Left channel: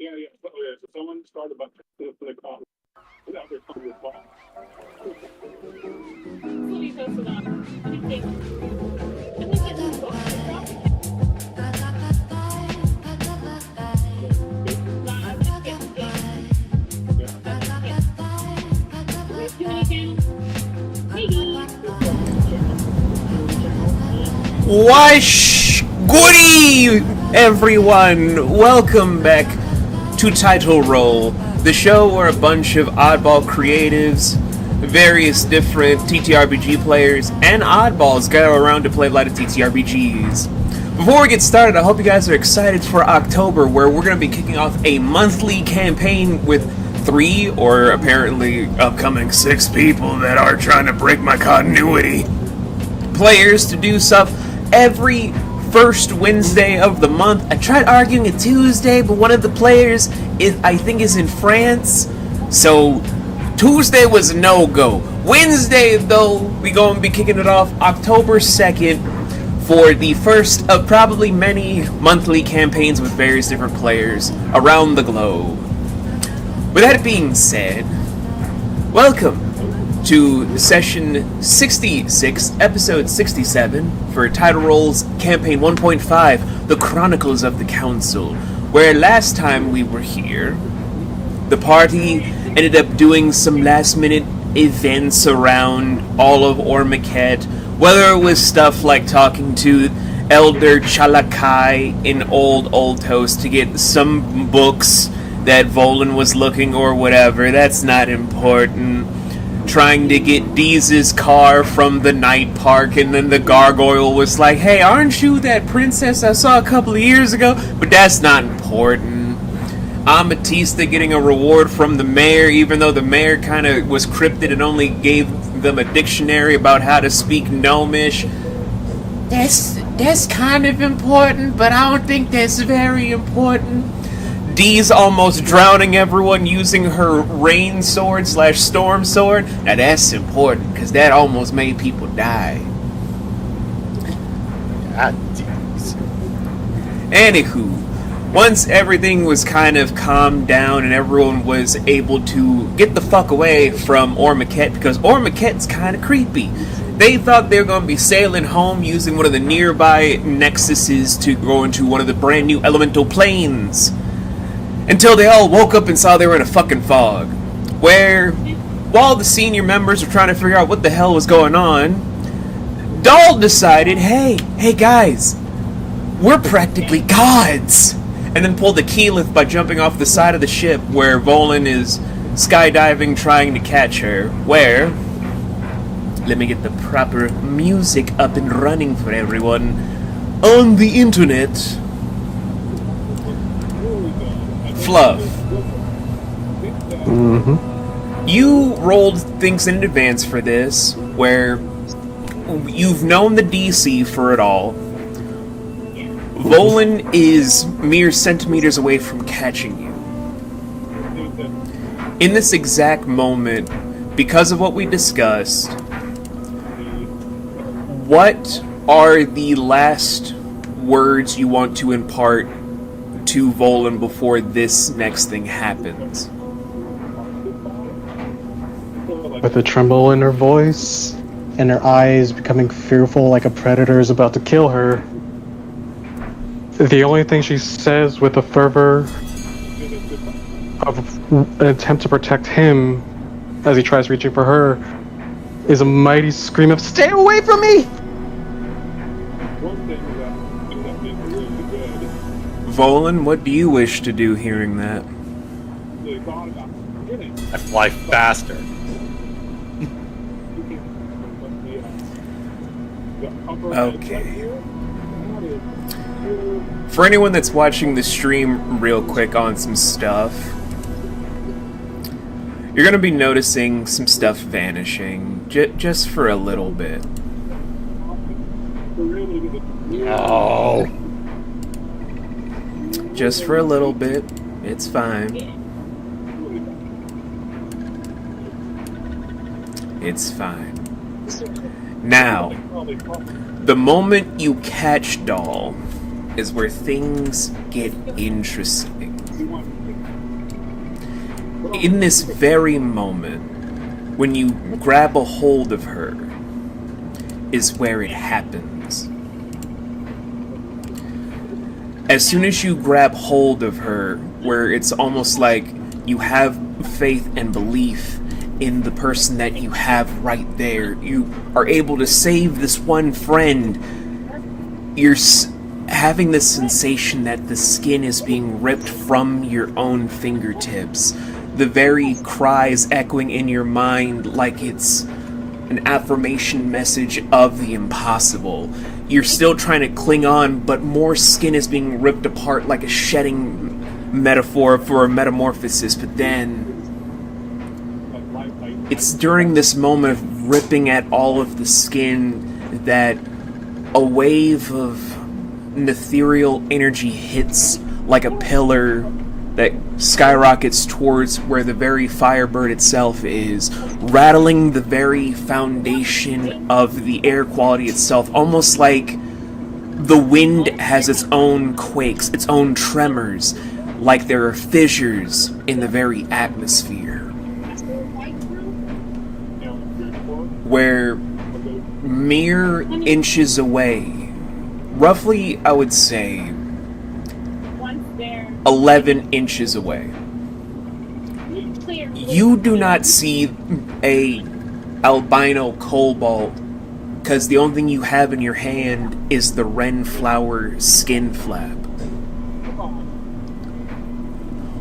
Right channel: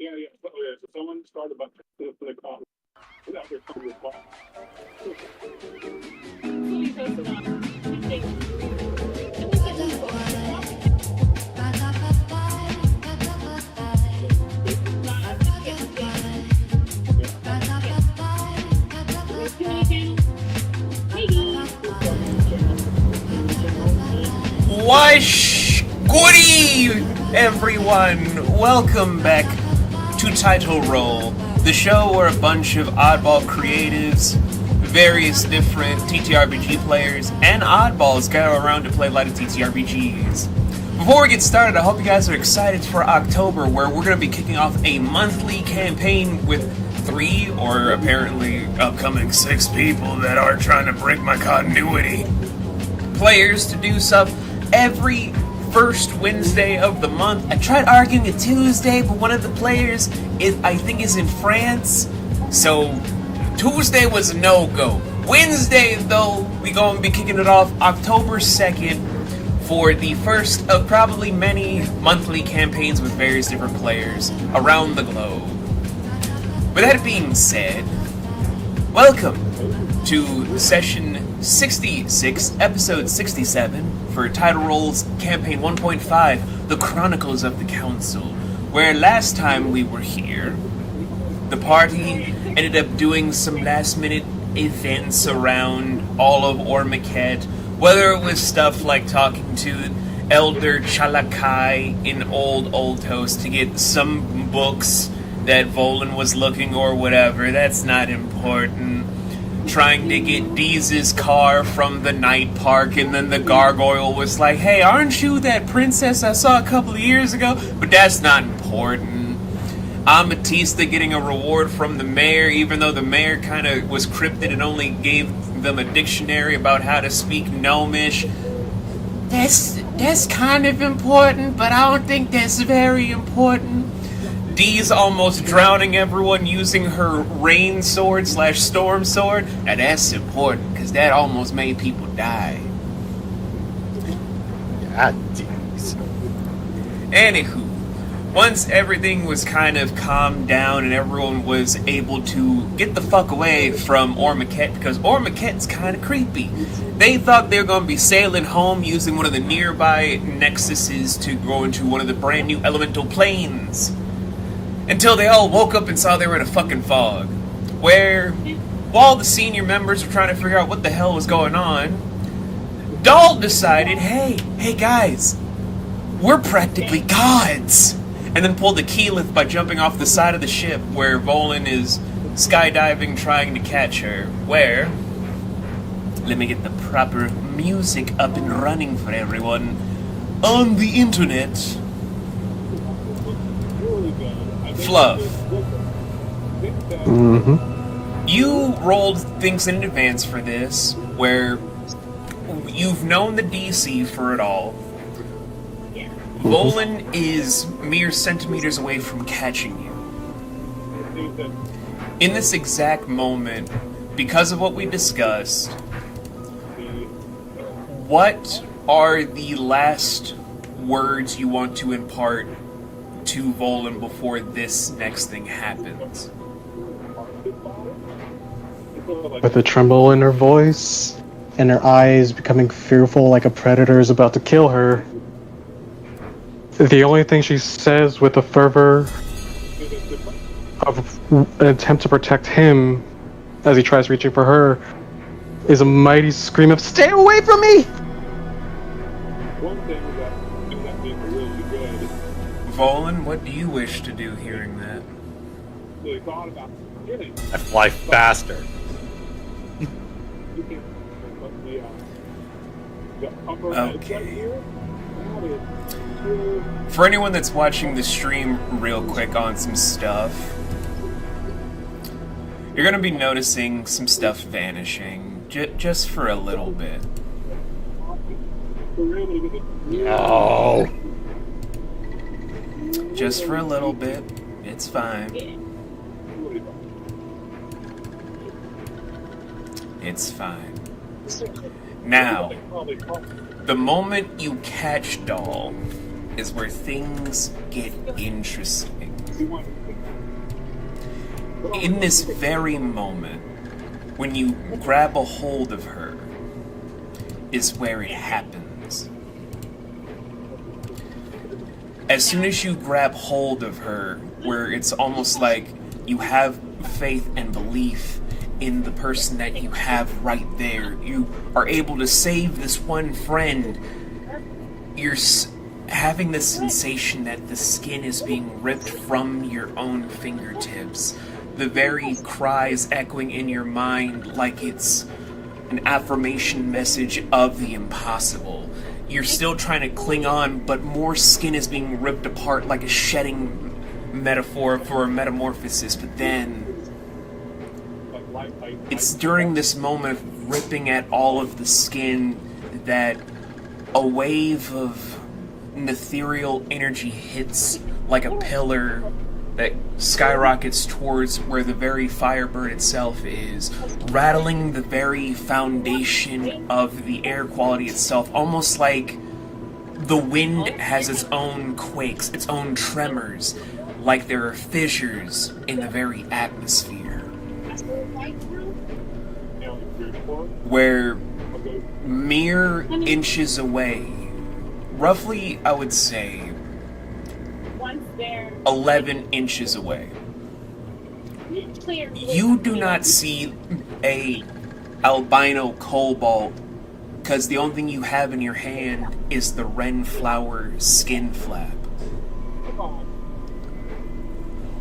Yeah, yeah. So, yeah, so someone started about to the call without their phone with ball. Wash goody, everyone! Welcome back to Tidal Roll, the show where a bunch of oddball creatives, various different TTRPG players, and oddballs gather around to play a lot of TTRPGs. Before we get started, I hope you guys are excited for October, where we're going to be kicking off a monthly campaign with 3, or apparently upcoming 6 people that are trying to break my continuity, players to do stuff every first Wednesday of the month. I tried arguing a Tuesday, but one of the players is in France, so Tuesday was a no-go. Wednesday, though, we gonna be kicking it off October 2nd for the first of probably many monthly campaigns with various different players around the globe. With that being said, welcome to session 66, episode 67 for Tidal Roll's campaign 1.5, The Chronicles of the Council, where last time we were here, the party ended up doing some last minute events around all of Ormaquette, whether it was stuff like talking to Elder Chalakai in Old Toast to get some books that Volan was looking or whatever, that's not important. Trying to get Deeze's car from the night park, and then the gargoyle was like, hey, aren't you that princess I saw a couple of years ago? But that's not important. Ametista getting a reward from the mayor, even though the mayor kind of was cryptid and only gave them a dictionary about how to speak Gnomish. That's kind of important, but I don't think that's very important. Dee's almost drowning everyone using her rain sword / storm sword. Now that's important, because that almost made people die. God, Dee's. Anywho, once everything was kind of calmed down and everyone was able to get the fuck away from Ormaquette, because Ormaquette's kind of creepy. They thought they were going to be sailing home using one of the nearby nexuses to go into one of the brand new elemental planes. Until they all woke up and saw they were in a fucking fog. Where, while the senior members were trying to figure out what the hell was going on, Dahl decided, hey guys, we're practically gods! And then pulled the keyleth by jumping off the side of the ship where Volan is skydiving trying to catch her. Where, let me get the proper music up and running for everyone. On the internet, Fluff. Mm-hmm. You rolled things in advance for this, where you've known the DC for it all. Volan is mere centimeters away from catching you. In this exact moment, because of what we discussed, what are the last words you want to impart to Volan before this next thing happens? With a tremble in her voice, and her eyes becoming fearful like a predator is about to kill her, the only thing she says with a fervor of an attempt to protect him as he tries reaching for her is a mighty scream of, "Stay away from me!" One thing that being really good. Volan, what do you wish to do hearing that? Really thought about getting. I fly faster. The upper edge Okay. right here, that is too. For anyone that's watching the stream real quick on some stuff, you're going to be noticing some stuff vanishing, just for a little bit. Oh. Just for a little bit. It's fine. It's fine. Now, the moment you catch Dahl is where things get interesting. In this very moment, when you grab a hold of her, is where it happens. As soon as you grab hold of her, where it's almost like you have faith and belief in the person that you have right there, you are able to save this one friend, you're having this sensation that the skin is being ripped from your own fingertips. The very cries echoing in your mind like it's an affirmation message of the impossible. You're still trying to cling on, but more skin is being ripped apart like a shedding metaphor for a metamorphosis. But then, it's during this moment of ripping at all of the skin that a wave of ethereal energy hits like a pillar that skyrockets towards where the very Firebird itself is, rattling the very foundation of the air quality itself, almost like the wind has its own quakes, its own tremors, like there are fissures in the very atmosphere. Where mere inches away, roughly I would say 11 inches away, you do not see a albino cobalt, because the only thing you have in your hand is the wren flower skin flap.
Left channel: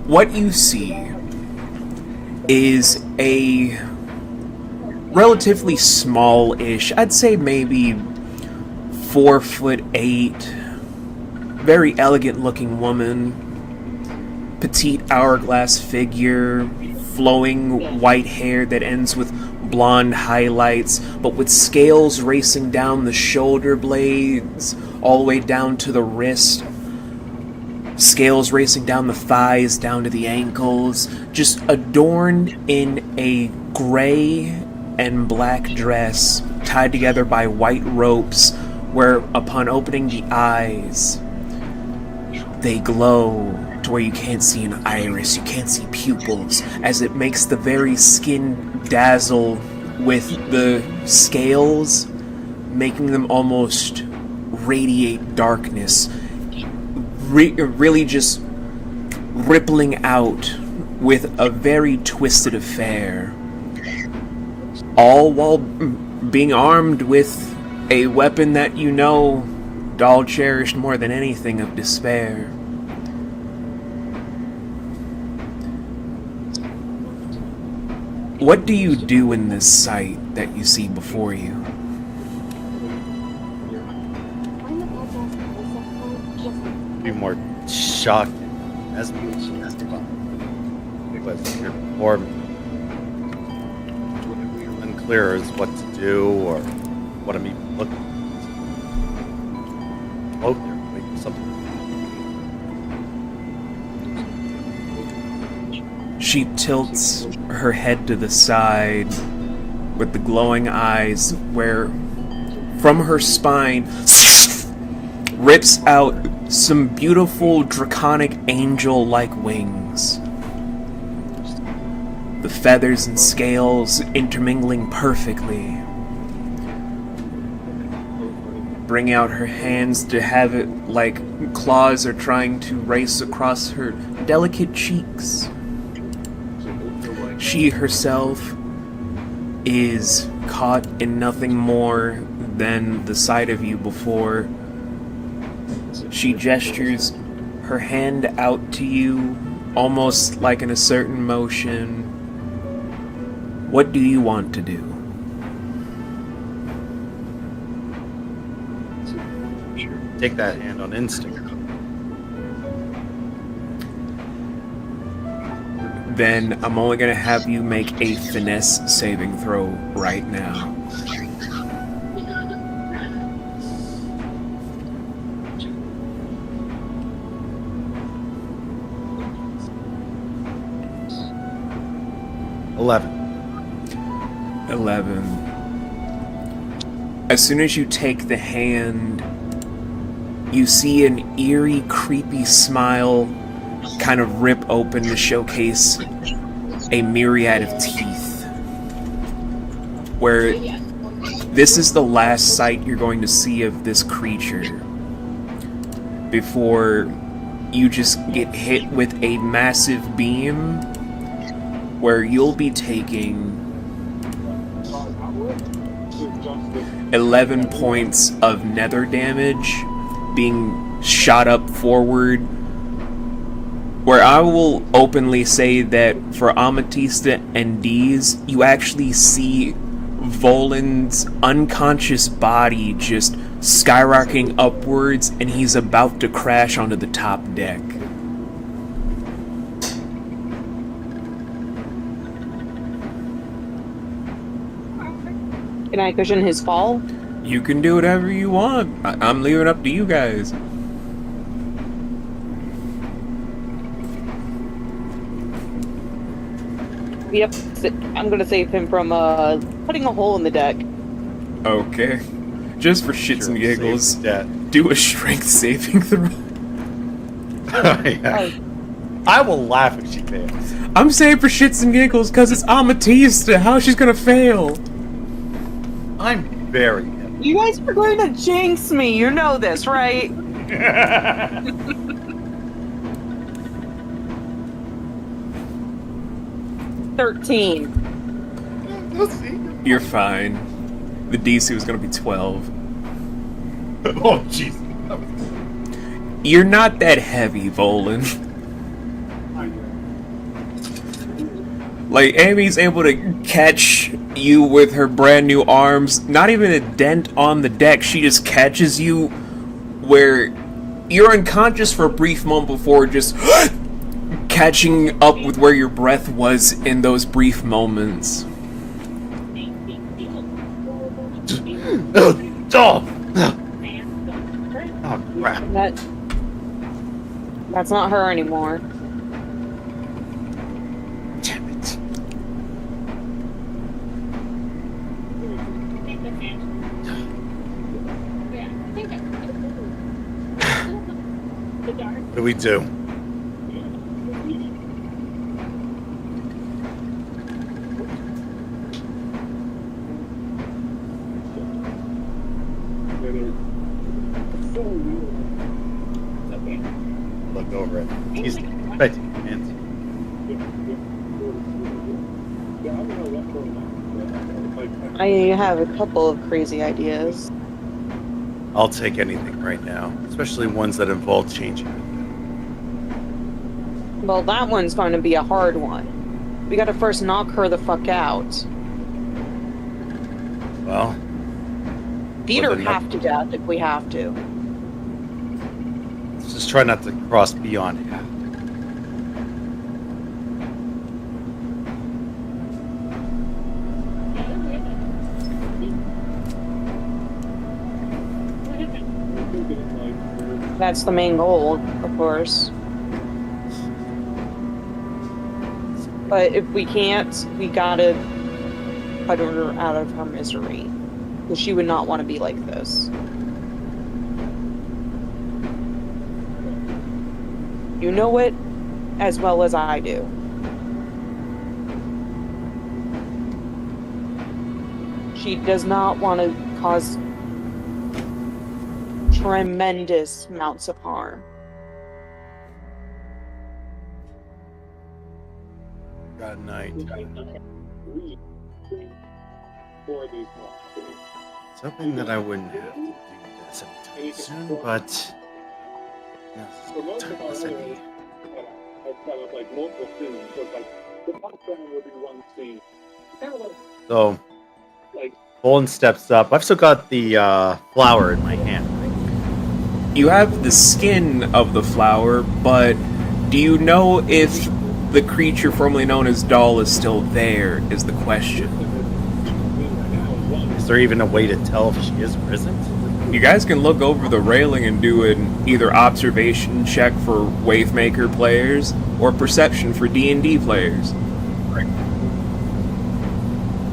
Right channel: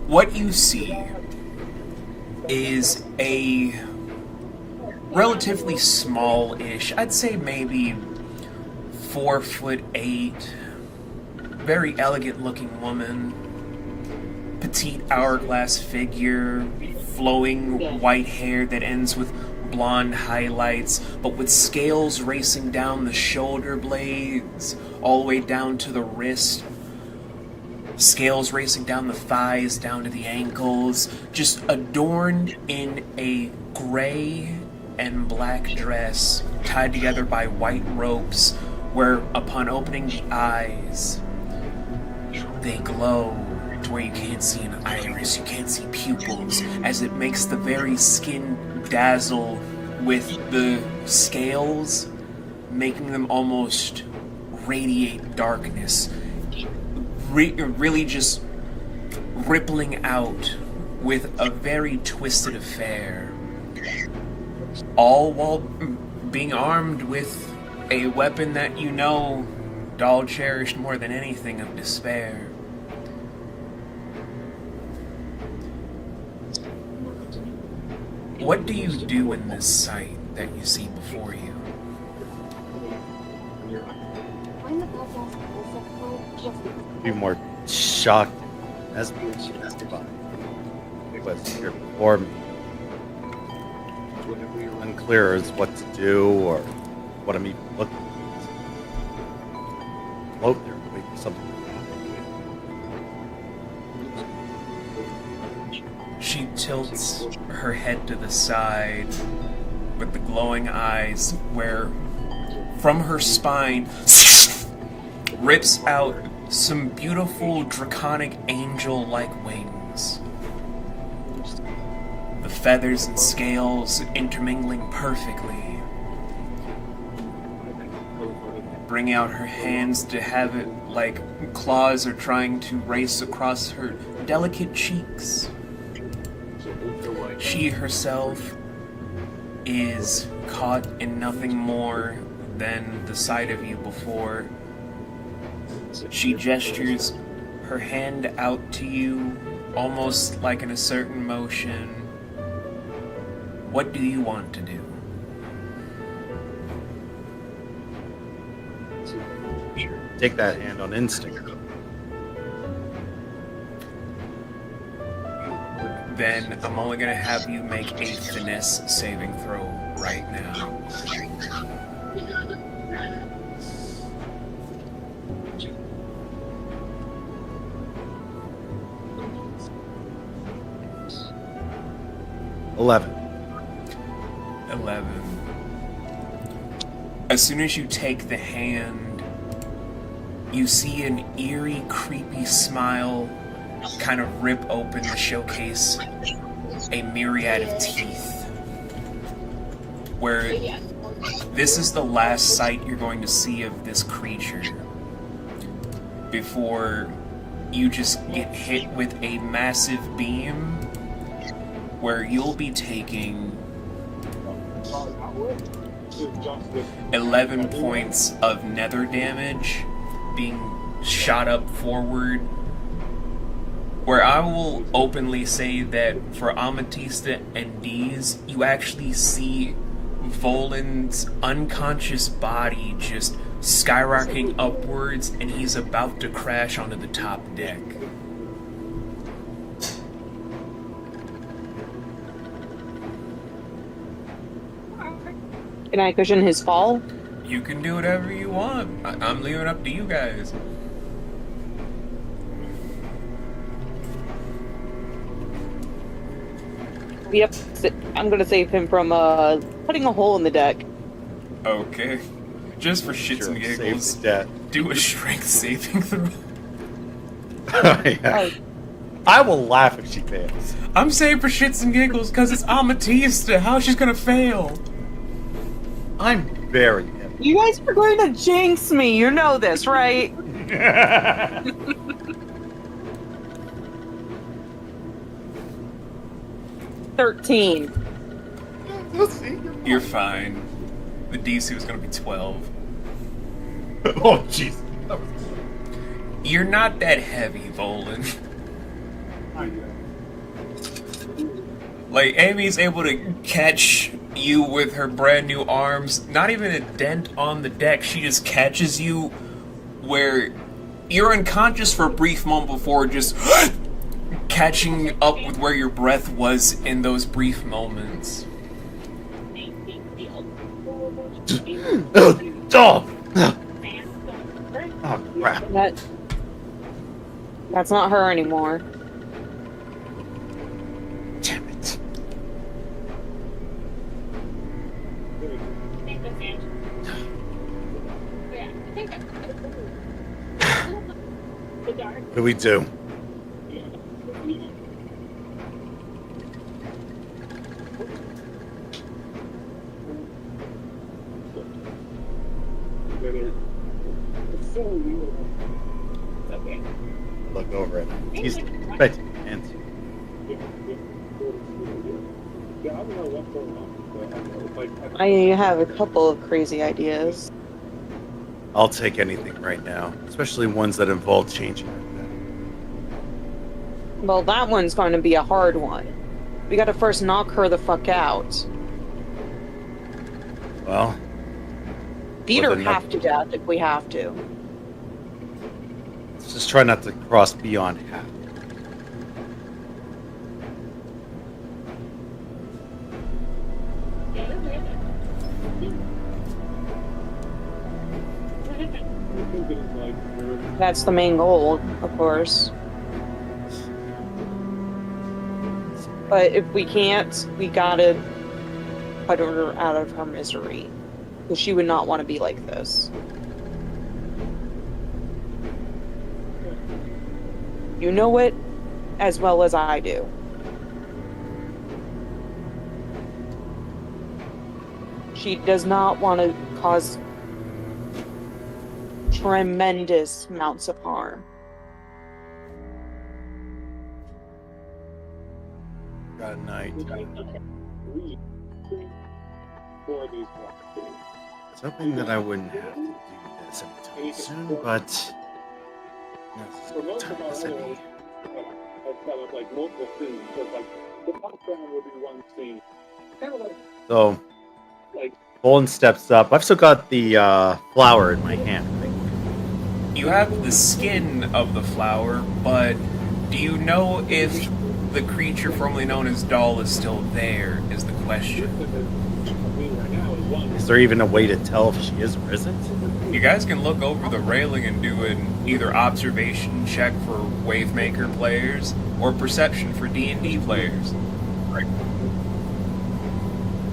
What you see is a relatively small-ish, I'd say maybe 4'8", very elegant-looking woman, petite hourglass figure, flowing white hair that ends with blonde highlights, but with scales racing down the shoulder blades, all the way down to the wrist, scales racing down the thighs, down to the ankles, just adorned in a gray and black dress, tied together by white ropes, where upon opening the eyes, they glow to where you can't see an iris, you can't see pupils, as it makes the very skin dazzle with the scales, making them almost radiate darkness, really just rippling out with a very twisted affair, all while being armed with a weapon that you know Doll cherished more than anything of despair. What do you do in this sight that you see before you? Be more shocked as mystified. What's here before me? Unclear as what to do or what I'm even looking at. Float there, wait for something. She tilts her head to the side with the glowing eyes, where from her spine rips out some beautiful draconic angel-like wings. The feathers and scales intermingling perfectly. Bring out her hands to have it like claws are trying to race across her delicate cheeks. She herself is caught in nothing more than the sight of you before. She gestures her hand out to you, almost like in a certain motion. What do you want to do? Take that hand on instinct. Then I'm only going to have you make a finesse saving throw right now. $11. 11. As soon as you take the hand, you see an eerie, creepy smile kind of rip open to showcase a myriad of teeth, where this is the last sight you're going to see of this creature before you just get hit with a massive beam where you'll be taking 11 points of nether damage, being shot up forward, where I will openly say that for Amethysta and Deez, you actually see Volan's unconscious body just skyrocketing upwards, and he's about to crash onto the top deck. Can I cushion his fall? You can do whatever you want. I'm leaving it up to you guys. Yep. I'm gonna save him from putting a hole in the deck. Okay. Just for shits and giggles, do a strength saving throw. Yeah. I will laugh if she fails. I'm saying for shits and giggles because it's Amethysta. How she's gonna fail? I'm very happy. You guys are going to jinx me. You know this, right? 13. You're fine. The DC was gonna be 12. Oh, jeez. You're not that heavy, Volan. Like, Amy's able to catch you with her brand new arms. Not even a dent on the deck. She just catches you where you're unconscious for a brief moment before just catching up with where your breath was in those brief moments. Oh, crap. That's not her anymore. Damn it. What do we do? Look over it. He's right. Hands. I have a couple of crazy ideas. I'll take anything right now, especially ones that involve changing it. Well, that one's going to be a hard one. We gotta first knock her the fuck out. Well, Beat Well, her then half to death if we have to. let's just try not to cross beyond half. That's the main goal, of course. But if we can't, we gotta put her out of her misery. Because she would not want to be like this. You know it as well as I do. She does not want to cause tremendous amounts of harm. God night. Something that I wouldn't have to do this anytime soon, but now's as good time as any. So, Bolin steps up. I've still got the flower in my hand. You have the skin of the flower, but do you know if the creature formerly known as Doll is still there, is the question. Is there even a way to tell if she is or isn't? You guys can look over the railing and do an either observation check for Wavemaker players or perception for D&D players.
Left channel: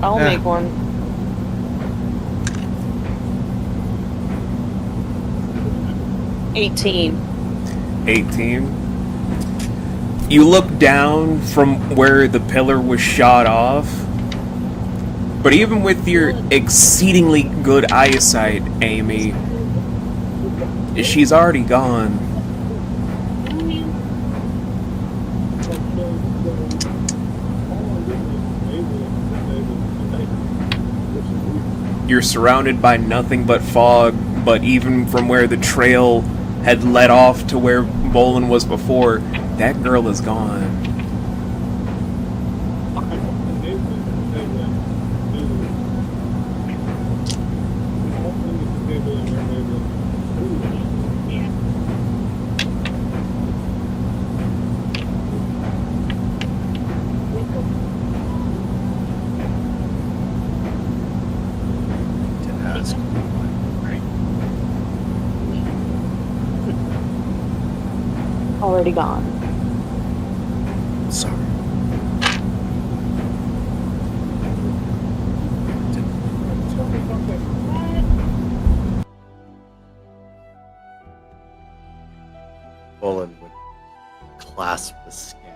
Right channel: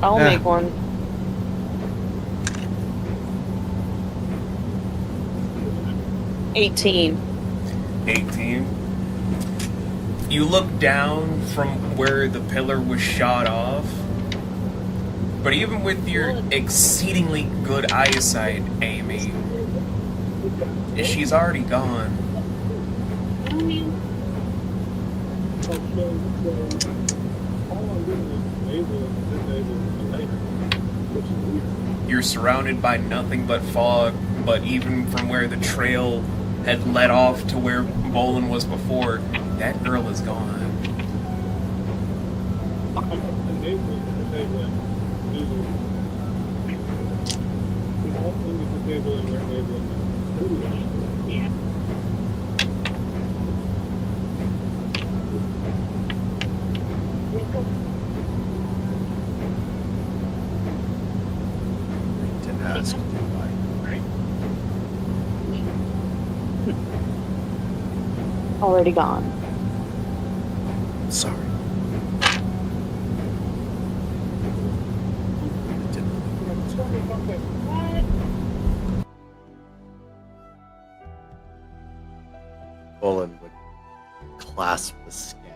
I'll make one. $18. You look down from where the pillar was shot off, but even with your exceedingly good eyesight, Amy, she's already gone. You're surrounded by nothing but fog, but even from where the trail had led off to where Bolin was before, that girl is gone. Didn't ask. Already gone. Sorry. Bolin would clasp the skin,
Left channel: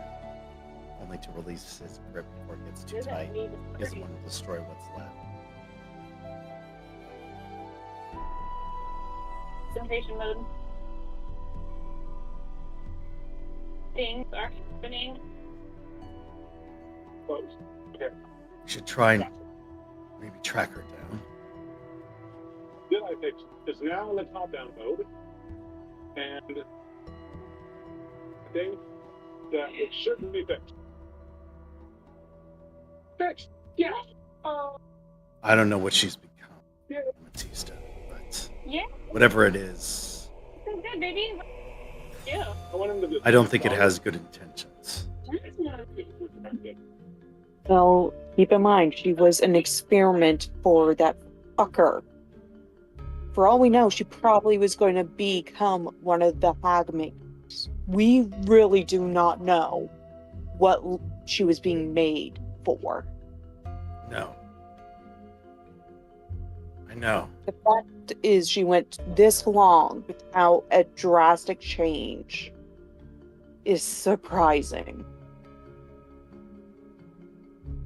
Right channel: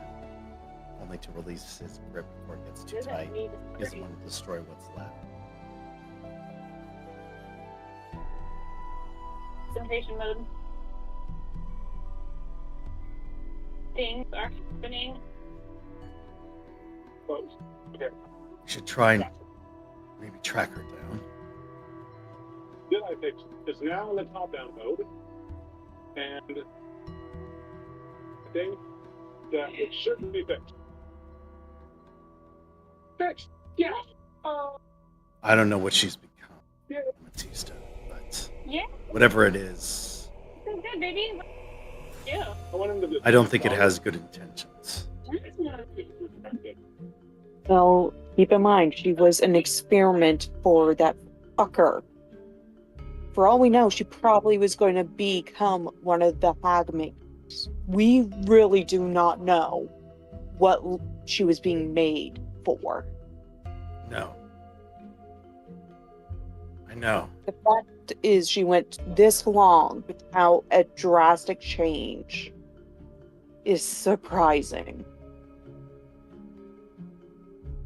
only to release his grip before it gets too tight. He doesn't want to destroy what's left. Concentration mode. Things are happening. Close. Okay. You should try and maybe track her down. Then I fix it's now in the top-down mode, and I think that it shouldn't be fixed. Fixed. Yeah. I don't know what she's become, Yeah. Matista, but Yeah, whatever it is, it's good, baby. Yeah. I want him to. I don't think it has good intentions. Well, keep in mind, she was an experiment for that fucker. For all we know, she probably was going to become one of the Hagmakers. We really do not know what she was being made for. No. I know. The fact is, she went this long without a drastic change is surprising.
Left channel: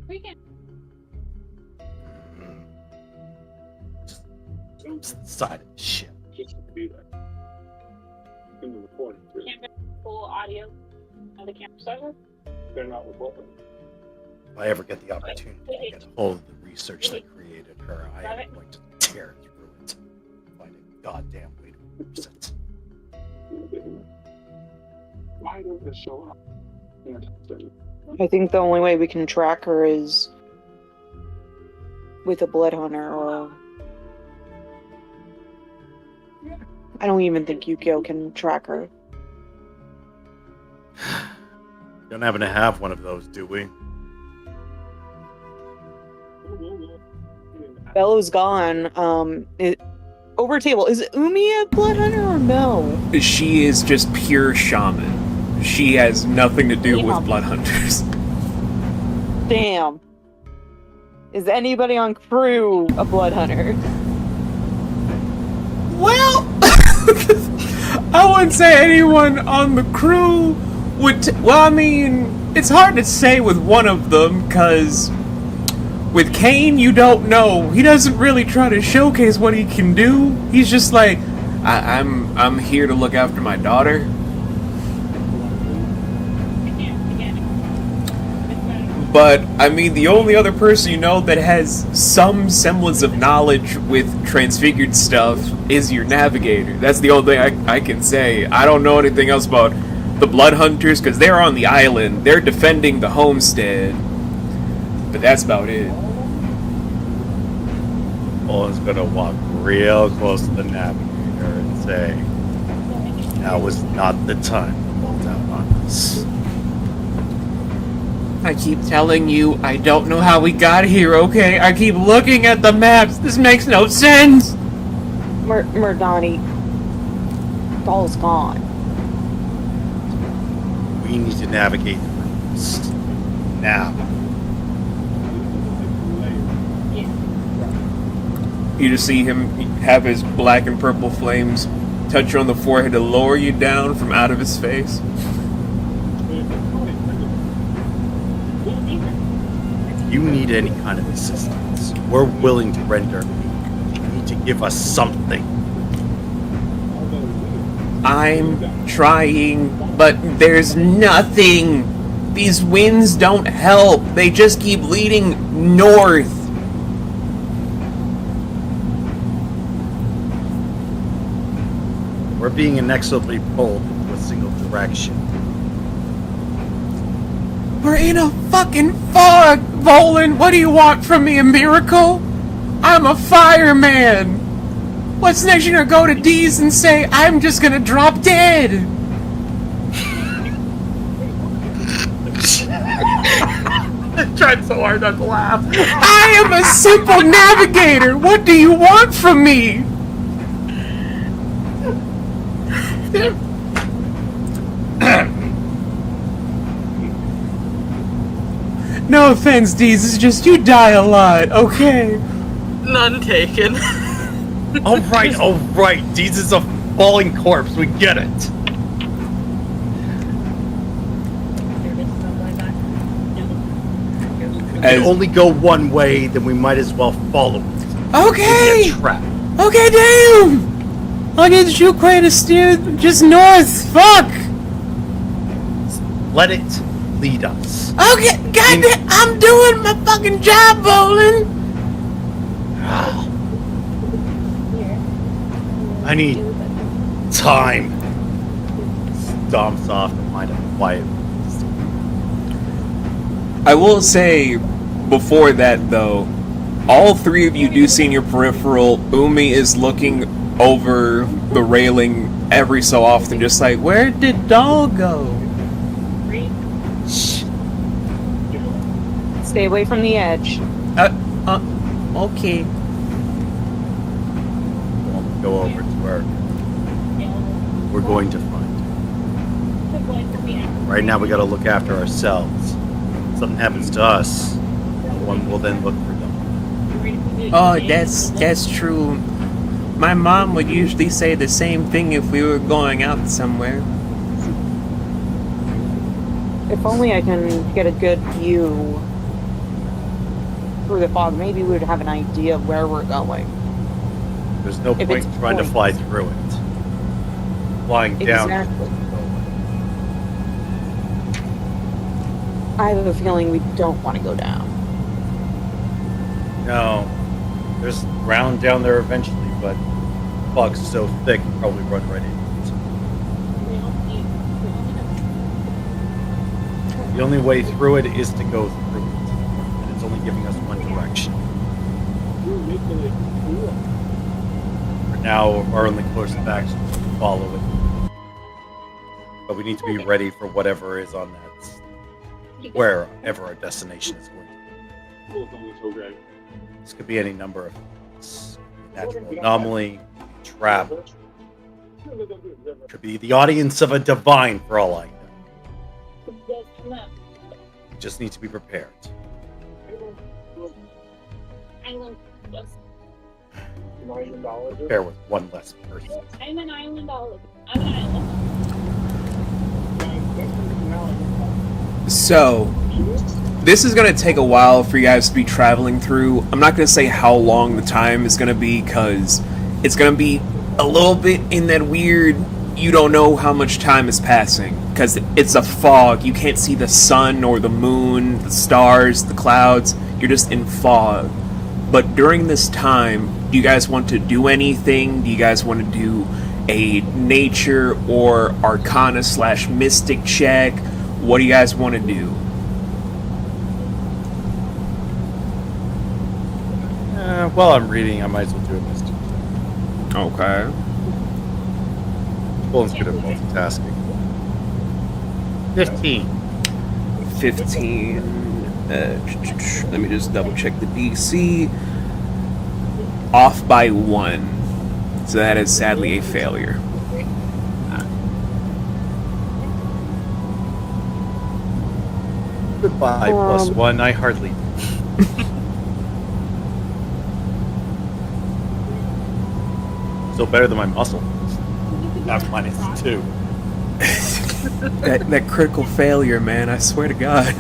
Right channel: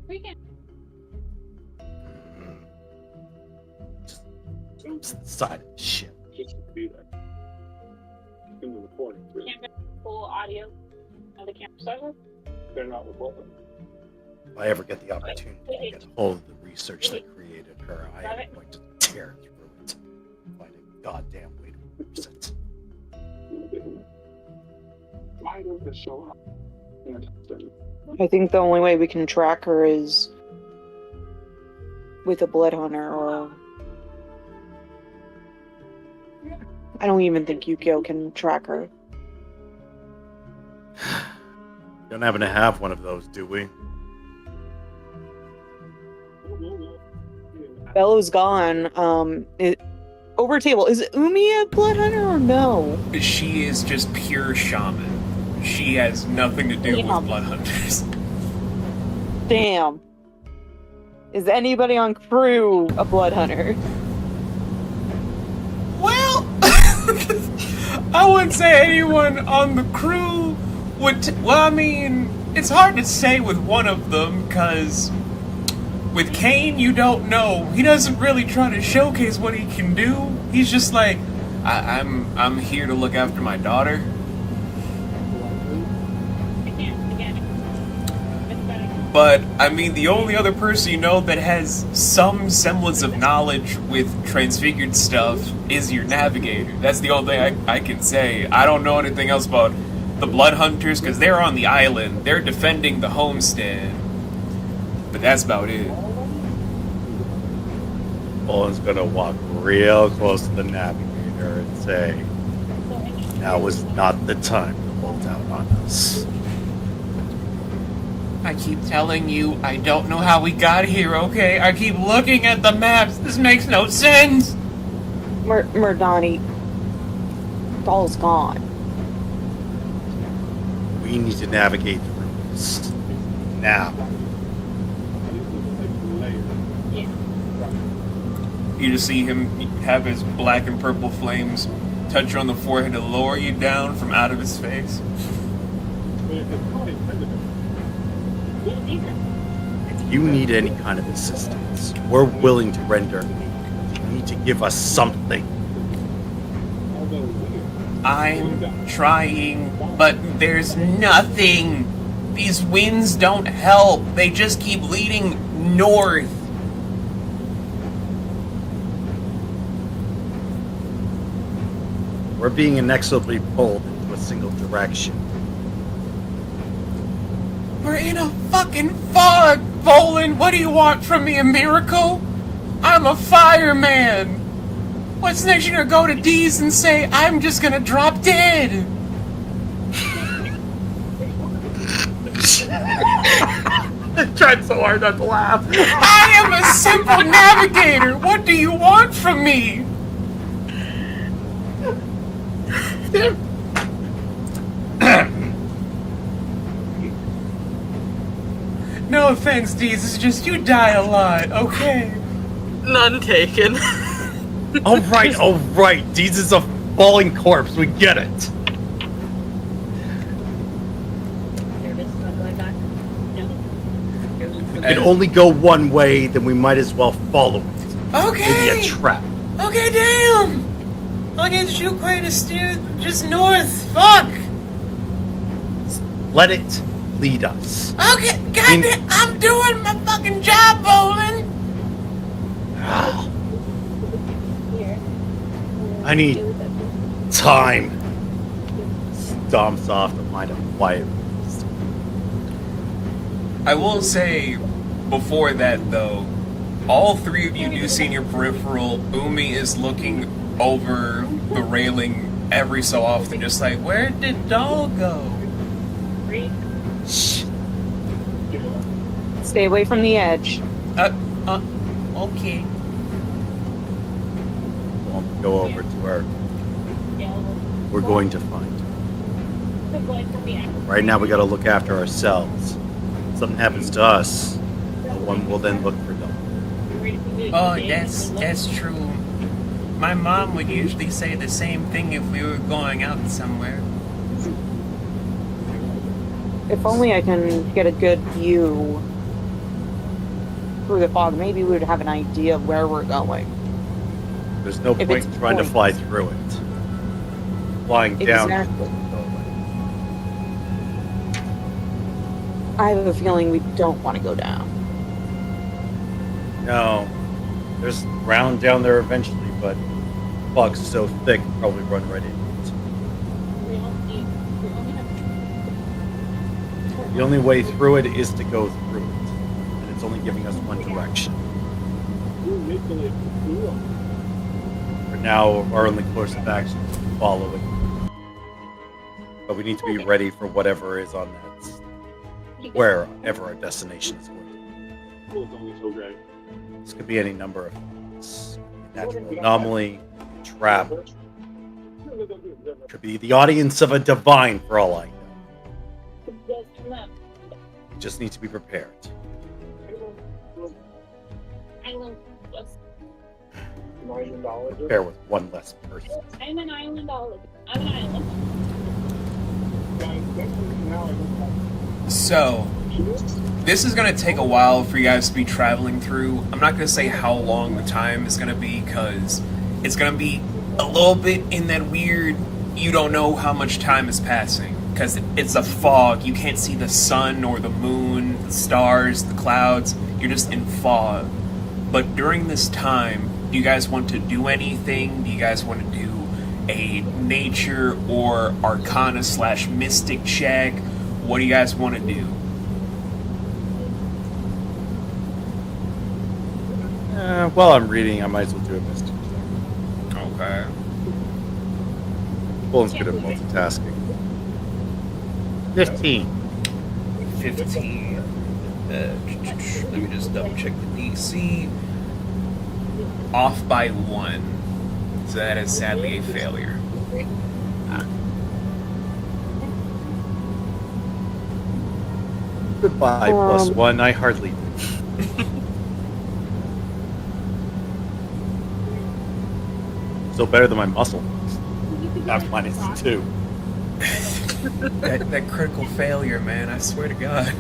We can. Just side of the ship. Just to be there. In the recording, too. Can't get full audio of the camera session. They're not recording. If I ever get the opportunity to get a hold of the research that created her, I am going to tear through it. Find a goddamn way to fix it. Why don't they show up? in the top 10? I think the only way we can track her is with a blood hunter, or I don't even think Yukio can track her. Don't happen to have one of those, do we? Bello's gone. Over table. Is Umi a blood hunter or no? She is just pure shaman. She has nothing to do Yeah. with blood hunters. Damn. Is anybody on crew a blood hunter? Well, I wouldn't say anyone on the crew would. Well, I mean, it's hard to say with one of them, because with Kane, you don't know. He doesn't really try to showcase what he can do. He's just like, I'm here to look after my daughter. But, I mean, the only other person you know that has some semblance of knowledge with transfigured stuff is your navigator. That's the only thing I can say. I don't know anything else about the blood hunters, because they're on the island. They're defending the homestead. But that's about it. Owen's gonna walk real close to the navigator and say, now is not the time to bolt out on us. I keep telling you, I don't know how we got here, okay? I keep looking at the maps. This makes no sense. Murdani. Doll's gone. We need to navigate through this. Now. You just see him have his black and purple flames touch you on the forehead to lower you down from out of his face. If you need any kind of assistance, we're willing to render aid. You need to give us something. I'm trying, but there's nothing. These winds don't help. They just keep leading north. We're being inexorably pulled into a single direction. We're in a fucking fog, Volan. What do you want from me, a miracle? I'm a fireman. What's next? You're gonna go to D's and say, I'm just gonna drop dead. I tried so hard not to laugh. I am a simple navigator. What do you want from me? No offense, D's. It's just you die a lot, okay? None taken. All right. Deez is a falling corpse. We get it. We can only go one way, then we might as well follow it. Okay. It'd be a trap. Okay, damn. I'll get you quite to steer just north. Fuck. Let it lead us. Okay, goddamn, I'm doing my fucking job, Volan. I need time. Stomps off to find a quiet. I will say, before that though, all three of you do see in your peripheral, Umi is looking over the railing every so often, just like, where did Doll go? Stay away from the edge. Okay. We'll go over to her. We're going to find her. Right now we gotta look after ourselves. If something happens to us, no one will then look for Doll. Oh, that's true. My mom would usually say the same thing if we were going out somewhere. If only I can get a good view through the fog, maybe we would have an idea of where we're going. There's no If point it's in trying to point. fly through it. Flying down. Exactly. I have a feeling we don't want to go down. No. There's ground down there eventually, but fog's so thick you'll probably run right into it. The only way through it is to go through it. And it's only giving us one direction. For now, our only course of action is to follow it. But we need to be ready for whatever is on that, wherever our destination is going to be. This could be any number of things. Natural anomaly, trap. Could be the audience of a divine for all I know. We just need to be prepared. Prepare with one less person. I'm an island olive. I'm an island. So, this is going to take a while for you guys to be traveling through. I'm not going to say how long the time is going to be, because it's going to be a little bit in that weird, you don't know how much time is passing, because it's a fog. You can't see the sun or the moon, the stars, the clouds. You're just in fog. But during this time, do you guys want to do anything? Do you guys want to do a nature or arcana / mystic check? What do you guys want to do? While I'm reading, I might as well do a mystic check. Okay. Bolin's good at multitasking. 15. 15. Let me just double check the DC. Off by 1. So that is sadly a failure. Goodbye, +1. I hardly do. Still better than my muscle. That's -2. That critical failure, man. I swear to God.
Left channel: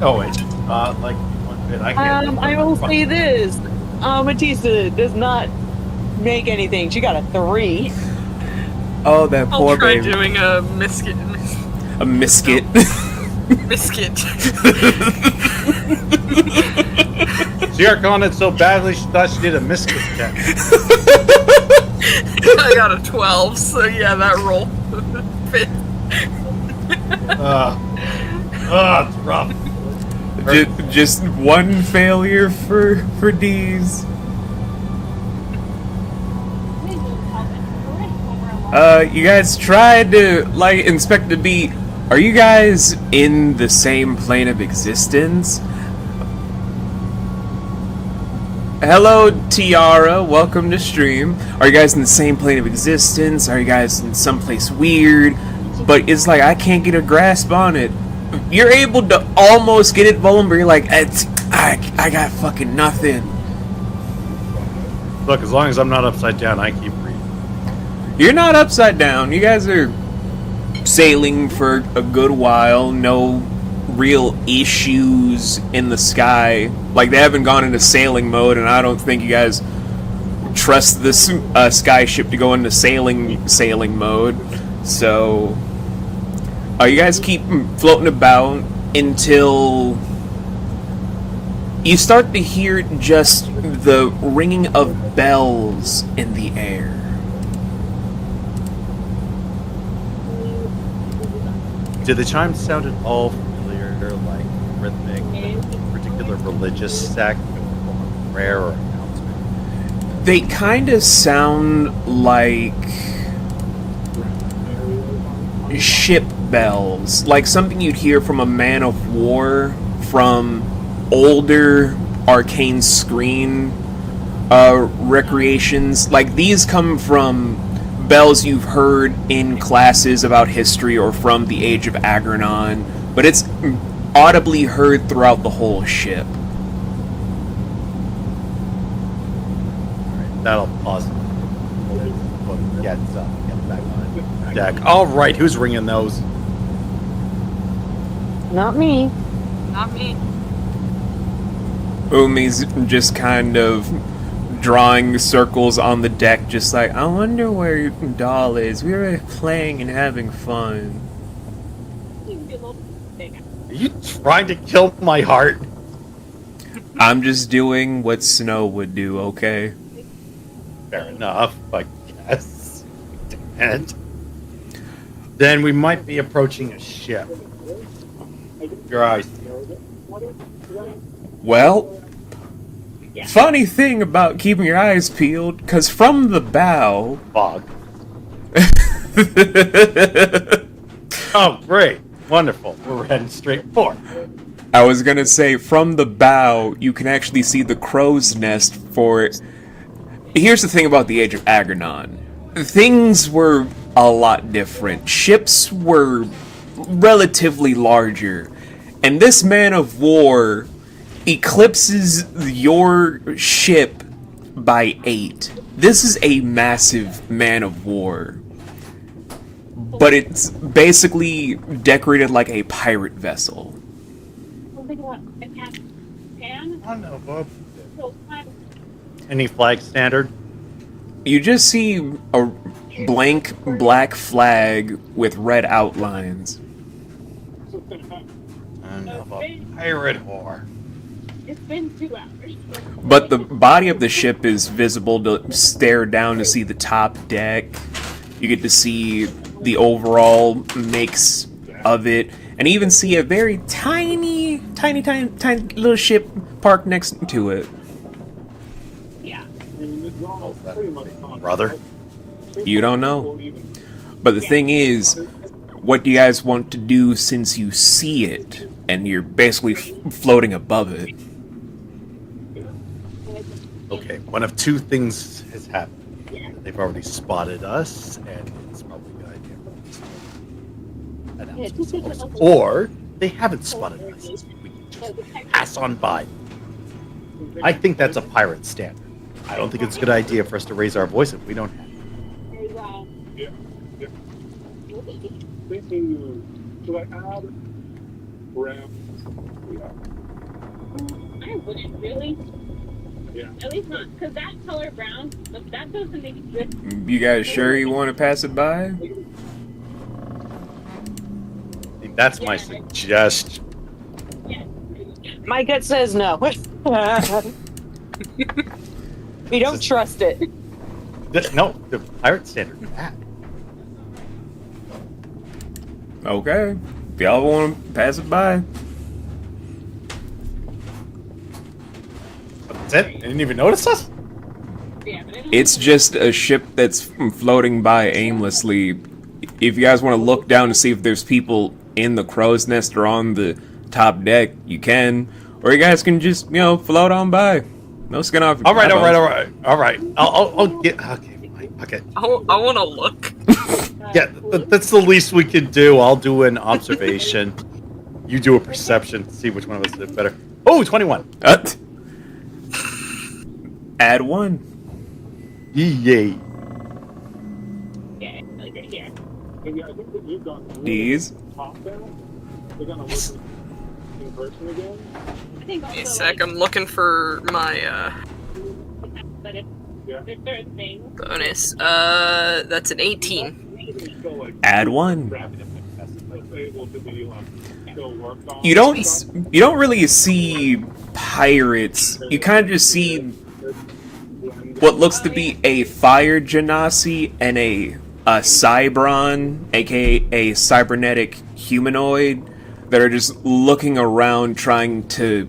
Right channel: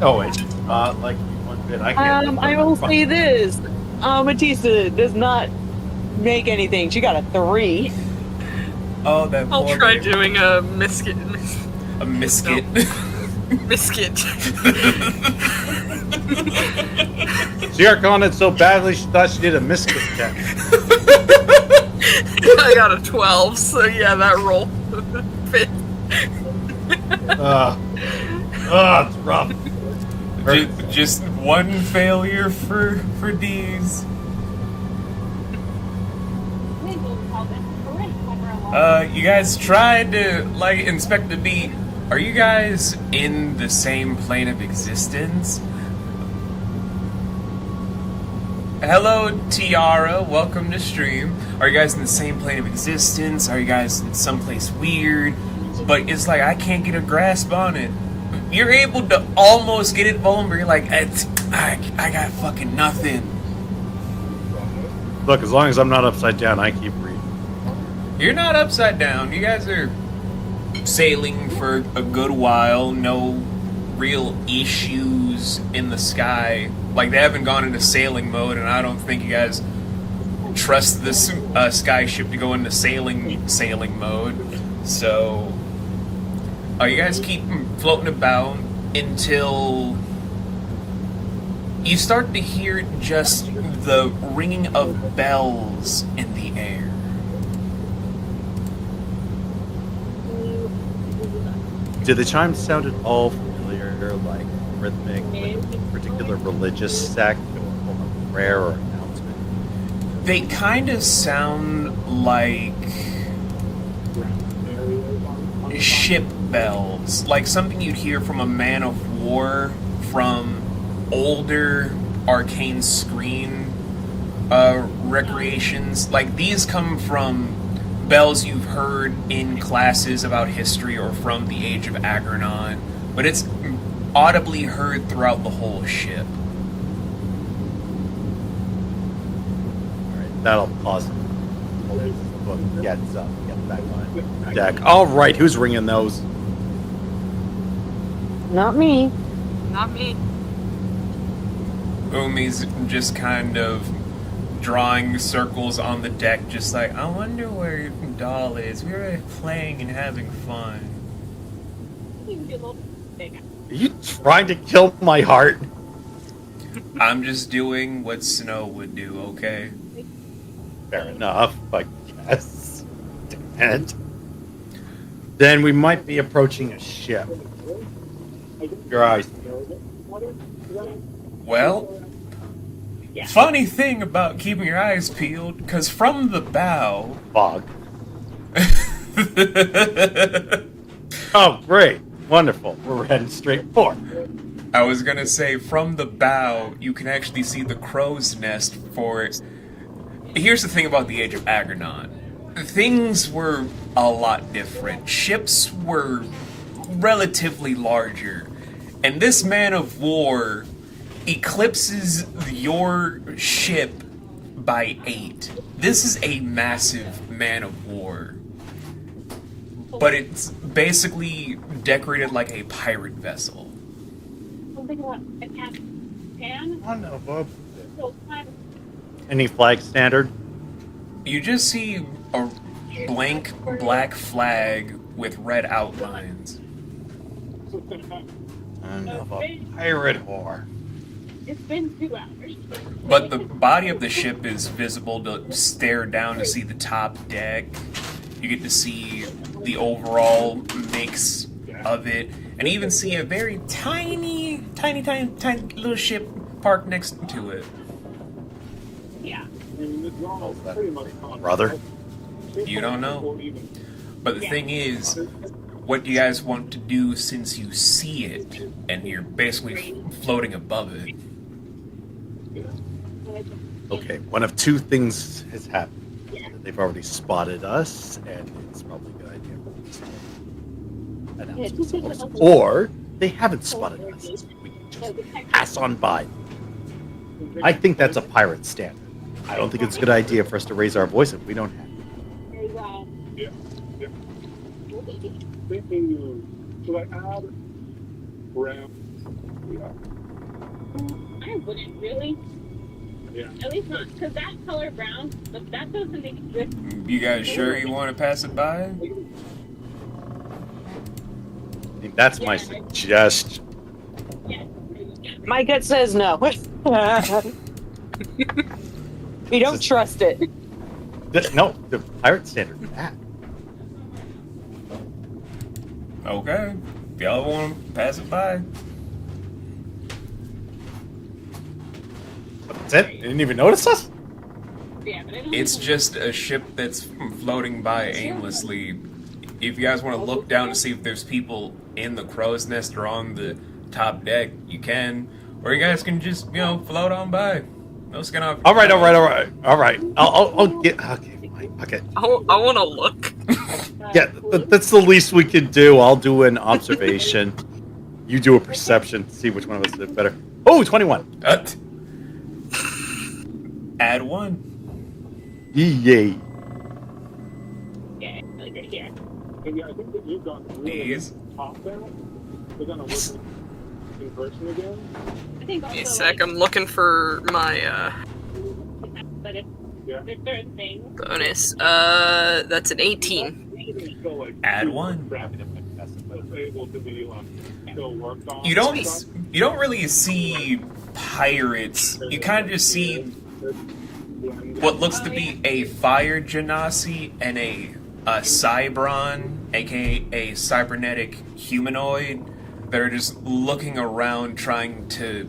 Oh, it's not like one bit. I can't. I will say this. Matissa does not make anything. She got a 3. Oh, that I'll poor try baby. doing a misket. A misket. Misket. She worked on it so badly she thought she did a misfit check. I got a 12, so yeah, that roll fit. It's rough. Just one failure for D's. You guys tried to inspect the beat. Are you guys in the same plane of existence? Hello, Tiara. Welcome to stream. Are you guys in the same plane of existence? Are you guys in someplace weird? But it's like I can't get a grasp on it. You're able to almost get it, Bolin, but you're like, I got fucking nothing. Look, as long as I'm not upside down, I keep reading. You're not upside down. You guys are sailing for a good while. No real issues in the sky. Like, they haven't gone into sailing mode, and I don't think you guys trust this sky ship to go into sailing mode. So, you guys keep floating about until you start to hear just the ringing of bells in the air. Did the chimes sound at all familiar, like rhythmic, like a particular religious sect, or form of prayer or announcement? They kind of sound like ship bells, like something you'd hear from a man of war, from older arcane screen recreations. Like, these come from bells you've heard in classes about history or from the Age of Agrenon, but it's audibly heard throughout the whole ship. Alright, that'll pause. Get back on deck. Alright, who's ringing those? Not me. Not me. Umi's just kind of drawing circles on the deck, just like, I wonder where your doll is. We were playing and having fun. Are you trying to kill my heart? I'm just doing what Snow would do, okay? Fair enough, I guess. Damn it. Then we might be approaching a ship. Your eyes. Well, funny thing about keeping your eyes peeled, because from the bow... Fog. Oh, great. Wonderful. We're heading straight for. I was gonna say, from the bow, you can actually see the crow's nest for... Here's the thing about the Age of Agrenon. Things were a lot different. Ships were relatively larger. And this man of war eclipses your ship by 8. This is a massive man of war. But it's basically decorated like a pirate vessel. Oh no, Bob. Any flag standard? You just see a blank black flag with red outlines. Of a pirate whore. It's been 2 hours. But the body of the ship is visible to stare down to see the top deck. You get to see the overall mix of it, and even see a very tiny little ship parked next to it. Yeah. Brother? You don't know. But the thing is, what do you guys want to do since you see it, and you're basically floating above it? Okay, one of two things has happened. They've already spotted us, and it's probably a good idea for us to announce themselves. Or they haven't spotted us. We can just pass on by. I think that's a pirate standard. I don't think it's a good idea for us to raise our voice if we don't have it. thinking, should I add brown? Yeah. I wouldn't really. Yeah. At least not, because that color brown, but that doesn't make it good. You guys sure you want to pass it by? I think that's my suggestion. Yeah. My gut says no. We don't trust it. No, the pirate standard is bad. Okay. If y'all want to pass it by. That's it? They didn't even notice us? Yeah, but I don't It's just a ship that's floating by aimlessly. If you guys want to look down to see if there's people in the crow's nest or on the top deck, you can. Or you guys can just, float on by. No skin off. All right. I'll get. Okay, fine. Okay. I want to look. Yeah, that's the least we can do. I'll do an observation. You do a perception. See which one of us did better. Oh, 21. Add 1. Yay. Yeah, like right here. And yeah, I think that you've gone really These. top there. We're gonna look in person again. I think also, Wait a sec, I'm looking for my but if there's certain things. bonus. That's an 18. Still, like, Add 1. able to be still worked on. You don't really see pirates. You kind of just see what looks to be a fire genasi and a cybron, aka a cybernetic humanoid, that are just looking around trying to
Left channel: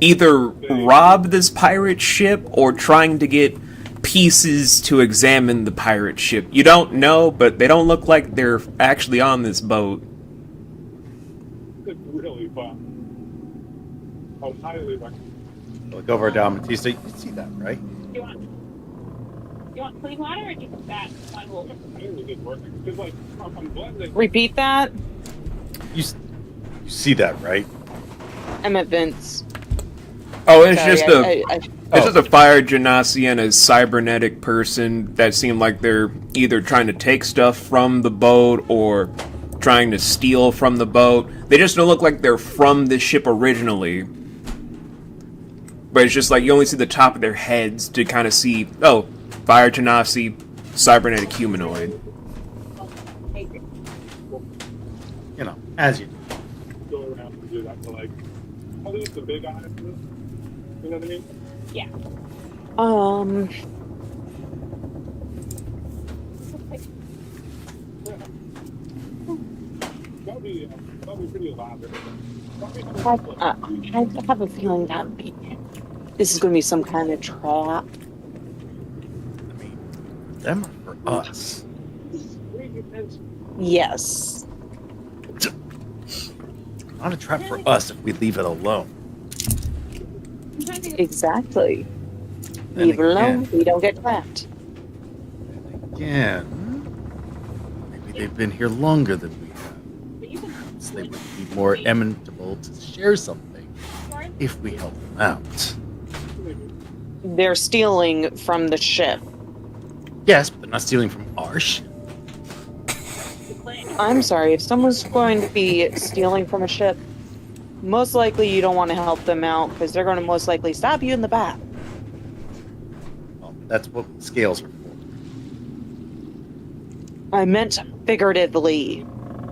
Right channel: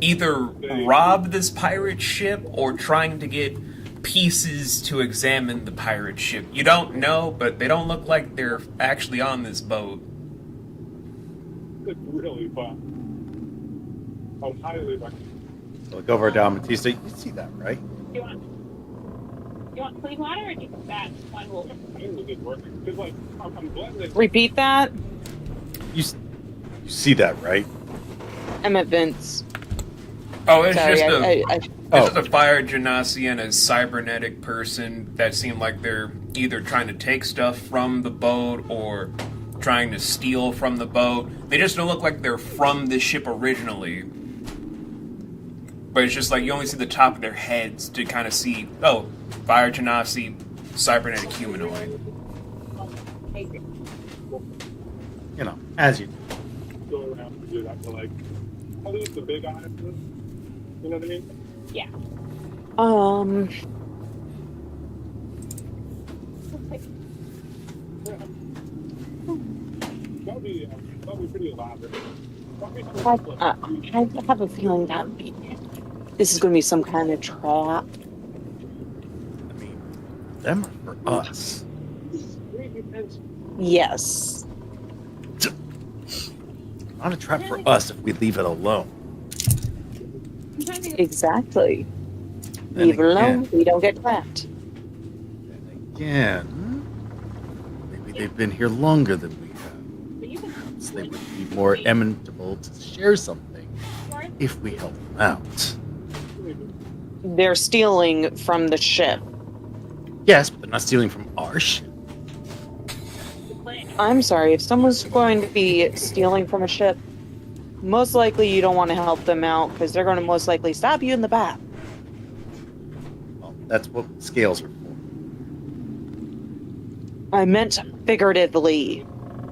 either rob this pirate ship or trying to get pieces to examine the pirate ship. You don't know, but they don't look like they're actually on this boat. It's really fun. I would highly recommend. Look over down Matista. You see that, right? You want clean water or just that one will? I think it did work. Because, like, I'm glad that. Repeat that. You see that, right? I'm at Vince. Oh, it's Sorry, just I it's just a fire genasi and a cybernetic person that seem like they're either trying to take stuff from the boat or trying to steal from the boat. They just don't look like they're from the ship originally. But it's just like you only see the top of their heads to kind of see, oh, fire genasi, cybernetic humanoid. As you do. Go around and do that to, like, at least the big eyes. You know what I mean? Yeah. That'll be pretty elaborate. I have a feeling that this is going to be some kind of trap. I mean, them are for us. Yes. Not a trap for us if we leave it alone. Exactly. Then Leave it alone, again- we don't get trapped. And again, maybe they've been here longer than we have. Perhaps they would be more amenable to share something if we help them out. They're stealing from the ship. Yes, but they're not stealing from our ship. I'm sorry, if someone's going to be stealing from a ship, most likely you don't want to help them out because they're going to most likely stab you in the back. Well, that's what scales are for. I meant figuratively.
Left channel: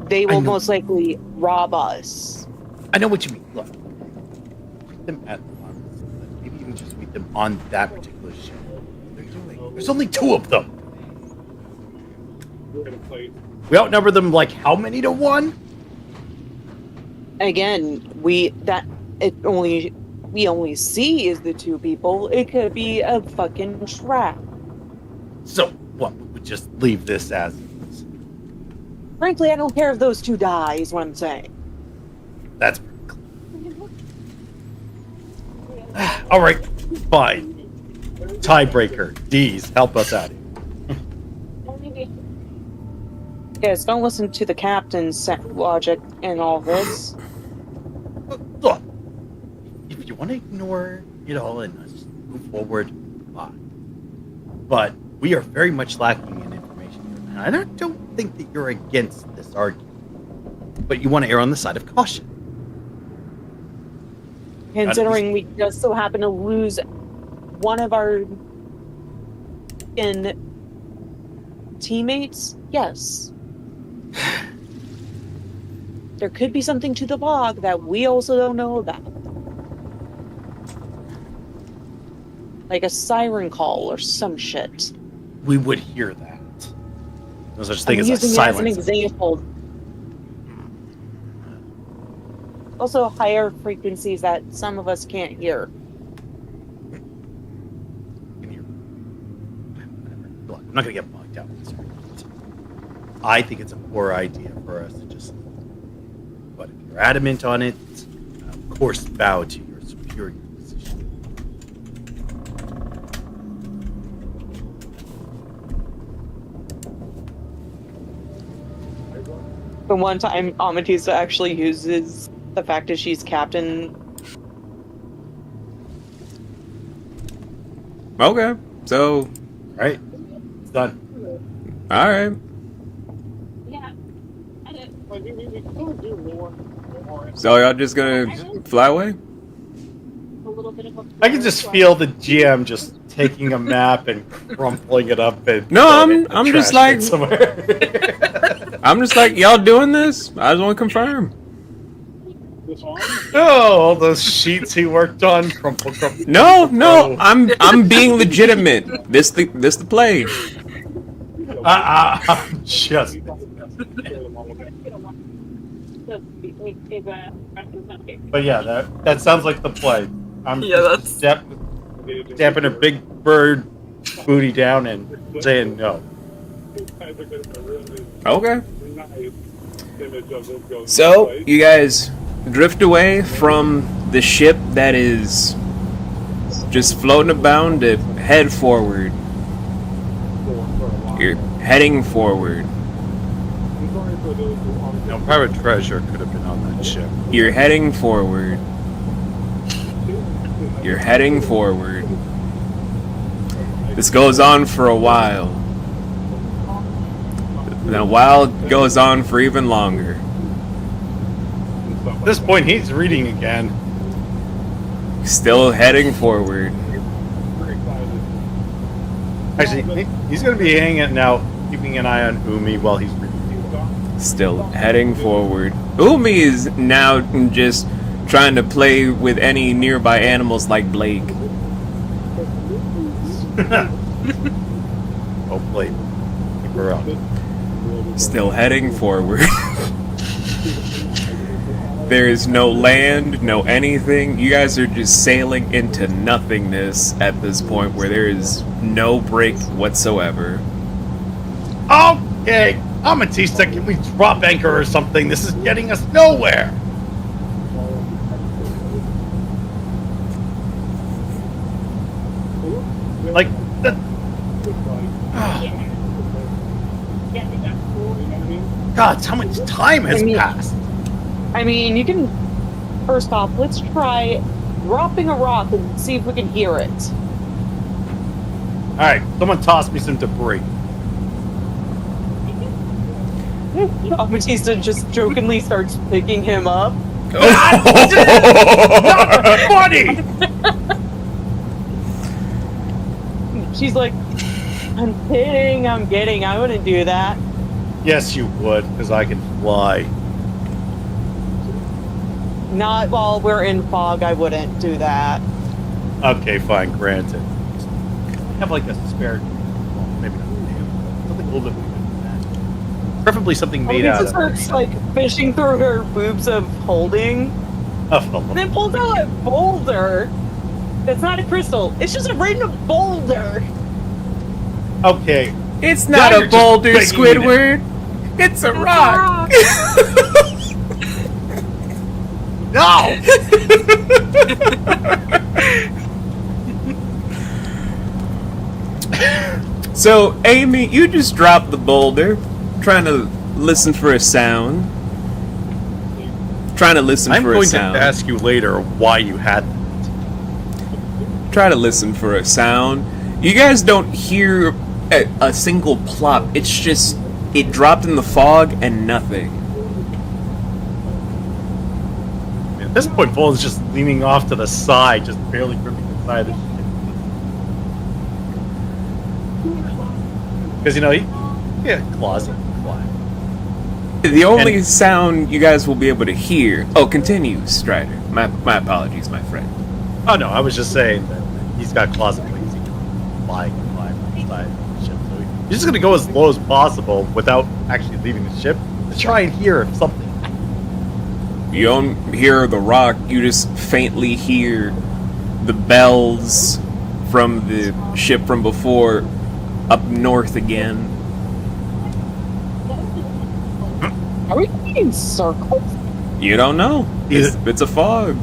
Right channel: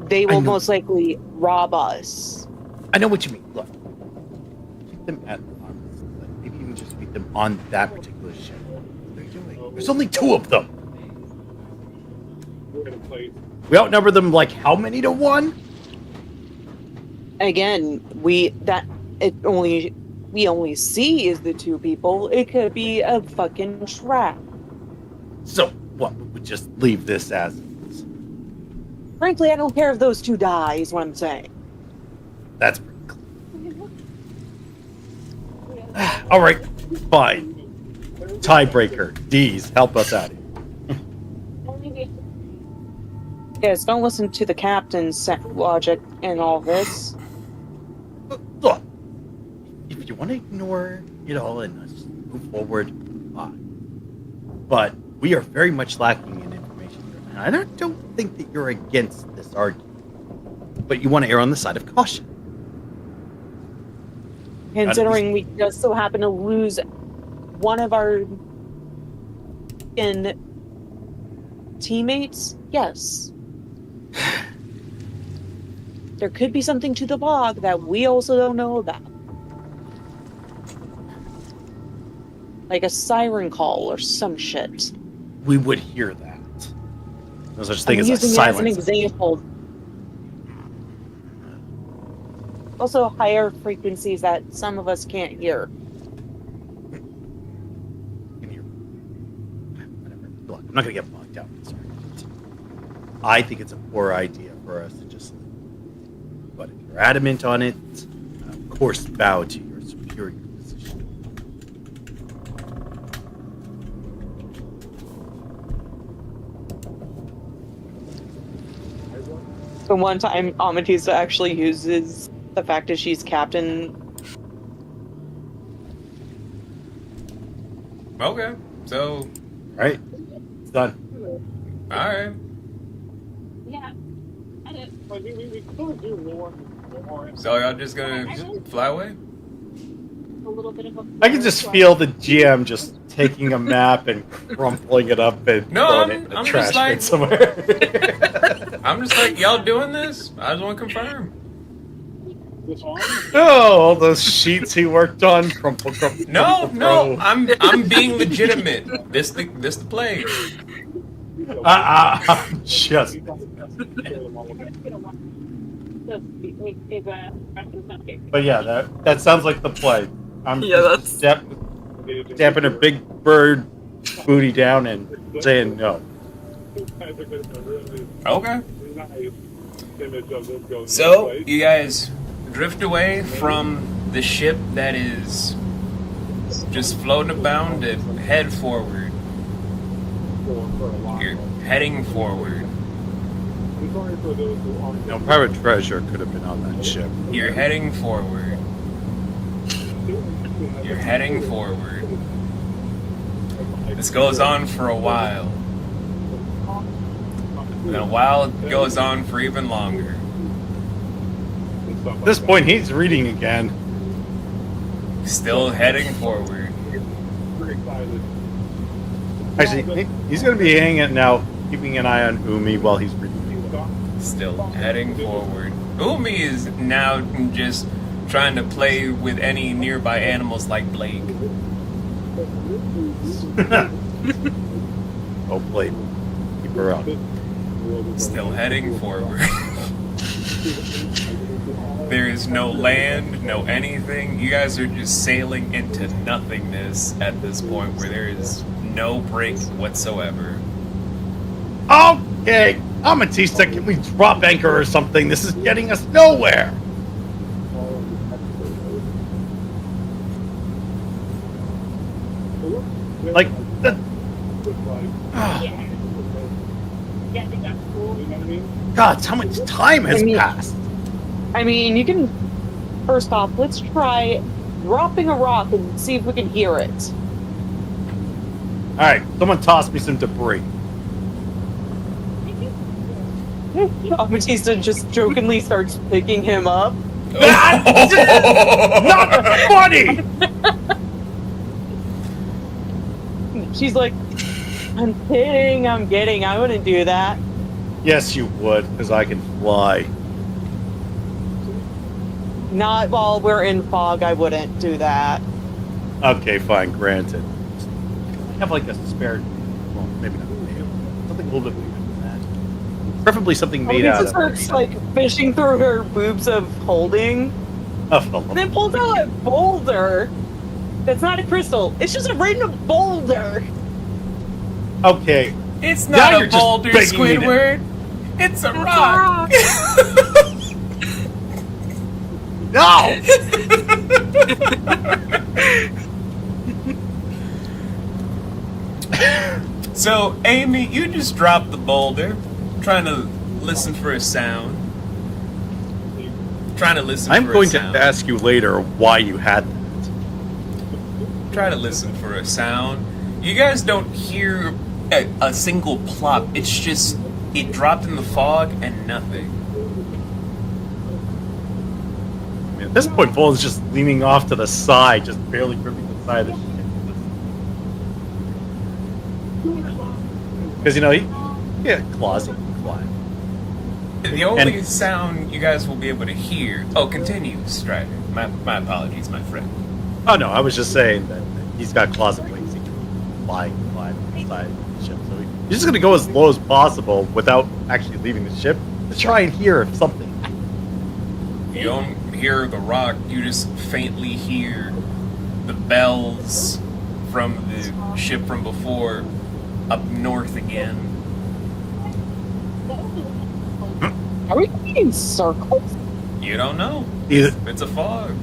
They I will know. most likely rob us. I know what you mean. Look, meet them at arms, but maybe even just meet them on that particular ship. What they're doing. There's only 2 of them. We're gonna play. We outnumber them like how many to 1? Again, we only see is the 2 people. It could be a fucking trap. So what? We just leave this as is. Frankly, I don't care if those 2 die, is what I'm saying. That's pretty clear. All right, fine. Tiebreaker. D's, help us out here. Yes, don't listen to the captain's logic in all this. Look, if you want to ignore it all and just move forward, fine. But we are very much lacking in information here, and I don't think that you're against this argument, but you want to err on the side of caution. Considering we just so happen to lose one of our teammates, yes. There could be something to the log that we also don't know about. Like a siren call or some shit. We would hear that. No such thing I'm as a using it silence. as an example. Also, higher frequencies that some of us can't hear. Can you- Whatever. Look, I'm not going to get bogged down in this argument. I think it's a poor idea for us to just. But if you're adamant on it, of course, bow to your superior position. The one time Amethyst actually uses the fact that she's captain. Okay, so Right? It's done. all right. Yeah. I did. Like, we could do more. So y'all just gonna fly away? A little bit of a. I can just feel the GM just taking a map and crumpling it up and No, throwing it in a I'm trash just bin like- somewhere. I'm just like, y'all doing this? I just want to confirm. This on? Oh, all those sheets he worked on, crumple, crumple. No, crumple, no, crumple. I'm being legitimate. This the play. I'm just. But yeah, that sounds like the play. I'm Yeah, just damping a big bird booty down and saying no. Okay. So you guys drift away from the ship that is just floating about to head forward. You're heading forward. No, Private Treasure could have been on that ship. You're heading forward. You're heading forward. This goes on for a while. And a while goes on for even longer. At this point, he's reading again. Still heading forward. Actually, he's going to be hanging now, keeping an eye on Umi while he's reading. Still heading forward. Umi is now just trying to play with any nearby animals like Blake. Oh, Blake. Keep her up. Still heading forward. There is no land, no anything. You guys are just sailing into nothingness at this point where there is no break whatsoever. Okay, Amethyst, can we drop anchor or something? This is getting us nowhere. Like, the, God, how much time has passed? I mean, you can. First off, let's try dropping a rock and see if we can hear it. Alright, someone toss me some debris. Amethyst just jokingly starts picking him up. Not funny! She's like, I'm kidding, I'm kidding, I wouldn't do that. Yes, you would, because I can fly. Not while we're in fog, I wouldn't do that. Okay, fine, granted. I have like a spare, well, maybe not something a little bit bigger than that. Preferably something made out Amethyst of. starts like fishing through her boobs of holding, and then pulls out a boulder. That's not a crystal. It's just a random boulder. Okay, It's Now not you're a just boulder, begging me to- Squidward. It's a It's a rock. no! So, Amy, you just dropped the boulder, trying to listen for a sound. Trying to listen I'm for going a to sound. ask you later why you had that. Try to listen for a sound. You guys don't hear a single plop. It's just It dropped in the fog and nothing. I mean, at this point, Volan's just leaning off to the side, just barely gripping the side of the ship. Because, claws, he can fly. The only sound you guys will be able to hear... Oh, continue, Strider. My apologies, my friend. Oh, no, I was just saying that he's got claws and wings. He can fly on the side of the ship. So he's just going to go as low as possible without actually leaving the ship to try and hear something. You don't hear the rock, you just faintly hear the bells from the ship from before up north again. Are we going in circles? You don't know. It's a fog.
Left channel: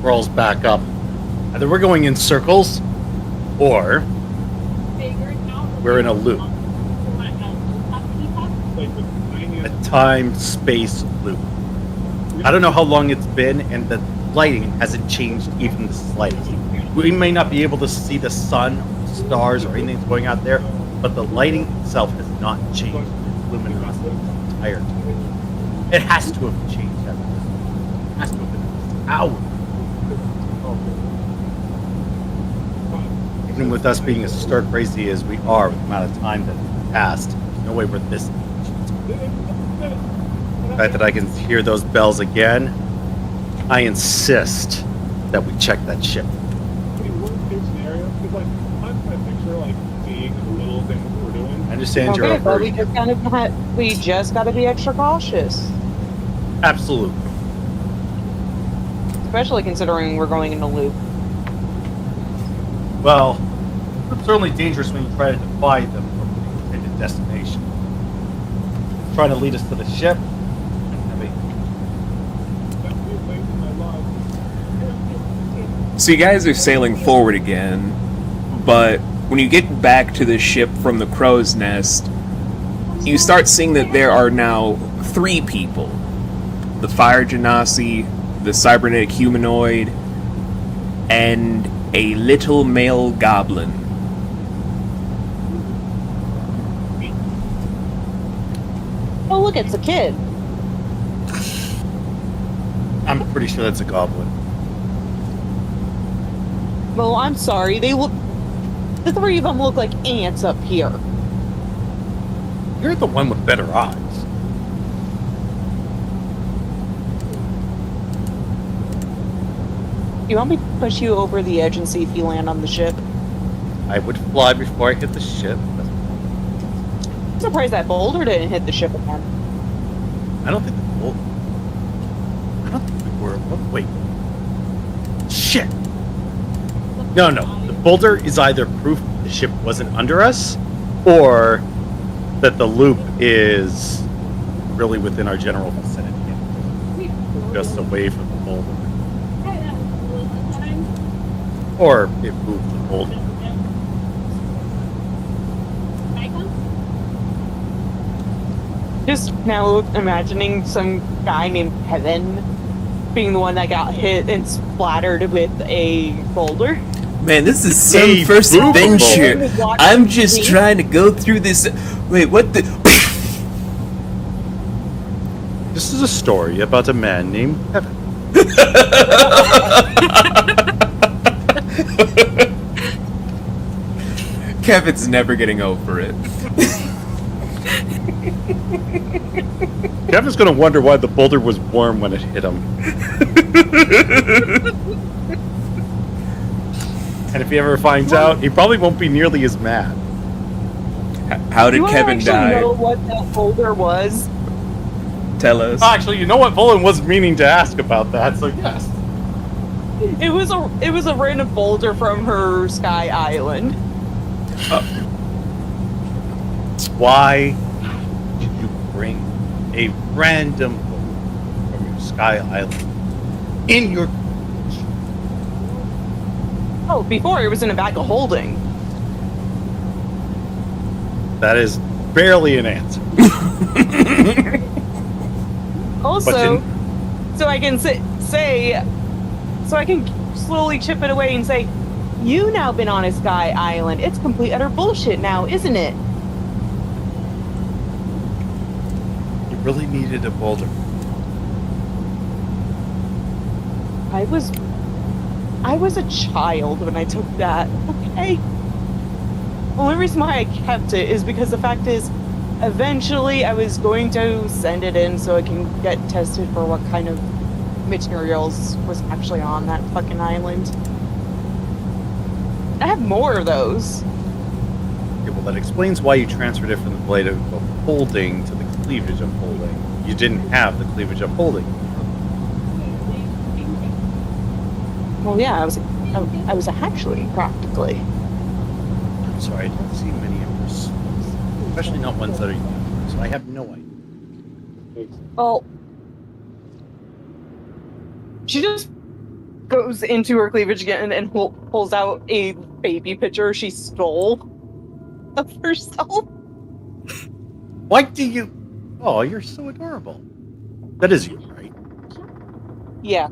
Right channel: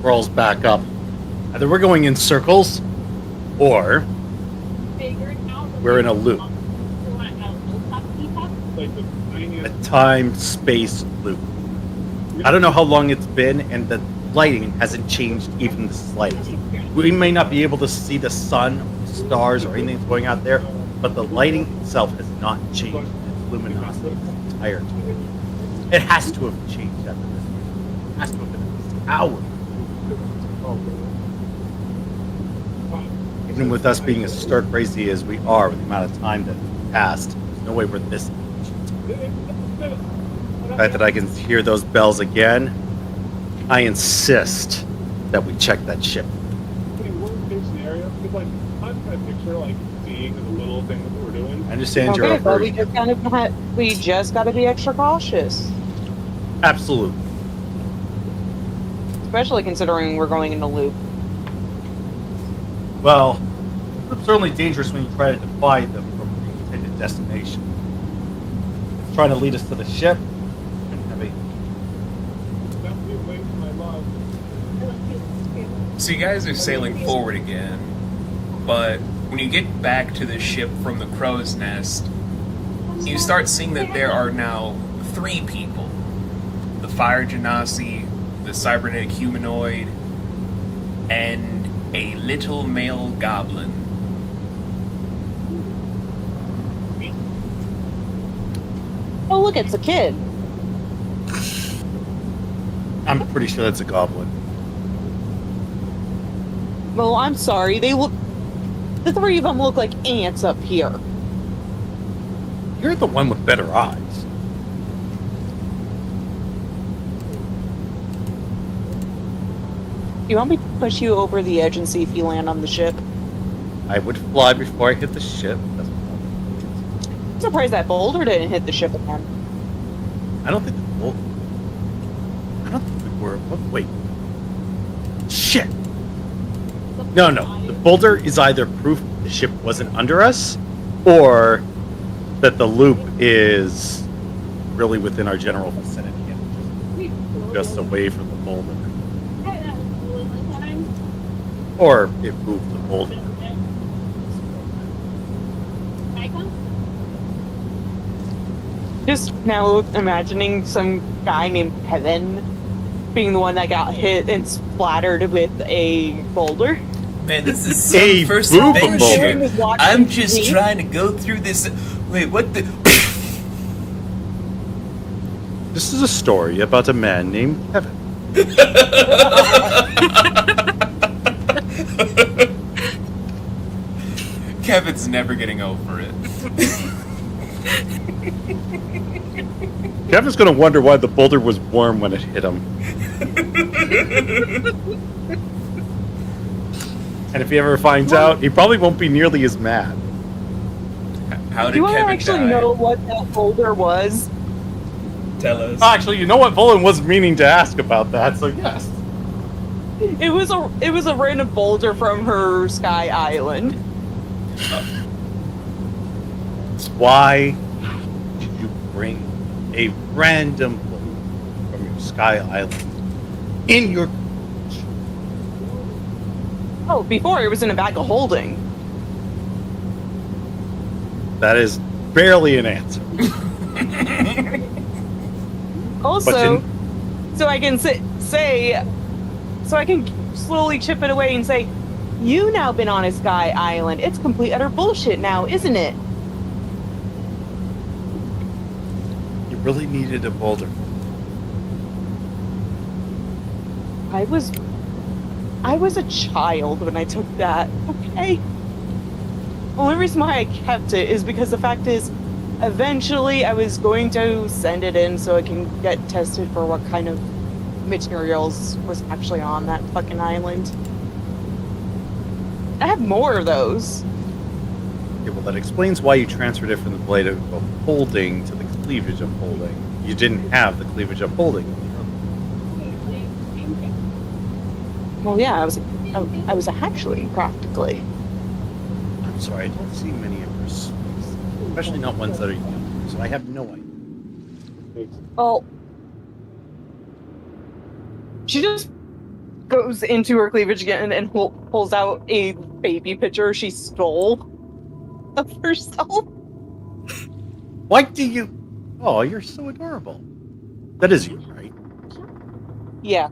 Crawls back up. Either we're going in circles, or we're in a loop. Like the A tiniest. time-space loop. I don't know how long it's been, and the lighting hasn't changed even the slightest. We may not be able to see the sun, or the stars, or anything that's going out there, but the lighting itself has not changed its luminosity this entire time. It has to have changed after this. It has to have been at least an hour. Even with us being as stark crazy as we are, with the amount of time that passed, there's no way we're this ancient. The fact that I can hear those bells again, I insist that we check that ship. Pretty worst case scenario, because like I'm trying to picture like seeing the little thing that we're doing. I understand your Okay, but we aversion. just gotta be extra cautious. Absolutely. Especially considering we're going in a loop. Well, it's certainly dangerous when you try to defy them from the intended destination. It's trying to lead us to the ship. I mean, That would be a waste of my love. So you guys are sailing forward again, but when you get back to the ship from the crow's nest, you start seeing that there are now 3 people. The fire genasi, the cybernetic humanoid, and a little male goblin. Oh, look, it's a kid. I'm pretty sure that's a goblin. Well, I'm sorry. The 3 of them look like ants up here. You're the one with better eyes. You want me to push you over the edge and see if you land on the ship? I would fly before I hit the ship. I'm surprised that boulder didn't hit the ship again. I don't think we were. Wait. Shit. No. The boulder is either proof the ship wasn't under us, or that the loop is really within our general vicinity and just away from the boulder. Or it moved the boulder. Just now imagining some guy named Kevin being the one that got hit and splattered with a boulder. Man, this is some A first boob adventure. boulder. I'm just trying to go through this. Wait, what the? This is a story about a man named Kevin. Kevin's never getting over it. Kevin's gonna wonder why the boulder was warm when it hit him. And if he ever finds out, he probably won't be nearly as mad. How Do did you want to Kevin actually die? know what that boulder was? Tell us. Actually, you know what? Volan was meaning to ask about that, so yes. It was a random boulder from her Sky Island. Why did you bring a random boulder from your Sky Island in your... Oh, before it was in a bag of holding. That is barely an answer. Also, so I can so I can slowly chip it away and say, you now been on a Sky Island. It's complete utter bullshit now, isn't it? really needed a boulder. I was a child when I took that. Okay. The only reason why I kept it is because the fact is, eventually I was going to send it in so I can get tested for what kind of materials was actually on that fucking island. I have more of those. Okay, well, that explains why you transferred it from the blade of holding to the cleavage of holding. You didn't have the cleavage of holding. Well, yeah, I was a hatchling, practically. I'm sorry, I don't see many Empress, especially not ones that are young, so I have no idea. Well, she just goes into her cleavage again and pulls out a baby picture she stole of herself. Why do you... Oh, you're so adorable. That is you, right? Yeah.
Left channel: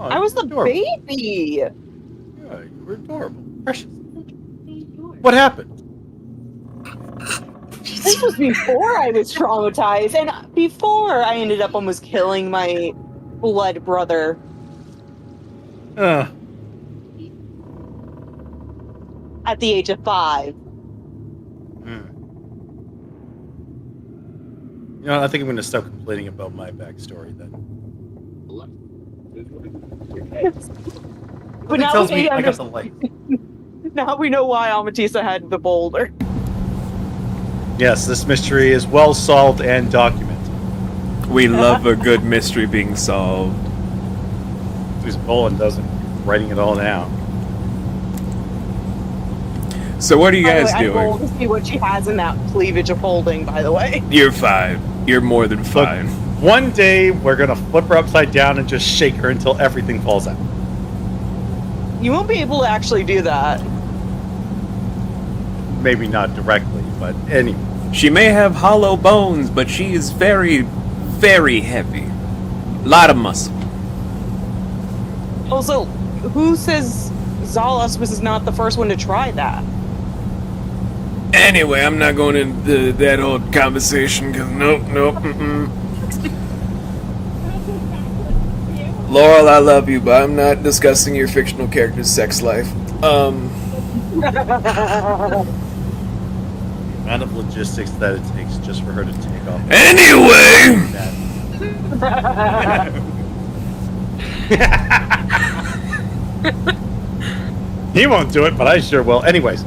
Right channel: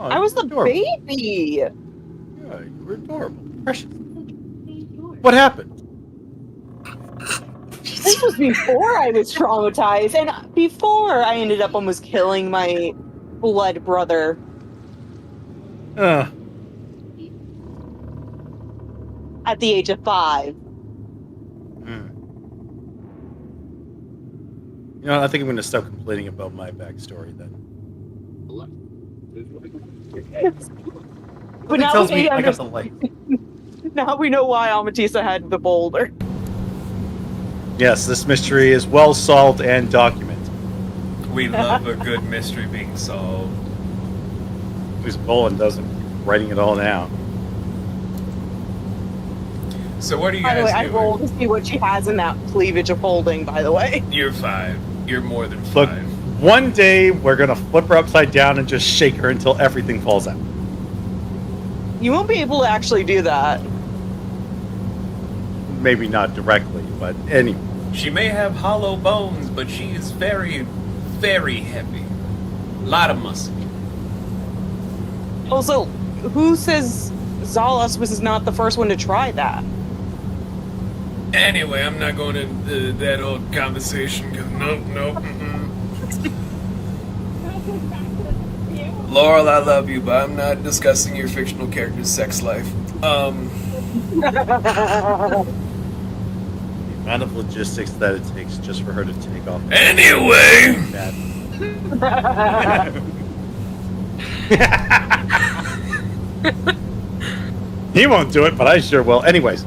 Oh, I was the adorable. baby! Yeah, you were adorable. Precious. What happened? This was before I was traumatized, and before I ended up almost killing my blood brother. At the age of 5. You know, I think I'm going to stop complaining about my backstory then. But now tells we me I got the light. Now we know why Amatisa had the boulder. Yes, this mystery is well solved and documented. We love a good mystery being solved. At least Bolin doesn't writing it all down. So what are you By the guys way, I doing? rolled to see what she has in that cleavage of holding, by the way. You're 5. You're more than Look, 5. one day we're going to flip her upside down and just shake her until everything falls out. You won't be able to actually do that. Maybe not directly, but anyway. She may have hollow bones, but she is very, very heavy. Lot of muscle. Also, who says Zalos was not the first one to try that? Anyway, I'm not going into that old conversation, because nope. Laurel, I love you, but I'm not discussing your fictional character's sex life. The amount of logistics that it takes just for her to take off. Anyway! He won't do it, but I sure will. Anyways,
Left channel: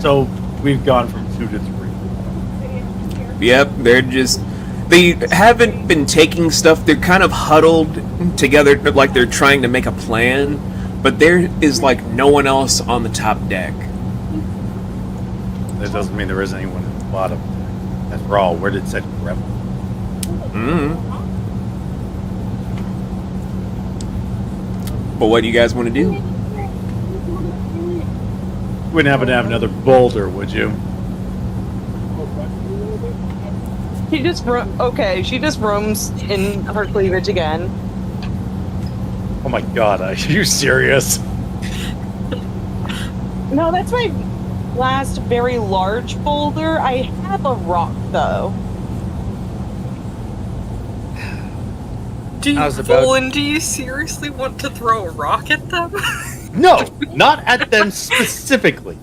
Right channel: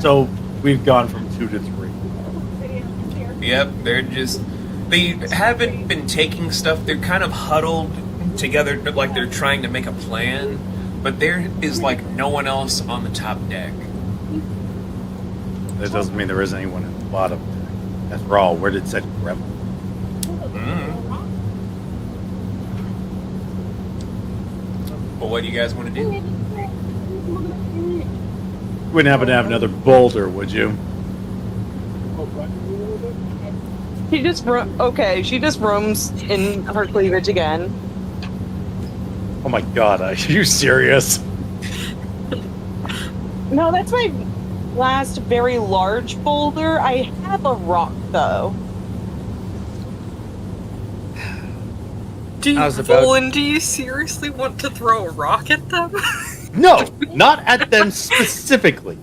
so we've gone from 2 to 3. Yep, they haven't been taking stuff, they're kind of huddled together like they're trying to make a plan, but there is like no one else on the top deck. That doesn't mean there isn't anyone at the bottom. After all, where did said grandma? But what do you guys want to do? You wouldn't happen to have another boulder, would you? She just roams in her cleavage again. Oh my god, are you serious? No, that's my last very large boulder. I have a rock, though. Do you, How's about- Volan, do you seriously want to throw a rock at them? No, not at them specifically.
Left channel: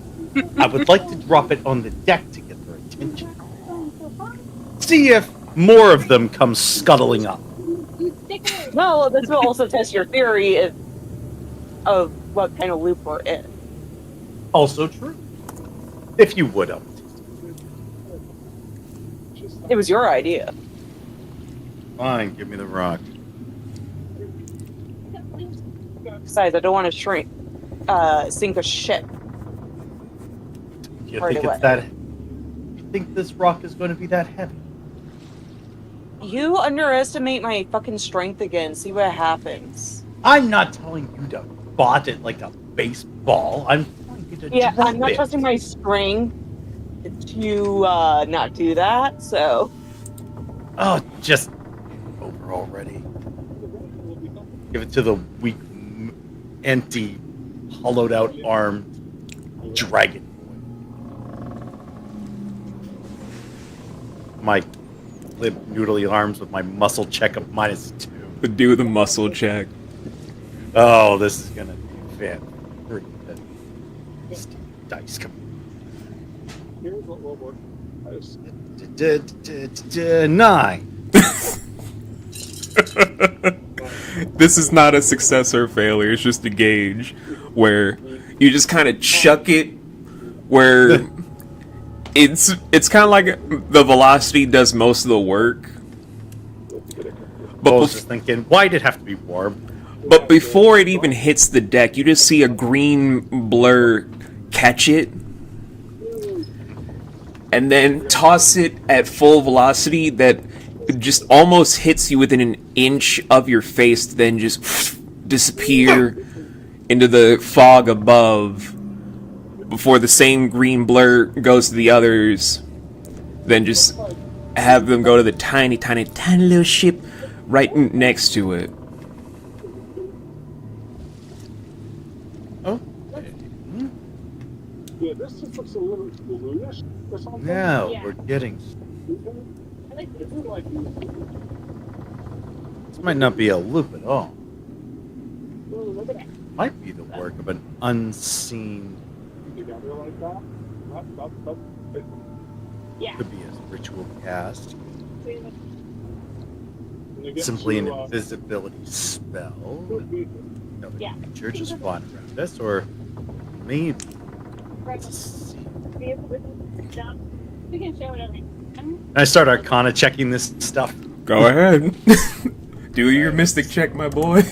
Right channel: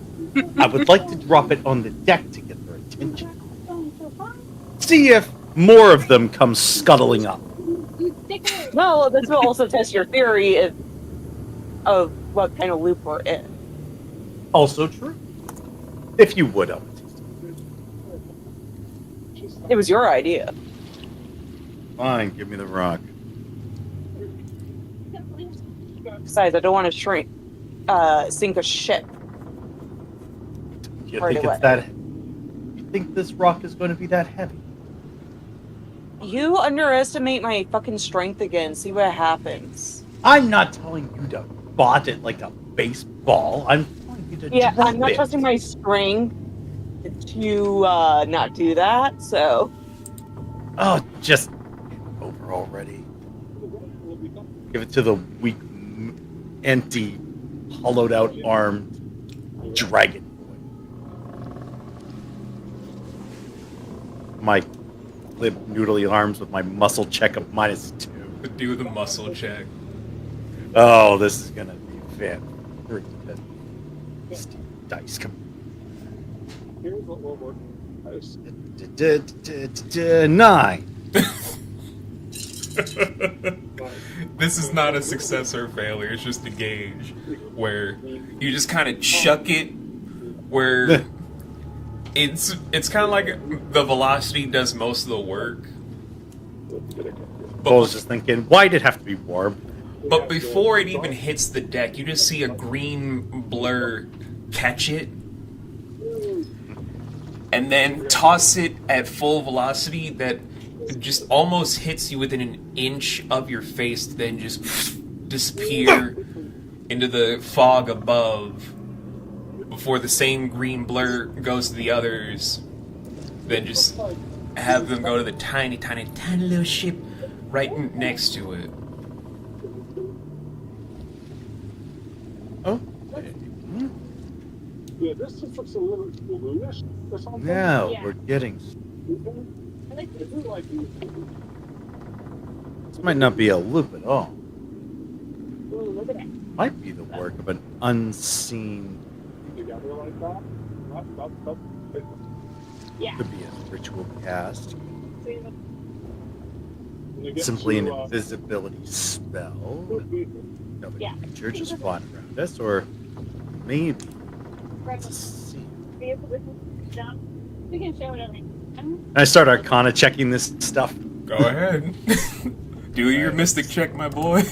I would like to drop it on the deck to get their attention. See if more of them come scuttling up. Well, this will also test your theory of what kind of loop we're in. Also true. If you would, It was your idea. fine, give me the rock. Besides, I don't want to sink a ship. You Right think away. it's that? You think this rock is going to be that heavy? You underestimate my fucking strength again. See what happens. I'm not telling you to bot it like a baseball. I'm telling you to Yeah, drop I'm not it. trusting my strength to not do that, so... Oh, just over already. Give it to the weak, empty, hollowed-out armed dragon boy. my limp noodly arms with my muscle check of -2. Do the muscle check. Oh, this is gonna be fan. Dice come. Here's what will work. 9. This is not a success or failure, it's just a gauge where you just kind of chuck it where it's kind of like the velocity does most of the work. I was just thinking, why did it have to be warm? But before it even hits the deck, you just see a green blur catch it and then toss it at full velocity that just almost hits you within an inch of your face, then just disappear into the fog above before the same green blur goes to the others, then just have them go to the tiny little ship right next to it. Oh. Yeah, this just looks a little bluish or something. Now Yeah. we're getting. I like This is like you. This might not be a loop at all. Ooh, look at that. Might be the work of an unseen. Together like that. Yeah. Could be a ritual cast. When you get Simply an to, invisibility spell. Another Yeah. creature just flying around us, or maybe. Right. Let's see. We can share whatever. I start Arcana checking this stuff. Go ahead. Do your mystic check, my boy.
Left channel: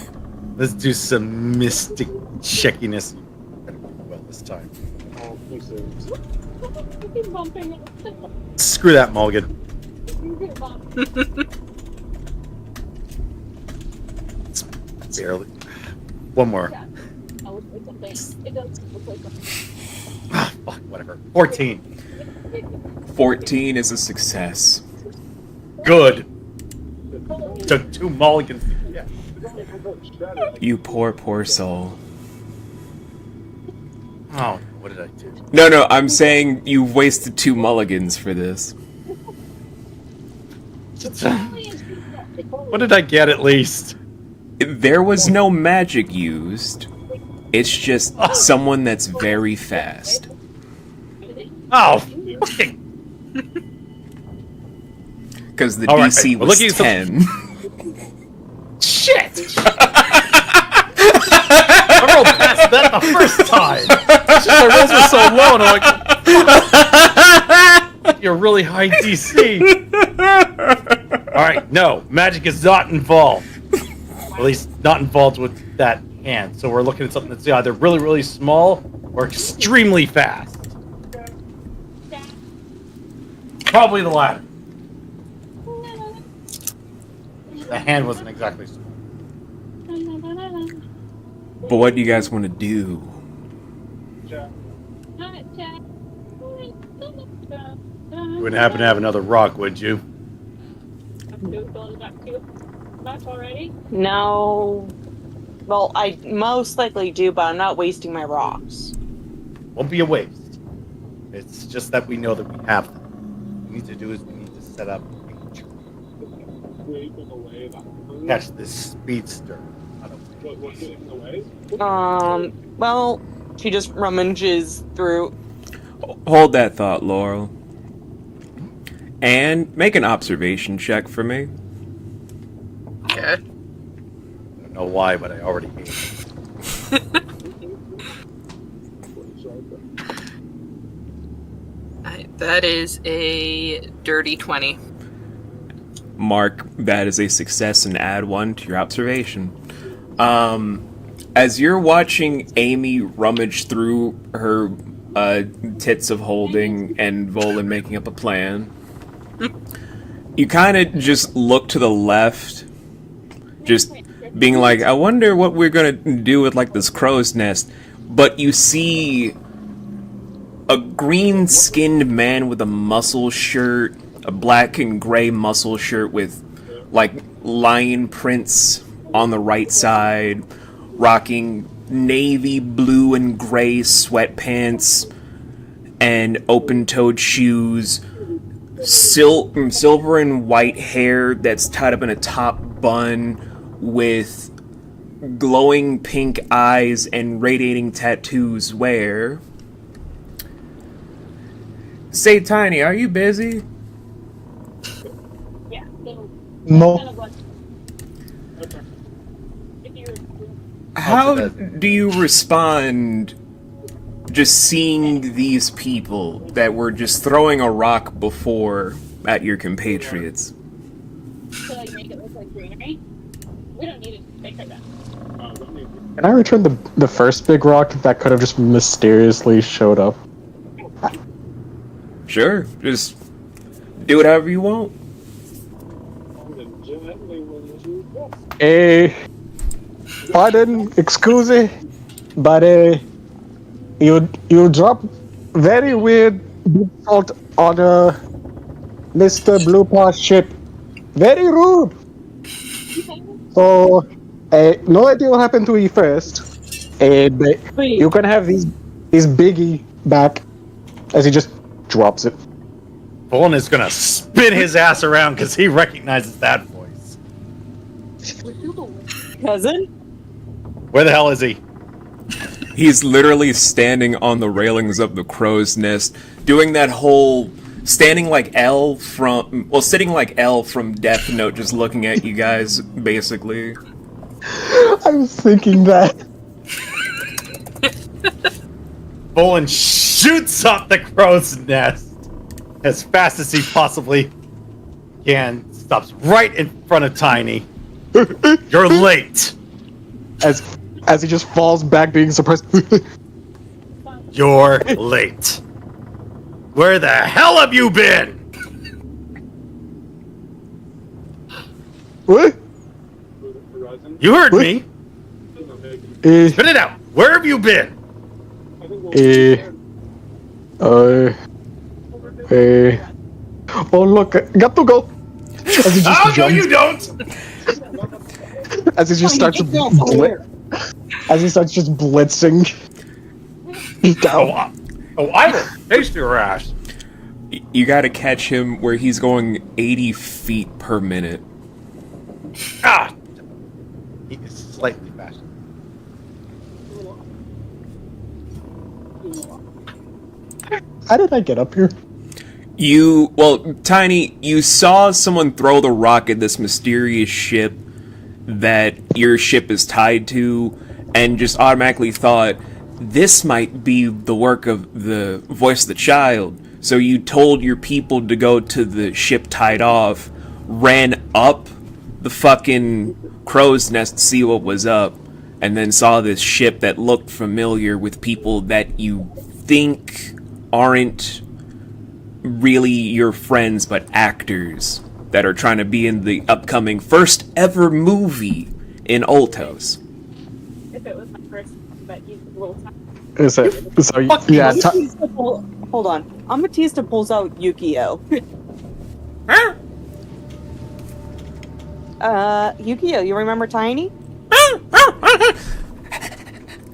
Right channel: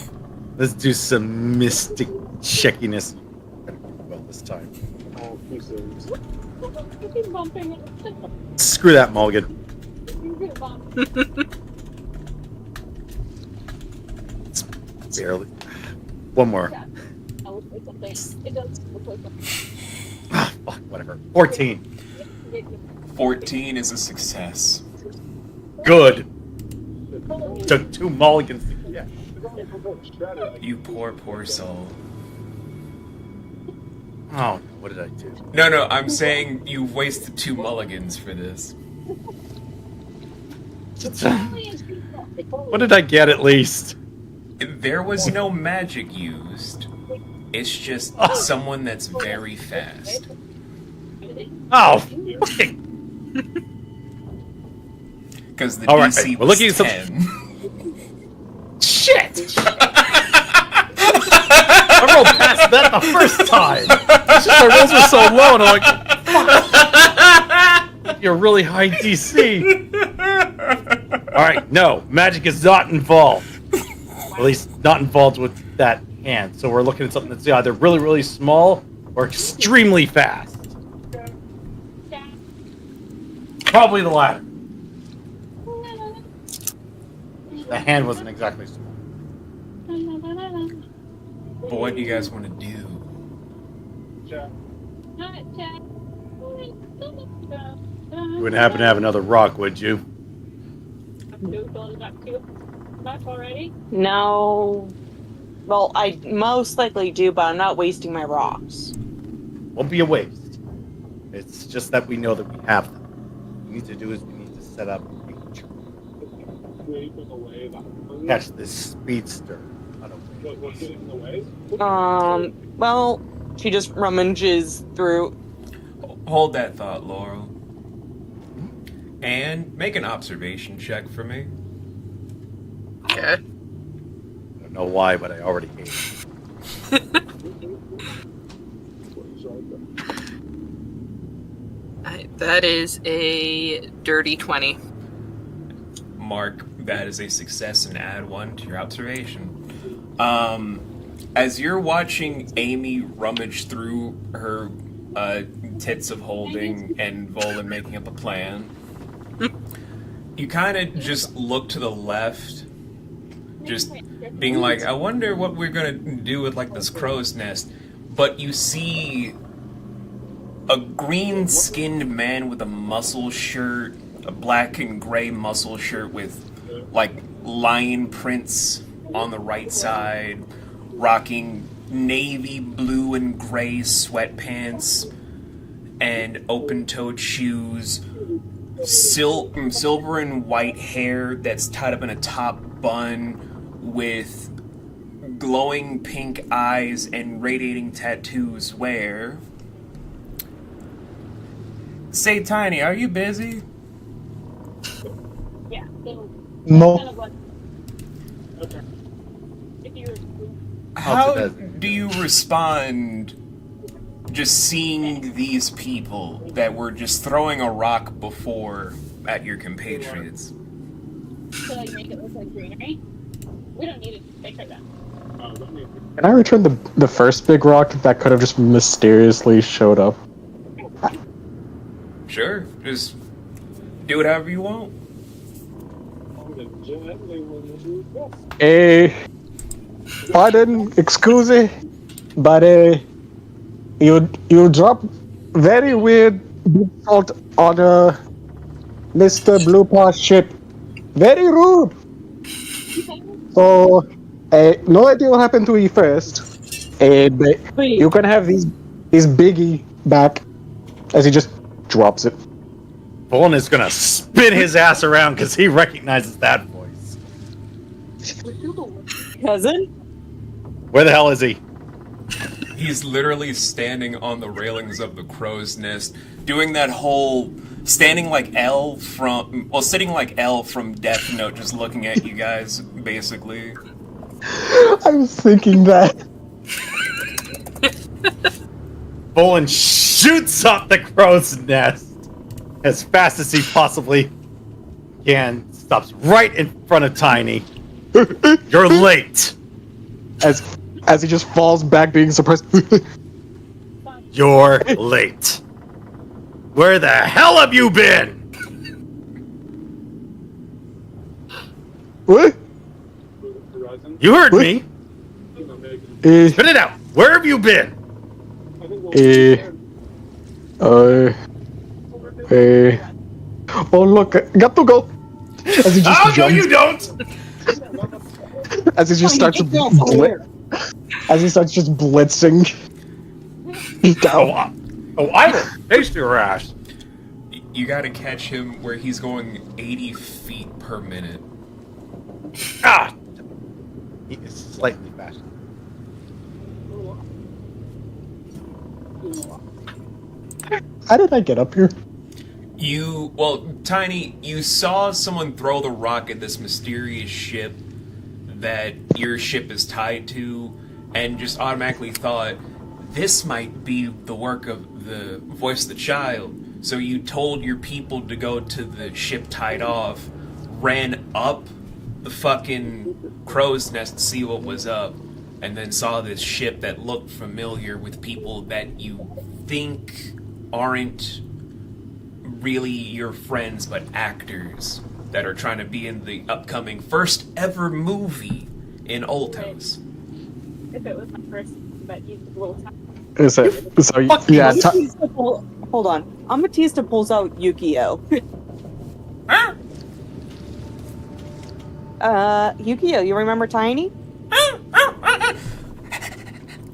Let's do some mystic checkiness. Better do well this time. oh, pieces. Keep bumping. Screw that, Mulligan. Keep bumping. It's barely. One more. That looks like something. It does look like something. Ah, fuck, whatever. 14. 14 is a success. Good. Took 2 mulligans to get. You poor soul. Oh, no, what did I do? No, I'm saying you've wasted 2 mulligans for this. What did I get at least? There was no magic used. It's just someone that's very fast. Oh, fucking. Because the All right, DC we're was looking at some- 10. Shit! I rolled past that the first time. It's just my rolls were so low, and I'm like, fuck. You're really high DC. Alright, no, magic is not involved. At least not involved with that hand. So we're looking at something that's either really, really small or extremely fast. Probably the latter. The hand wasn't exactly small. But what do you guys want to do? You wouldn't happen to have another rock, would you? Already? No. Well, I most likely do, but I'm not wasting my rocks. Won't be a waste. It's just that we know that we have them. What we need to do is we need to set up a Scraping away that. catch this speedster. I don't know. What's getting in the way? Well, she just rummages through. Hold that thought, Laurel. And make an observation check for me. Okay. I don't know why, but I already hate it. That is a dirty 20. Mark that as a success and add 1 to your observation. As you're watching Amy rummage through her tits of holding and Volan making up a plan, you kind of just look to the left, just being like, I wonder what we're gonna do with like this crow's nest. But you see a green-skinned man with a muscle shirt, a black and gray muscle shirt with like lion prints on the right side, rocking navy blue and gray sweatpants and open-toed shoes, silver and white hair that's tied up in a top bun with glowing pink eyes and radiating tattoos where... Say, Tiny, are you busy? Yeah. So No. kind of like, Okay. if you were How do you respond just seeing these people that were just throwing a rock before at your compatriots? to like make it look like greenery, we don't need to take her down. Don't need to. Can I return the first big rock that could have just mysteriously showed up? Sure, just do whatever you want. Gently when you go. Pardon, excuse me, but you drop very weird salt on Mr. Blue Paw ship. Very rude. So, no idea what happened to you first. But Wait. you can have these biggie back as he just drops it. Bolin is gonna spin his ass around because he recognizes that voice. Cousin? Where the hell is he? He's literally standing on the railings of the crow's nest, doing that whole sitting like L from Death Note, just looking at you guys, basically. I was thinking that. Bolin shoots up the crow's nest as fast as he possibly can. Stops right in front of Tiny. You're late. As he just falls back, being surprised. You're late. Where the hell have you been? What? Horizon. You heard me. Spit it out. Where have you been? I think Oh look, got to go. As he just Oh, no, jumps, you don't. as he just starts as he starts just blitzing. Oh, I will taste your ass. You gotta catch him where he's going 80 feet per minute. Ah! He is slightly faster. How did I get up here? Tiny, you saw someone throw the rock at this mysterious ship that your ship is tied to, and just automatically thought, this might be the work of the voice of the child. So you told your people to go to the ship tied off, ran up the fucking crow's nest to see what was up, and then saw this ship that looked familiar with people that you think aren't really your friends, but actors that are trying to be in the upcoming first ever movie in Oltos. If it was my first, but you a little time. Is it? So yeah. Hold on. Amatista pulls out Yukio. Yukio, you remember Tiny?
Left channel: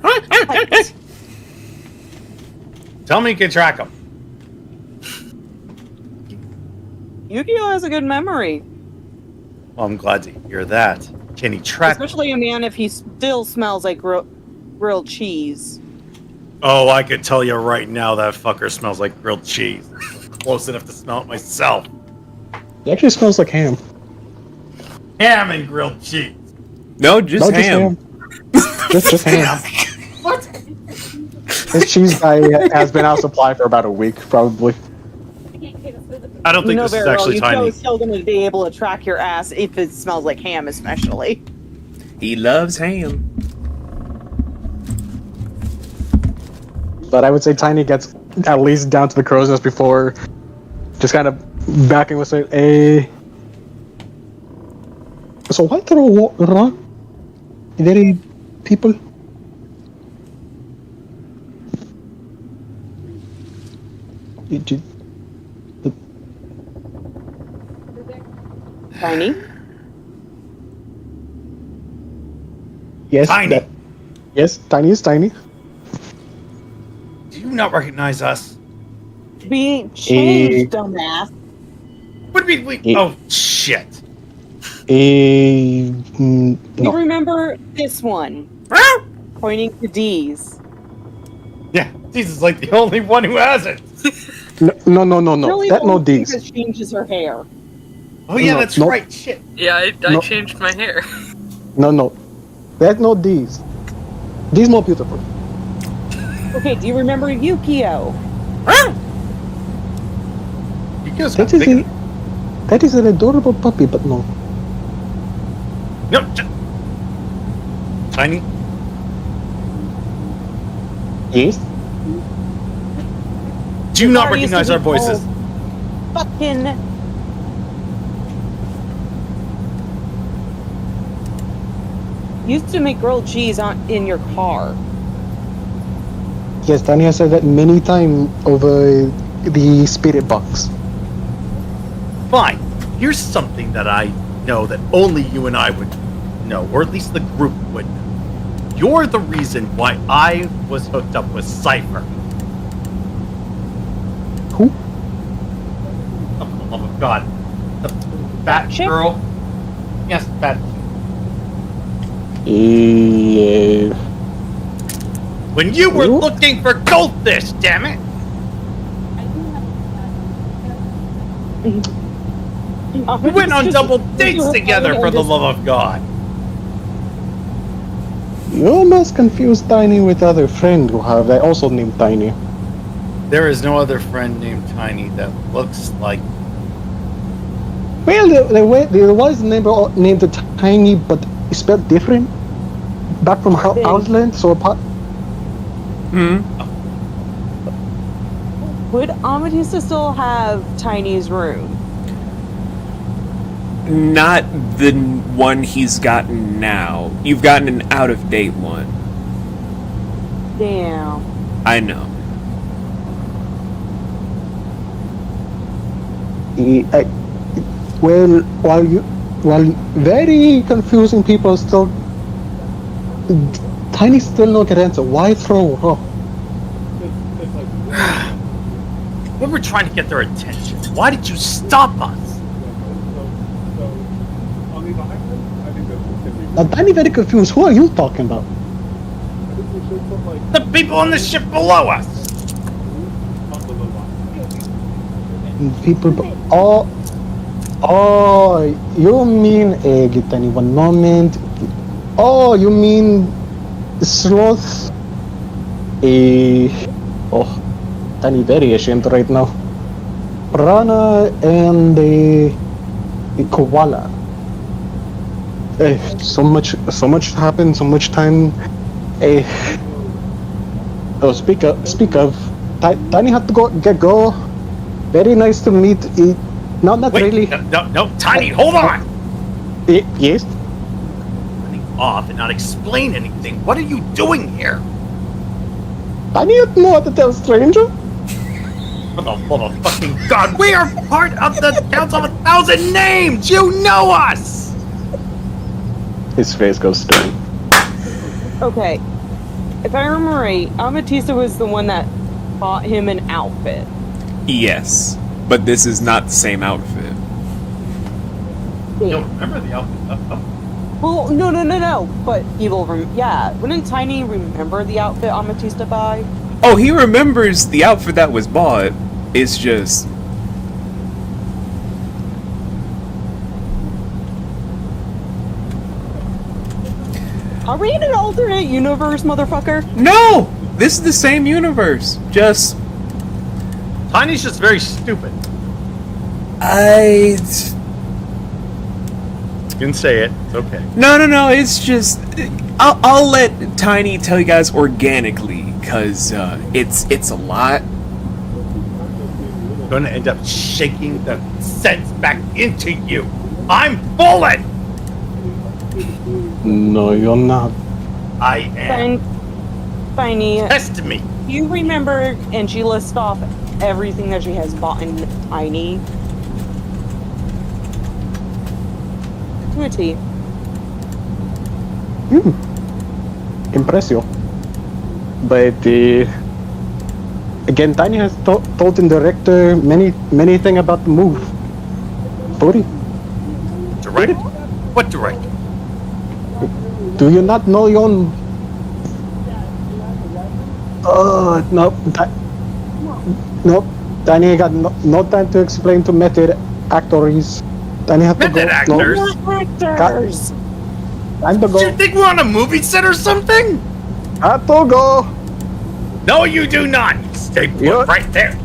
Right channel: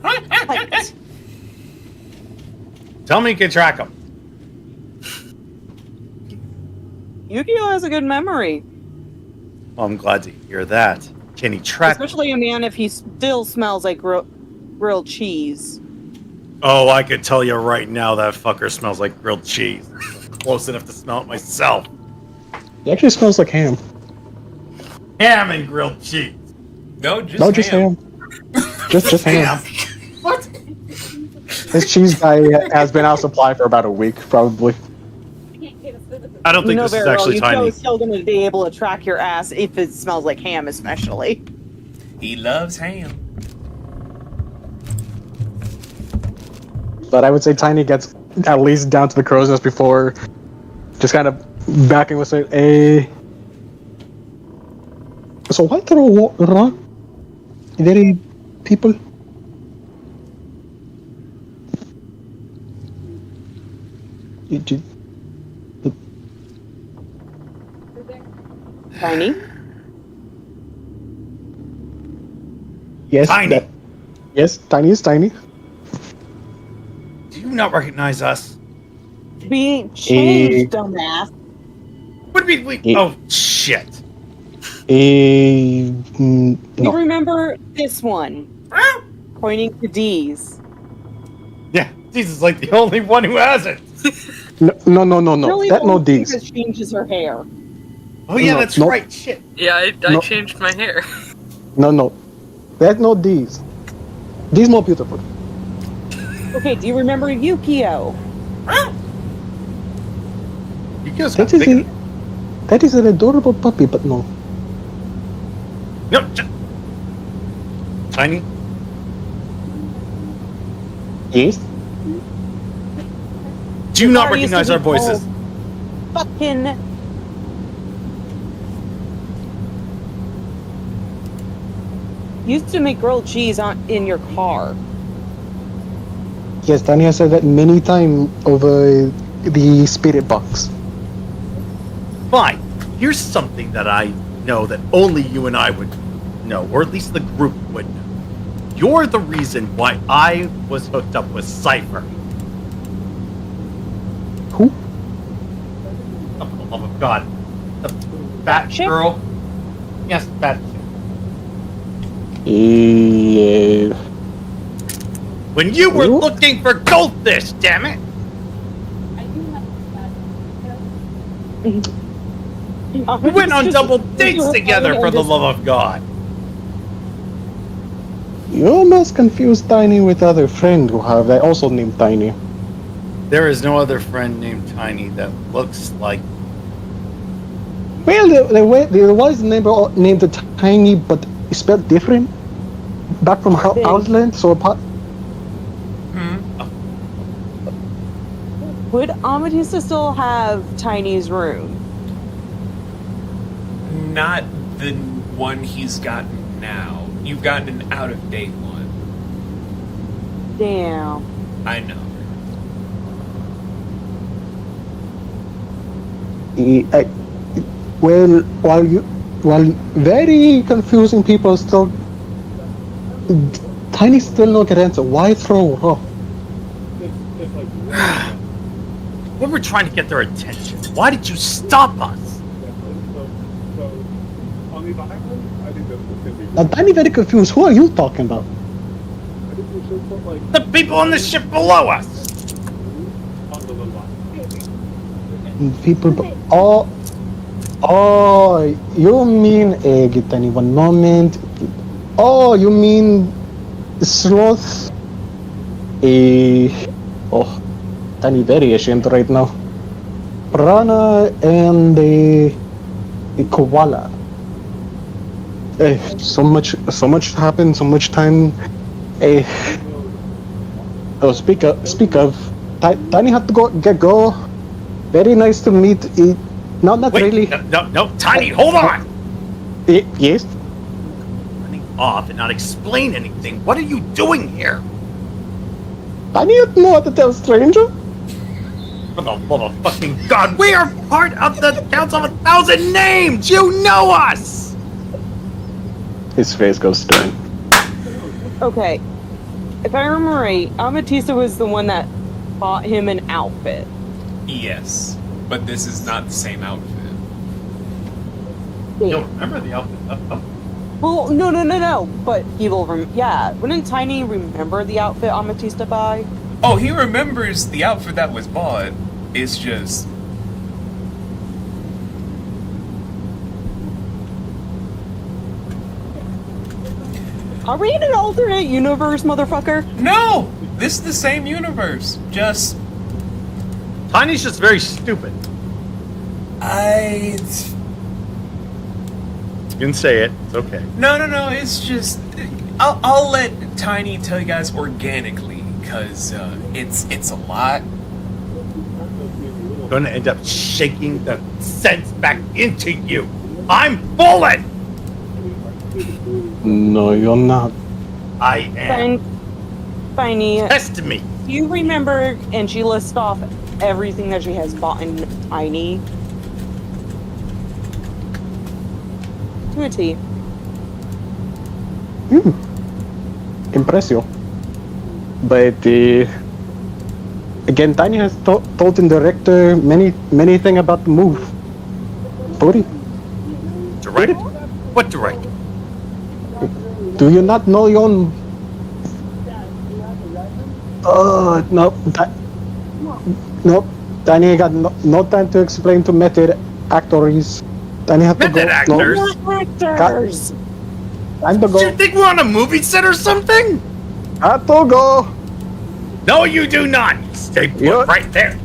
What? Tell me you can track him. Yukio has a good memory. Well, I'm glad to hear that. Can he track? Especially a man if he still smells like grilled cheese. Oh, I could tell you right now that fucker smells like grilled cheese. Close enough to smell it myself. It actually smells like ham. Ham and grilled cheese. No, just No, ham. just ham. just ham. What? This cheese guy has been out of supply for about a week, probably. I can't say this physically. I don't think You know this is very well, actually Yukio Tiny. is still going to be able to track your ass if it smells like ham, especially. He loves ham. But I would say Tiny gets at least down to the crow's nest before just kind of backing with it. So why throw a rock? Very people. Tiny? Yes. Tiny. Yes, Tiny is Tiny. Do you not recognize us? We changed, dumbass. What do you mean? Yeah. Oh shit! You No. remember this one? Pointing to D's. Yeah, Jesus is like the only one who has it. No. Really That no old D's. because changes her hair. Oh yeah, No, that's no. right. Shit. Yeah, I No. changed my hair. No. That no D's. D's more beautiful. Okay, do you remember Yukio? You guys That is a, that is an adorable puppy, but no. No. Tiny. Yes. Do you not Sorry, used to recognize our be voices? called Fucking. Used to make grilled cheese in your car. Yes, Tanya said that many times over the spirit box. Fine. Here's something that I know that only you and I would know, or at least the group would know. You're the reason why I was hooked up with Cypher. Who? Oh, for the love of God. The fat chick? girl? Yes, fat chick. Yeah. When you were Who? looking for goldfish, damn it! I do have We went on double dates together, for the love of God. You must confuse Tiny with other friend who have that also named Tiny. There is no other friend named Tiny that looks like. Well, there was named Tiny, but spelled different. Back from Outland, so apart. Would Amethyst still have Tiny's room? Not the one he's gotten now. You've gotten an out-of-date one. Damn. I know. Well, while very confusing people still, Tiny still no get answer. Why throw her? It's like, We were trying to get their attention. Why did you stop us? so on these islands, I think that can be. Now Tiny very confused. Who are you talking about? I think we should put like The people on the ship below us! on the little island. People. Oh, you mean Tiny? One moment. Oh, you mean sloth? Oh, Tiny very ashamed right now. Rana and the koala. So much happened. So much time. Oh, speak of. Tiny had to go. Very nice to meet. Not Wait, really. no, Tiny, hold on! Yes. Running off and not explain anything. What are you doing here? Tiny had know how to tell stranger. For the love of fucking God, we are part of the Council of 1,000 Names! You know us! His face goes stern. Okay. If I remember right, Amethyst was the one that bought him an outfit. Yes, but this is not the same outfit. You'll remember the outfit. Well, no. But he will. Yeah, wouldn't Tiny remember the outfit Amethyst buy? Oh, he remembers the outfit that was bought. It's just... Are we in an alternate universe, motherfucker? No! This is the same universe. Just... Tiny's just very stupid. I... You can say it. It's okay. No, it's just... I'll let Tiny tell you guys organically, because it's a lot. I'm gonna end up shaking the sense back into you. I'm bullet! No, you're not. I am. Tiny, Test me. do you remember? And she lists off everything that she has bought in Tiny. To a T. Impressio. But again, Tiny has told the director many things about the move. Cody, Direct? What direct? do you not know your own... No. Nope. Danny ain't got no time to explain to method actors. Danny have to Method go. actors? Actors. Time to Do you go. think we're on a movie set or something? Have to go. No, you do not. Stay put Yeah. right there.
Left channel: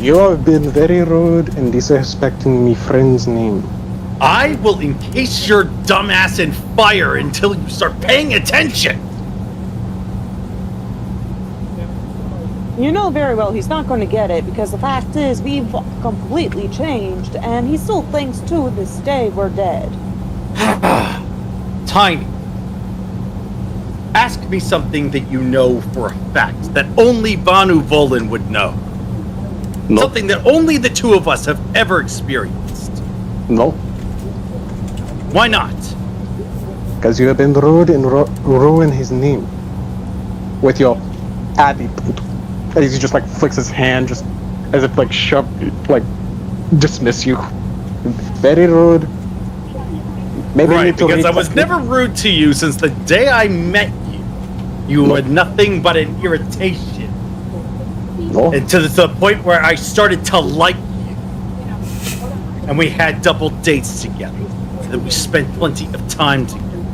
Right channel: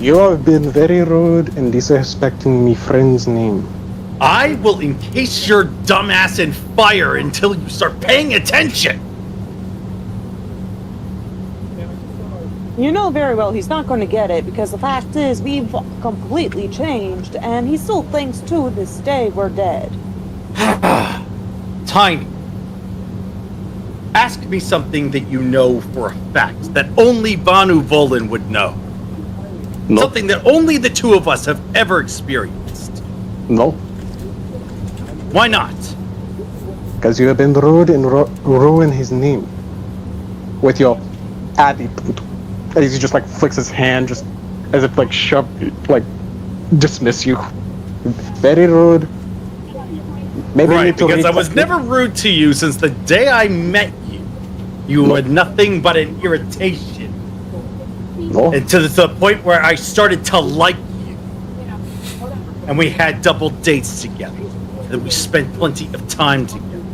You have been very rude and disrespecting me friend's name. I will encase your dumbass in fire until you start paying attention. You know very well he's not going to get it because the fact is we've completely changed and he still thinks to this day we're dead. Tiny. Ask me something that you know for a fact that only Banu Volin would know. No. Something that only the two of us have ever experienced. No. Why not? Because you have been rude and ruin his name. With your attitude. And he just like flicks his hand just as if like dismiss you. Very rude. Maybe you Right, need to because I read- was never rude to you since the day I met you. You were nothing but an irritation. No. And to the point where I started to like you. And we had double dates together. And we spent plenty of time together.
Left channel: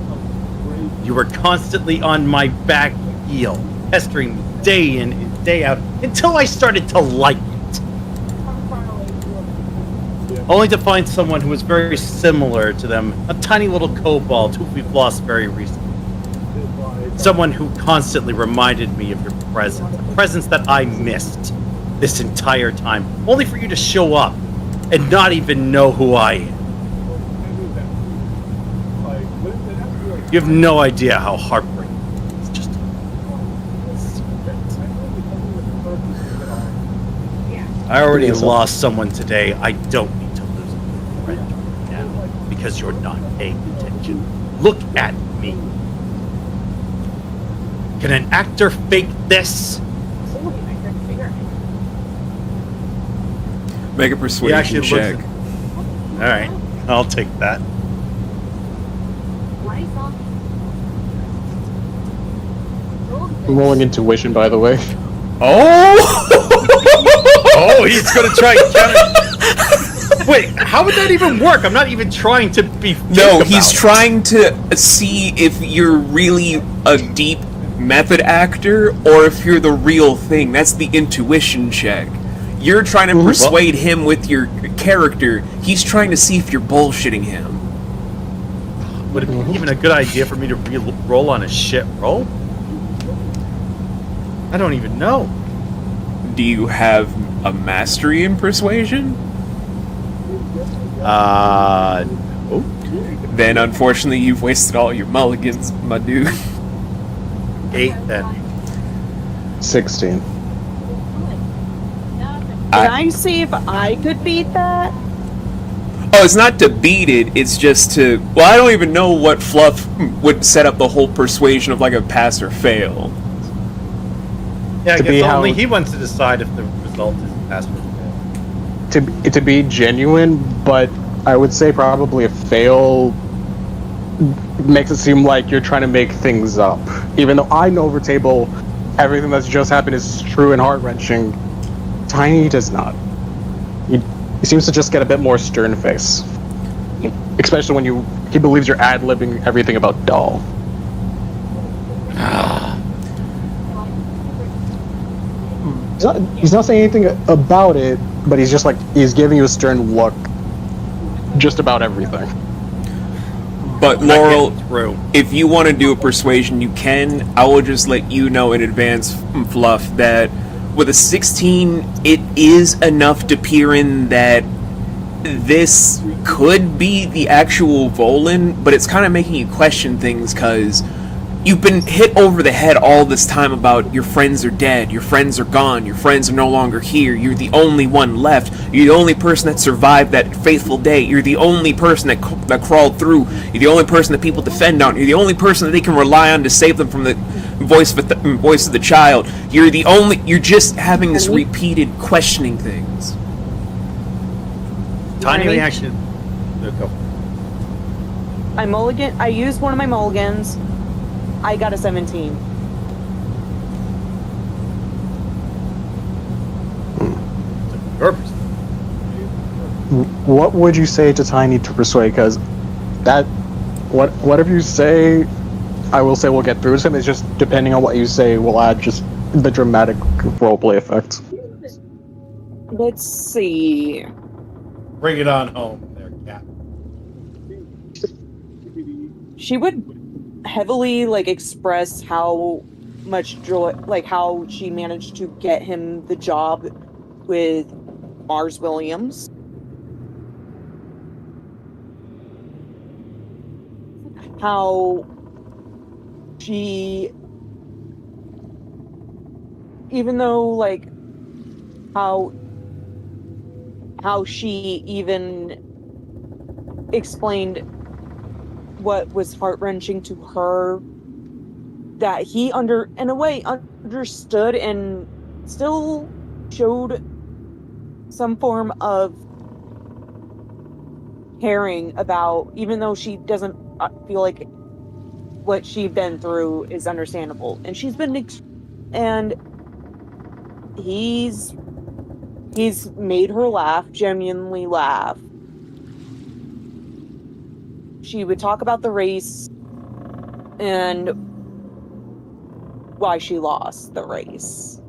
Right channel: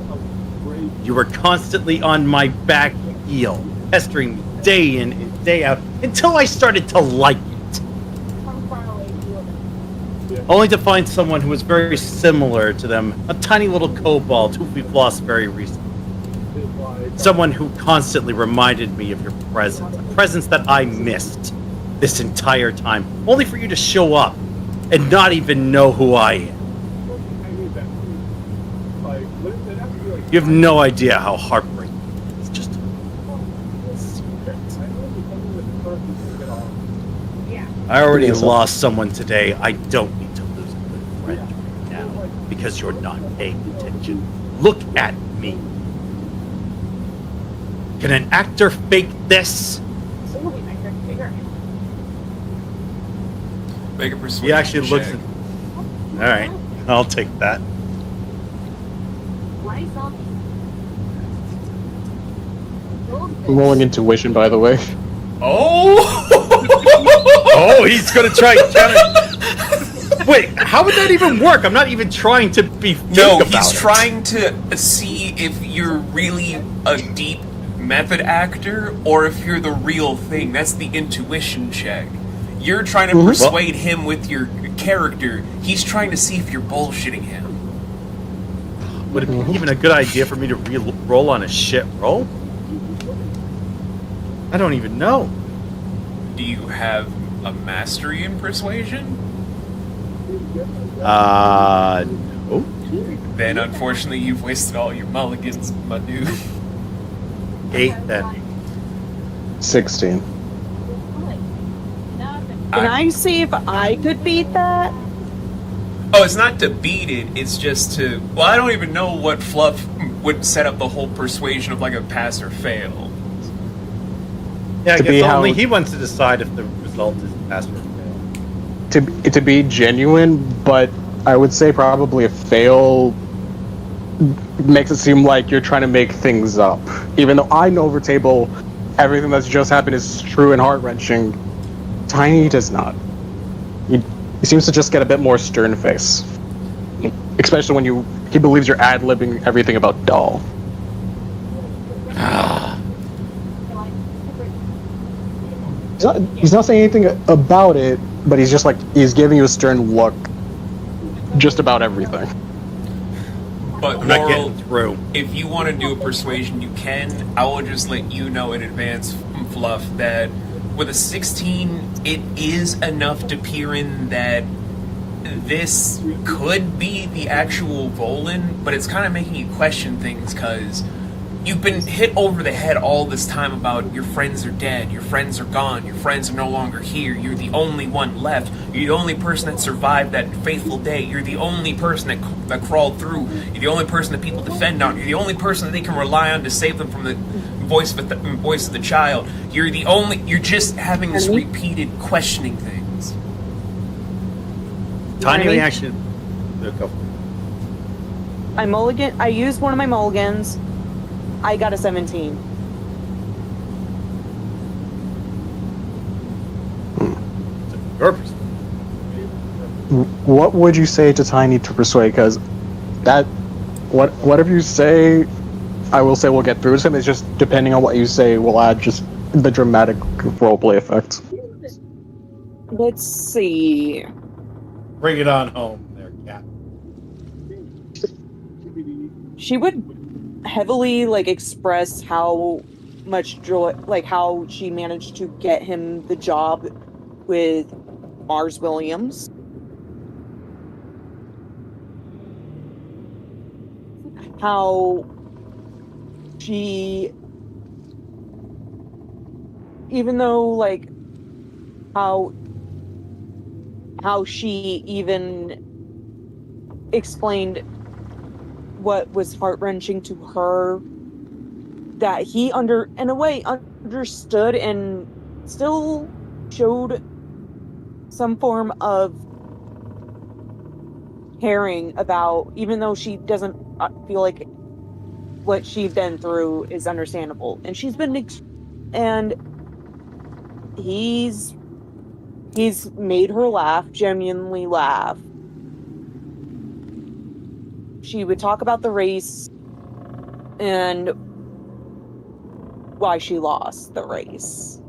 You were constantly on my back heel, pestering me day in and day out, until I started to like it. Only to find someone who was very similar to them, a tiny little kobold who we've lost very recently. Someone who constantly reminded me of your presence, a presence that I missed this entire time, only for you to show up and not even know who I am. You have no idea how heartbreaking it's just. I already lost someone today. I don't need to lose a good friend right now because you're not paying attention. Look at me. Can an actor fake this? Make a persuasion He actually looks check. at... Alright, I'll take that. I'm rolling intuition, by the way. Oh! Oh, he's gonna try and counter. Wait, how would that even work? I'm not even trying to be fake No, about he's it. trying to see if you're really a deep method actor or if you're the real thing. That's the intuition check. You're trying to persuade him with your character. He's trying to see if you're bullshitting him. Would it be even a good idea for me to roll on a shit roll? I don't even know. Do you have a mastery in persuasion? No. Then unfortunately you've wasted all your mulligans, my dude. 8 then. 16. Can I see if I could beat that? Oh, it's not to beat it, it's just to... Well, I don't even know what Fluff would set up the whole persuasion of like a pass or fail. Yeah, I To be guess how- only he wants to decide if the result is pass or fail. To be genuine, but I would say probably a fail makes it seem like you're trying to make things up. Even though I know over table everything that's just happened is true and heart-wrenching, Tiny does not. He seems to just get a bit more stern face. Especially when he believes you're ad-libbing everything about Doll. He's not saying anything about it, but he's just like, he's giving you a stern look just about everything. But I'm not Laurel, getting through. if you want to do a persuasion, you can. I will just let you know in advance, Fluff, that with a 16, it is enough to peer in that this could be the actual Volin, but it's kind of making you question things because you've been hit over the head all this time about your friends are dead, your friends are gone, your friends are no longer here, you're the only one left, you're the only person that survived that fateful day, you're the only person that crawled through, you're the only person that people defend on, you're the only person that they can rely on to save them from the voice of the child, you're just having this repeated questioning things. Tiny mean? reaction. Go. I used one of my mulligans. I got a 17. Your perspective. What would you say to Tiny to persuade? Because whatever you say, I will say we'll get through to him. It's just depending on what you say, will add just the dramatic roleplay effect. Let's see. Bring it on home, there, cat. She would heavily express how much joy, how she managed to get him the job with Mars Williams. How she, even though how she even explained what was heart-wrenching to her, that he in a way understood and still showed some form of caring about, even though she doesn't feel like what she's been through is understandable, and she's been and he's made her laugh, genuinely laugh. She would talk about the race and why she lost the race,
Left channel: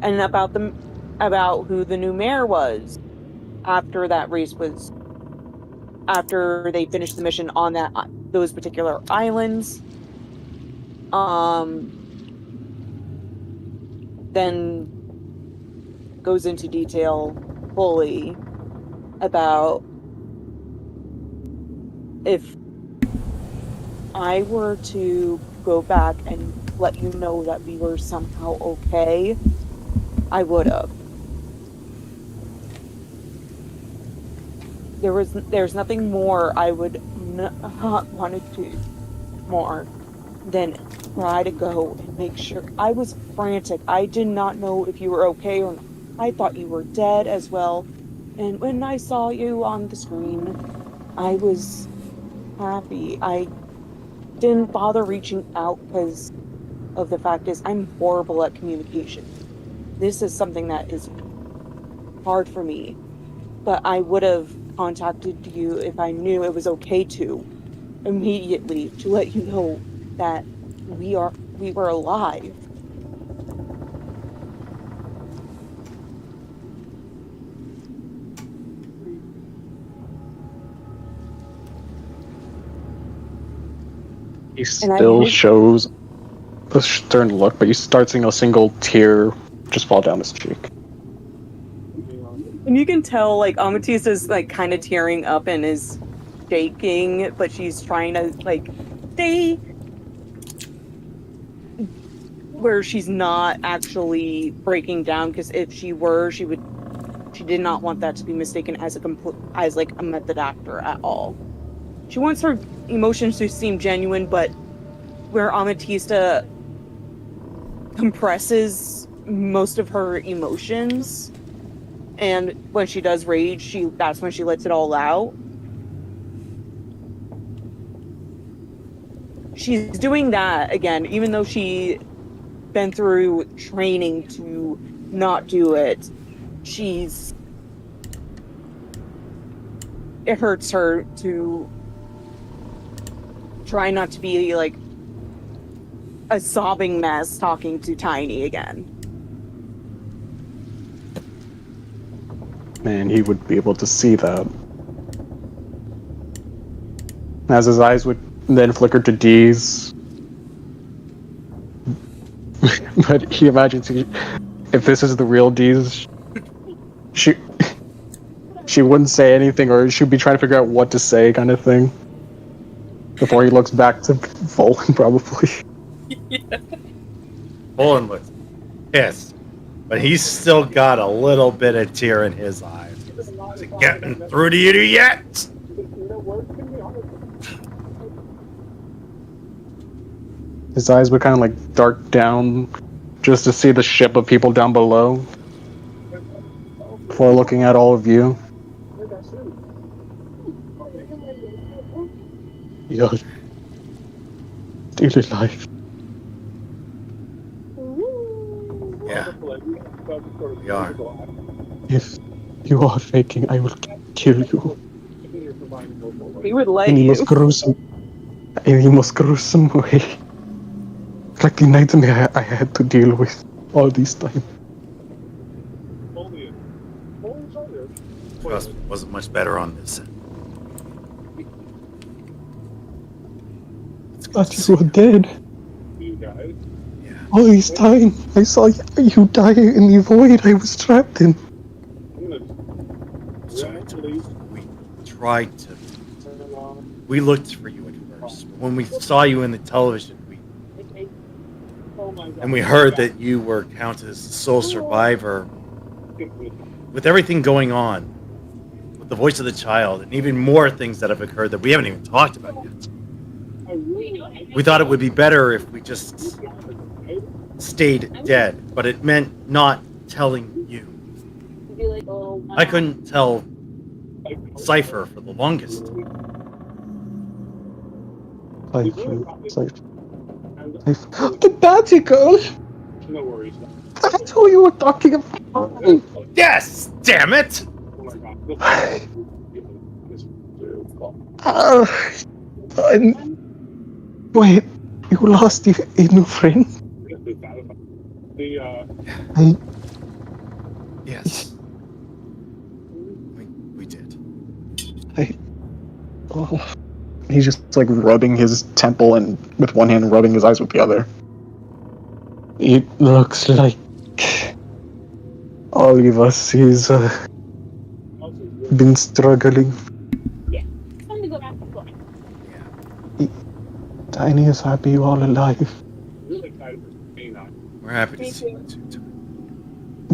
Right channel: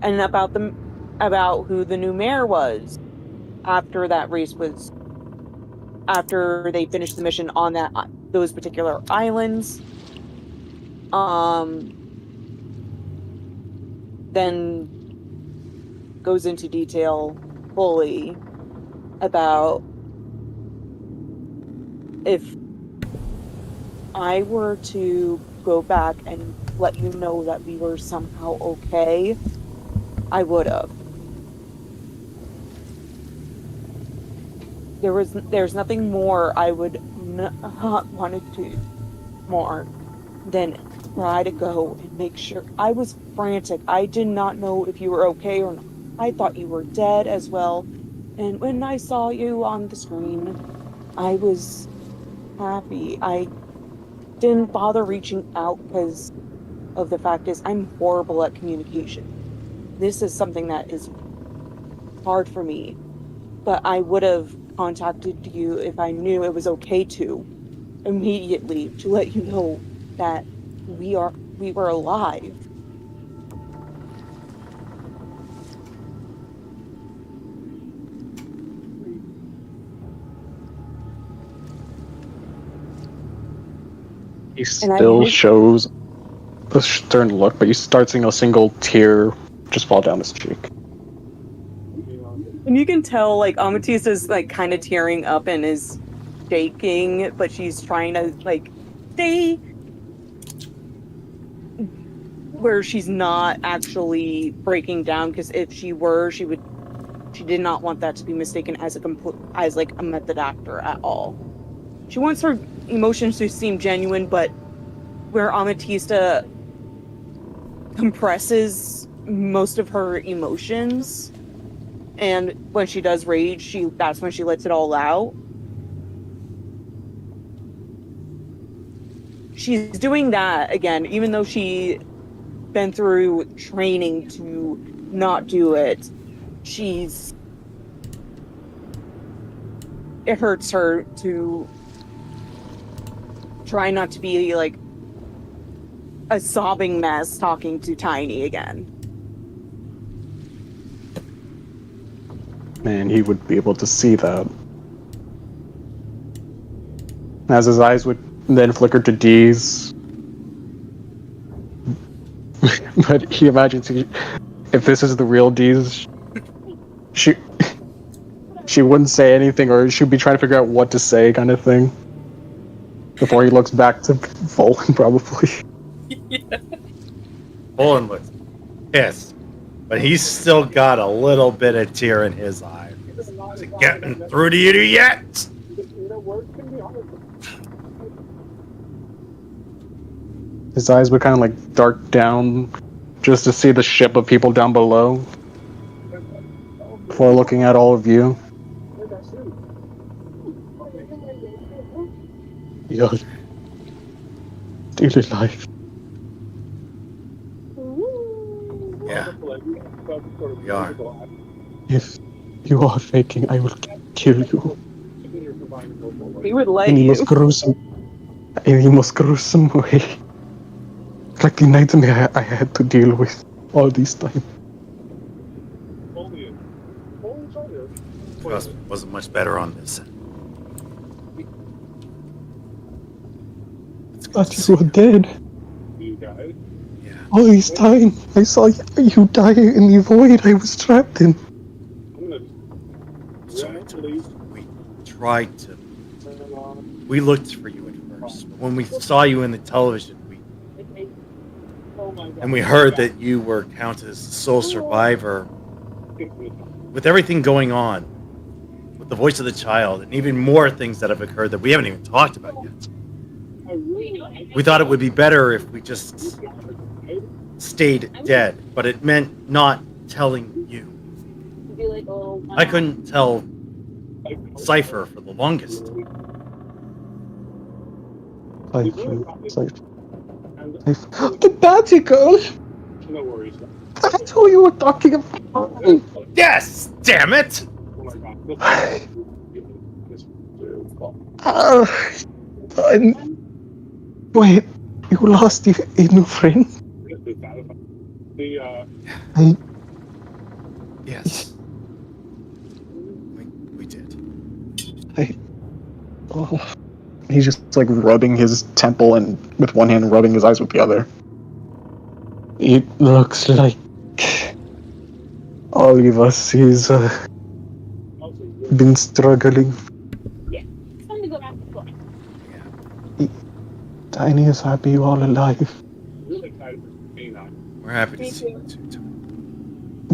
and about who the new mayor was after they finished the mission on those particular islands. Then goes into detail fully about if I were to go back and let you know that we were somehow okay, I would have. There's nothing more I would not want to do more than try to go and make sure. I was frantic. I did not know if you were okay or not. I thought you were dead as well. And when I saw you on the screen, I was happy. I didn't bother reaching out because of the fact is I'm horrible at communication. This is something that is hard for me. But I would have contacted you if I knew it was okay to, immediately, to let you know that we were alive. He still shows a stern look, but you start seeing a single tear just fall down his cheek. And you can tell, Amethyst is, kind of tearing up and is shaking, but she's trying to, stay where she's not actually breaking down, because if she were, she did not want that to be mistaken as a method actor at all. She wants her emotions to seem genuine, but where Amethysta compresses most of her emotions, and when she does rage, that's when she lets it all out. She's doing that again, even though she's been through training to not do it. It hurts her to try not to be a sobbing mess talking to Tiny again. And he would be able to see that. As his eyes would then flicker to D's. But he imagines if this is the real D's, she wouldn't say anything, or she'd be trying to figure out what to say, kind of thing. Before he looks back to Volan, probably. Yeah. Volan looks pissed, but he's still got a little bit of tear in his eyes. Is it getting through to you yet? His eyes would kind of dark down just to see the ship of people down below before looking at all of you. You're still alive. Yeah, we are. If you are faking, I will kill you. We would let In the you. most gruesome way. Like the nightmare I had to deal with all this time. Trust me, wasn't much better on this end. But you were dead. Yeah. All this time, I saw you die in the void I was trapped in. We looked for you at first. But when we saw you in the television, we heard that you were counted as the sole survivor. With everything going on, with the voice of the child, and even more things that have occurred that we haven't even talked about yet. We thought it would be better if we just stayed dead, but it meant not telling you. I couldn't tell Cypher for the longest. The batty girl! No worries. That's who you were talking about! Yes! Damn it! Wait, you lost a new friend? Yes. We did. He's just like rubbing his temple and with one hand rubbing his eyes with the other. It looks like all of us is been struggling. Yeah. It's time to go back to school. Tiny is happy you all alive. We're happy to see you too.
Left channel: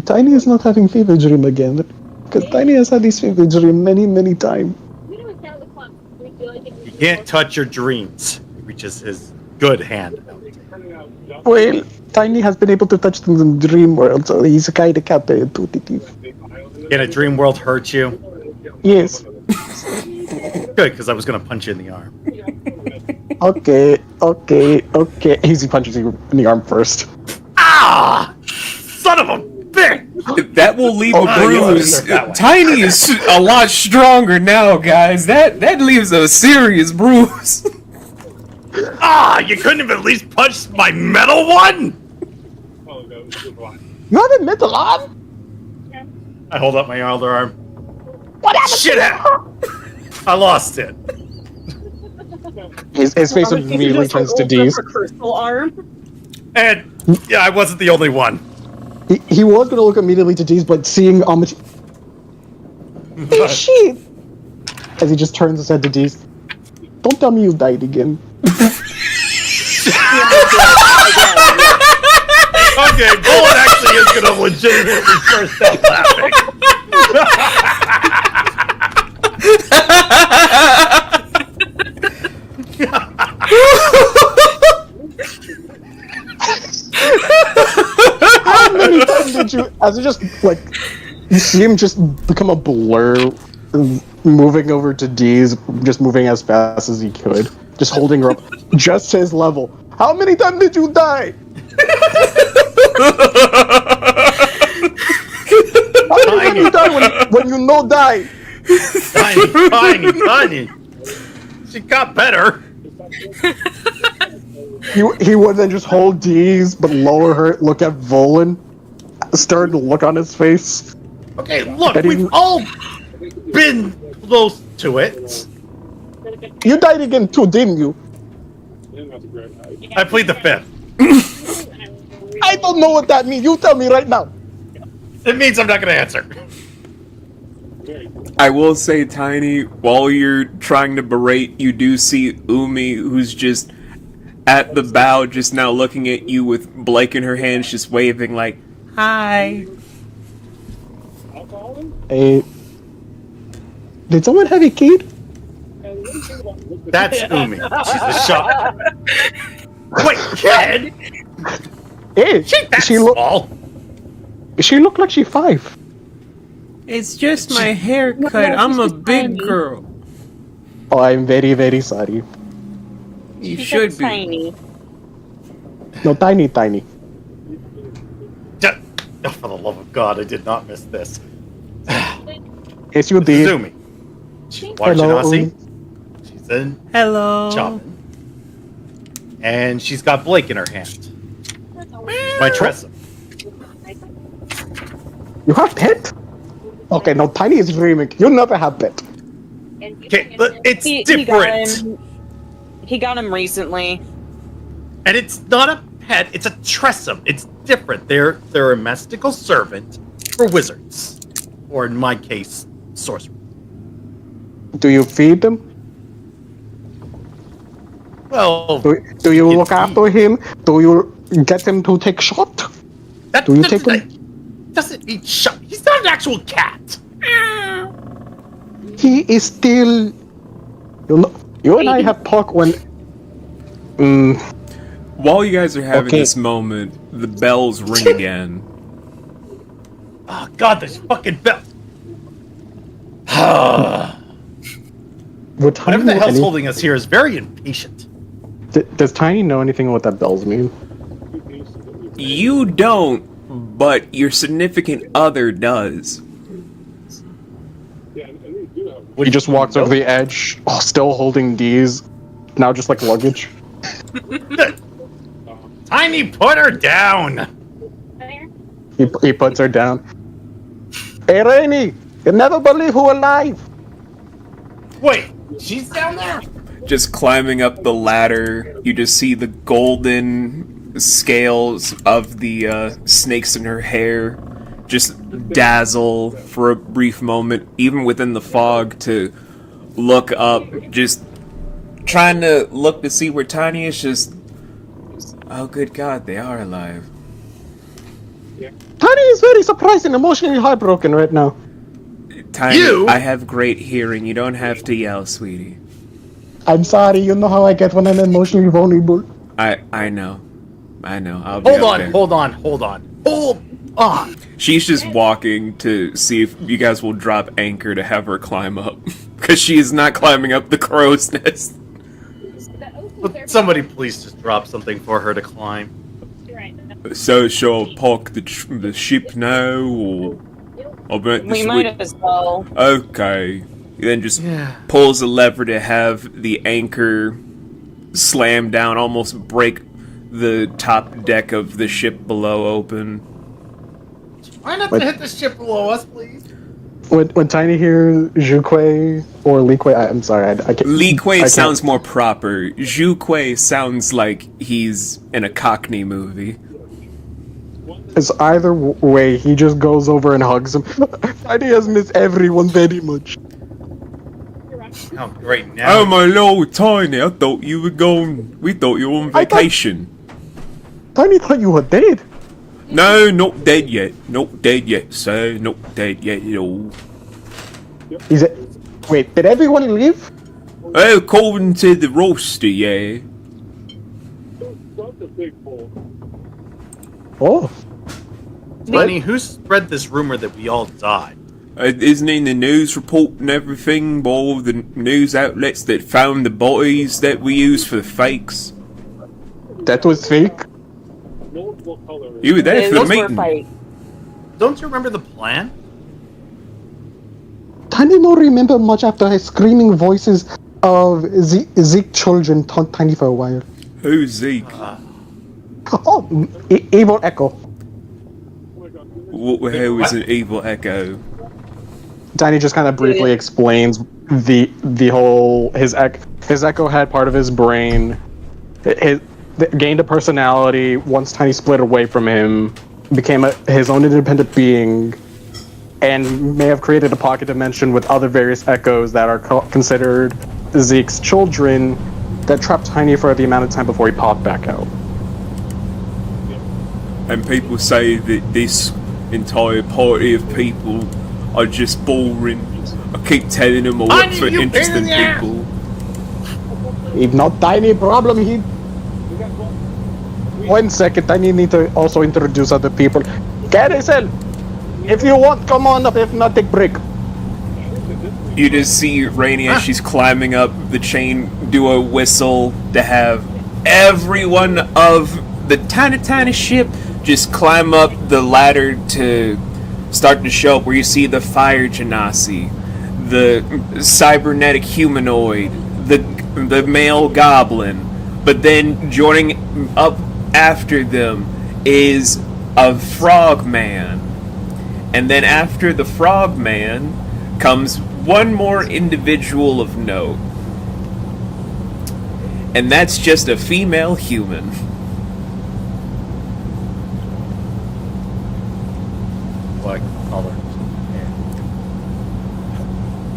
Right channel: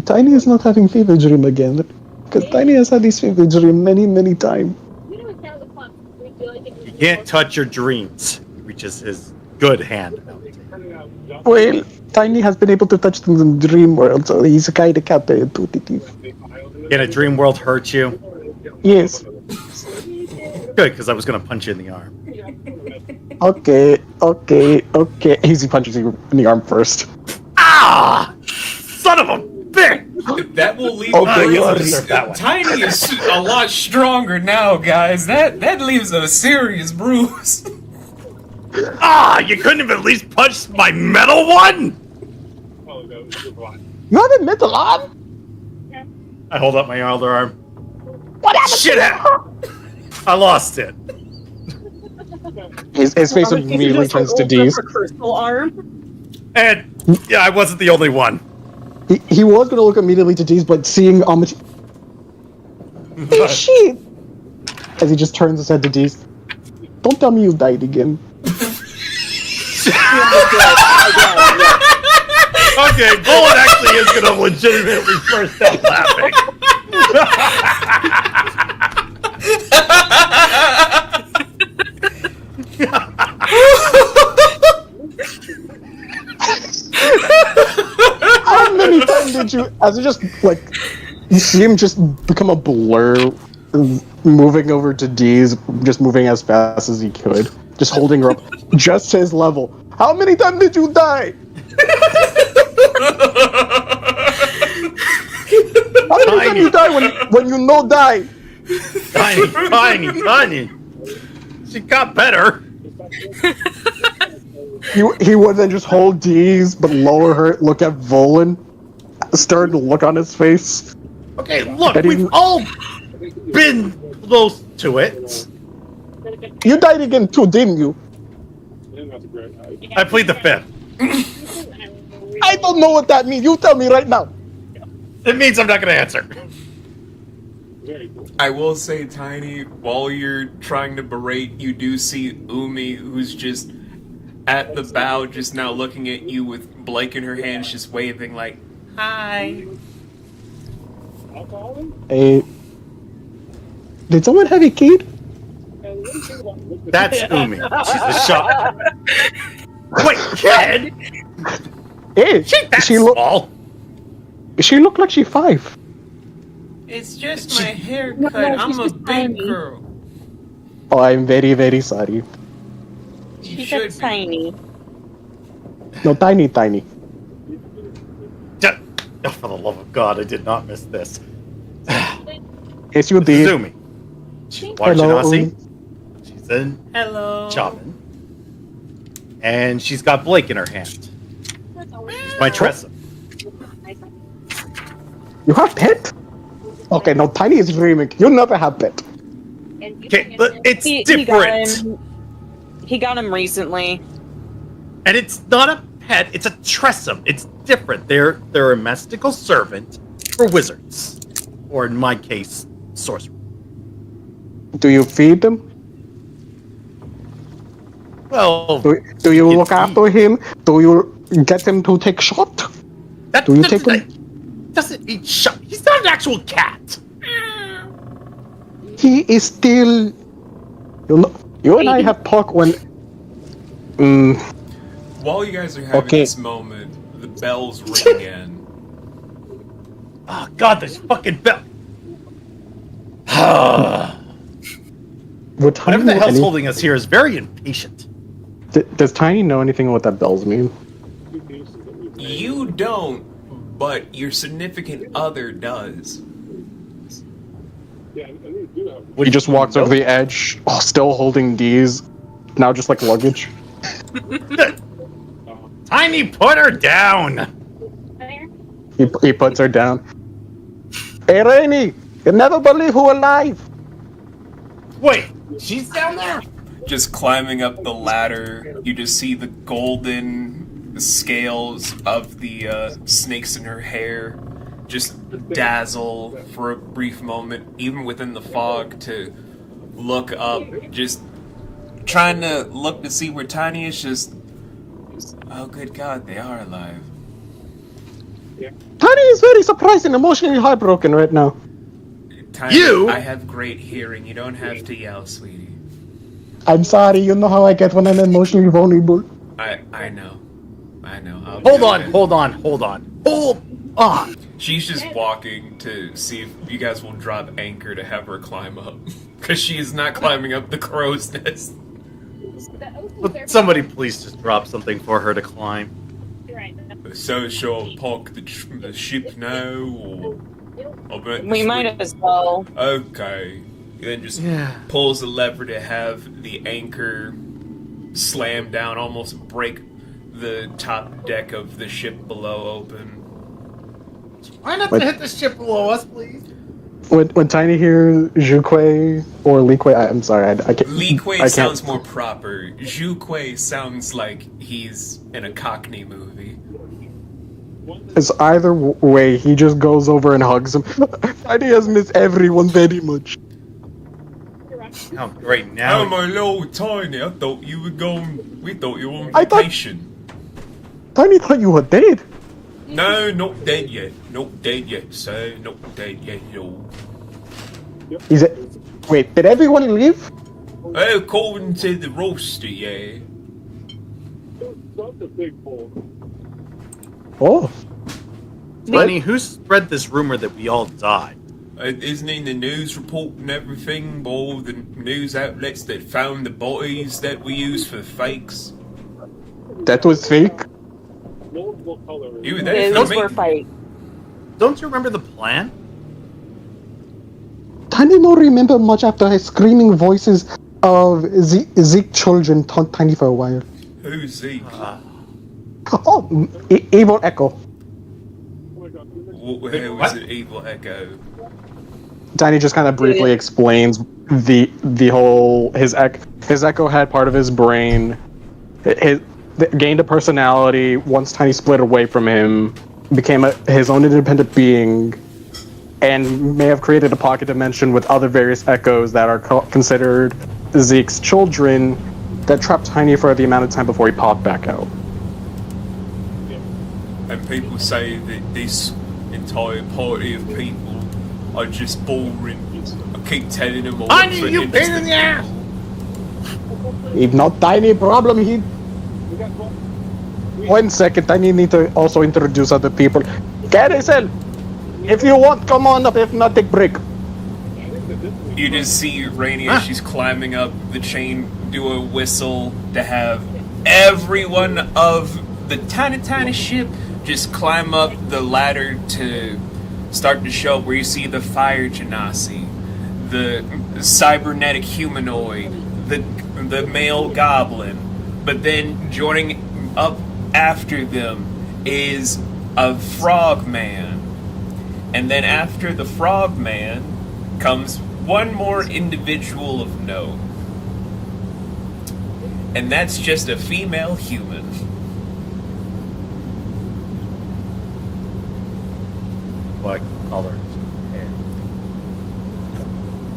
Tiny is not having fever dream again. Because Tiny has had this fever dream many, many times. You can't touch your dreams. He reaches his good hand out. Well, Tiny has been able to touch things in dream world, so he's kind of counterintuitive. Can a dream world hurt you? Yes. Good, because I was going to punch you in the arm. Okay. Easy punches you in the arm first. Ah! Son of a bitch! That will leave Okay, a bruise. that way. Tiny is a lot stronger now, guys. That leaves a serious bruise. Ah! You couldn't have at least punched my metal one? You have a metal arm? I hold up my other arm. What happened? Shit! I lost it. His face immediately turns to D's. Crystal arm. And yeah, I wasn't the only one. He was going to look immediately to D's, but seeing Amity... Hey, shit! As he just turns his head to D's. Don't tell me you died again. Okay, Bullet actually is going to legitimately burst out laughing. How many times did you... As it just, like... You see him just become a blur, moving over to D's, just moving as fast as he could. Just holding her up, just his level. How many times did you die? How many times you die when you know die? Tiny. She got better. He would then just hold D's, but lower her, look at Volan, start to look on his face. Okay, look, we've all been close to it. You died again too, didn't you? I plead the fifth. I don't know what that means. You tell me right now. It means I'm not going to answer. I will say, Tiny, while you're trying to berate, you do see Umi, who's just at the bow, just now looking at you with Blake in her hands, just waving like, hi. Hey, did someone have a kid? That's Umi. She's the shot. Wait, kid? Hey, she looked like she's 5. It's just my haircut. I'm a big girl. Oh, I'm very, very sorry. You She should said be. tiny. No, tiny. Oh, for the love of God, I did not miss this. Yes, you This did. is Umi. She's a water Hello, genasi. Umi. She's a Hello. shaman. And she's got Blake in her hand. She's my Tressa. You have pet? Okay, no, Tiny is dreaming. You never have pet. Okay, but it's He different. got him recently. And it's not a pet, it's a Tressum. It's different. They're a mystical servant for wizards. Or in my case, sorcerers. Do you feed them? Well, Do you can look after him? Do you get him to take shot? That Do you take him? doesn't eat shot. He's not an actual cat. He is still. You and I have talked when. While you guys are having Okay. this moment, the bells ring again. Oh God, this fucking bell. Would Tiny Whatever the know hell's any- holding us here is very impatient. Does Tiny know anything what that bells mean? You don't, but your significant other does. Yeah, and these do have. He just walks over the edge, still holding these, now just like luggage. Tiny, put her down. He puts her down. Hey, Rainy, you never believe who alive. Wait, she's down there. Just climbing up the ladder, you just see the golden scales of the snakes in her hair just dazzle for a brief moment, even within the fog, to look up, just trying to look to see where Tiny is. Just, oh good God, they are alive. Tiny is very surprised and emotionally heartbroken right now. Tiny, You? I have great hearing. You don't have to yell, sweetie. I'm sorry, you know how I get when I'm emotionally vulnerable. I know. I'll be Hold on, okay. hold on. She's just walking to see if you guys will drop anchor to have her climb up. Because she is not climbing up the crow's nest. Would somebody please just drop something for her to climb? So shall I park the ship now, or I'll bet We might as well. Okay. He then just pulls a lever to have the anchor slam down, almost break the top deck of the ship below open. Try not to hit the ship below us, please. When Tiny hears Zhuque or Lique, I'm sorry, I can't. Lique sounds more proper. Zhuque sounds like he's in a Cockney movie. It's either way, he just goes over and hugs him. Tiny has missed everyone very much. Oh, great now. Oh my lord, Tiny, I thought you were going. We thought you were on I thought- vacation. Tiny thought you were dead. No, not dead yet. Not dead yet, sir. Not dead yet at all. He said, wait, did everyone leave? Oh, according to the roster, yeah. Such a big hole. Oh. Tiny, who spread this rumor that we all died? Isn't in the news report and everything by all the news outlets that found the bodies that we used for the fakes? That was fake? Multiple colors. You were there for Those the were meeting. fight. Don't you remember the plan? Tiny don't remember much after her screaming voices of Zeke children taunt Tiny for a while. Who's Zeke? Oh, Evil Echo. What the hell is an evil echo? Tiny just kind of briefly explains the whole his echo had part of his brain. Gained a personality once Tiny split away from him, became his own independent being, and may have created a pocket dimension with other various echoes that are considered Zeke's children that trapped Tiny for the amount of time before he popped back out. And people say that this entire party of people are just boring. I keep telling them all I for knew you pain in interesting the ass. people. If not Tiny problem, he... 1 second, I need to also introduce other people. Carousel, if you want, come on up. If not, take break. I think that this week You just see Rainy as she's climbing up the chain do a whistle to have everyone of the tiny ship just climb up the ladder to start to show up, where you see the fire genasi, the cybernetic humanoid, the male goblin, but then joining up after them is a frogman. And then after the frogman comes one more individual of note. And that's just a female human. What color?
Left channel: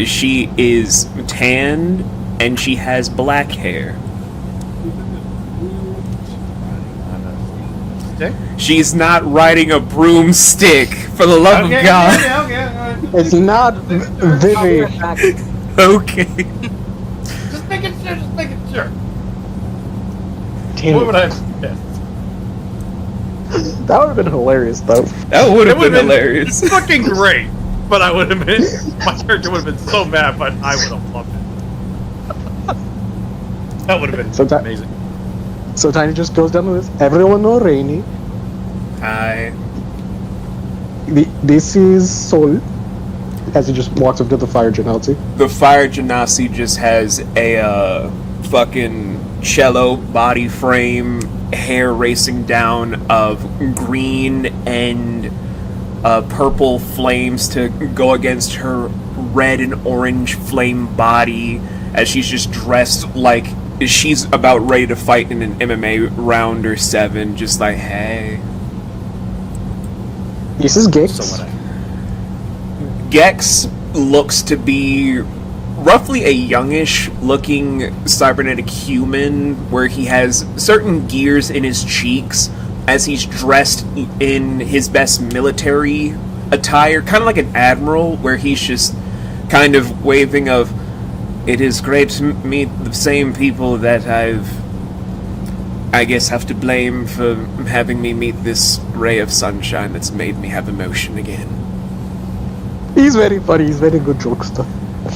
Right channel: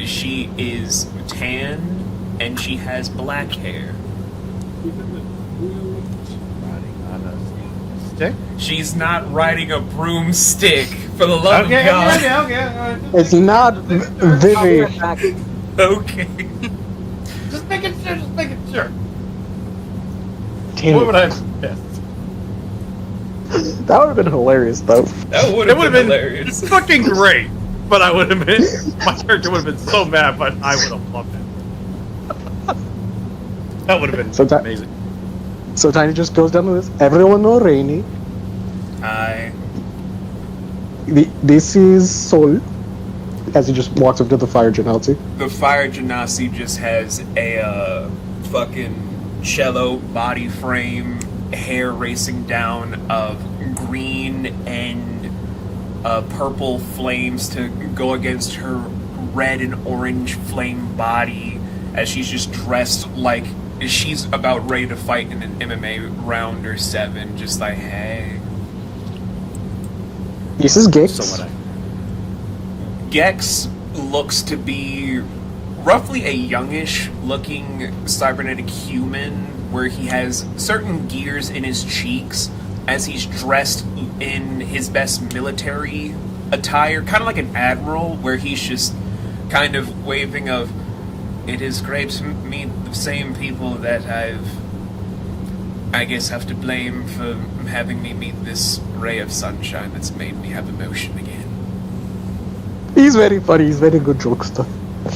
She is tan and she has black hair. Riding on a stick? She's not riding a broomstick, for the love of God. Okay. It's not Vivi. Okay. Just making sure. Damn What it. would I have guessed? That would have been hilarious, though. That would It have would been have been hilarious. fucking great. But I would have been, my character would have been so mad, but I would have loved it. That would have been So that- amazing. So Tiny just goes down to this. Everyone know Rainy. Hi. This is Sol. As he just walks up to the fire genasi. The fire genasi just has a fucking cello body frame, hair racing down of green and purple flames to go against her red and orange flame body, as she's just dressed like she's about ready to fight in an MMA round or 7, just like, hey. This is Gex. So what I Gex looks to be roughly a youngish looking cybernetic human, where he has certain gears in his cheeks as he's dressed in his best military attire, kind of like an admiral, where he's just kind of waving of, it is great to meet the same people that I guess have to blame for having me meet this ray of sunshine that's made me have emotion again. He's very funny. He's very good jokester.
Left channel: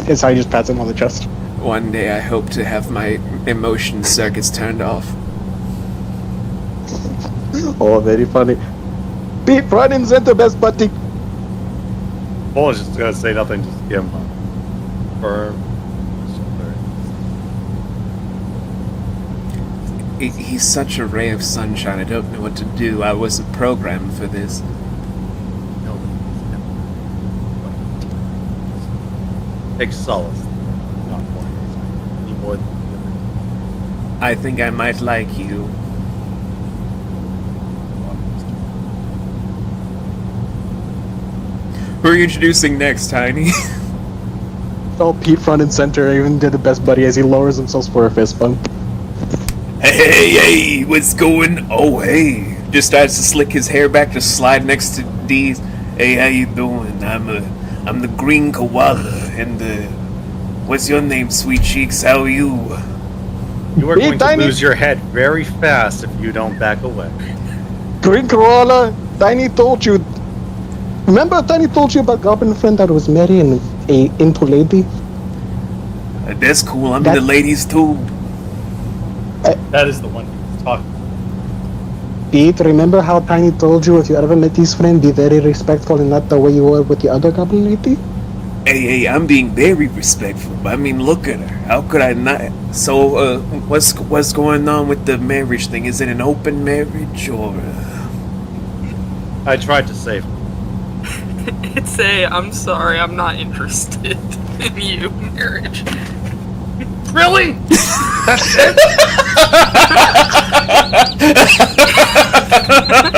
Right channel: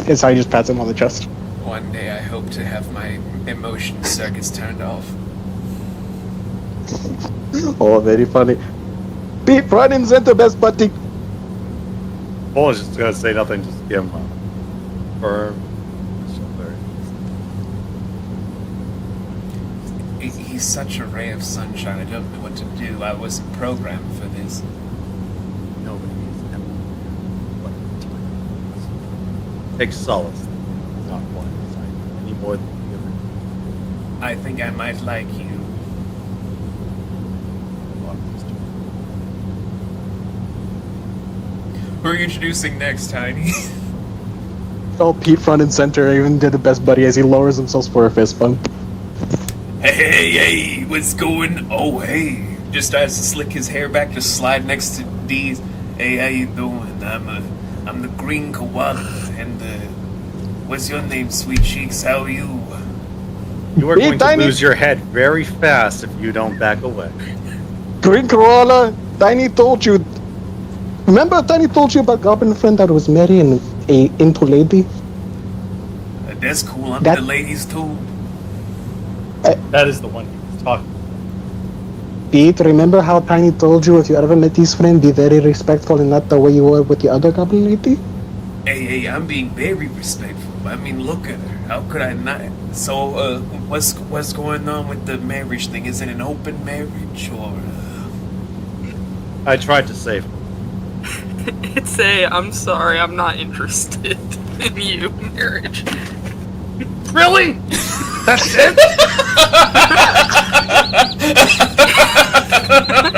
As I just pats him on the chest. One day I hope to have my emotion circuits turned off. Oh, very funny. Pete, run in center, best buddy. Bull is just gonna say nothing, just give him a firm shoulder. He's such a ray of sunshine, I don't know what to do. I wasn't programmed for this. Nobody is ever. Take solace. Not one any more than the other. I think I might like you. Who are you introducing next, Tiny? Oh, Pete, front and center, even did the best buddy as he lowers himself for a fist bump. Hey, what's going? Oh, hey. Just starts to slick his hair back, just slide next to D's. Hey, how you doing? I'm the green koala, and what's your name, sweet cheeks? How are you? You are Hey, going to Tiny. lose your head very fast if you don't back away. Green Corolla, Tiny told you. Remember Tiny told you about Goblin friend that was marrying a into lady? That's cool. I'm That- the ladies too. That is the one he was talking about. Pete, remember how Tiny told you if you ever met his friend, be very respectful and not the way you were with the other Goblin lady? Hey, I'm being very respectful. I mean, look at her. How could I not? So, what's going on with the marriage thing? Is it an open marriage or? I tried to save him. It's I'm sorry, I'm not interested in you marriage. Really? That's it?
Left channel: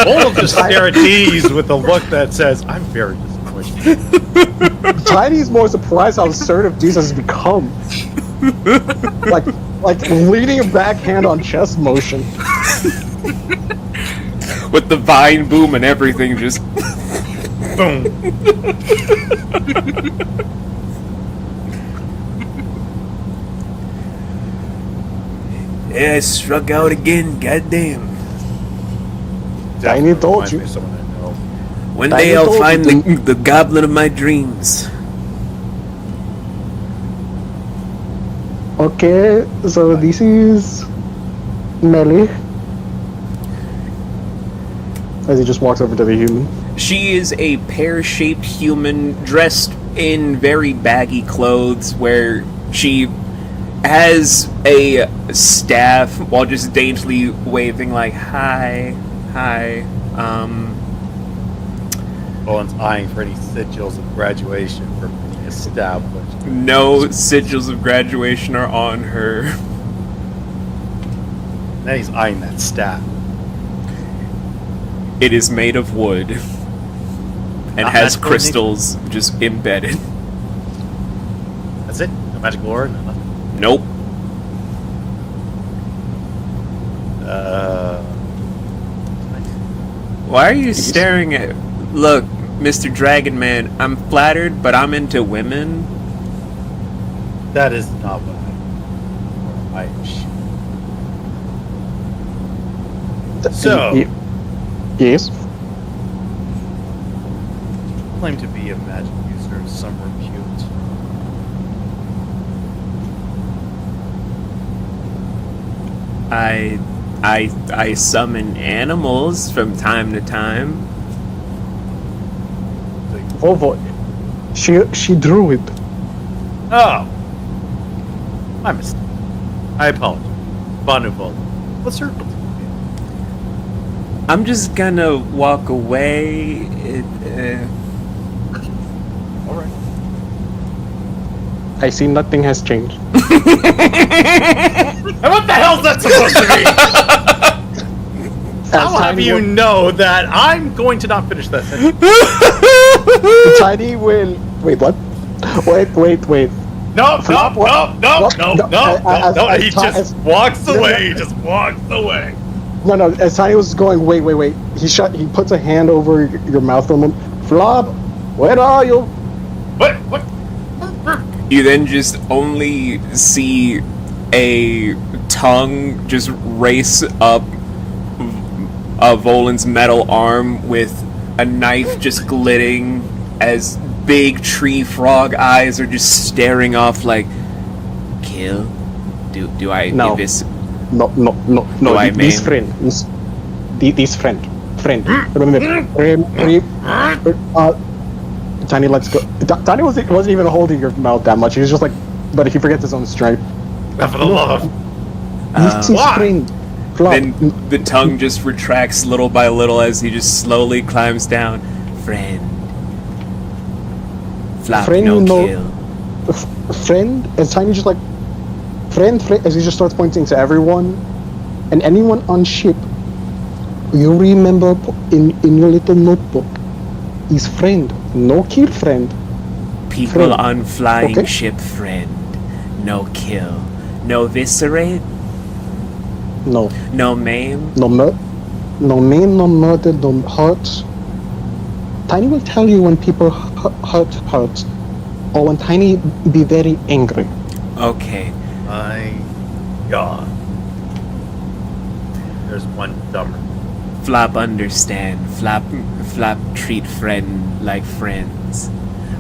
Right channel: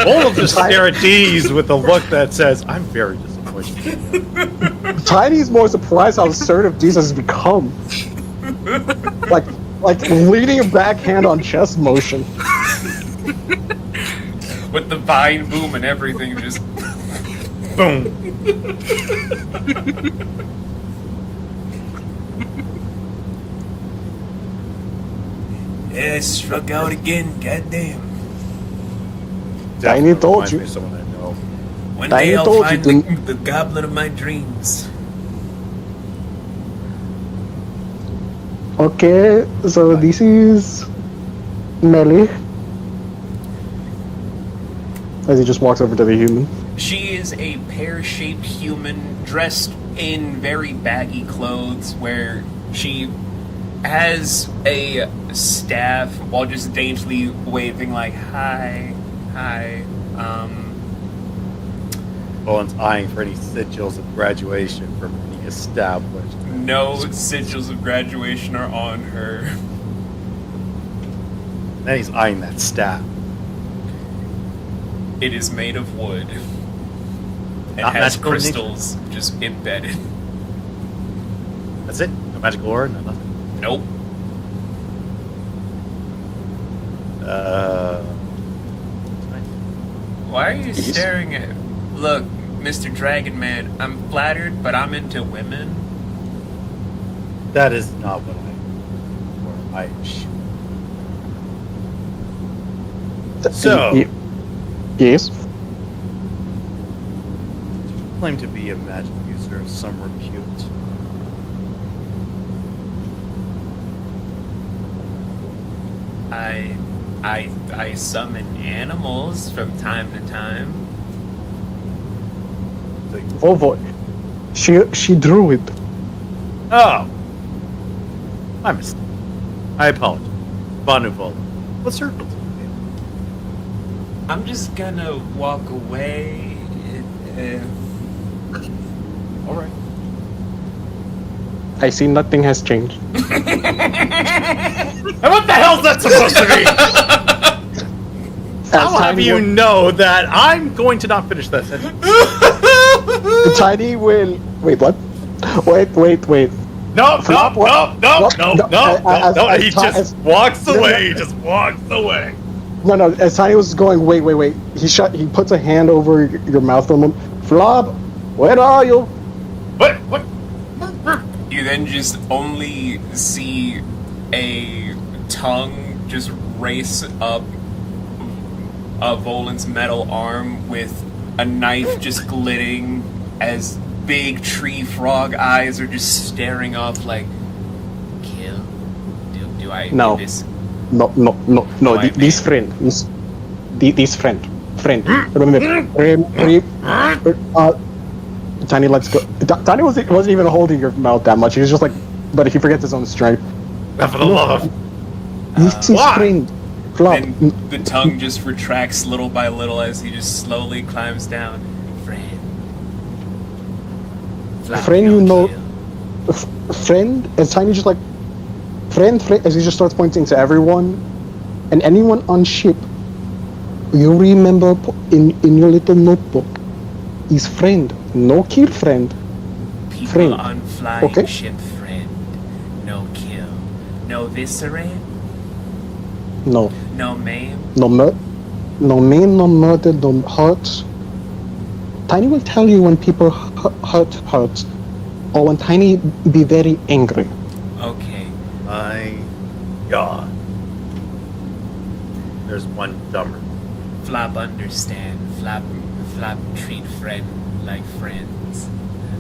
Bull will just stare at D's with a look that says, I'm very disappointed. Tiny's more surprised how assertive Jesus has become. like leading a backhand on chest motion. With the vine boom and everything, just. Boom. Yeah, I struck out again. Goddamn. Tiny told Reminds you. me of someone I know. One Tiny day I'll told you find to- the goblin of my dreams. Okay, so this is Melly. As he just walks over to the human. She is a pear-shaped human dressed in very baggy clothes where she has a staff while just daintily waving like, hi. Owen's eyeing for any sigils of graduation from any established. No sigils of graduation are on her. Then he's eyeing that staff. It is made of wood. And Not has magical crystals just embedded. That's it? No magical aura? No nothing? Nope. Why are you staring at... Look, Mr. Dragon Man, I'm flattered, but I'm into women. That is not what I So, Yes. claim to be a magic user of some repute. I summon animals from time to time. Vovo. She drew it. Oh! My mistake. I apologize. Bonneval. What's her... I'm just gonna walk away. Alright. I see nothing has changed. And what the hell's that supposed to mean? I'll have you know that I'm going to not finish that sentence. Tiny will... Wait, what? Wait. No, Flop, what? no. He as- just walks away. He just walks away. No, as Tiny was going, wait. He puts a hand over your mouth on him. Flop, where are you? What? You then just only see a tongue just race up Volan's metal arm with a knife just glitting as big tree frog eyes are just staring off like, kill? Do I No. do this? No. I This mean? friend. Remember, Tiny lets go. Tiny wasn't even holding your mouth that much. He was just like, but he forgets his own strength. For the love of... This is why? friend. Flop. Then the tongue just retracts little by little as he just slowly climbs down. Friend. Flop, Friend, no you know- kill. Friend, as Tiny just like, friend, as he just starts pointing to everyone, and anyone on ship, you remember in your little notebook, is friend, no kill friend. People Friend. on flying Okay. ship, friend. No kill. No viscerate. No, No maim. no maim, no murder, no hurt. Tiny will tell you when people hurt, or when Tiny be very angry. Okay. My God. There's one dumber. Flop understand. Flop treat friend like friends.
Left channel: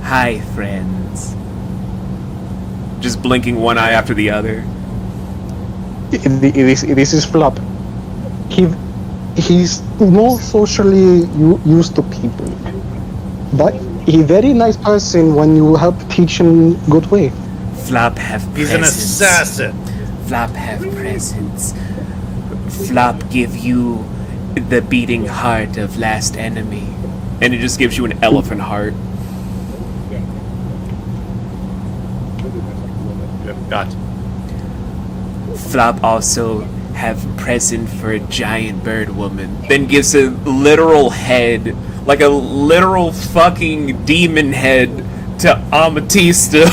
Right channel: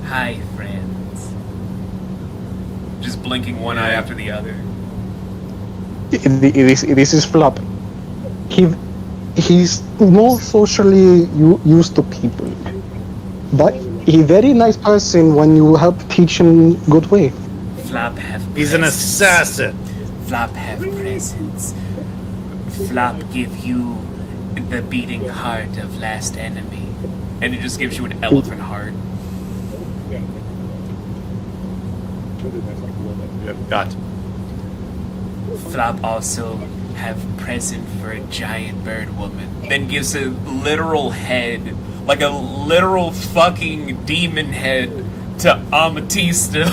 Hi, friends. Just blinking one eye after the other. This is Flop. He's more socially used to people, but he very nice person when you help teach him good way. Flop have He's an presents. assassin. Flop have presents. Flop give you the beating heart of last enemy. And it just gives you an elephant heart. You have got. Flop also have present for a giant bird woman. Then gives a literal head, like a literal fucking demon head to Amatista.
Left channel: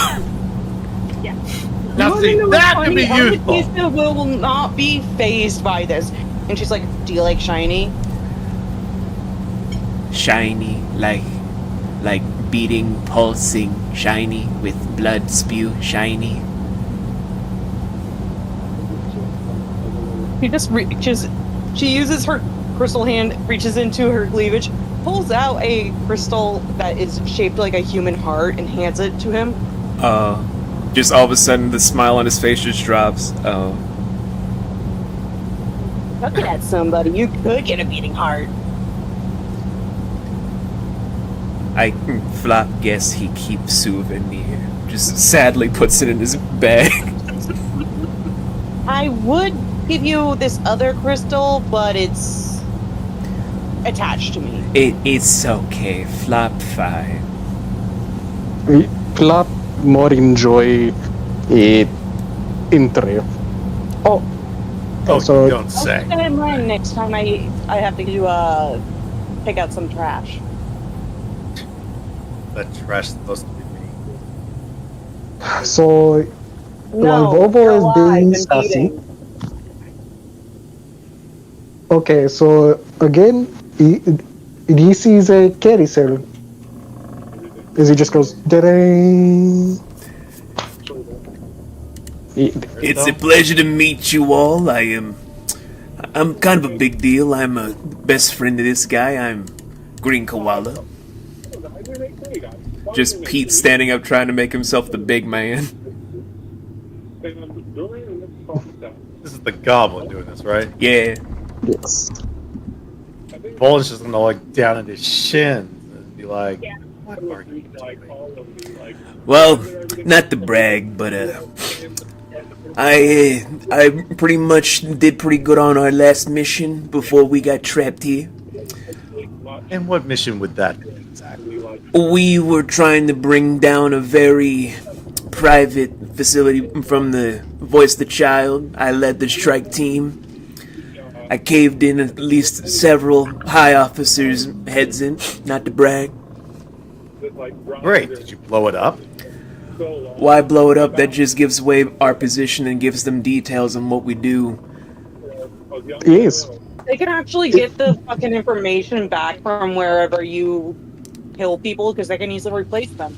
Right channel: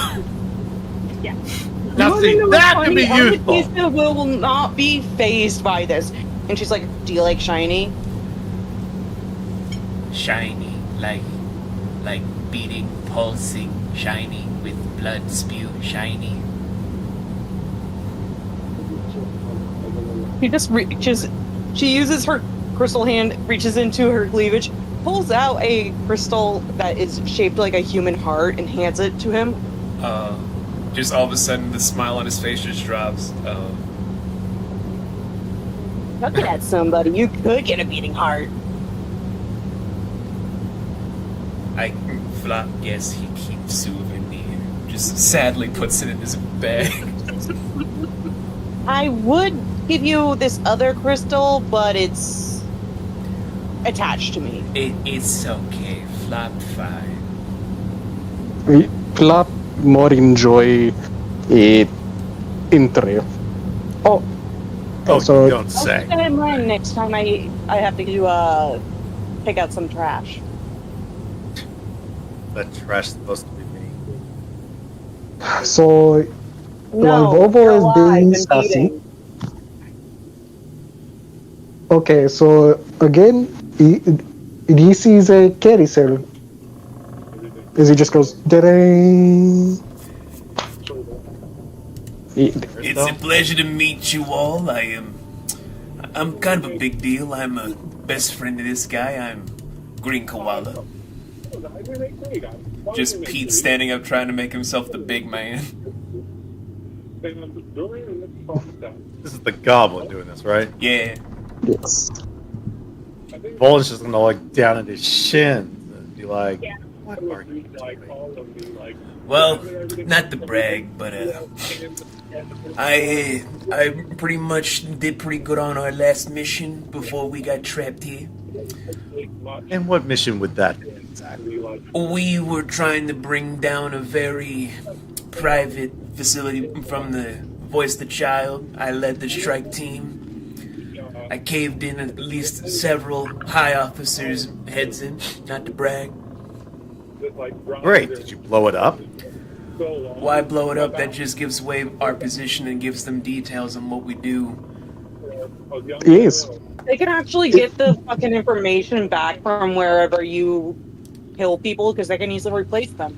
Now see, that could be useful. Amatista will not be phased by this. And she's like, do you like shiny? Shiny, like beating, pulsing, shiny, with blood spew, shiny. She just reaches, she uses her crystal hand, reaches into her cleavage, pulls out a crystal that is shaped like a human heart and hands it to him. Just all of a sudden, the smile on his face just drops. Oh. Looking at somebody, you could get a beating heart. I Flop guess he keeps souvenir. Just sadly puts it in his bag. I would give you this other crystal, but it's attached to me. It's okay. Flop fine. Flop more enjoy it intro. Oh, Oh, so you don't I'll say. keep that in mind next time I have to do pick out some trash. That trash is supposed to be me. so No, while Volvo you're is alive being and sassy. eating. Okay, so again, he sees a carousel. As he just goes, da-dang. It's a pleasure to meet you all. I'm kind of a big deal. I'm a best friend of this guy. I'm Green Koala. Just Pete standing up trying to make himself the big man. This is the goblin doing this, right? Yeah. Yes. Volan's just gonna look down at his shins and be like, "What are you doing?" Well, not to brag, but I pretty much did pretty good on our last mission before we got trapped here. And what mission would that be exactly? We were trying to bring down a very private facility from the Voice the Child. I led the strike team. I caved in at least several high officers' heads in, not to brag. Great. Did you blow it up? Why blow it up? That just gives away our position and gives them details on what we do. Yes. They can actually get the fucking information back from wherever you kill people because they can easily replace them.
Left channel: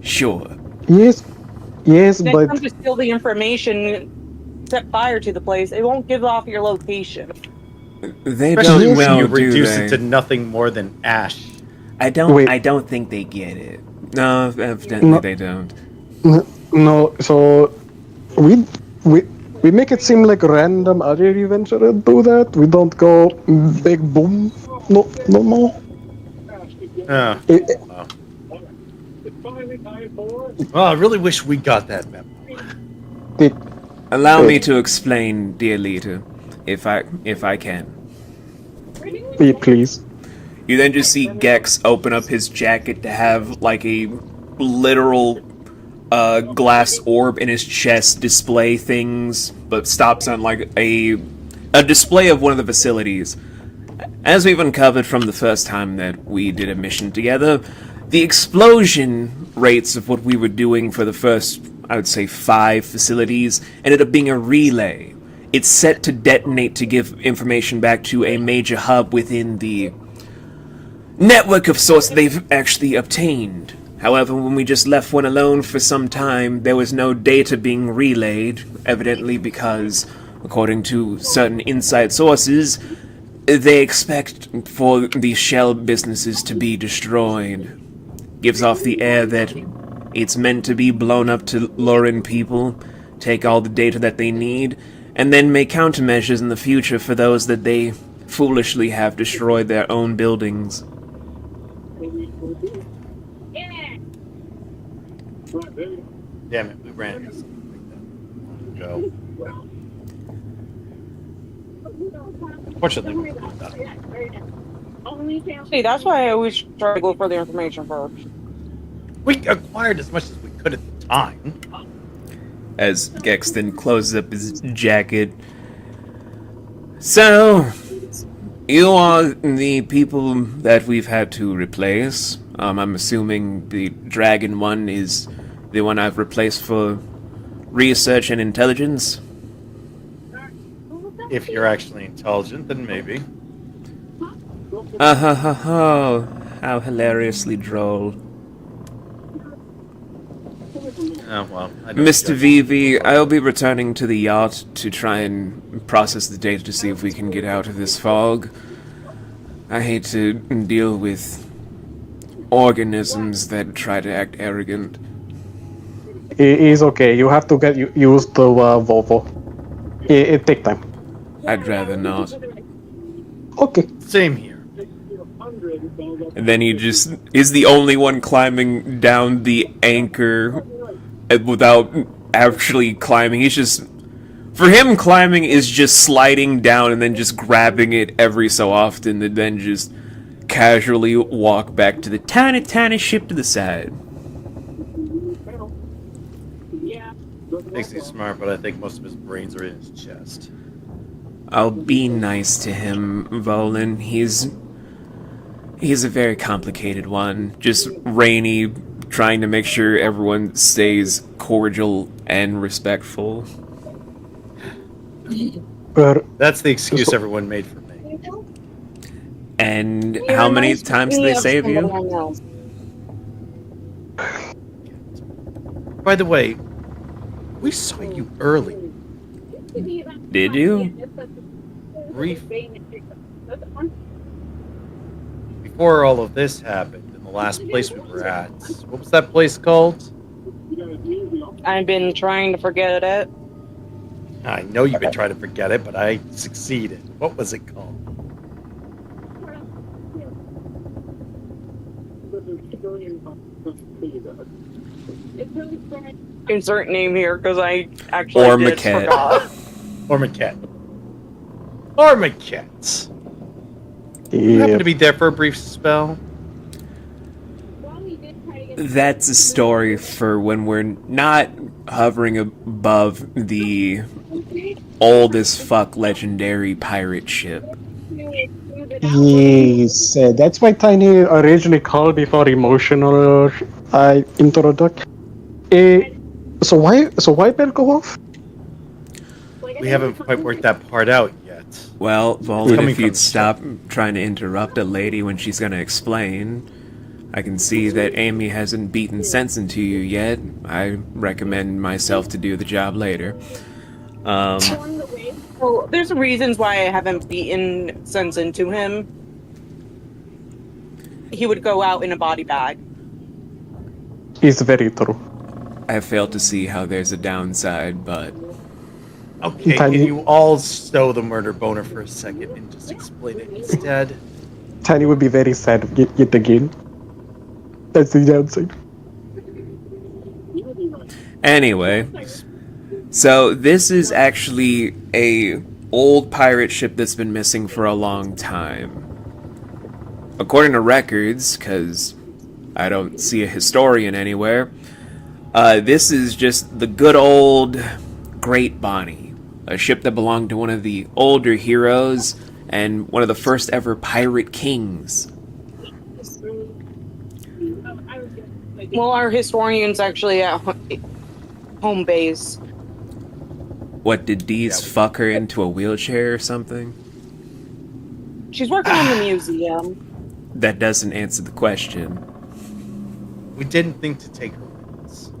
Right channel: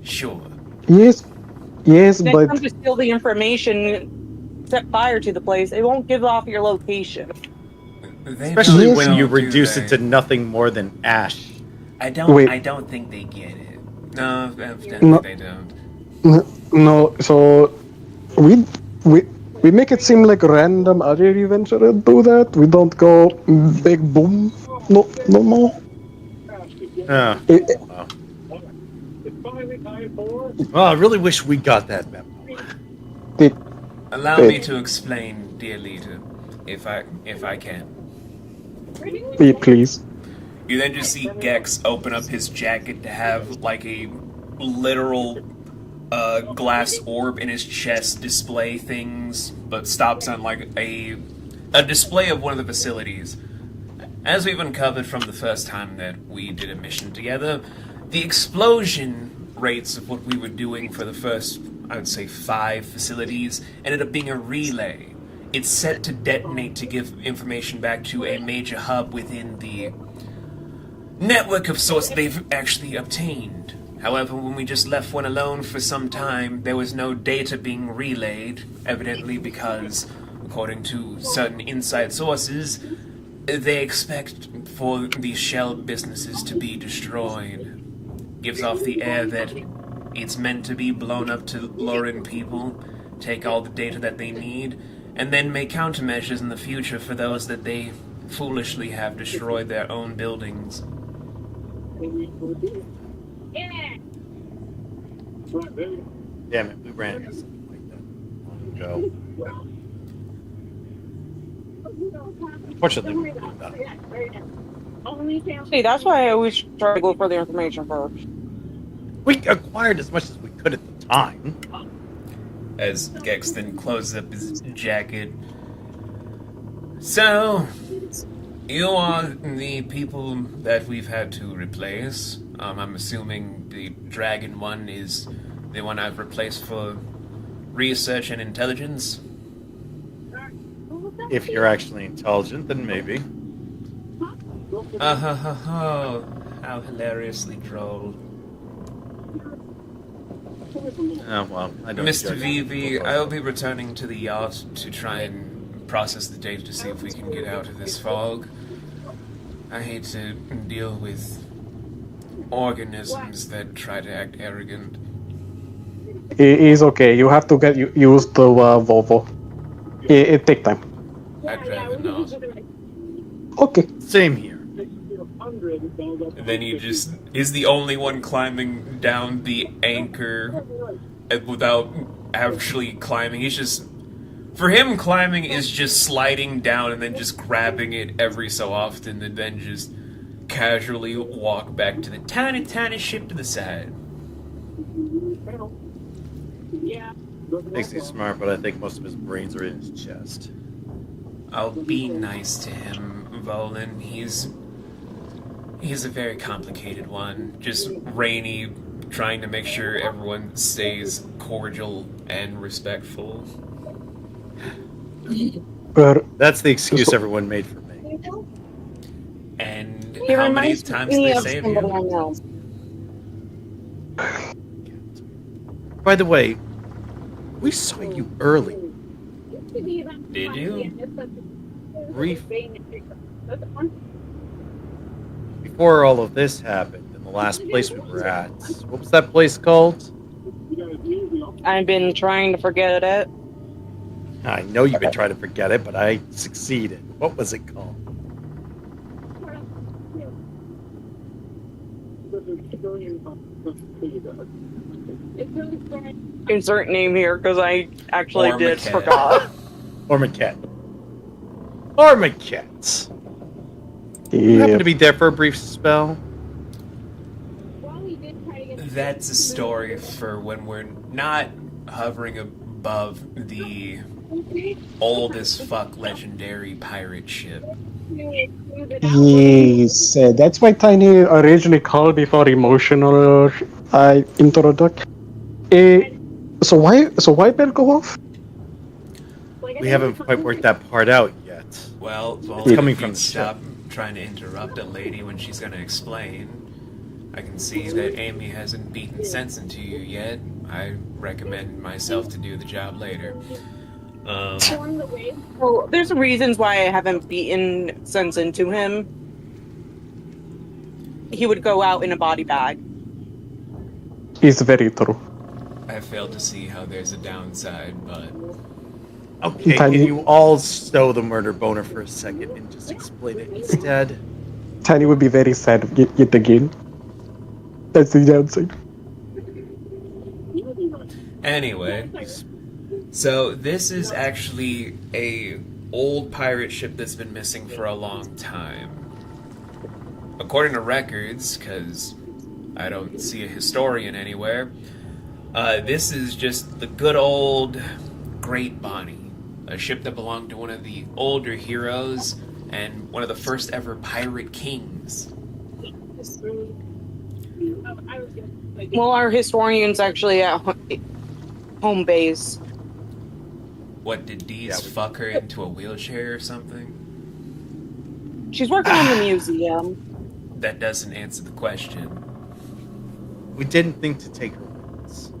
Sure. Yes. Yes, Next but time to steal the information, set fire to the place. It won't give off your location. They Especially don't when know, you do reduce they? it to nothing more than ash. I don't. Wait. I don't think they get it. No, evidently No. they don't. no. So we make it seem like random other events that do that. We don't go big boom. No more. Yeah. It- Well, I really wish we got that memo. Allow me to explain, dear leader, if I can. Please. You then just see Gex open up his jacket to have like a literal glass orb in his chest display things, but stops on like a display of one of the facilities. As we've uncovered from the first time that we did a mission together, the explosion rates of what we were doing for the first, I would say, 5 facilities ended up being a relay. It's set to detonate to give information back to a major hub within the network of sorts they've actually obtained. However, when we just left one alone for some time, there was no data being relayed, evidently because, according to certain inside sources, they expect for these shell businesses to be destroyed. Gives off the air that it's meant to be blown up to lure in people, take all the data that they need, and then make countermeasures in the future for those that they foolishly have destroyed their own buildings. Damn it, we ran into something like that long ago. Fortunately, we did that. See, that's why I always try to go for the information first. We acquired as much as we could at the time. As Gex then closes up his jacket. So, you are the people that we've had to replace. I'm assuming the Dragon one is the one I've replaced for research and intelligence. If you're actually intelligent, then maybe. How hilariously droll. Oh, well, I don't Mr. judge Vivi, people. I'll be returning to the yacht to try and process the data to see if we can get out of this fog. I hate to deal with organisms that try to act arrogant. It's okay. You have to get used to Volvo. It take time. I'd rather not. Okay. Same here. And then he just is the only one climbing down the anchor without actually climbing. He's just... For him, climbing is just sliding down and then just grabbing it every so often and then just casually walk back to the tiny ship to the side. Yeah. Thinks he's smart, but I think most of his brains are in his chest. I'll be nice to him, Volan. He's a very complicated one. Just Rainy trying to make sure everyone stays cordial and respectful. That's the excuse everyone made for me. And He how many reminds times me did they of save somebody you? I know. By the way, we saw you early. Did you? Brief. Before all of this happened, in the last place we were at. What was that place called? I've been trying to forget it. I know you've been trying to forget it, but I succeeded. What was it called? Insert name here because I actually Or did Maquette. forgot. Or Maquette. Or Maquette. You happened to be there for a brief spell? That's a story for when we're not hovering above the old as fuck legendary pirate ship. Yes, that's why Tiny originally called me for emotional introduction. So why bell go off? We haven't quite worked that part out yet. Well, coming Volan, if from you'd the stop trying to interrupt a lady when she's gonna explain. I can see that Amy hasn't beaten sense into you yet. I recommend myself to do the job later. Well, there's reasons why I haven't beaten sense into him. He would go out in a body bag. It's very true. I have failed to see how there's a downside, but Okay, can you all stow the murder boner for a second and just explain it instead? Tiny would be very sad yet again. That's the downside. anyway. So this is actually a old pirate ship that's been missing for a long time. According to records, because I don't see a historian anywhere, this is just the good old Great Bonnie, a ship that belonged to one of the older heroes and one of the first ever pirate kings. Well, our historian's actually at home base. What, did Dees fuck her into a wheelchair or something? She's working in the museum. That doesn't answer the question. We didn't think to take her with us.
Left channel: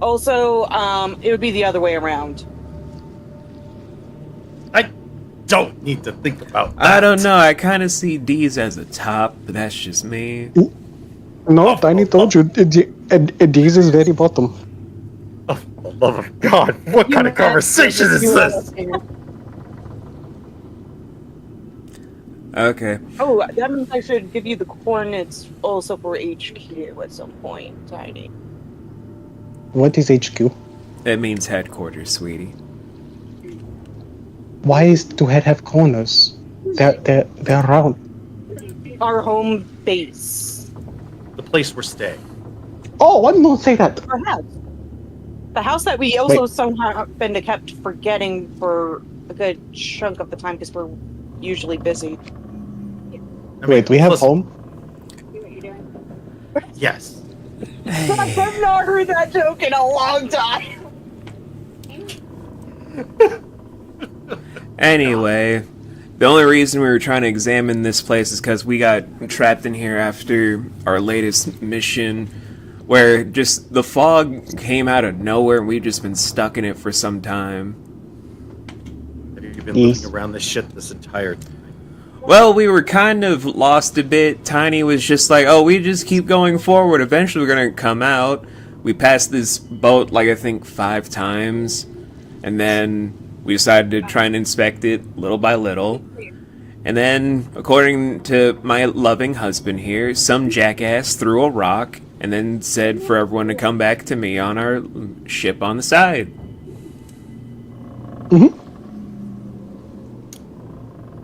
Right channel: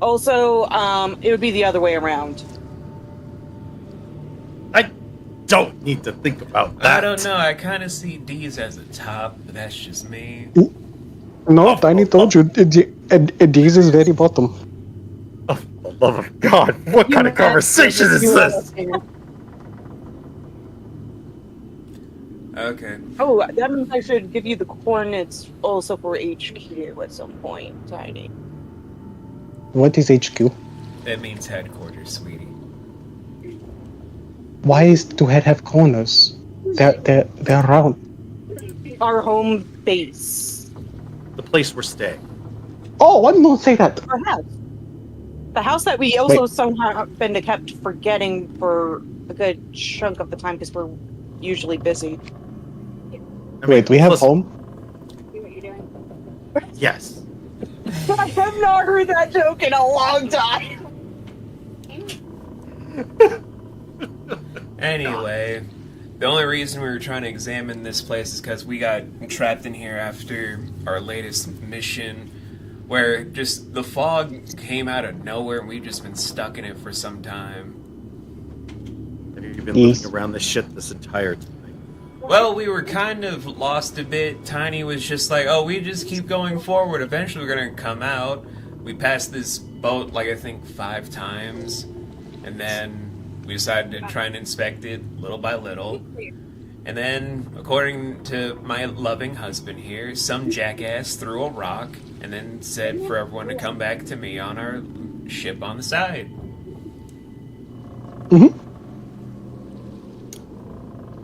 Also, it would be the other way around. I don't need to think about that. I don't know, I kind of see Dees as a top, but that's just me. No, Tiny told you. This is very bottom. Oh, for the love of God, what kind of conversation is this? Okay. Oh, that means I should give you the coordinates also for HQ at some point, Tiny. What is HQ? That means headquarters, sweetie. Why is to have corners? They're round. Our home base. The place we're staying. Oh, I didn't say that. Our house. The house that we also somehow been kept forgetting for a good chunk of the time because we're usually busy. Wait, we have listen, home? Yes. I have not heard that joke in a long time. Anyway, the only reason we were trying to examine this place is because we got trapped in here after our latest mission, where just the fog came out of nowhere and we've just been stuck in it for some time. Have you been looking around this shit this entire time? Well, we were kind of lost a bit. Tiny was just like, oh, we just keep going forward. Eventually we're going to come out. We passed this boat, like, I think 5 times. And then we decided to try and inspect it little by little. And then, according to my loving husband here, some jackass threw a rock and then said for everyone to come back to me on our ship on the side. Mm-hmm.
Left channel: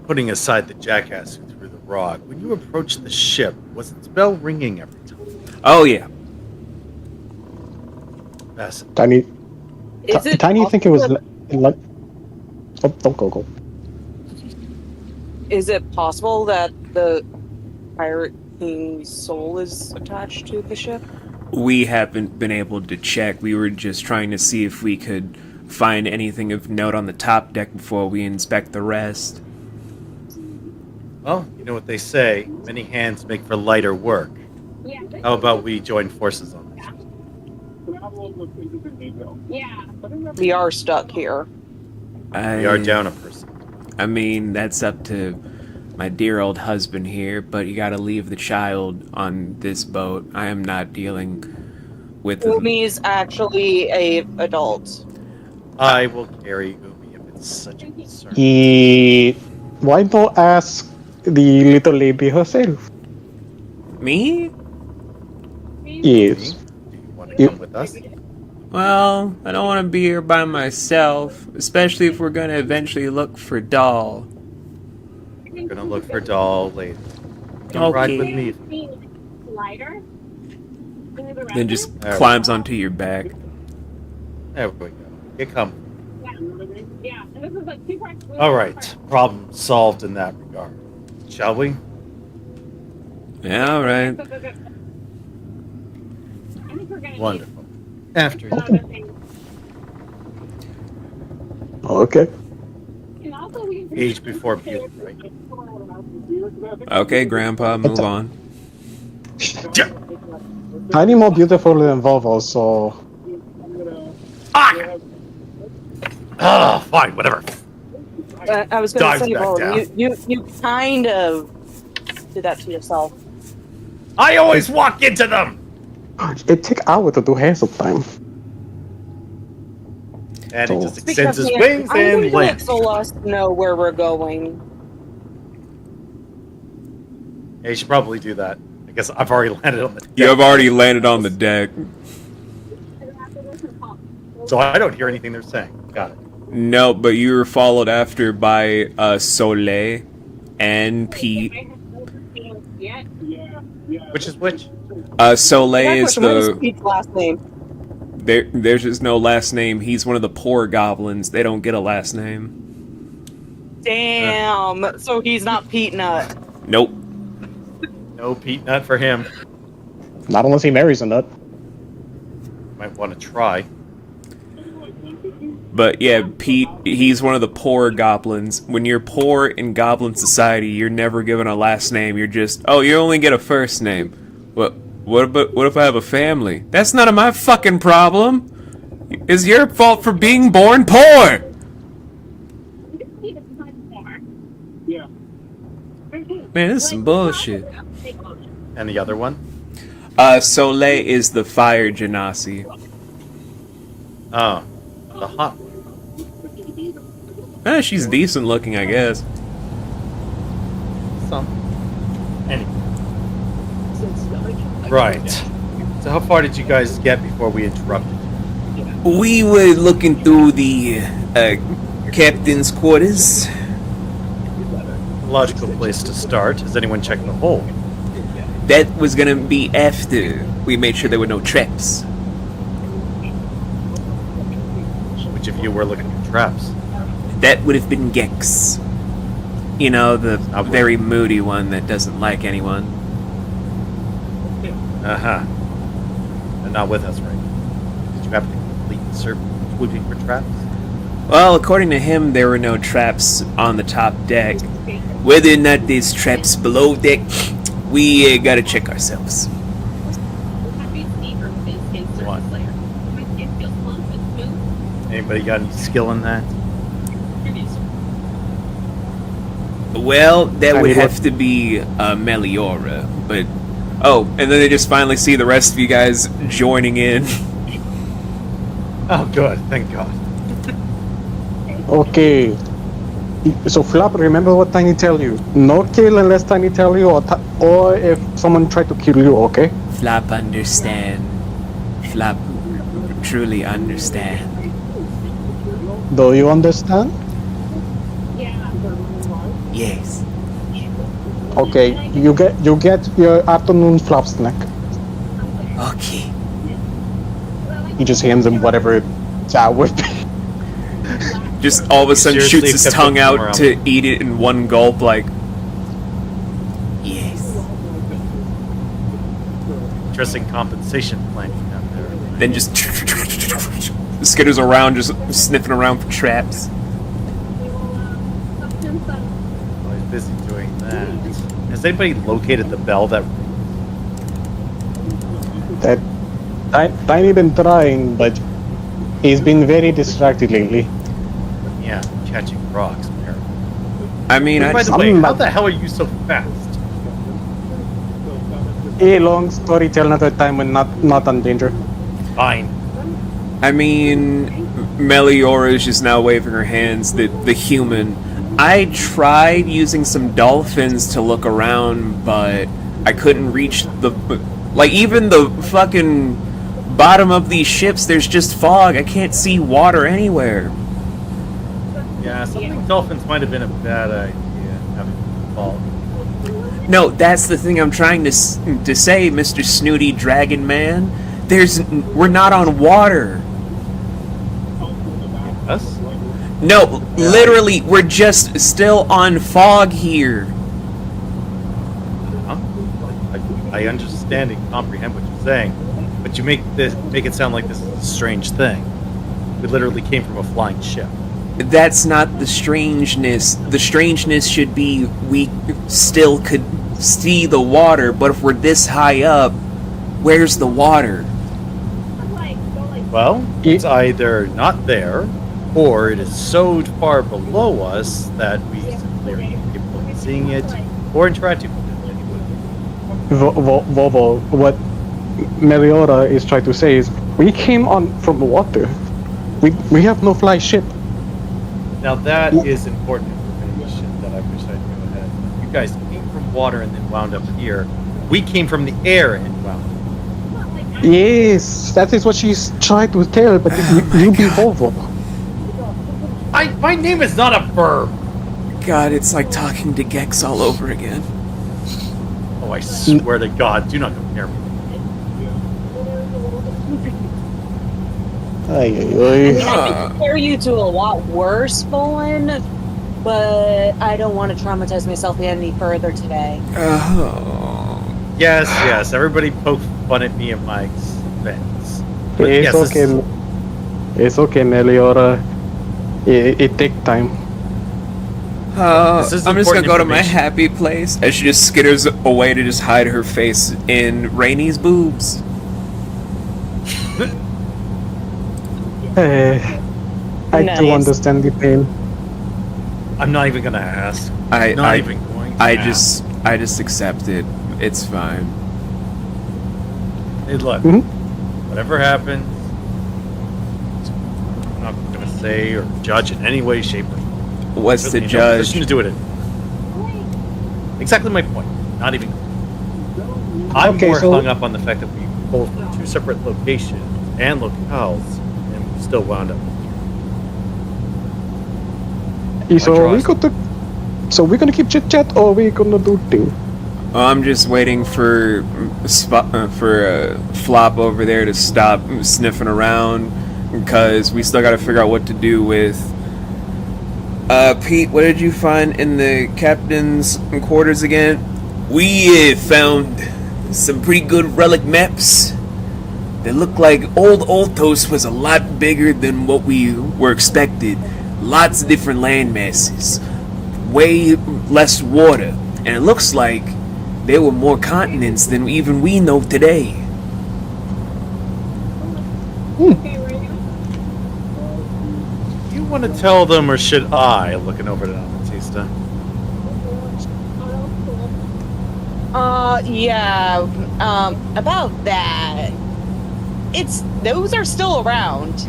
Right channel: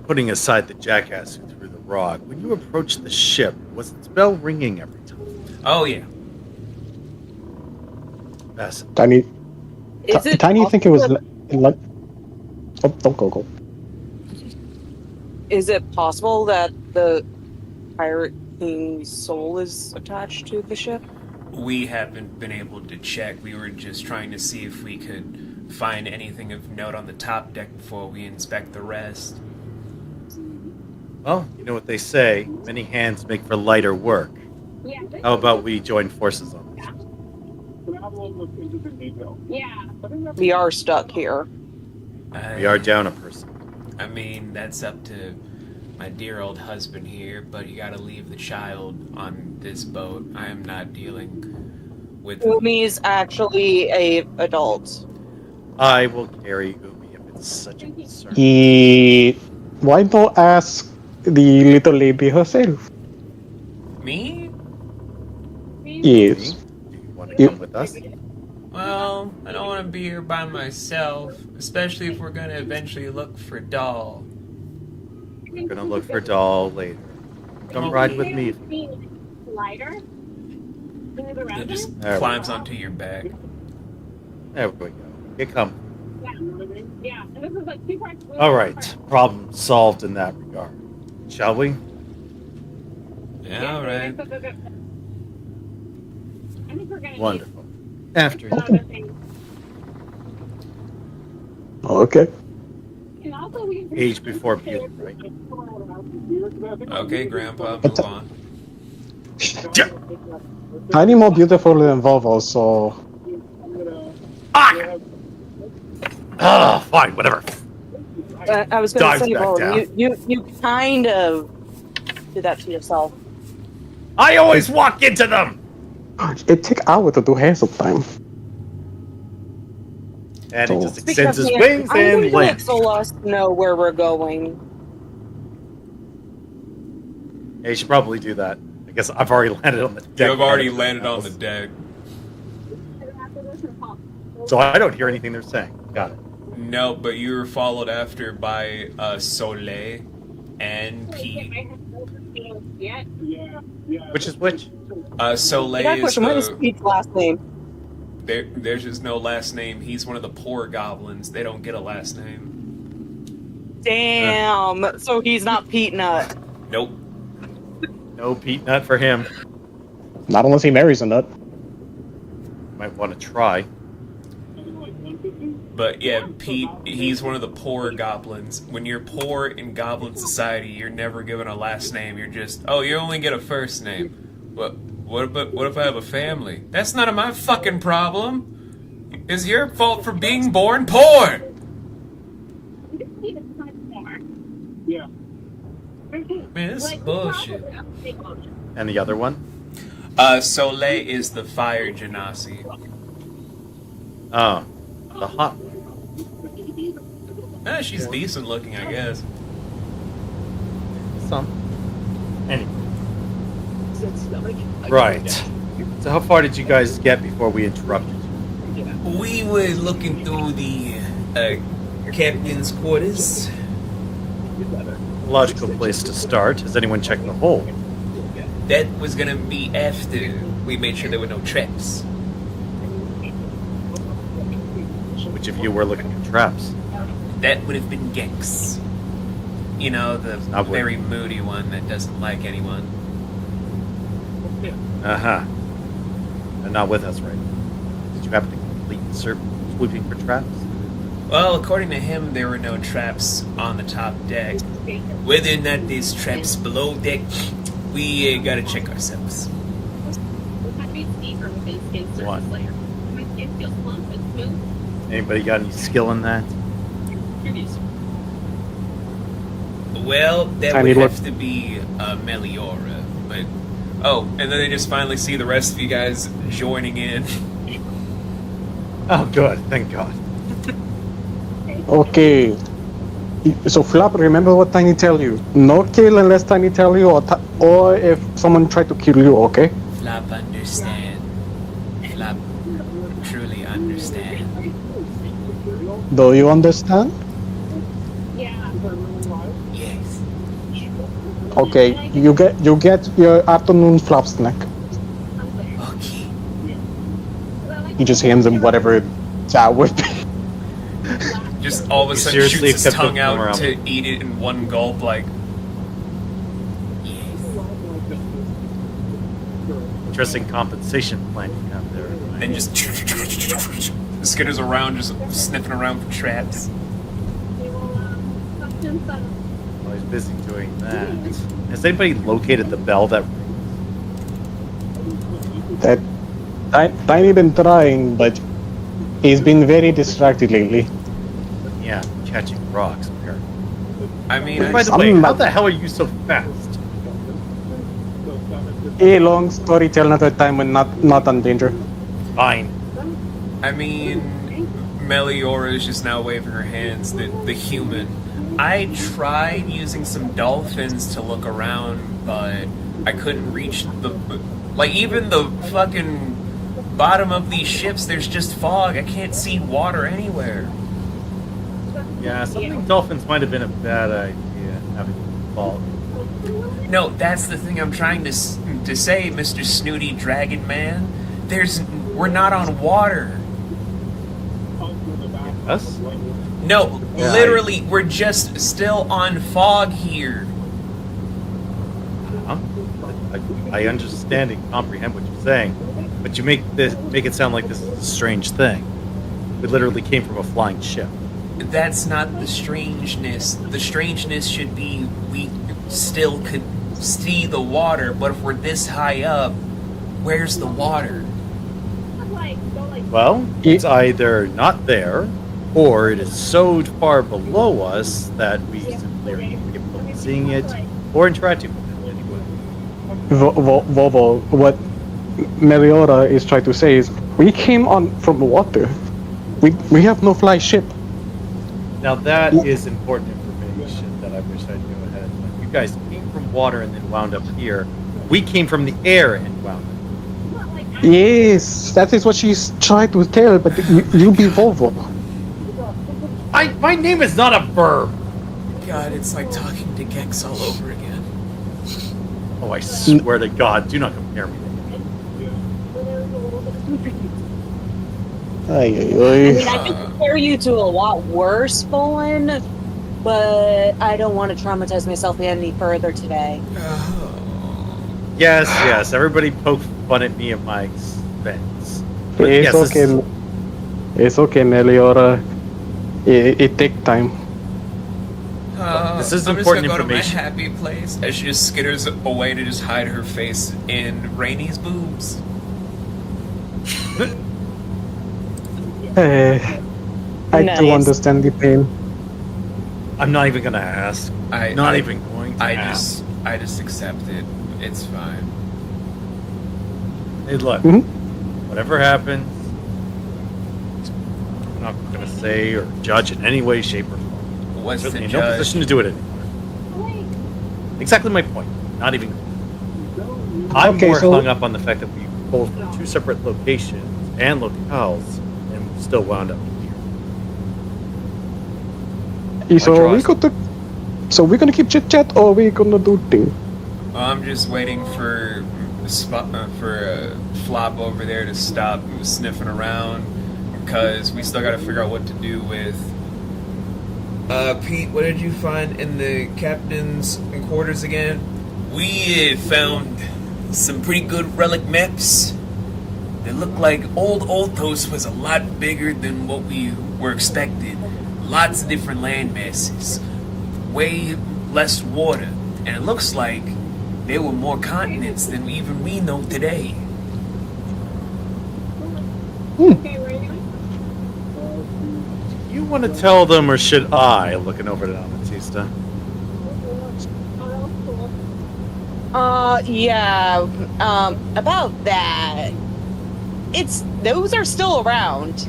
Putting aside the jackass who threw the rock, when you approached the ship, was its bell ringing every time? Oh, yeah. Fascinating. Tiny, Tiny, you think it was like? Oh, don't go. Is it possible that the pirate king's soul is attached to the ship? We haven't been able to check. We were just trying to see if we could find anything of note on the top deck before we inspect the rest. Well, you know what they say, many hands make for lighter work. Yeah. How about we join forces on this? Yeah. We are stuck here. We are down a person. I mean, that's up to my dear old husband here, but you gotta leave the child on this boat. I am not dealing with... Umi is actually a adult. I will carry Umi if it's such a concern. Why not ask the little lady herself? Me? Yes. Do you want to come with us? Well, I don't want to be here by myself, especially if we're gonna eventually look for Doll. We're gonna look for Doll later. Come ride with me. Lighter. Then just There we climbs onto your back. There we go. Get comfy. Yeah. And this is like 2 parts. All right. Problem solved in that regard. Shall we? Yeah, all right. I think we're gonna Wonderful. After need Okay. and also we age before beauty, right? Okay, Grandpa, move on. Tiny more beautiful than Volvo, so Fine, whatever. I was going to Dives say, back well, down. you kind of did that to yourself. I always walk into them! it takes hours to do hair sometimes. And he So- just extends his Because, wings I'm going and to let lands. Solas know where we're going. Yeah, you should probably do that. I guess I've already landed on the deck. You have already landed on the deck. So I don't hear anything they're saying. Got it. No, but you were followed after by Soleil and Pete. Yeah. Which is which? Soleil That is question, what is the... Pete's last name? There's just no last name. He's one of the poor goblins. They don't get a last name. Damn. So he's not Pete Nut. Nope. No Pete Nut for him. Not unless he marries a nut. Might want to try. But yeah, Pete, he's one of the poor goblins. When you're poor in goblin society, you're never given a last name. You're just, oh, you only get a first name. What if I have a family? That's none of my fucking problem. It's your fault for being born poor. Yeah. Man, this is some bullshit. And the other one? Soleil is the fire genasi. Oh, the hot one. She's decent looking, I guess. Some. Anyway. Right. So how far did you guys get before we interrupted you? We were looking through the captain's quarters. Logical place to start. Has anyone checked the hole? That was gonna be after we made sure there were no traps. Which of you were looking for traps? That would have been Gex. You know, the Not very moody one that doesn't like anyone. Uh-huh. And not with us, right? Did you happen to complete the search swooping for traps? Well, according to him, there were no traps on the top deck. Whether or not there's traps below deck, we gotta check ourselves. What? Anybody got any skill in that? Well, that I would need have to be Meliora, but oh, and then they just finally see the rest of you guys joining in. Oh, good. Thank God. Okay. So Flop, remember what Tiny tell you. No kill unless Tiny tell you, or if someone tried to kill you, okay? Flop understand. Flop truly understand. Do you understand? Yeah. Yes. Okay, you get your afternoon Flop snack. Okay. He just hands him whatever that would be. Just all of a sudden Seriously shoots his kept tongue them out around. to eat it in one gulp, like. Yes. Interesting compensation plan you have there. Then just skitters around, just sniffing around for traps. While he's busy doing that. Has anybody located the bell that That Tiny been trying, but he's been very distracted lately. yeah, catching rocks, apparently. I mean, By the way, how the hell are you so fast? A long story, tell another time when not on danger. Fine. I mean, Meliora is just now waving her hands. The human. I tried using some dolphins to look around, but I couldn't reach the. Like, even the fucking bottom of these ships, there's just fog. I can't see water anywhere. Yeah, something dolphins might have been a bad idea, having fall. No, that's the thing I'm trying to say, Mr. Snooty Dragon Man. We're not on water. Us? No, Yeah, literally, we're just still on fog here. Huh? I understand and comprehend what you're saying, but you make it sound like this is a strange thing. We literally came from a flying ship. That's not the strangeness. The strangeness should be we still could see the water, but if we're this high up, where's the water? Well, it's either not there, or it is so far below us that we simply are incapable of seeing it or interacting with it anyway. Vovo, what Meliora is trying to say is, we came on from the water. We have no fly ship. Now that is important information that I wish I knew ahead. You guys came from water and then wound up here. We came from the air and wound up. Yes, that is what she's trying to tell, but you be Vovo. My name is not a verb. God, it's like talking to Gex all over again. Oh, I swear to God, do not compare me. Ay, I mean, I can compare you to a lot worse, Bolin, but I don't want to traumatize myself any further today. Yes, everybody poke fun at me at my expense. But It's yes, okay. It's okay, Meliora. It takes time. This is I'm just important gonna go to my information. happy place as she just skitters away to just hide her face in Rainy's boobs. I do Nice. understand the pain. I'm not even gonna ask. I even going to ask. I just accept it. It's fine. Hey, look, Mhm. whatever happens, I'm not gonna say or judge in any way, shape, or form. What's the Certainly in no judge? position to do it. Exactly my point. Not even. I'm Okay, more so- hung up on the fact that we both from two separate locations and locales, and we still wound up here. So draws. we're gonna keep chit chat, or we're gonna do thing. I'm just waiting for Flop over there to stop sniffing around because we still got to figure out what to do with. Pete, what did you find in the captain's quarters again? We found some pretty good relic maps. They look like old Oltos was a lot bigger than what we were expected. Lots of different land masses, way less water, and it looks like there were more continents than even we know today. You want to tell them, or should I? Looking over at Amatista. Yeah. About that. Those are still around.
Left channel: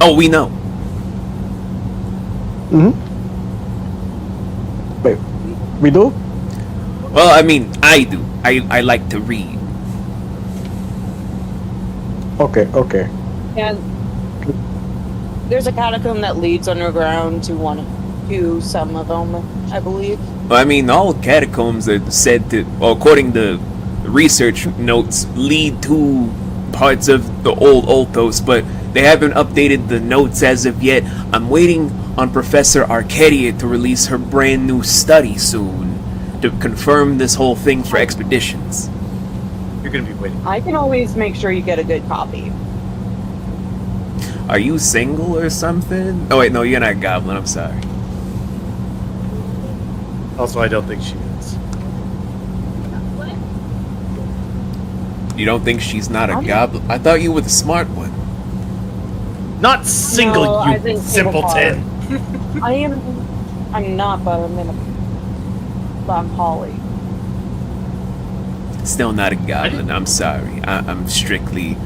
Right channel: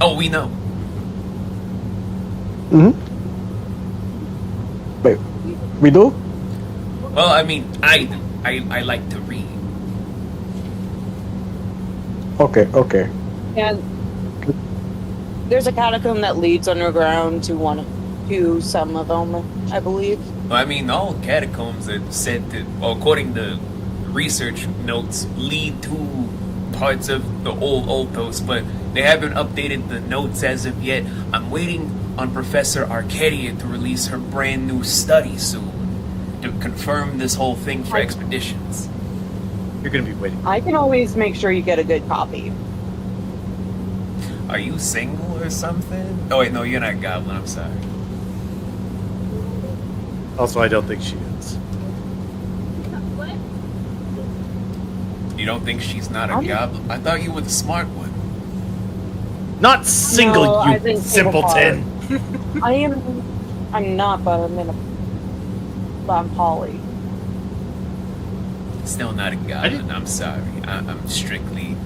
Oh, we know. Mm-hmm. Wait, we do? Well, I mean, I do. I like to read. Okay. And there's a catacomb that leads underground to some of them, I believe. Well, I mean, all catacombs are said to, well, according to research notes, lead to parts of the old Olthos, but they haven't updated the notes as of yet. I'm waiting on Professor Arcadia to release her brand new study soon to confirm this whole thing for expeditions. You're gonna be waiting. I can always make sure you get a good copy. Are you single or something? Oh wait, no, you're not a goblin, I'm sorry. Also, I don't think she is. What? You don't think she's not a goblin? I thought you were the smart one. Not single, No, I you think simpleton. I'm not, but I'm Holly. Still not a goblin, I'm sorry. I'm strictly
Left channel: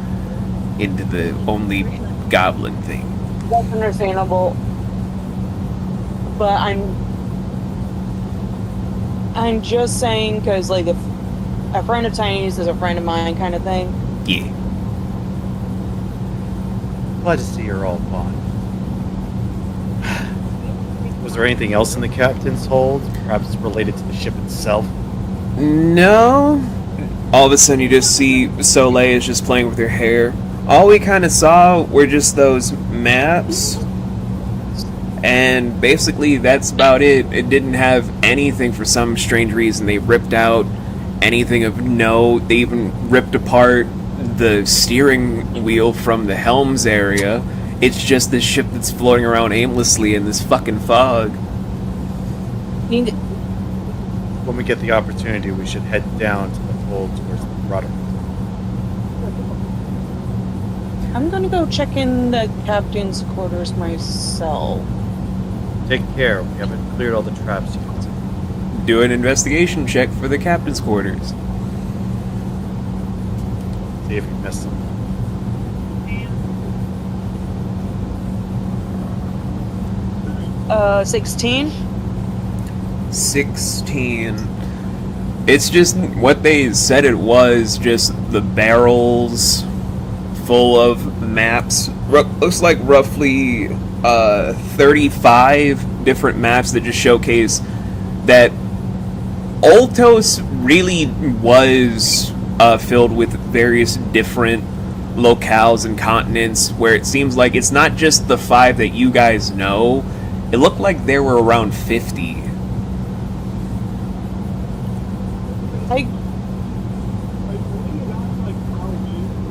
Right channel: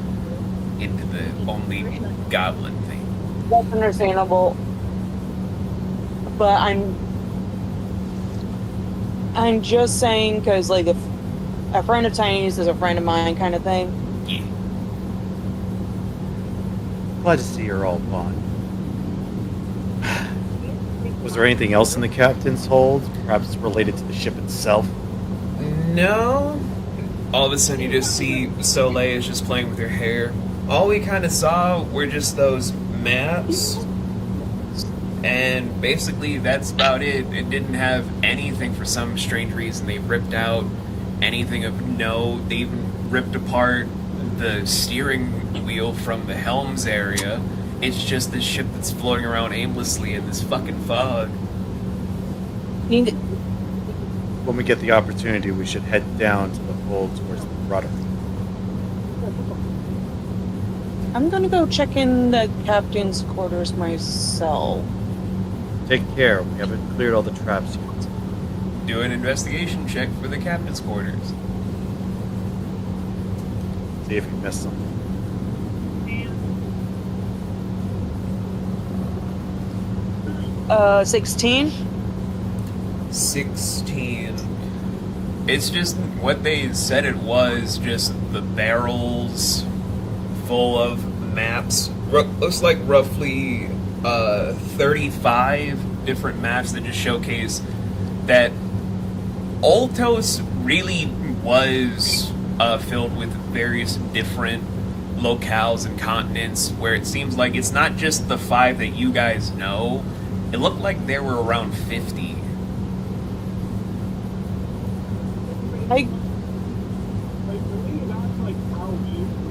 into the only goblin thing. That's understandable. But I'm just saying because like if a friend of Tiny's is a friend of mine kind of thing. Yeah. Glad to see you're all gone. Was there anything else in the captain's hold? Perhaps related to the ship itself? No. All of a sudden you just see Soleil is just playing with her hair. All we kind of saw were just those maps. And basically that's about it. It didn't have anything for some strange reason. They ripped out anything of note. They even ripped apart the steering wheel from the helms area. It's just this ship that's floating around aimlessly in this fucking fog. When we get the opportunity, we should head down to the hold towards the rudder. I'm gonna go check in the captain's quarters myself. Take care. We haven't cleared all the traps yet. Do an investigation check for the captain's quarters. See if you missed something. 16. 16. It's just what they said it was, just the barrels full of maps. Looks like roughly 35 different maps that just showcase that Oltos really was filled with various different locales and continents, where it seems like it's not just the 5 that you guys know. It looked like there were around 50.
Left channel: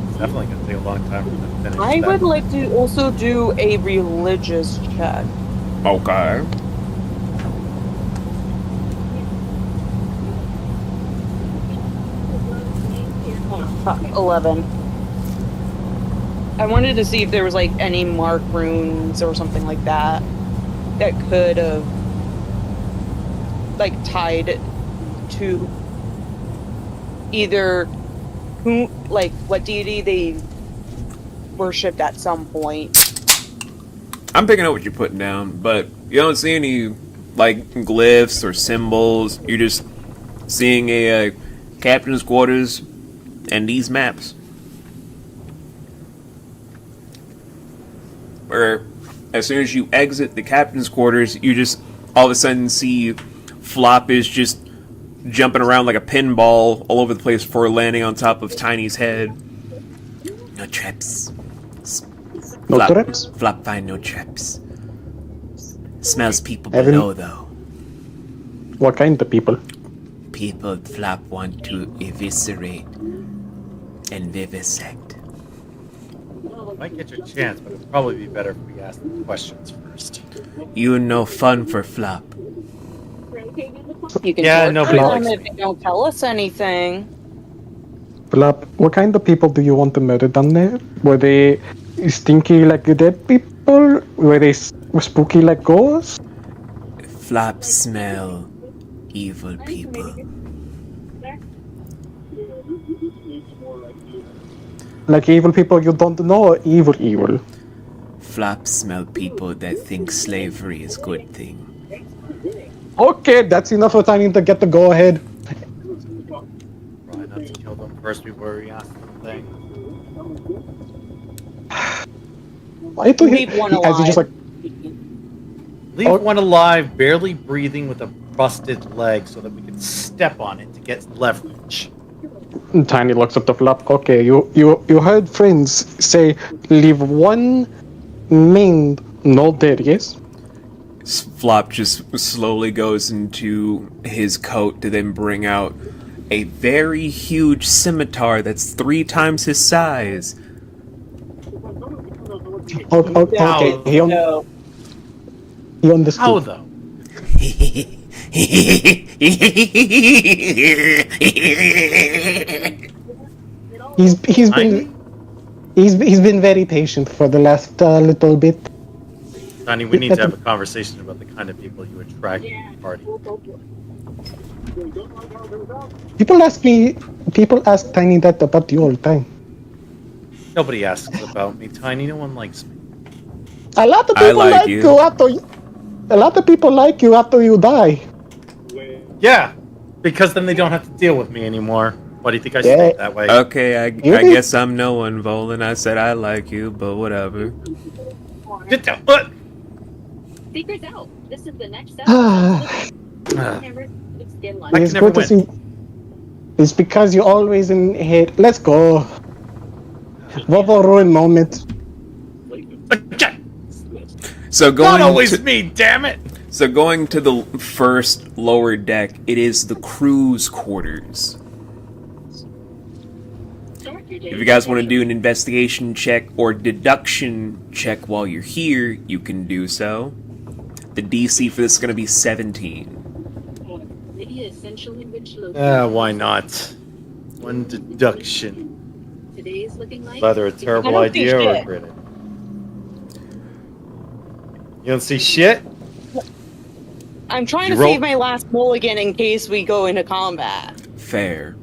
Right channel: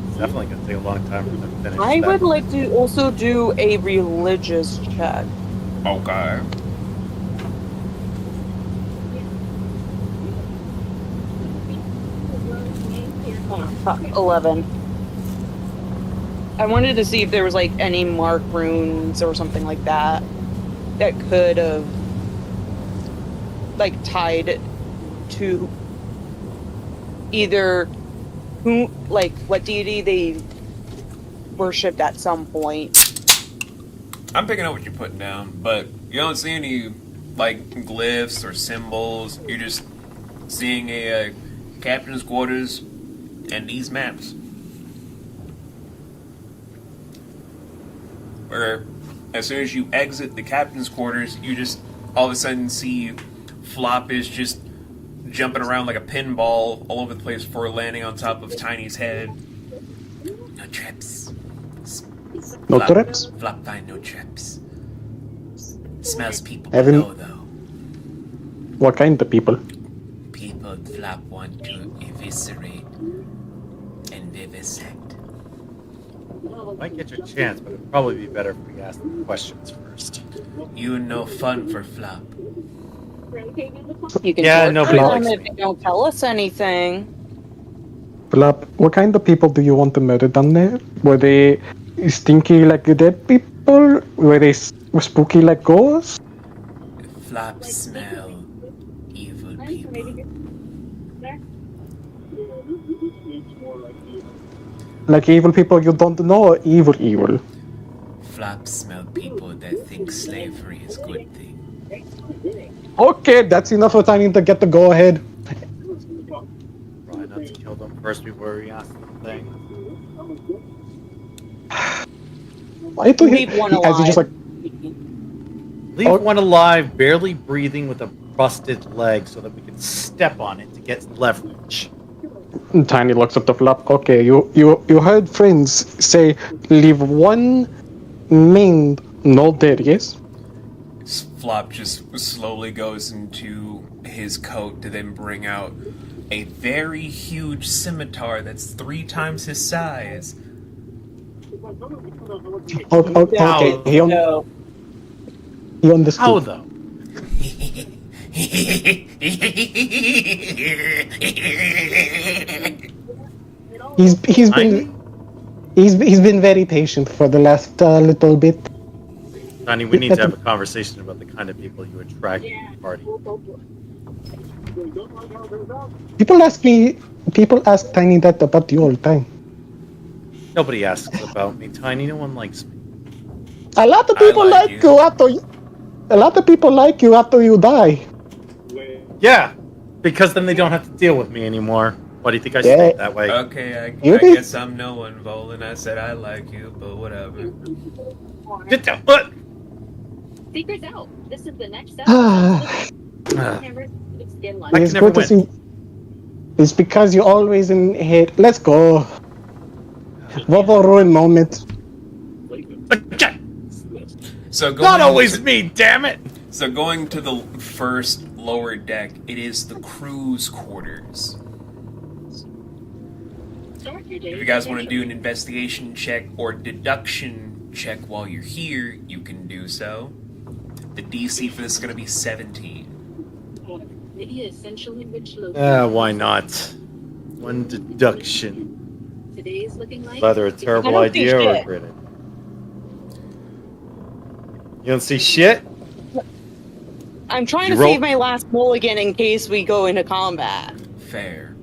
It's definitely going to take a long time for them to finish I that. would like to also do a religious check. Okay. Fuck, 11. I wanted to see if there was like any mark runes or something like that that could have like tied to either who, like what deity they worshipped at some point. I'm picking up what you're putting down, but you don't see any like glyphs or symbols. You're just seeing a captain's quarters and these maps. Where as soon as you exit the captain's quarters, you just all of a sudden see Flop is just jumping around like a pinball all over the place before landing on top of Tiny's head. No traps. No Flop, traps? Flop find no traps. Smells people Haven't- below though. What kind of people? People Flop want to eviscerate and vivisect. Might get your chance, but it'd probably be better if we ask the questions first. You no fun for Flop. You can Yeah, torture nobody them likes if me. they don't tell us anything. Flop, what kind of people do you want to murder down there? Were they stinky like the dead people? Were they spooky like ghosts? Flop smell evil people. there? Needs more like you. Like evil people you don't know, evil. Flop smell people that think slavery is good thing. Okay, that's enough for Tiny to get the go ahead. Try not to kill them first before we ask them things. Why do Leave one as he just like Leave Oh. one alive, barely breathing with a busted leg so that we can step on it to get leverage. Tiny looks at the flop. Okay, you heard friends say leave one maimed, no dead, yes? Flop just slowly goes into his coat to then bring out a very huge scimitar that's 3 times his size. Okay, No. he understood. How though? He's been very patient for the last little bit. Tiny, we need to have a conversation about the kind of people you attract to the party. People ask Tiny that about you all the time. Nobody asks about me, Tiny. No one likes me. A lot of people like like you. you after. A lot of people like you after you die. Yeah, because then they don't have to deal with me anymore. Why do you think I Yeah. stayed that way? Okay, I Really? guess I'm no one, Volan. I said I like you, but whatever. Get down. What? Secret's out. This is the next step. Ah, Never skin I lunch. can It's never good to win. see. It's because you always in hate. Let's go. Vovo ruin moment. Okay. So going Not always me, damn it! So going to the first lower deck, it is the crew's quarters. Start your day. If you guys want to do an investigation check or deduction check while you're here, you can do so. The DC for this is going to be 17. Maybe essentially rich low. Why not? One deduction. Today's looking like Either a I terrible don't see idea or shit. great idea. You don't see shit? I'm trying You to roll- save my last mulligan in case we go into combat. Fair.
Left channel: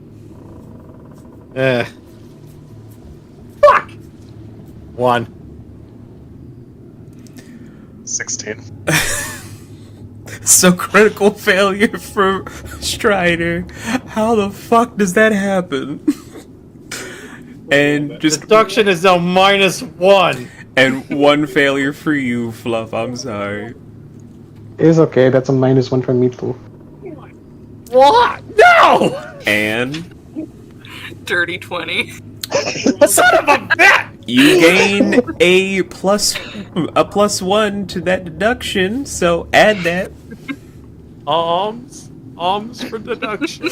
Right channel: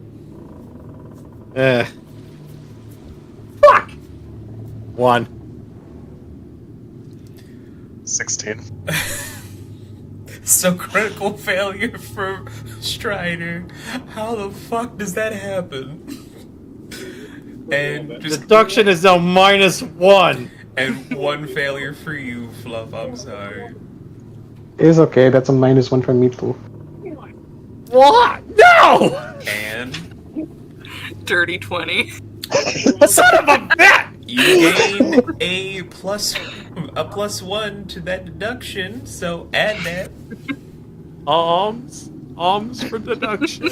Fuck! 1. 16. So critical failure for Strider. How the fuck does that happen? And just Deduction is now -1. and 1 failure for you, Fluff. I'm sorry. It's okay. That's a -1 for me too. What? No! And Dirty 20. Son of a bitch! you gain a +1 to that deduction, so add that. Alms for deduction.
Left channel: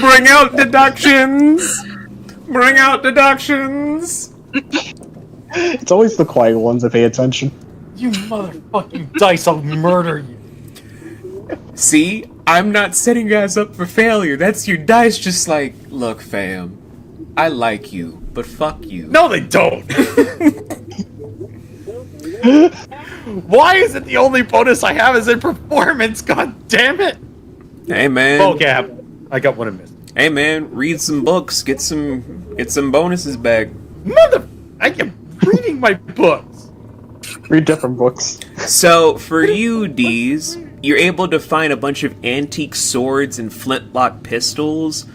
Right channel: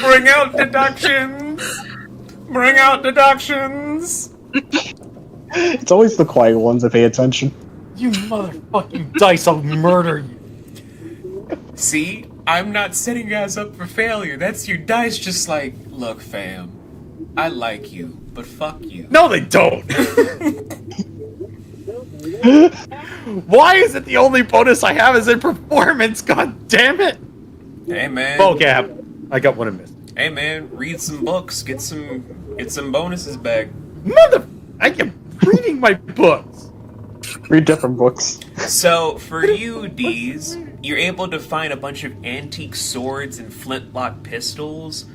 Bring out deductions! Bring out deductions! It's always the quiet ones that pay attention. You motherfucking dice, I'll murder you. See, I'm not setting you guys up for failure. That's your dice just like, look, fam, I like you, but fuck you. No, they don't. Why is it the only bonus I have is in performance? God damn it! Hey man. Okay, I got one I missed. Hey man, read some books, get some bonuses back. I am reading my books. Read different books. So for you, D's, you're able to find a bunch of antique swords and flintlock pistols,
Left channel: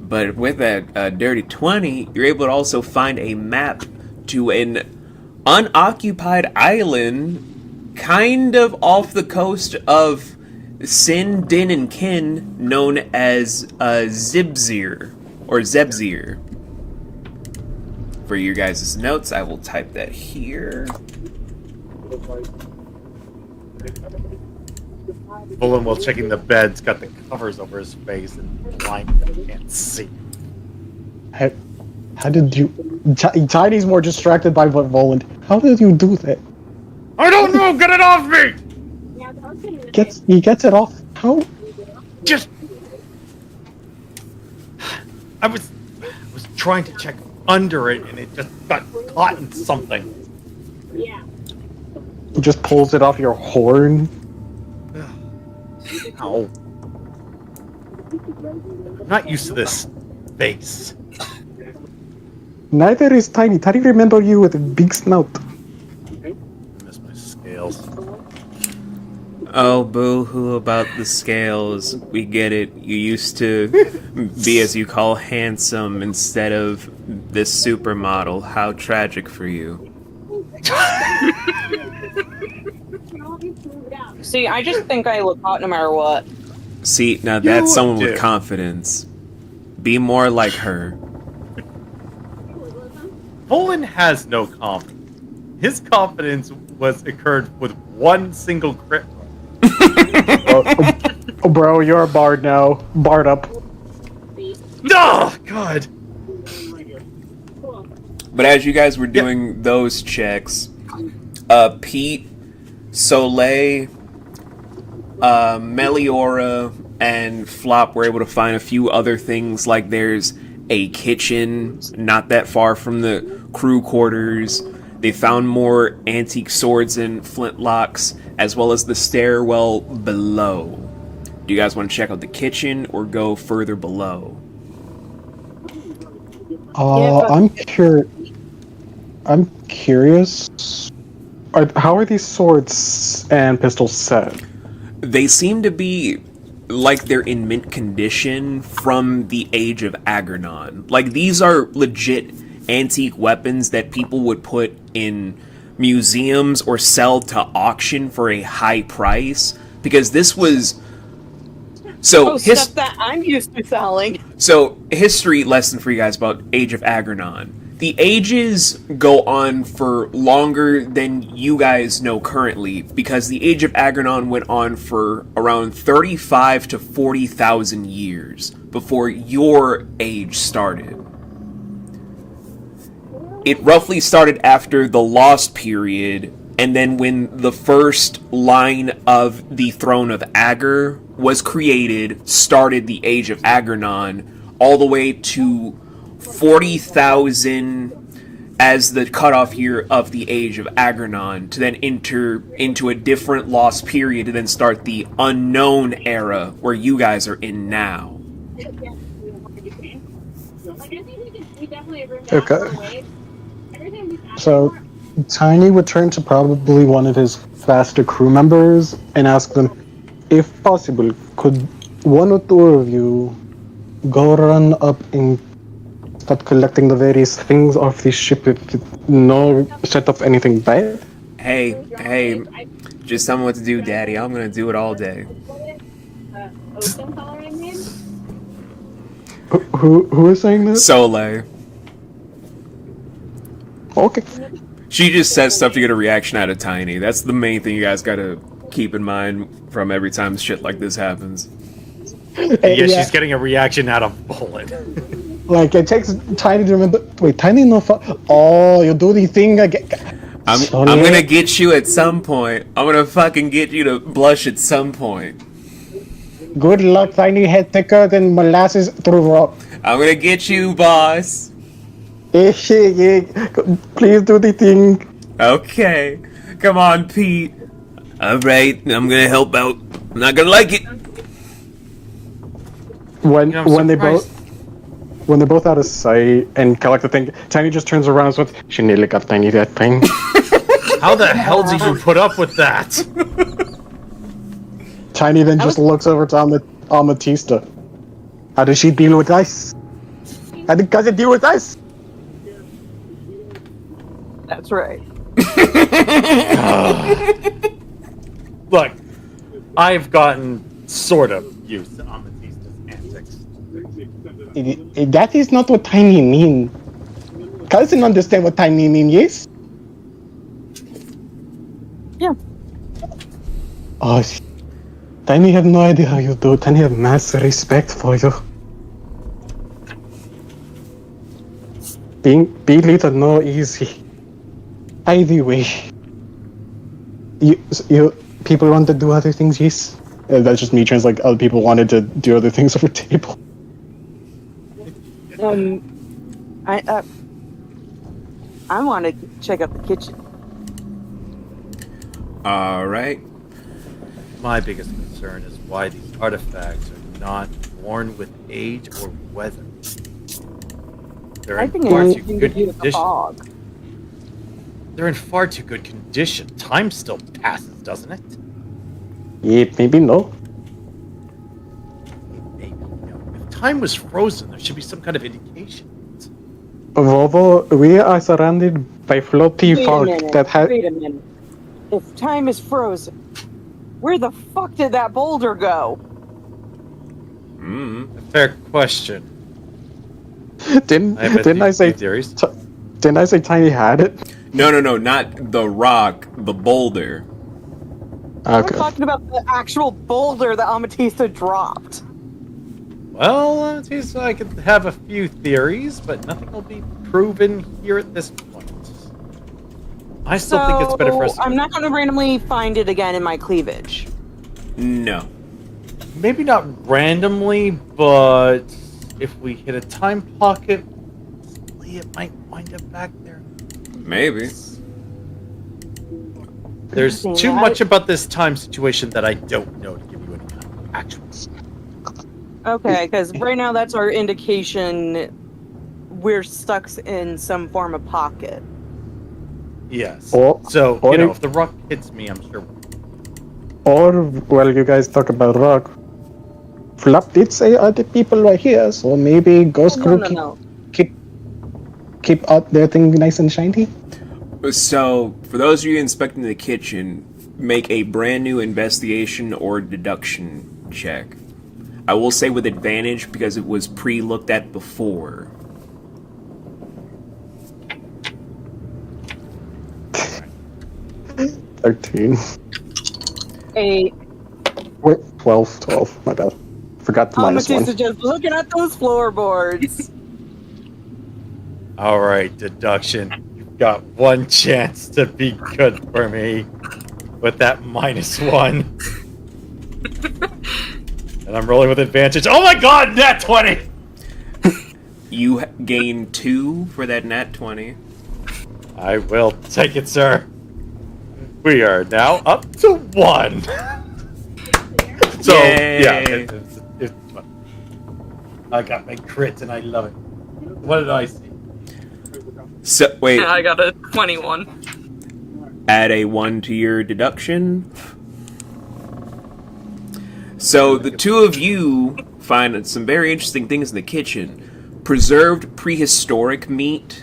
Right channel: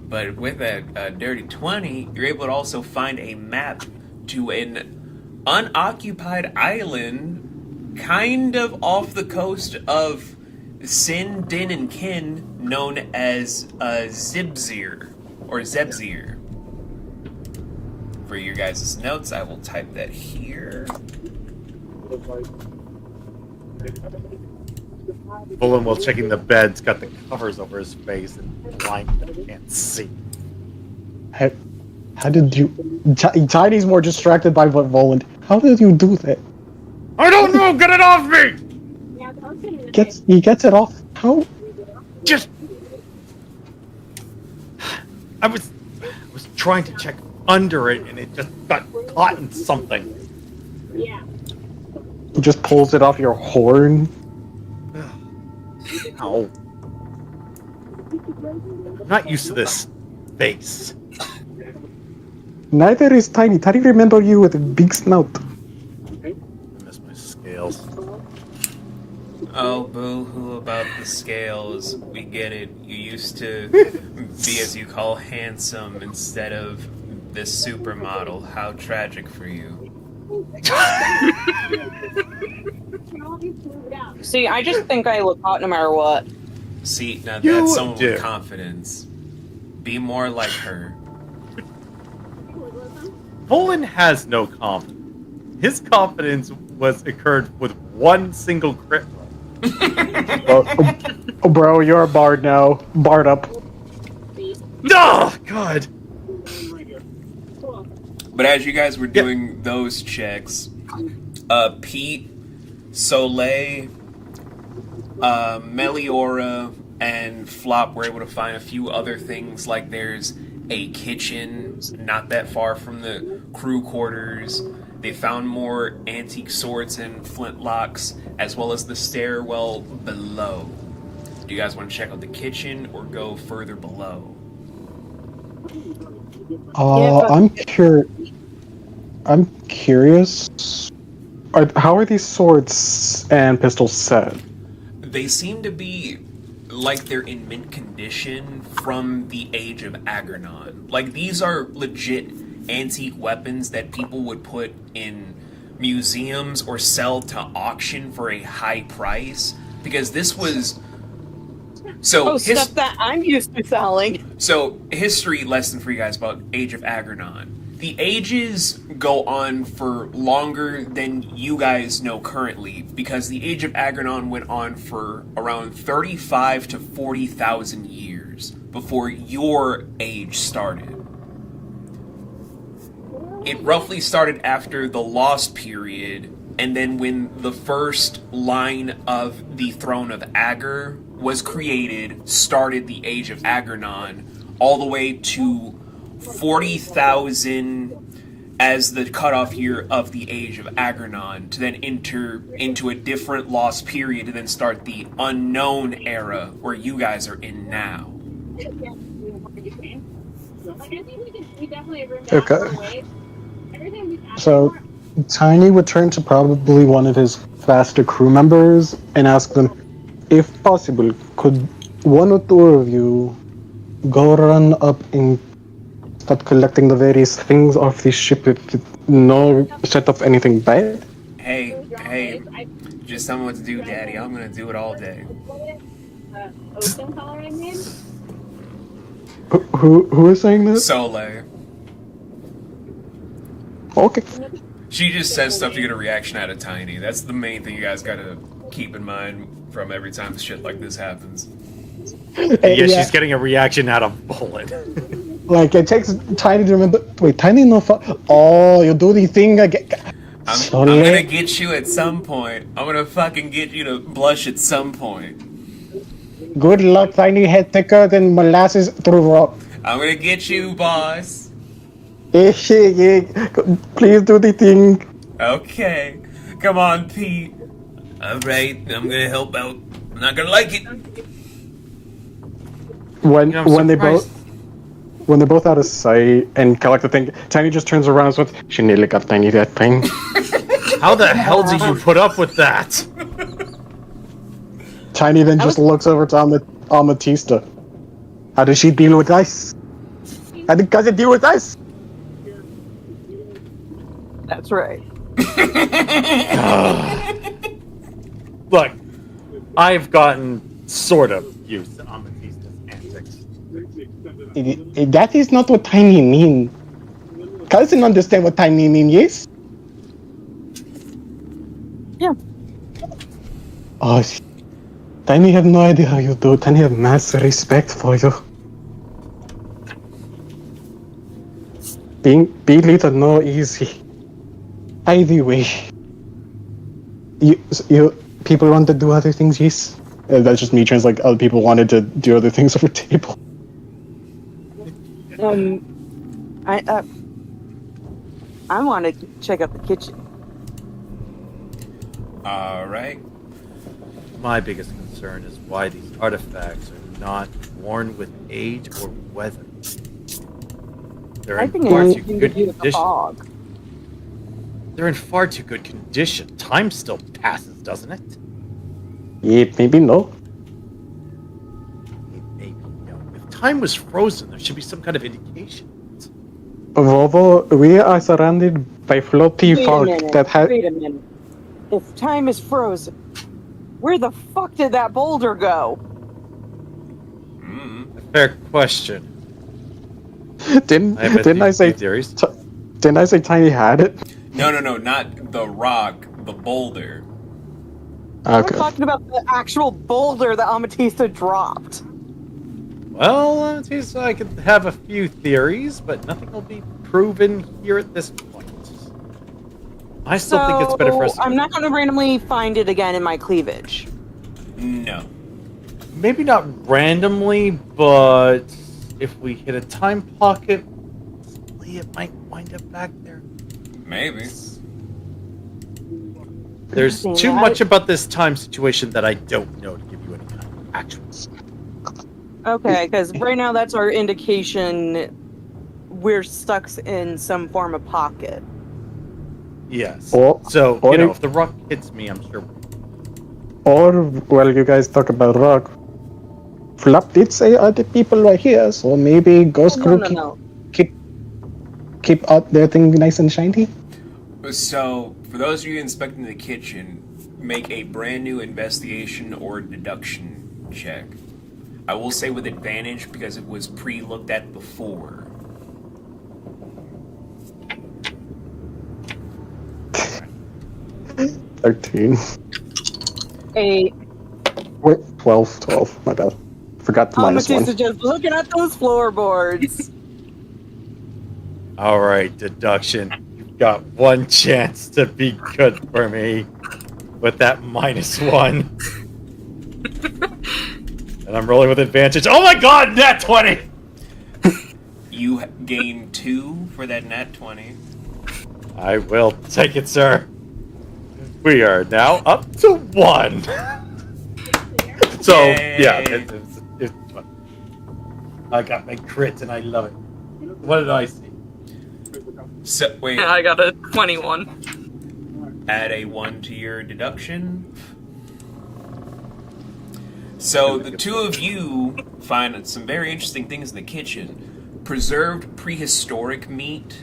but with a dirty 20, you're able to also find a map to an unoccupied island, kind of off the coast of Sin, Din, and Kin, known as Zibzir, or Zebzir. For your guys' notes, I will type that here. Bullen, while checking the bed's got the covers over his face and blind and can't see. How did you? Tiny's more distracted by what Voland. How did you do that? I don't know. Get it off me! Yeah, I was gonna He gets it off. How? Just. I was trying to check under it and it just got caught in something. Yeah. He just pulls it off your horn. Ow. I'm not used to this face. Neither is Tiny. Tiny remember you with a big snout. I miss my scales. Oh, boo-hoo about the scales. We get it. You used to be, as you call, handsome instead of this supermodel. How tragic for you. See, I just think I look hot no matter what. See, now You that's someone do. with confidence. Be more like her. Poland has no confidence. His confidence occurred with one single crit roll. Oh, bro, you're a bard now. Bard up. Oh, God! But as you guys were doing those checks, Pete, Soleil, Meliora, and Flop were able to find a few other things, like there's a kitchen not that far from the crew quarters. They found more antique swords and flintlocks, as well as the stairwell below. Do you guys want to check out the kitchen or go further below? I'm curious. How are these swords and pistols set? They seem to be like they're in mint condition from the Age of Aggernon. Like, these are legit antique weapons that people would put in museums or sell to auction for a high price, because this was Stuff that I'm used to selling. So, history lesson for you guys about Age of Aggernon. The ages go on for longer than you guys know currently, because the Age of Aggernon went on for around 35 to 40,000 years before your age started. It roughly started after the Lost Period, and then when the first line of the Throne of Ager was created, started the Age of Aggernon, all the way to 40,000 as the cutoff year of the Age of Aggernon, to then enter into a different Lost Period, to then start the Unknown Era, where you guys are in now. Okay. So, Tiny would turn to probably one of his faster crew members and ask them, if possible, could one or two of you go run up and start collecting the various things off the ship with no set of anything bad? Hey, just tell me what to do, Daddy. I'm gonna do it all day. Who is saying this? Soleil. Okay. She just says stuff to get a reaction out of Tiny. That's the main thing you guys gotta keep in mind from every time shit like this happens. Yeah, She's getting a reaction out of Bullet. Like, it takes Tiny to remember. Wait, Tiny no oh, you do the thing again. I'm gonna get you at some point. I'm gonna fucking get you to blush at some point. Good luck, Tiny head thicker than molasses through rock. I'm gonna get you, boss. Please do the thing. Okay. Come on, Pete. Alright, I'm gonna help out. I'm not gonna like it. When they're both out of sight and collect the thing, Tiny just turns around and says, "She nearly got Tiny that thing." How the hell did you put up with that? Tiny then just looks over to Amethysta. How does she deal with us? How does cousin deal with us? That's right. Look, I've gotten sort of used to Amethysta's antics. That is not what Tiny mean. Cousin understand what Tiny mean, yes? Yeah. Oh, Tiny have no idea how you do. Tiny have massive respect for you. Being leader no easy. Either way, you people want to do other things, yes? That's just me translating. Other people wanted to do other things over table. I want to check out the kitchen. Alright. My biggest concern is why these artifacts are not born with age or weather. They're I in think far it's too something to good do with the condition. fog. They're in far too good condition. Time still passes, doesn't it? Yeah, maybe no. Maybe no. If time was frozen, there should be some kind of indication. Although we are surrounded by floaty fog that has. Wait a minute. If time is frozen, where the fuck did that boulder go? Mm. A fair question. Didn't I have didn't I say theories? didn't I say Tiny had it? No, not the rock, the boulder. We're Okay. talking about the actual boulder that Amatista dropped. Well, I could have a few theories, but nothing will be proven here at this point. I still think it's better for us to I'm not going to randomly find it again in my cleavage. No. maybe not randomly, but if we hit a time pocket, it might wind up back there. Maybe. There's too much about this time situation that I don't know to give you any kind of actual. Okay, because right now that's our indication we're stuck in some form of pocket. Yes. Or if the rock hits me, I'm sure. Or, well, you guys talk about rock. Flop did say other people were here, so maybe Ghost Crew keep out their thing nice and shiny. So, for those of you inspecting the kitchen, make a brand new investigation or deduction check. I will say with advantage because it was pre-looked at before. $13. 8. Wait, 12, my bad. Forgot the minus one. Amatista just looking at those floorboards. All right, deduction. You've got one chance to be good for me with that -1. And I'm rolling with advantage. Oh my god, nat 20! You gain 2 for that nat 20. I will take it, sir. We are now up to 1. So, Yay. yeah, it's fun. I got my crit and I love it. What did I see? So, wait, I got a 21. add a 1 to your deduction. So, the two of you find some very interesting things in the kitchen. Preserved prehistoric meat,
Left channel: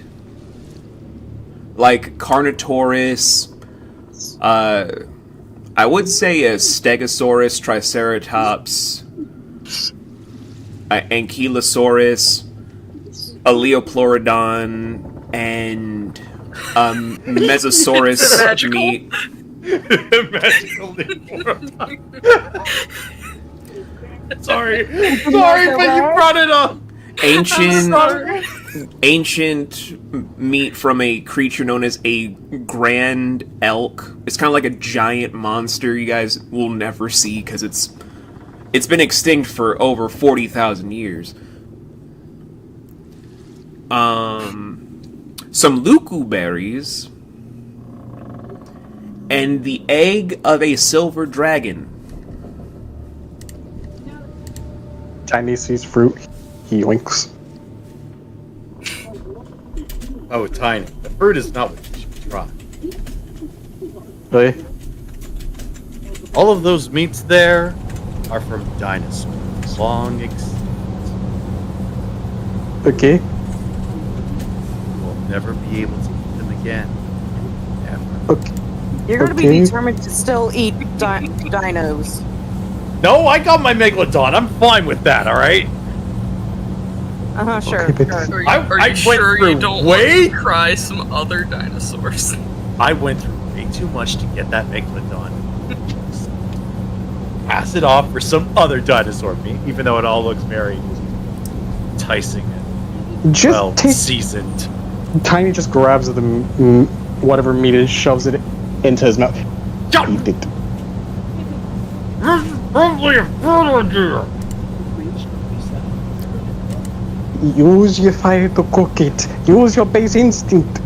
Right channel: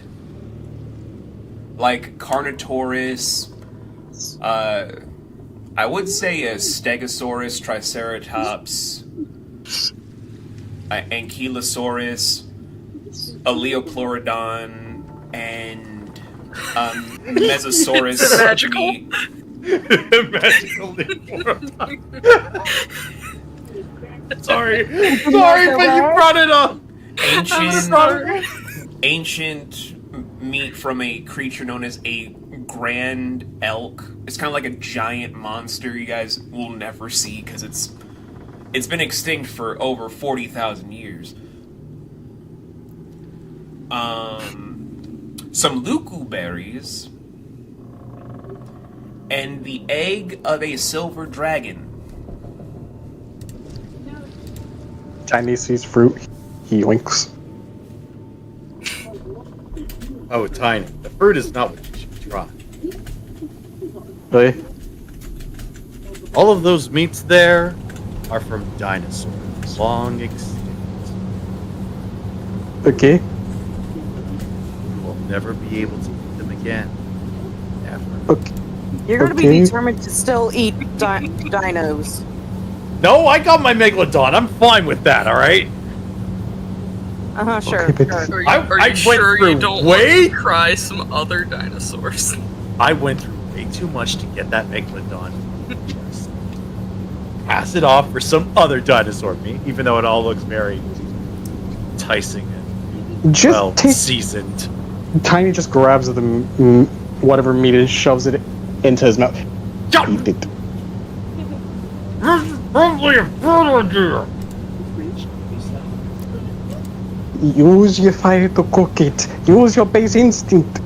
like Carnotaurus, I would say a Stegosaurus, Triceratops, Ankylosaurus, a Leoplorodon, and Mesosaurus It's magical. meat. Magical Leoplorodon. Sorry, but you brought it up. Ancient meat from a creature known as a grand elk. It's kind of like a giant monster you guys will never see because it's been extinct for over 40,000 years. Some luku berries and the egg of a silver dragon. Chinese sees fruit, he winks. Oh, Tiny, the fruit is not what you should try. Really? All of those meats there are from dinosaurs, long extinct. Okay. You will never be able to eat them again. Ever. Okay. You're going to be Okay. determined to still eat dinos. No, I got my Megalodon. I'm fine with that, alright? Sure. Okay, but- sure. Are you, I are you went sure through you don't way- want to try some other dinosaurs? I went through way too much to get that Megalodon. Just pass it off for some other dinosaur meat, even though it all looks very enticing and Just well take. seasoned. Tiny just grabs the whatever meat and shoves it into his mouth. Eat it. Use your fire to cook it. Use your base instinct.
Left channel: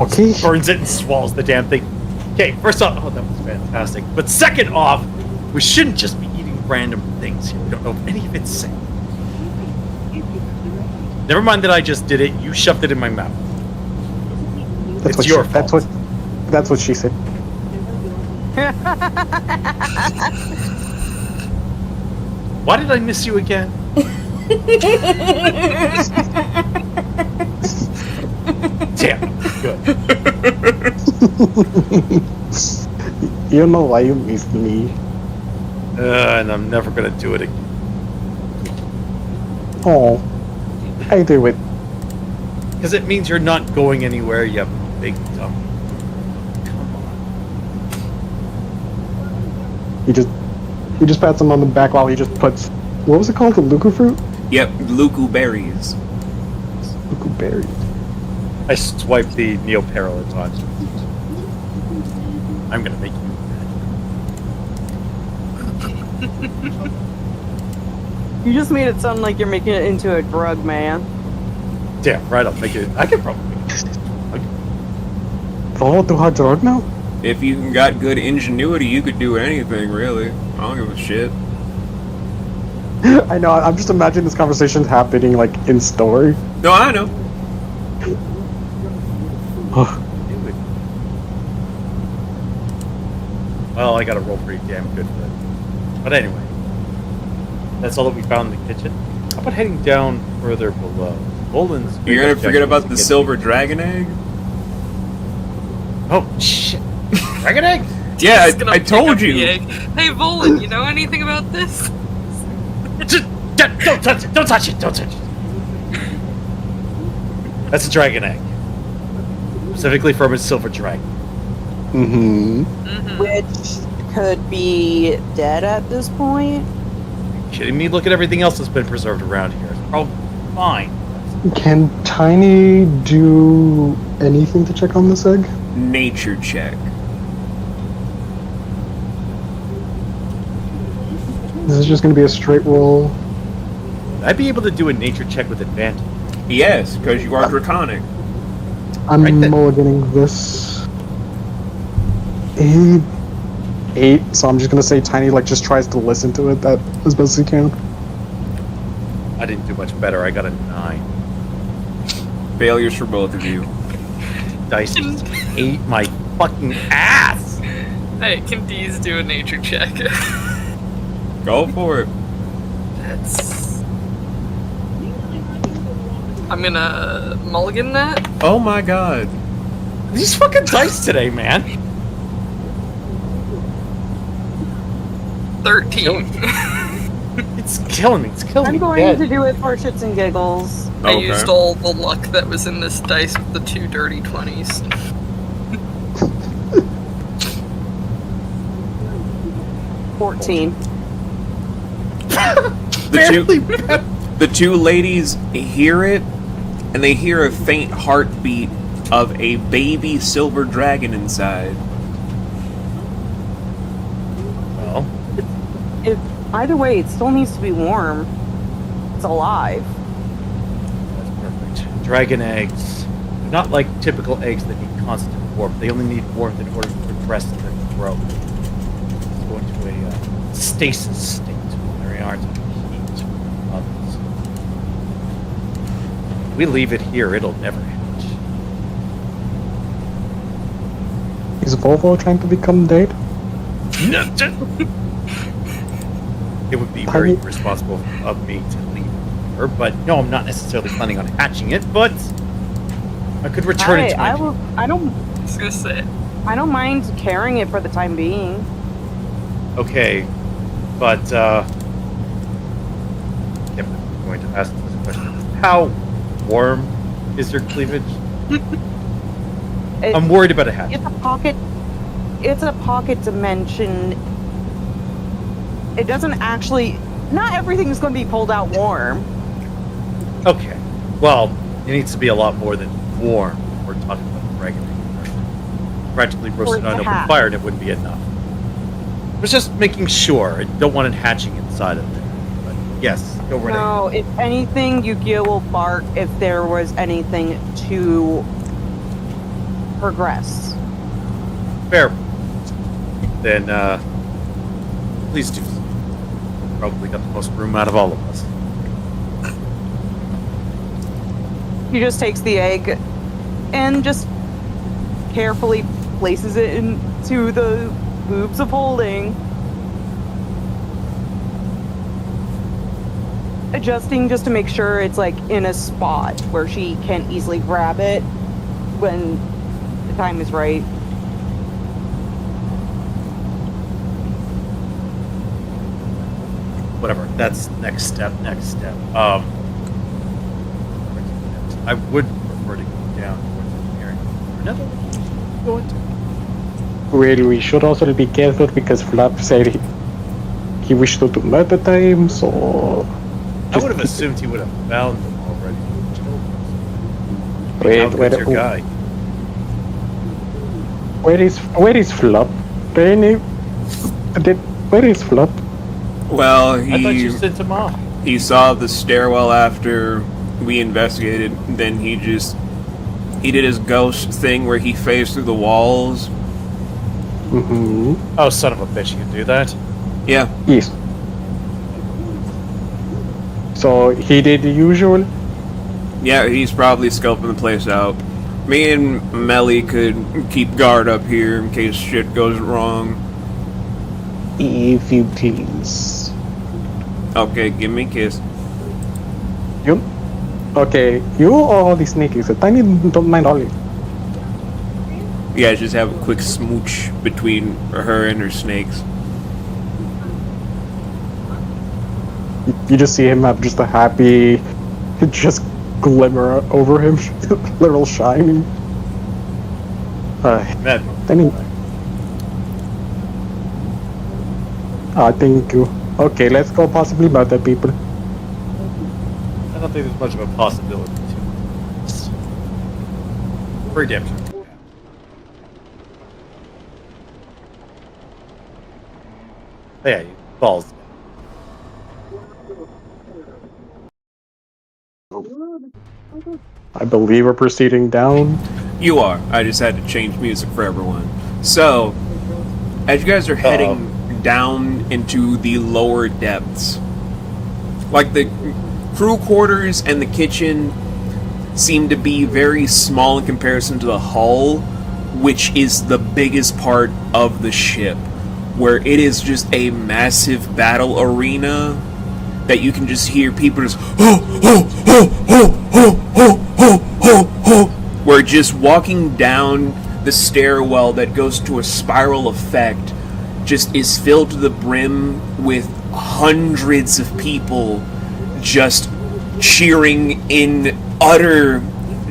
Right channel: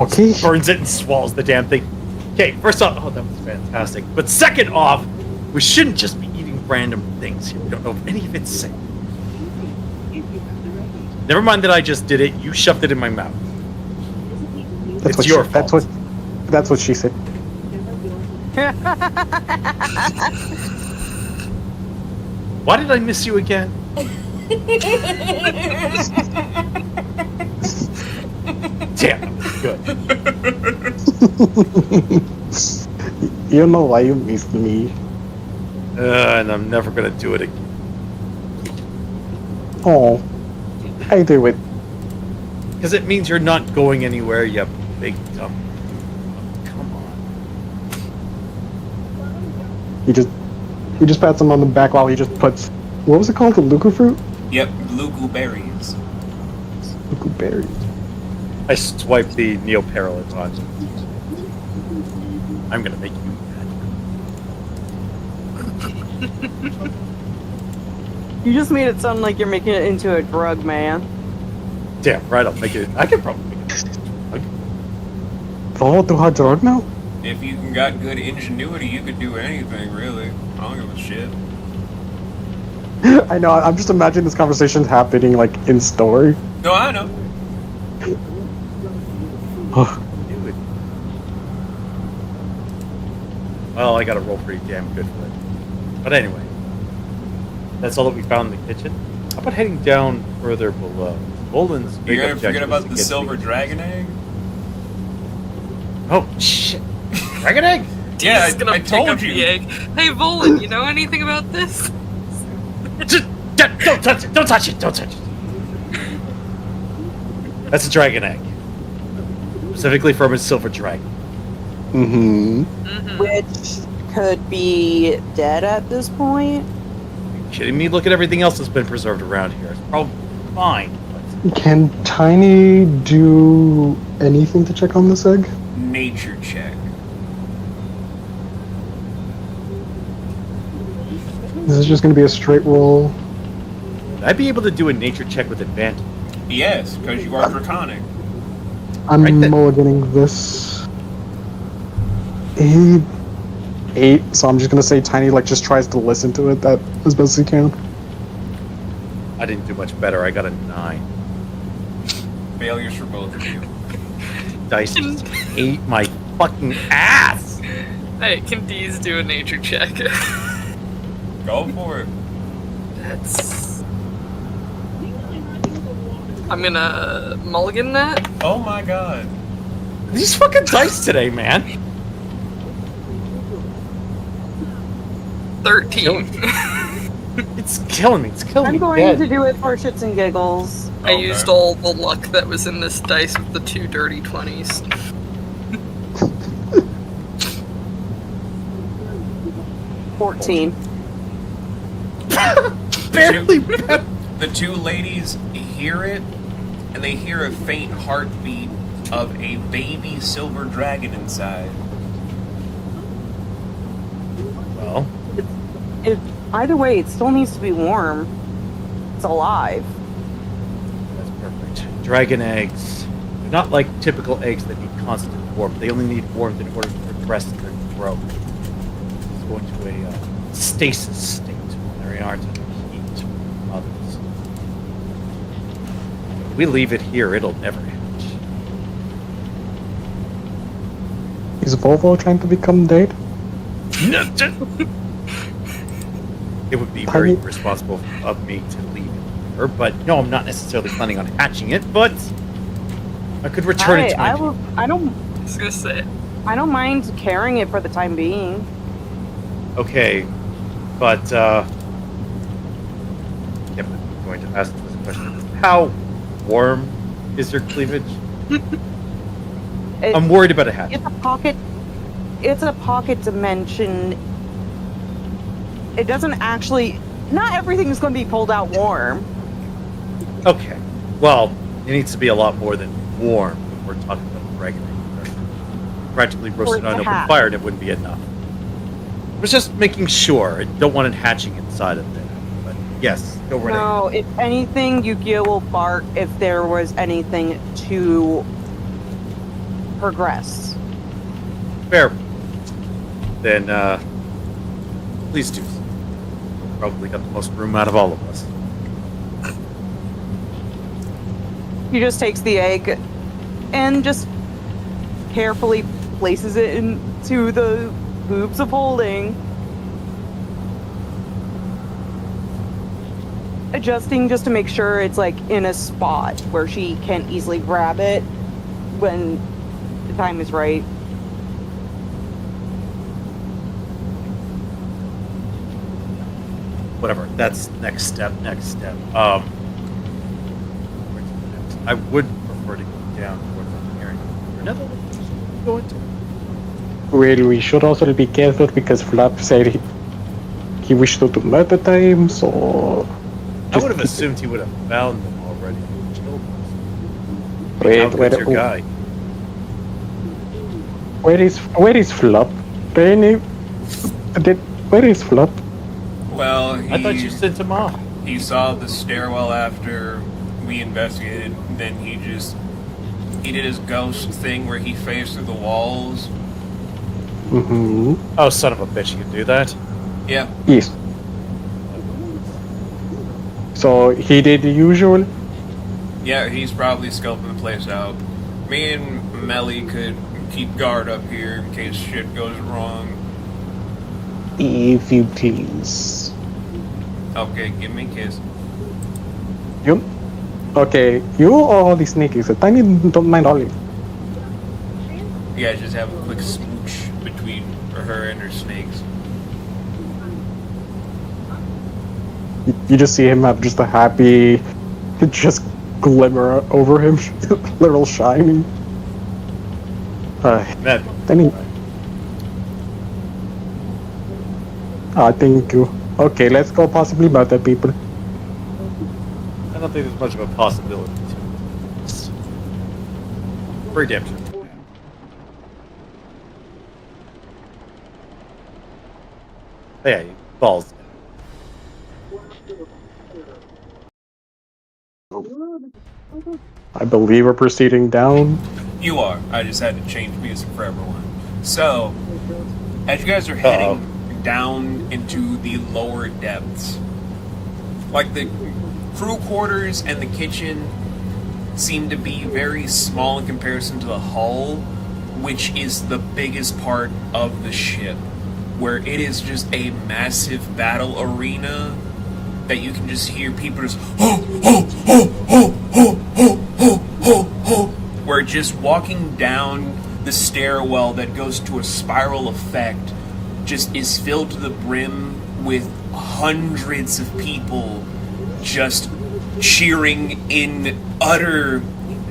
Okay. Burns it and swallows the damn thing. Okay, first off, oh, that was fantastic. But second off, We shouldn't just be eating random things here. We don't know if any of it's safe. Never mind that I just did it. You shoved it in my mouth. It's your fault. That's what she said. Why did I miss you again? Damn, good. You know why you missed me. And I'm never gonna do it again. Oh, I do it. Because it means you're not going anywhere, you big dumb. Come on. You just pats him on the back while he just puts, what was it called, the Luku fruit? Yep, Luku berries. Luku berries. I swipe the Neoparallel on. I'm gonna make you mad. You just made it sound like you're making it into a drug, man. Damn right, I'll make it. I can probably make it. Follow through hard drug now? If you got good ingenuity, you could do anything, really. I don't give a shit. I know, I'm just imagining this conversation happening, like, in story. No, I know. Do it. Well, I gotta roll pretty damn good for it. But anyway, that's all that we found in the kitchen. How about heading down further below? Bolden's big You're gonna objective forget is about to the get silver dragon egg? Oh shit! Dragon egg? Yeah, He's gonna I pick told up you. the egg. Hey, Volan, you know anything about this? Don't touch it! Don't touch it! Don't touch it! That's a dragon egg. Specifically from a silver dragon. Mm-hmm. Which could be dead at this point. Are you kidding me? Look at everything else that's been preserved around here. It's probably fine. Can Tiny do anything to check on this egg? Nature check. Is this just going to be a straight roll? Would I be able to do a nature check with advantage? Yes, because you are draconic. I'm Right then. mulliganing this. 8, so I'm just gonna say Tiny just tries to listen to it that as best as he can. I didn't do much better. I got a 9. Failures for both of you. Dice just ate my fucking ass. Hey, can Deez do a nature check? Go for it. That's... I'm gonna mulligan that. Oh my god. These fucking dice today, man. 13. It's killing me. It's killing I'm me. going dead. to do it for shits and giggles. I Okay. used all the luck that was in this dice with the 2 dirty 20s. 14. Barely. The two ladies hear it, and they hear a faint heartbeat of a baby silver dragon inside. Well, Either way, it still needs to be warm. It's alive. that's perfect. Dragon eggs. They're not like typical eggs that need constant warmth. They only need warmth in order to progress in their growth. It's going to a stasis state when they aren't under heat from others. If we leave it here, it'll never hatch. Is Volvo trying to become dead? It would be very irresponsible of me to leave her, but no, I'm not necessarily planning on hatching it, but I could return it to my... I don't I was gonna say. I don't mind carrying it for the time being. Okay, but yep, I'm going to ask this question. How warm is your cleavage? I'm worried about a hatch. It's a pocket. It's a pocket dimension. It doesn't actually. Not everything is going to be pulled out warm. Okay, well, it needs to be a lot more than warm when we're talking about dragon egg. Practically roasted Or on to open hatch. fire, and it wouldn't be enough. I was just making sure. I don't want it hatching inside of there. But yes, go right ahead. No, if anything, Yu-Gi-Oh will bark if there was anything to progress. Fair. Then, Please do. Probably got the most room out of all of us. He just takes the egg and just carefully places it into the boobs of holding. Adjusting just to make sure it's like in a spot where she can easily grab it when the time is right. Whatever. That's next step. I would prefer to go down towards engineering. Another location to go into. Well, we should also be careful because Flap said he wished to do murder time, so... I would have assumed he would have found them already. Wait, How good's your guy? Where is Flop? Where is Flop? Well, I thought you sent him off. he saw the stairwell after we investigated. Then he did his ghost thing where he phased through the walls. Mm-hmm. Oh, son of a bitch, you can do that? Yeah. Yes. So he did the usual? Yeah, he's probably scoping the place out. Me and Melly could keep guard up here in case shit goes wrong. If you please. Okay, give me a kiss. You? Okay, you or the sneakies? Tiny don't mind Ollie. You guys just have a quick smooch between her and her snakes. You just see him have just a happy, just glimmer over him, little shiny. Man. Tiny. Thank you. Okay, let's go possibly murder people. I don't think there's much of a possibility to it. Pretty damn sure. Yeah, balls. I believe we're proceeding down. You are. I just had to change music for everyone. So, as you guys are heading down into the lower depths, like the crew quarters and the kitchen seem to be very small in comparison to the hull, which is the biggest part of the ship, where it is just a massive battle arena that you can just hear people just where just walking down the stairwell that goes to a spiral effect just is filled to the brim with hundreds of people just cheering in utter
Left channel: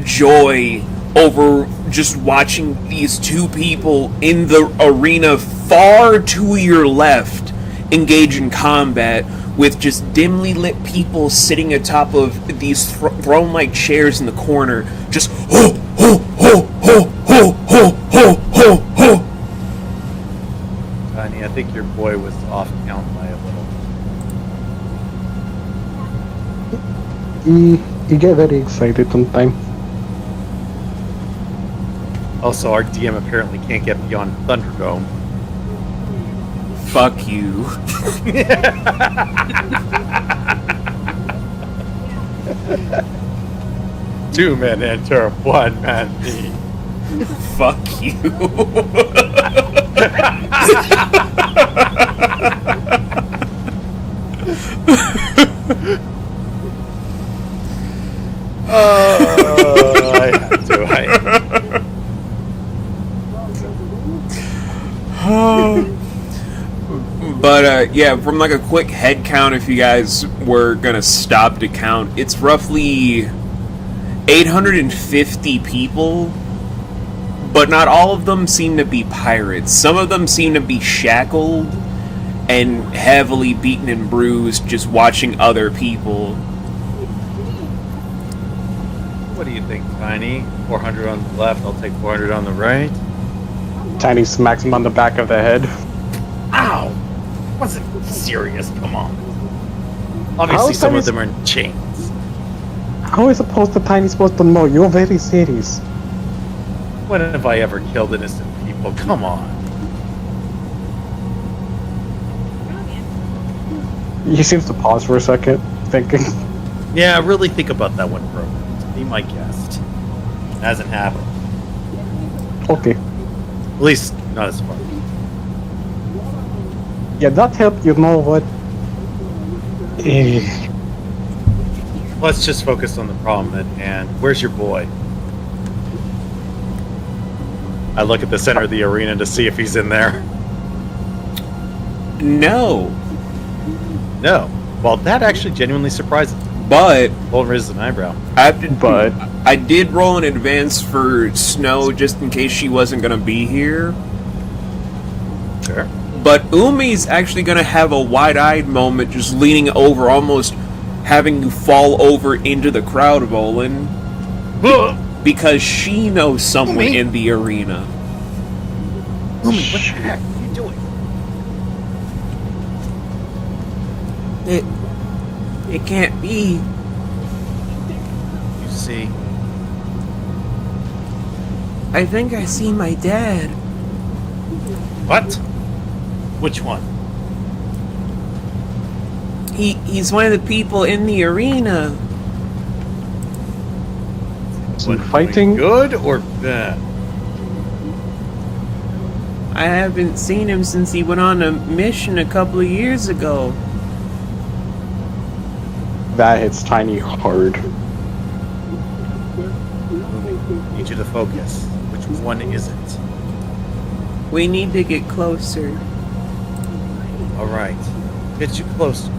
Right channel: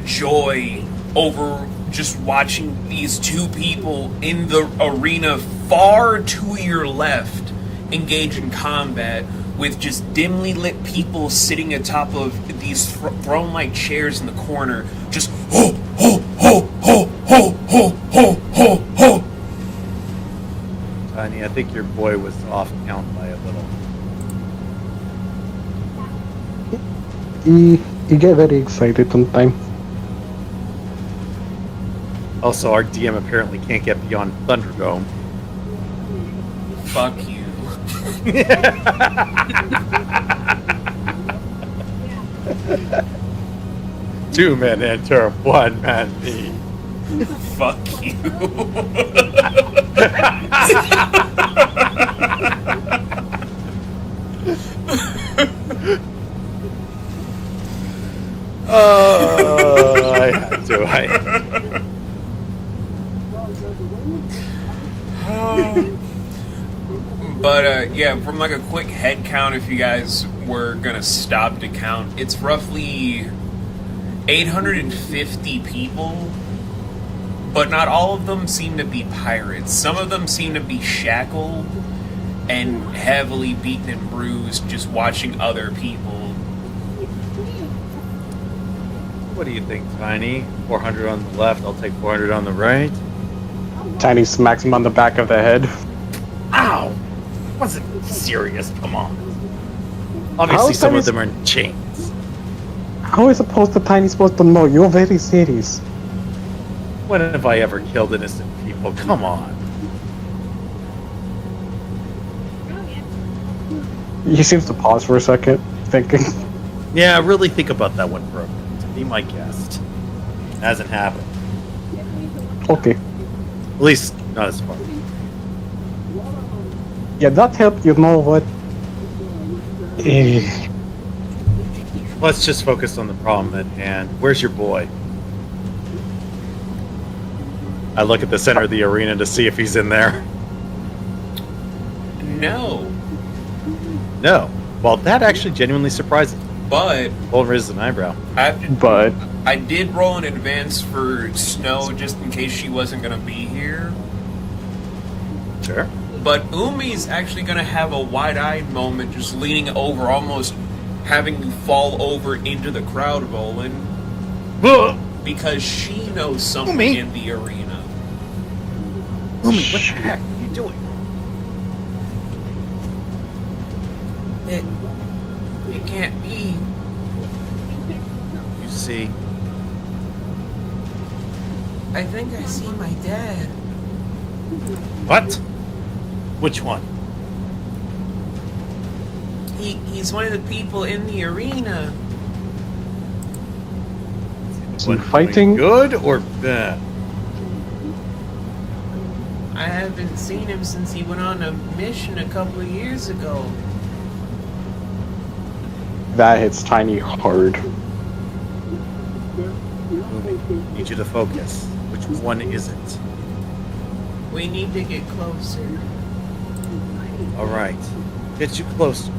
joy over just watching these two people in the arena far to your left engage in combat with just dimly lit people sitting atop of these throne-like chairs in the corner, just ho, ho, ho, ho, ho, ho, ho, ho, ho. Tiny, I think your boy was off count by a little. You get very excited sometimes. Also, our DM apparently can't get beyond Thunderdome. Fuck you. Two men enter, one man leave. Fuck you. I had to. But yeah, from like a quick head count, if you guys were gonna stop to count, it's roughly 850 people, but not all of them seem to be pirates. Some of them seem to be shackled and heavily beaten and bruised just watching other people. What do you think, Tiny? 400 on the left, I'll take 400 on the right. Tiny smacks him on the back of the head. Ow! Wasn't serious, come on. Obviously some of them are in chains. How is Tiny supposed to know? You're very serious. When have I ever killed innocent people? Come on. He seems to pause for a second, thinking. Yeah, really think about that one for a minute. Be my guest. Hasn't happened. Okay. At least, not as far. Yeah, that helped. You know what? Eh, Let's just focus on the problem at hand. Where's your boy? I look at the center of the arena to see if he's in there. No, No. Well, that actually genuinely surprises me. but Bolton raises an eyebrow. but I did roll in advance for Snow just in case she wasn't gonna be here. Sure. But Umi's actually gonna have a wide-eyed moment, just leaning over, almost having you fall over into the crowd, Bolin, because she knows someone Umi? in the arena. Umi, what the heck are you doing? It can't be. You see, I think I see my dad. what? Which one? He's one of the people in the arena. is he One fighting? good or bad? I haven't seen him since he went on a mission a couple of years ago. That hits Tiny hard. Need you to focus. Which one is it? We need to get closer. All right, get you closer,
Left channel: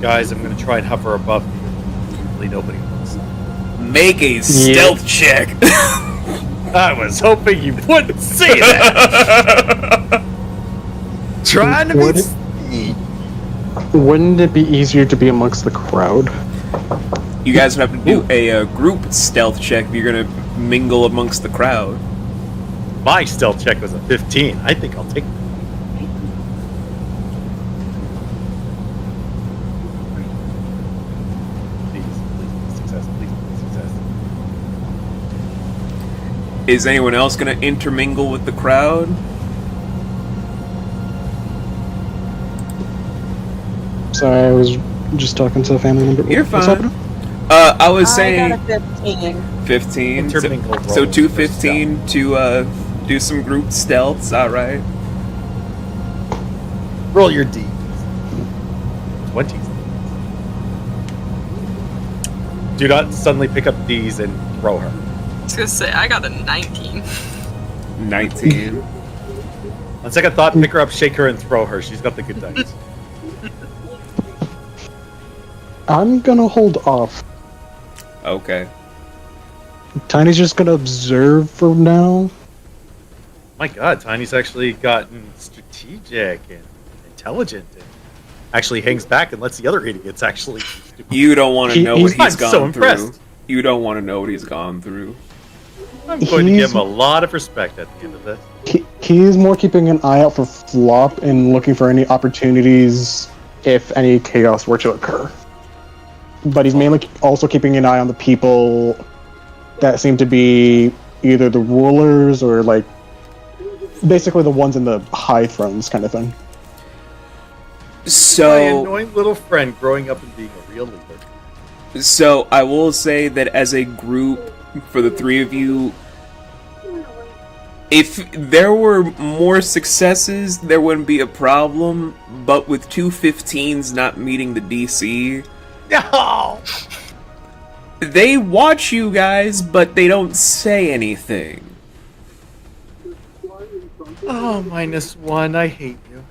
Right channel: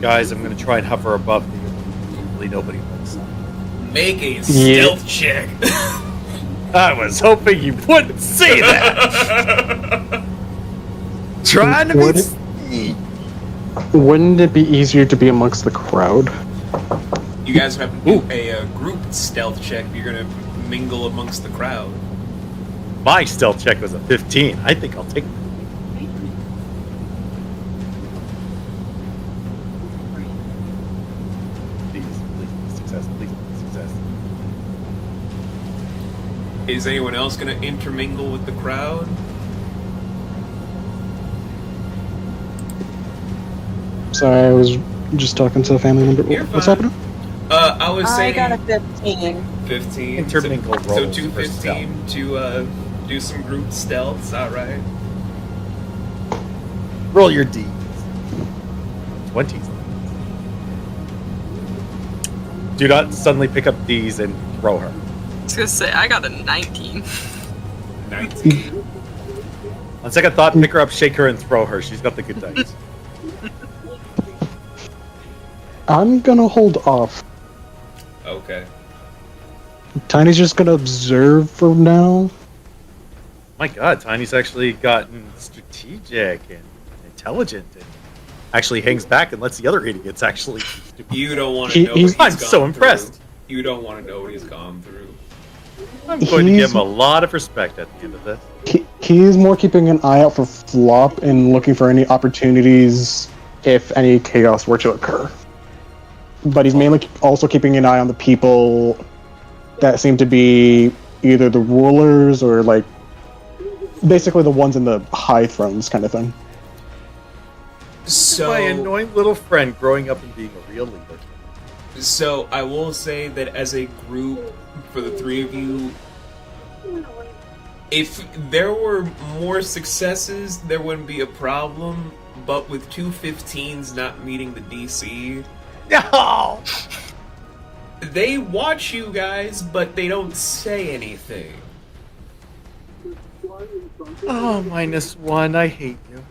guys. I'm gonna try and hover above you. Hopefully nobody looks. Make a stealth check. I was hoping you wouldn't say that. Trying to Would be. it- Wouldn't it be easier to be amongst the crowd? You guys would have to do a group stealth check if you're gonna mingle amongst the crowd. My stealth check was a 15. I think I'll take. Please, success. Please, success. Is anyone else gonna intermingle with the crowd? Sorry, I was just talking to a family member. You're What's fine. happening? I was I saying got a 15. 15. Intermingle So rolls 215 to do some group stealths. All right. Roll your D. 20s. Do not suddenly pick up these and throw her. I was gonna say, I got a 19. 19. On second thought, pick her up, shake her, and throw her. She's got the good dice. I'm gonna hold off. Okay. Tiny's just gonna observe for now. My God, Tiny's actually gotten strategic and intelligent, and actually hangs back and lets the other idiots actually. do stupid. You don't want to know He's- what he's I'm gone so through. impressed. You don't want to know what he's gone through. I'm going to He's- give him a lot of respect at the end of this. He's more keeping an eye out for flop and looking for any opportunities if any chaos were to occur. But he's mainly also keeping an eye on the people that seem to be either the rulers or like basically the ones in the high thrones kind of thing. My So, annoying little friend growing up and being a real leader. so I will say that as a group, for the three of you, if there were more successes, there wouldn't be a problem. But with 215s not meeting the DC, No! they watch you guys, but they don't say anything. Oh, -1. I hate you.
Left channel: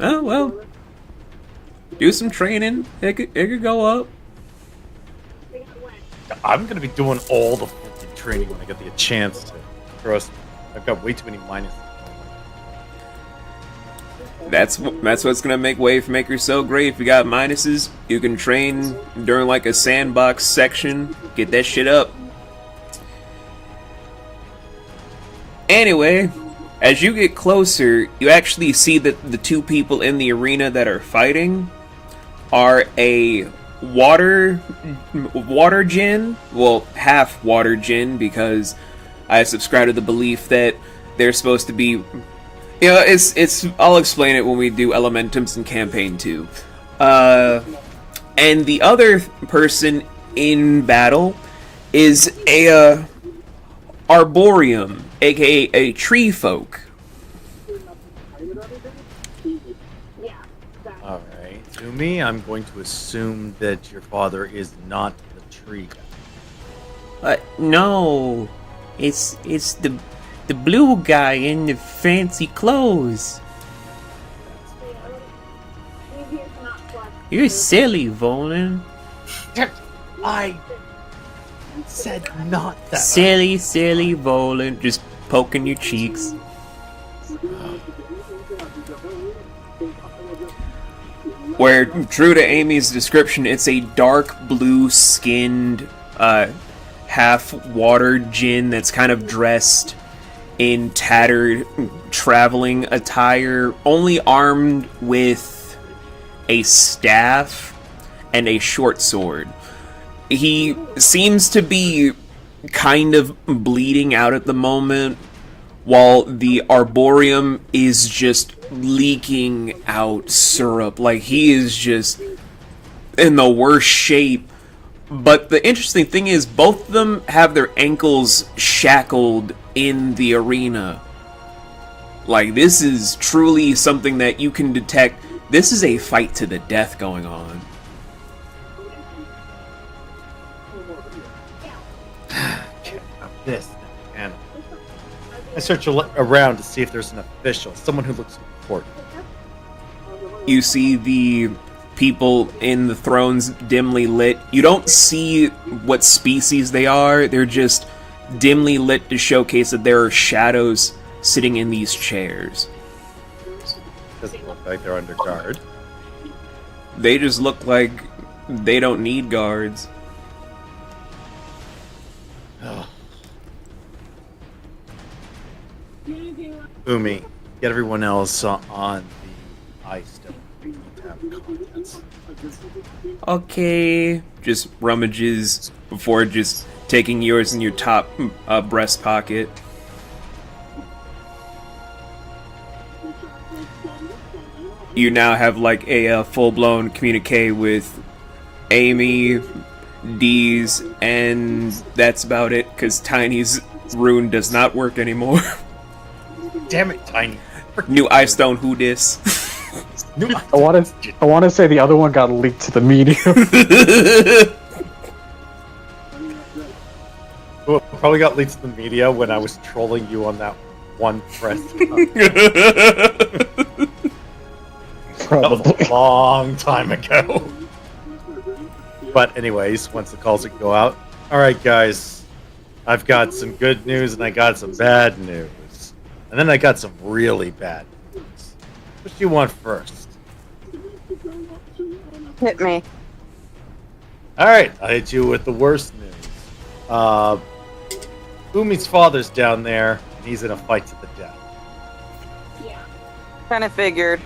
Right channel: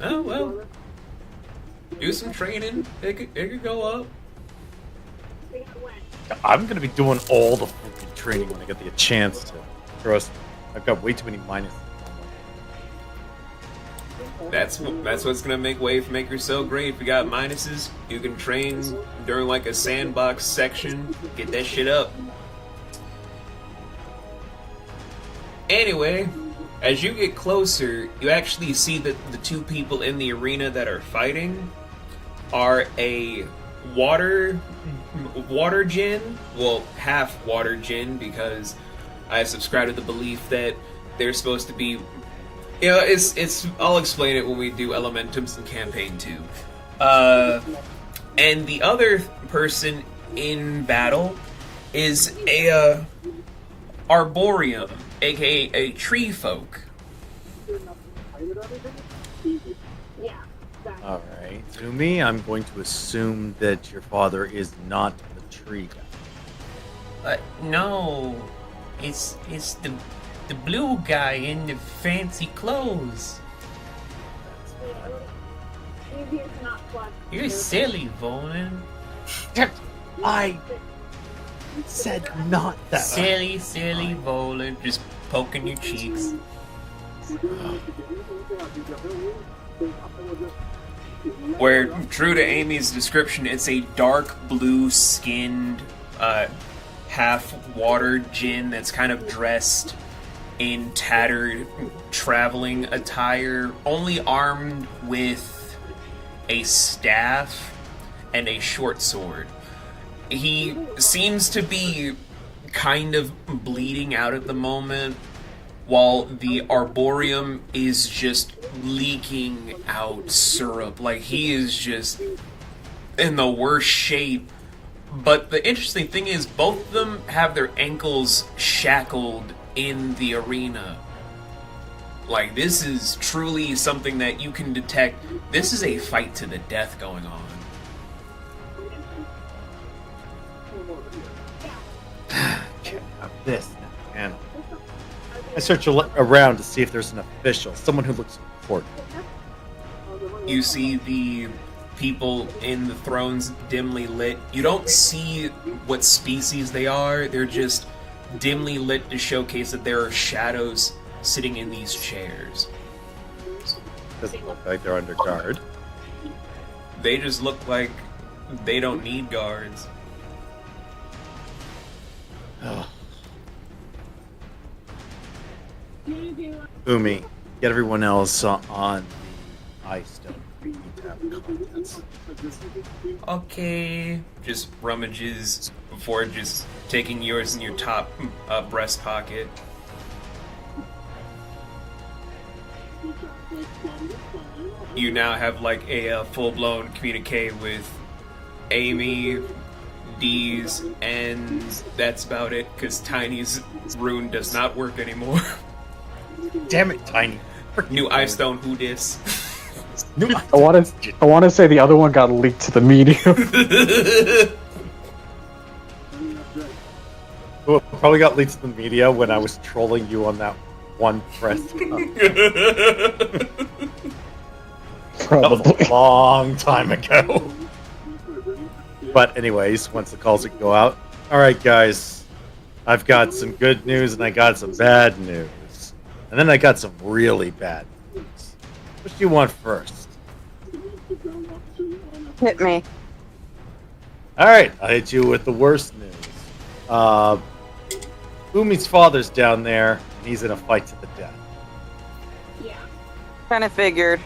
Oh well. Do some training. It could go up. I'm going to be doing all the fucking training when I get the chance to. Trust me. I've got way too many minuses. That's what's gonna make Wavemaker so great. If you got minuses, you can train during like a sandbox section. Get that shit up. Anyway, as you get closer, you actually see that the two people in the arena that are fighting are a water djinn, well, half water djinn, because I subscribe to the belief that they're supposed to be Yeah, it's. I'll explain it when we do Elementums in Campaign 2. And the other person in battle is a Arboreum, aka a tree folk. Alright. To me, I'm going to assume that your father is not the tree guy. No, it's the blue guy in the fancy clothes. You're silly, Volan. I said not that. Silly, Volan. Just poking your cheeks. Where, true to Amy's description, it's a dark blue-skinned, half-watered djinn that's kind of dressed in tattered traveling attire, only armed with a staff and a short sword. He seems to be kind of bleeding out at the moment, while the Arboreum is just leaking out syrup. Like, he is just in the worst shape. But the interesting thing is, both of them have their ankles shackled in the arena. Like, this is truly something that you can detect. This is a fight to the death going on. Can't have this now, can I? I search around to see if there's an official, someone who looks important. You see the people in the thrones dimly lit. You don't see what species they are. They're just dimly lit to showcase that there are shadows sitting in these chairs. Doesn't look like they're under guard. They just look like they don't need guards. Ugh. Umi, get everyone else on the ice stone. We need to have contents. Okay. Just rummages before just taking yours in your top breast pocket. You now have like a full-blown communique with Amy, Dee's, and that's about it, because Tiny's rune does not work anymore. Damn it, Tiny. New ice stone, who dis? I want to say the other one got leaked to the media. Well, probably got leaked to the media when I was trolling you on that one press. That was a long time ago. But anyways, once the calls go out, alright guys, I've got some good news and I got some bad news. And then I got some really bad news. What do you want first? Hit me. Alright, I'll hit you with the worst news. Umi's father's down there, and he's in a fight to the death. Yeah. Kind of figured.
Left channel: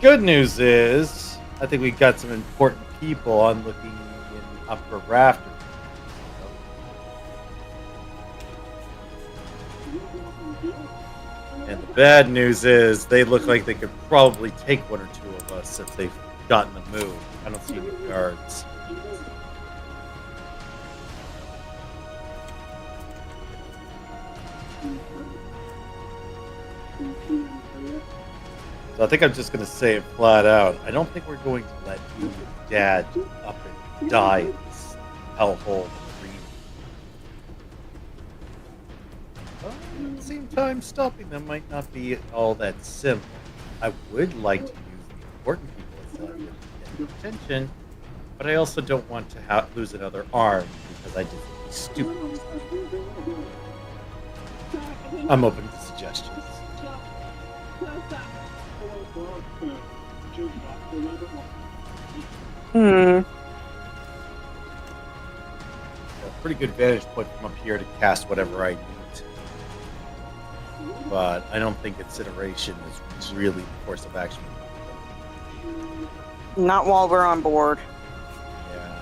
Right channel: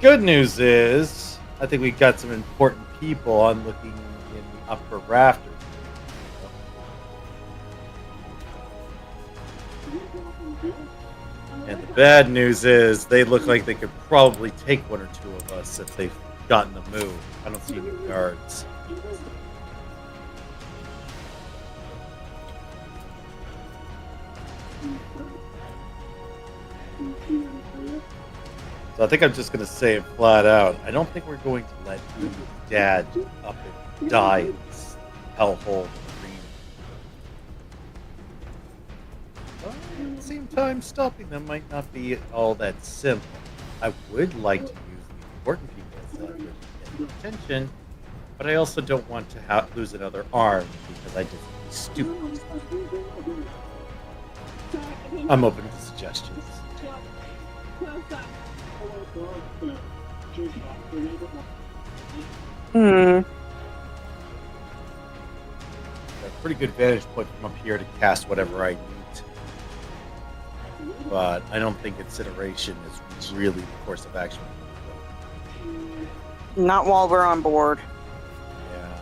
Good news is, I think we got some important people on looking in the upper rafters. And the bad news is, they look like they could probably take one or two of us if they've gotten the move. I don't see any guards. So I think I'm just going to say it flat out. I don't think we're going to let Umi's dad up and die in this hellhole arena. But at the same time, stopping them might not be all that simple. I would like to use the important people as leverage to get attention, but I also don't want to lose another arm because I did something stupid. I'm open to suggestions. Hmm. Got a pretty good vantage point from up here to cast whatever I need. But I don't think incineration is really the course of action. Not while we're on board. Yeah.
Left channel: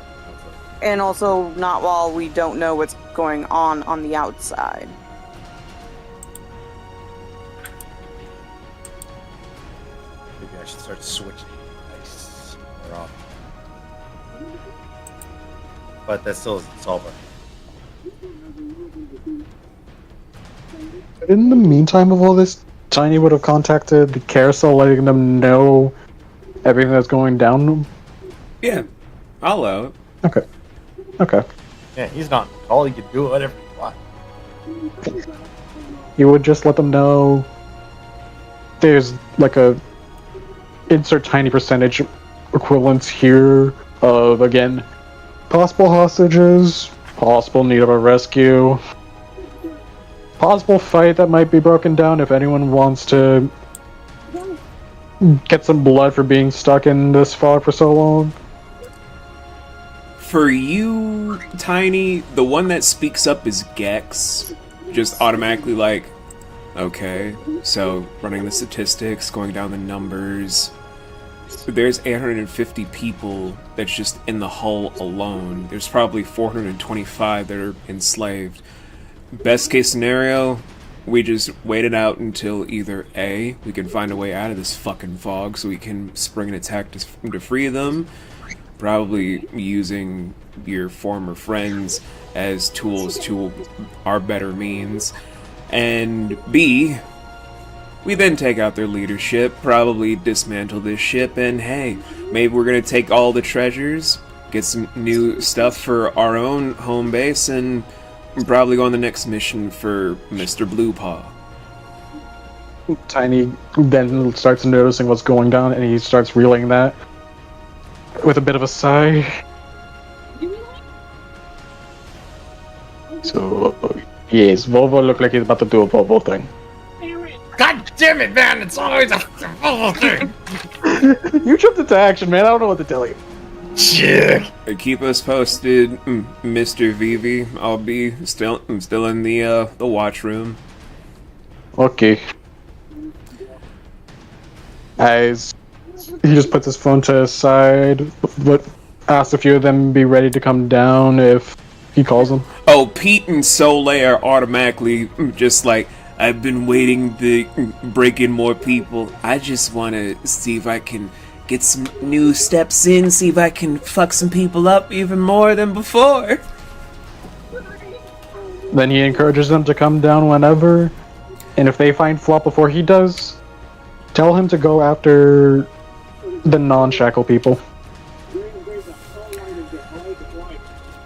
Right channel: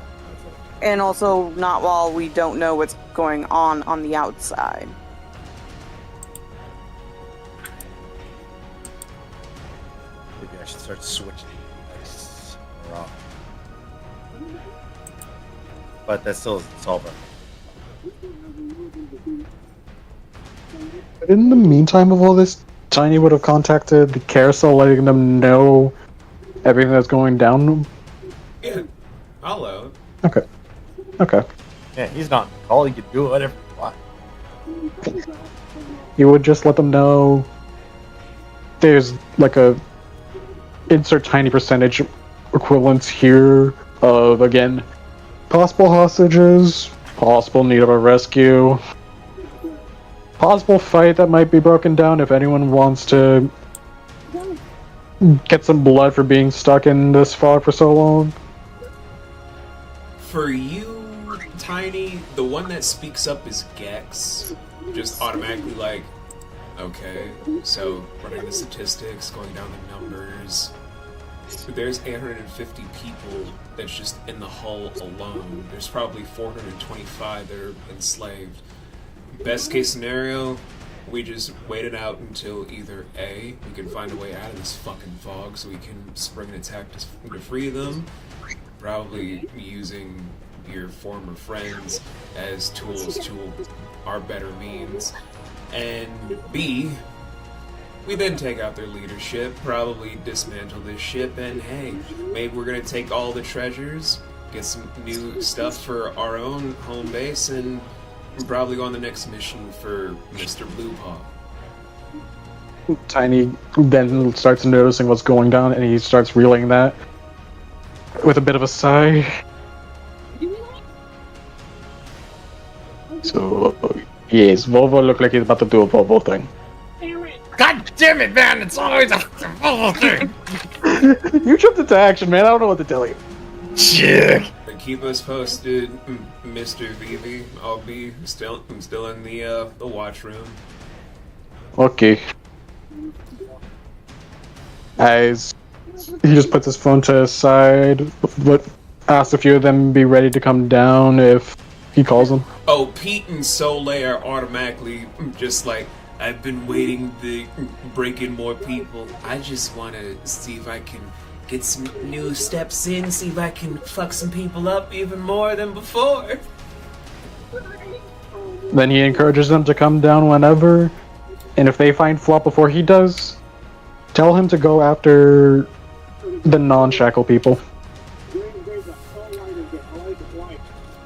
And also not while we don't know what's going on the outside. I should start switching dice more often. But that still doesn't solve it. In the meantime of all this, Tiny would have contacted the carousel, letting them know everything that's going down. Yeah, I'll allow it. Okay. Yeah, he's not in the call. He can do whatever he wants. You would just let them know there's like a insert tiny percentage equivalence here of, again, possible hostages, possible need of a rescue, possible fight that might be broken down if anyone wants to get some blood for being stuck in this fog for so long. For you, Tiny, the one that speaks up is Gex. Just automatically like, okay, so running the statistics, going down the numbers. There's 850 people that's just in the hull alone. There's probably 425 that are enslaved. Best case scenario, we just wait it out until either A, we can find a way out of this fucking fog so we can spring an attack to free them, probably using your former friends as tools to our better means, and B, we then take out their leadership, probably dismantle this ship, and hey, maybe we're gonna take all the treasures, get some new stuff for our own home base, and probably go on the next mission for Mr. Blue Paw. Tiny then starts noticing what's going down, and he starts reeling that with a bit of a sigh. So, yes, Volvo looked like he's about to do a Volvo thing. God damn it, man! It's always a Volvo thing! You jumped into action, man. I don't know what to tell you. Shit! Keep us posted, Mr. Vivi. I'll be still in the watch room. Okay. As he just puts his phone to his side, but asks a few of them be ready to come down if he calls them. Oh, Pete and Soleil are automatically just like, I've been waiting to break in more people. I just want to see if I can get some new steps in, see if I can fuck some people up even more than before. Then he encourages them to come down whenever, and if they find Flop before he does, tell him to go after the non-shackle people.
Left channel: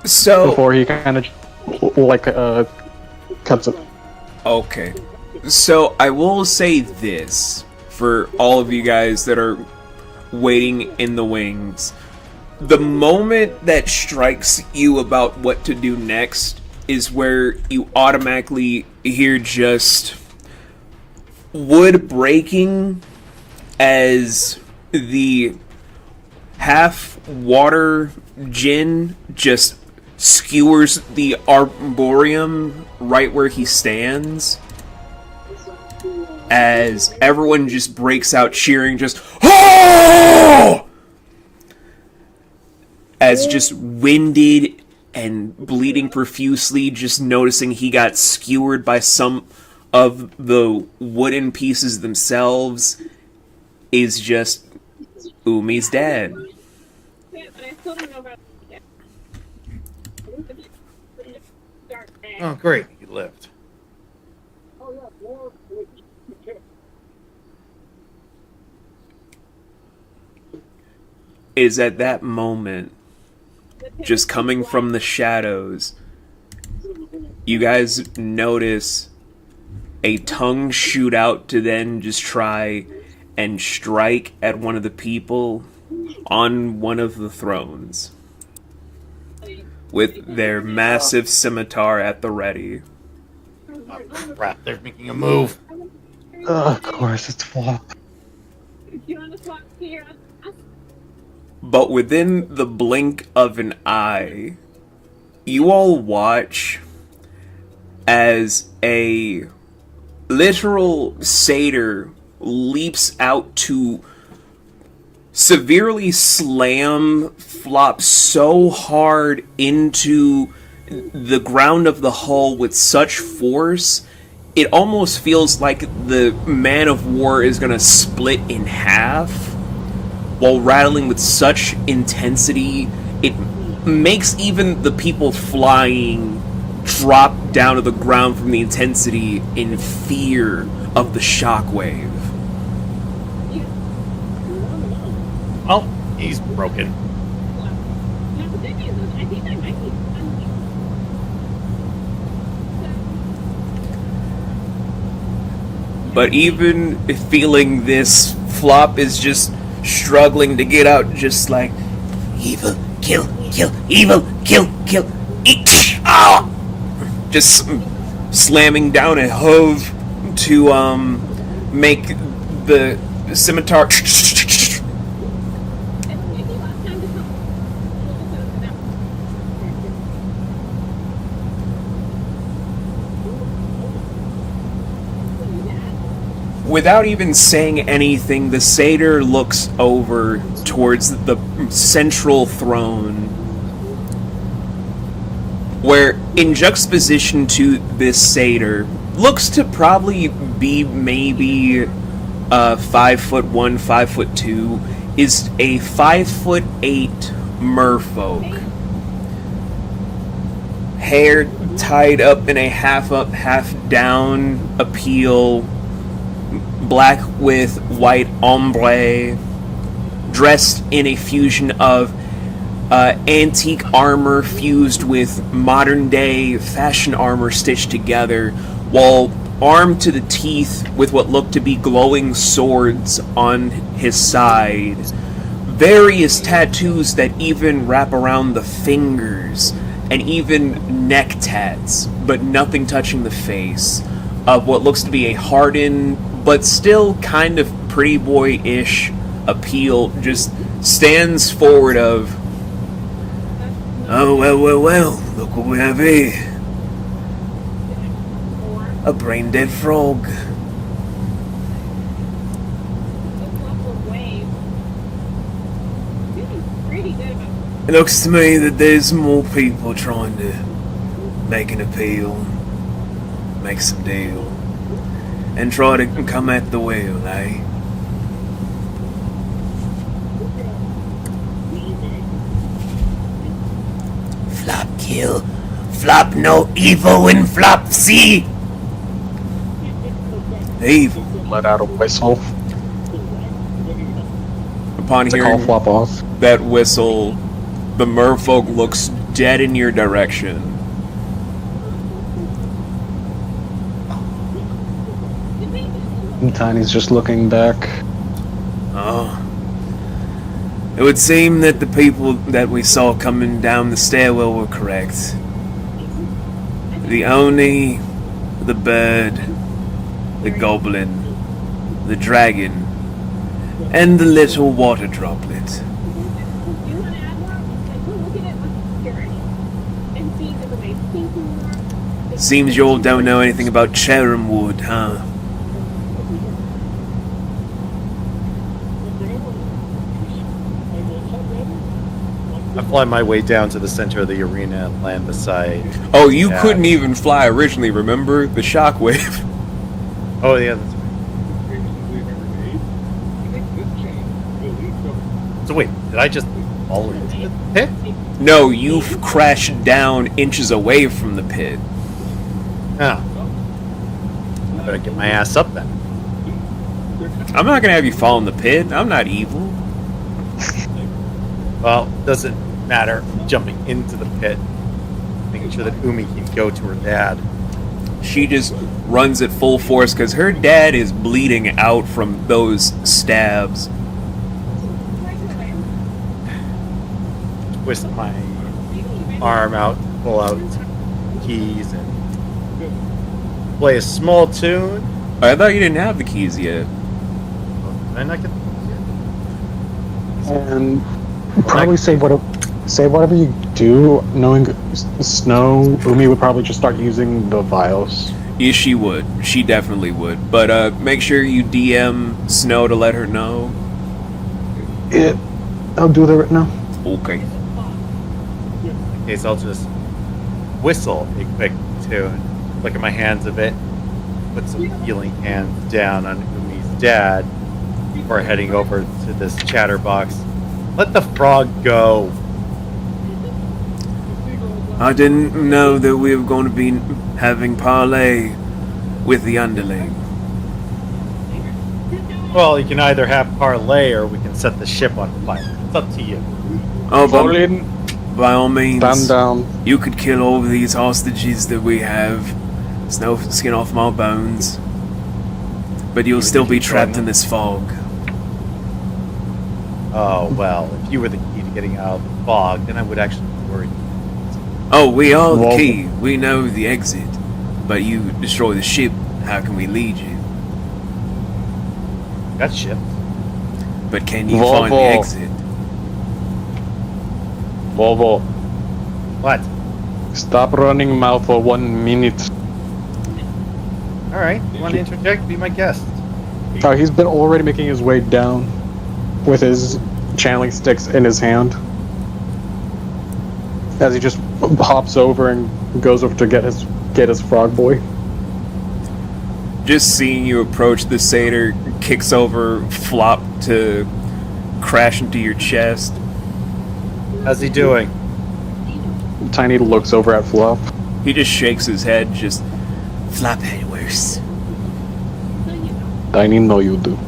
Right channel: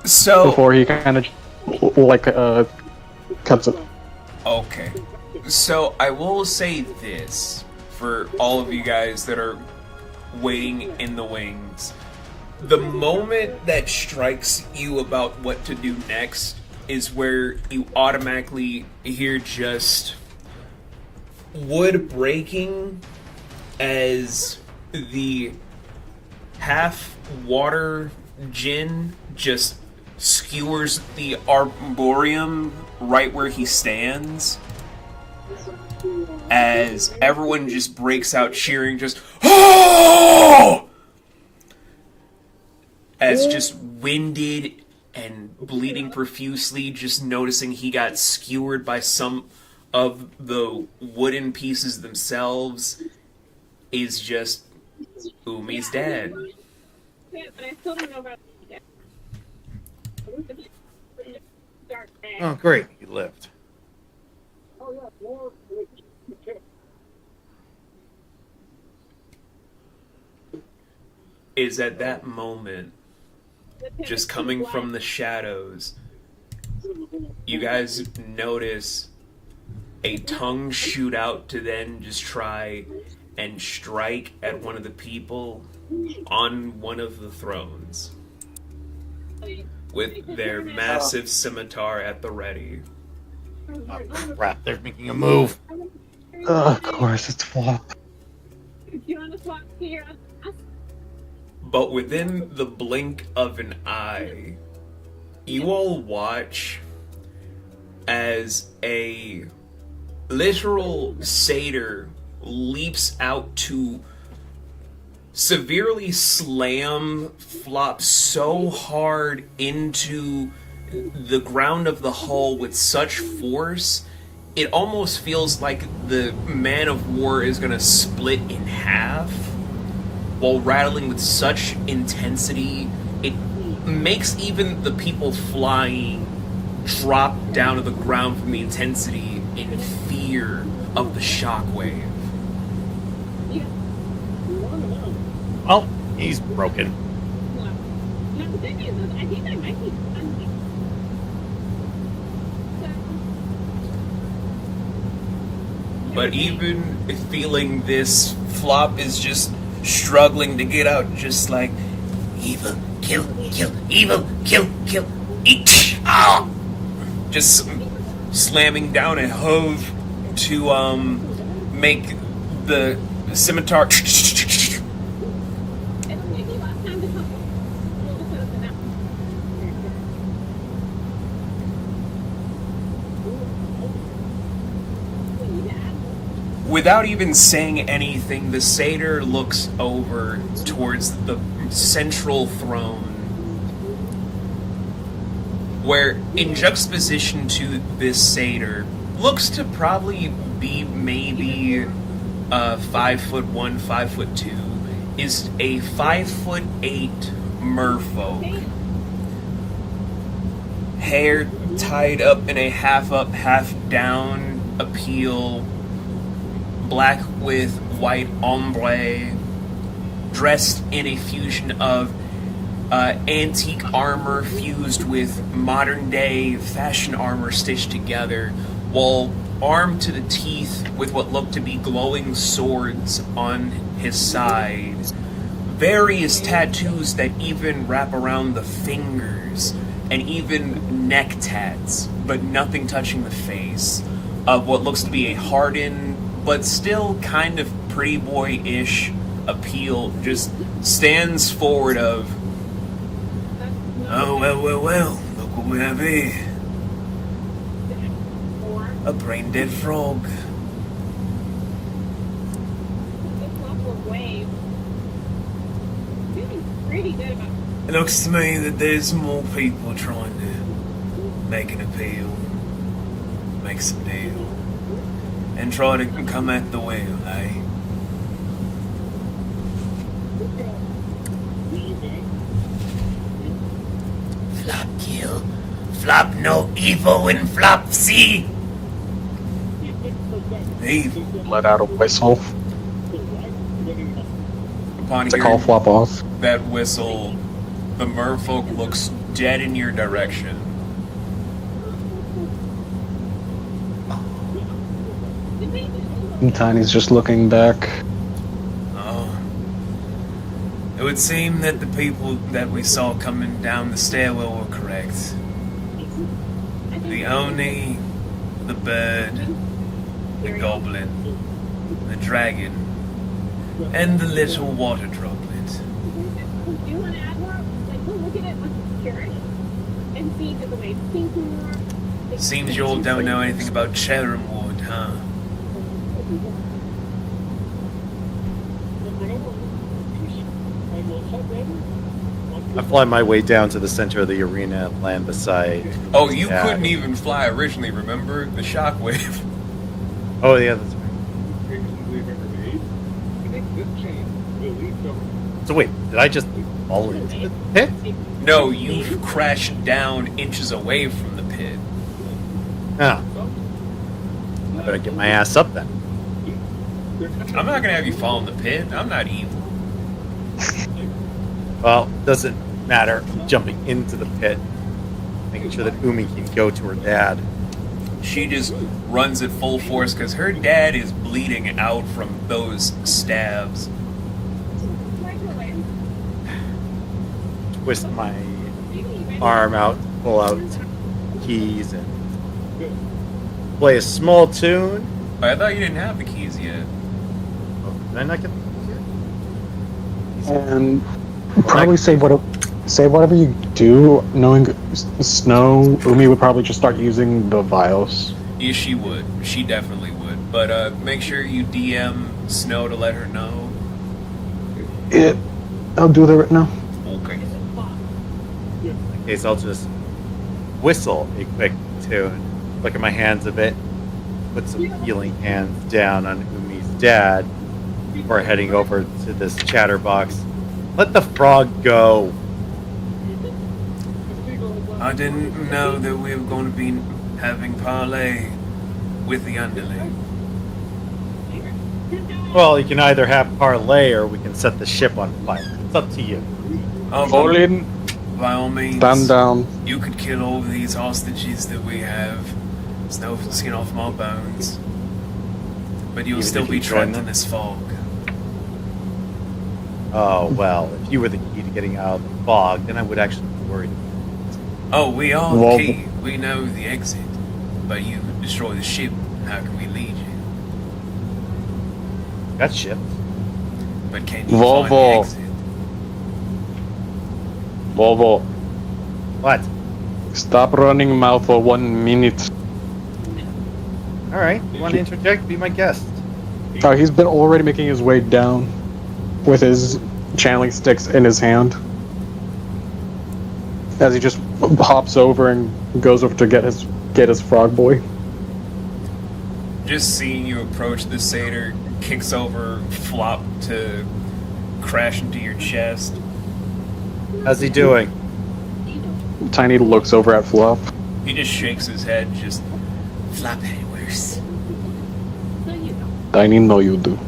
So Before he kind of cuts it. okay, so I will say this for all of you guys that are waiting in the wings. The moment that strikes you about what to do next is where you automatically hear just wood breaking as the half water djinn just skewers the arboreum right where he stands, as everyone just breaks out cheering, just oh! As just winded and bleeding profusely, just noticing he got skewered by some of the wooden pieces themselves, is just Umi's dead. Yeah, but I still don't know about Oh, great. He lived. Is at that moment, just coming from the shadows, you guys notice a tongue shoot out to then just try and strike at one of the people on one of the thrones with their massive scimitar at the ready. Oh, crap. They're making a move. Of course, it's Flop. you want to swap here? But within the blink of an eye, you all watch as a literal satyr leaps out to severely slam Flop so hard into the ground of the hull with such force, it almost feels like the man of war is gonna split in half while rattling with such intensity. It makes even the people flying drop down to the ground from the intensity in fear of the shockwave. Well, he's broken. Now, the good news is, I think I might be unleashed. But even feeling this, Flop is just struggling to get out, just like, evil, kill, evil, kill, eat, ah! Just slamming down a hove to make the scimitar. It'll make me last time to come. We'll just set up the map. Without even saying anything, the satyr looks over towards the central throne, where, in juxtaposition to this satyr, looks to probably be maybe 5'1", 5'2", is a 5'8" merfolk. Hair tied up in a half up, half down appeal, black with white ombre, dressed in a fusion of antique armor fused with modern day fashion armor stitched together, while armed to the teeth with what looked to be glowing swords on his side. Various tattoos that even wrap around the fingers, and even neck tats, but nothing touching the face, of what looks to be a hardened but still kind of pretty boy-ish appeal, just stands forward of, oh, well, look what we have here. A brain-dead frog. It looks to me that there's more people trying to make an appeal, make some deal, and try to come at the wheel, eh? Flop kill, flop no evil in flop see. Evil. Let out a whistle Upon to call hearing Flop off. that whistle, the merfolk looks dead in your direction. And Tiny's just looking back. Oh. It would seem that the people that we saw coming down the stairwell were correct. The Oni, the bird, the goblin, the dragon, and the little water droplet. Do you want to add more? Like, we'll look at it with security and see if the way thinking more. Seems you all don't know anything about Cherrim Wood, huh? I fly my way down to the center of the arena and land beside. Oh, you Yeah. couldn't even fly originally, remember? The shockwave. Oh yeah, that's right. So wait, did I just fall into the pit? No, you've crashed down inches away from the pit. Ah. I better get my ass up then. I'm not gonna have you fall in the pit. I'm not evil. Well, doesn't matter. I'm jumping into the pit, making sure that Umi can go to her dad. She just runs at full force because her dad is bleeding out from those stabs. Twist my arm out, pull out keys, and play a small tune. I thought you didn't have the keys yet. Oh, did I not get And probably say whatever you do, knowing Snow, Umi would probably just start using the vials. Yes, she would. She definitely would. But make sure you DM Snow to let her know. Yeah, I'll do that right now. Okay. In case, I'll just whistle a quick tune, look at my hands a bit, put some healing hands down on Umi's dad before heading over to this chatterbox. Let the frog go. I didn't know that we were going to be having parley with the underling. Well, you can either have parlay or we can set the ship on fire. It's up to you. Oh, Bolin, by all means, stand down. you could kill all of these hostages that we have. There's no skin off my bones. But you'll Even still if be you join trapped them? in this fog. Oh, well, if you were the key to getting out of the fog, then I would actually be worried. Oh, we are the Well- key. We know the exit. But you destroy the ship, how can we lead you? Got ships. But can you find the Volvo. exit? Volvo, What? stop running mouth for 1 minute. Alright, you want to interject? Be my guest. Oh, he's been already making his way down with his channeling sticks in his hand. As he just hops over and goes over to get his frog boy. Just seeing you approach, the satyr kicks over, flop to crash into your chest. How's he doing? Tiny looks over at Fluff. He just shakes his head, just flop had worse. Tiny, know you do.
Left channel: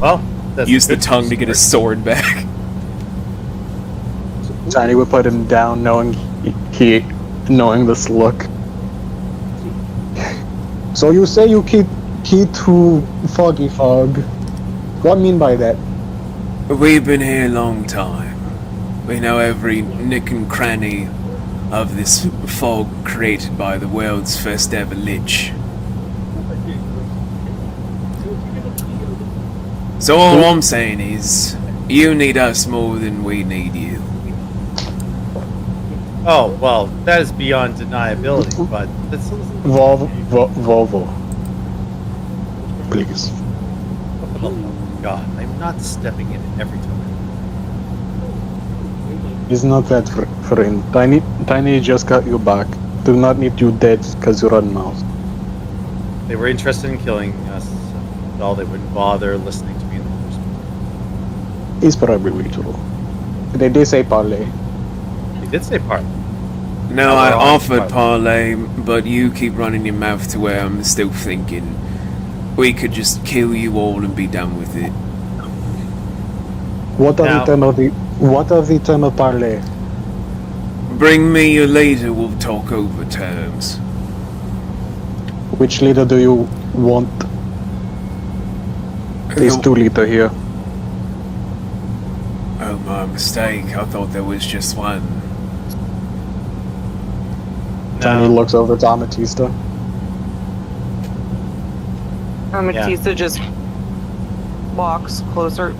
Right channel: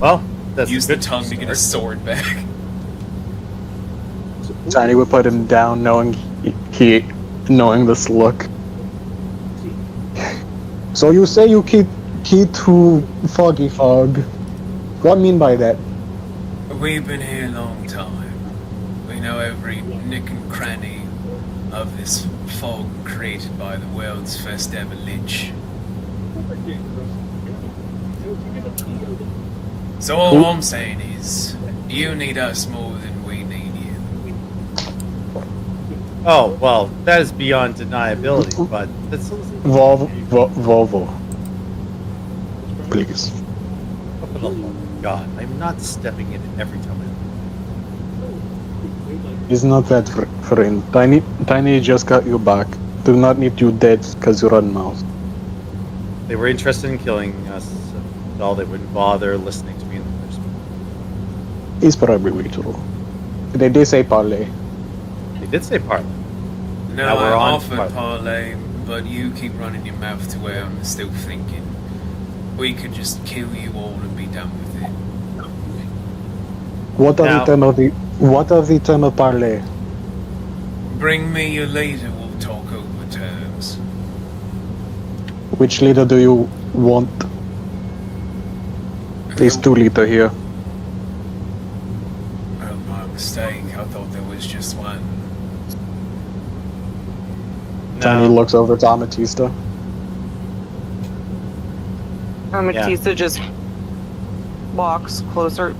Well, that's Use the good tongue to get his start. sword back. Tiny would put him down, knowing knowing this look. So you say you key to Foggy Fog? What I mean by that? We've been here a long time. We know every nick and cranny of this fog created by the world's first ever lich. So all I'm saying is, you need us more than we need you. Oh, well, that is beyond deniability, but that's Volvo. Please. for the love of God. I'm not stepping in every time. He's not that friend. Tiny just got you back. Do not need you dead because you run mouth. They were interested in killing us, so they wouldn't bother listening to me in the first place. He's probably way too low. They did say parlay. They did say part. No, Now I we're on offered parlay, but you keep running your mouth to where I'm still thinking we could just kill you all and be done with it. What are Now- the term of parlay? Bring me your leader, we'll talk over terms. Which leader do you want? There's 2 leader here. Oh, my mistake. I thought there was just one. Tiny looks over to Amethysta. Amethysta just walks closer.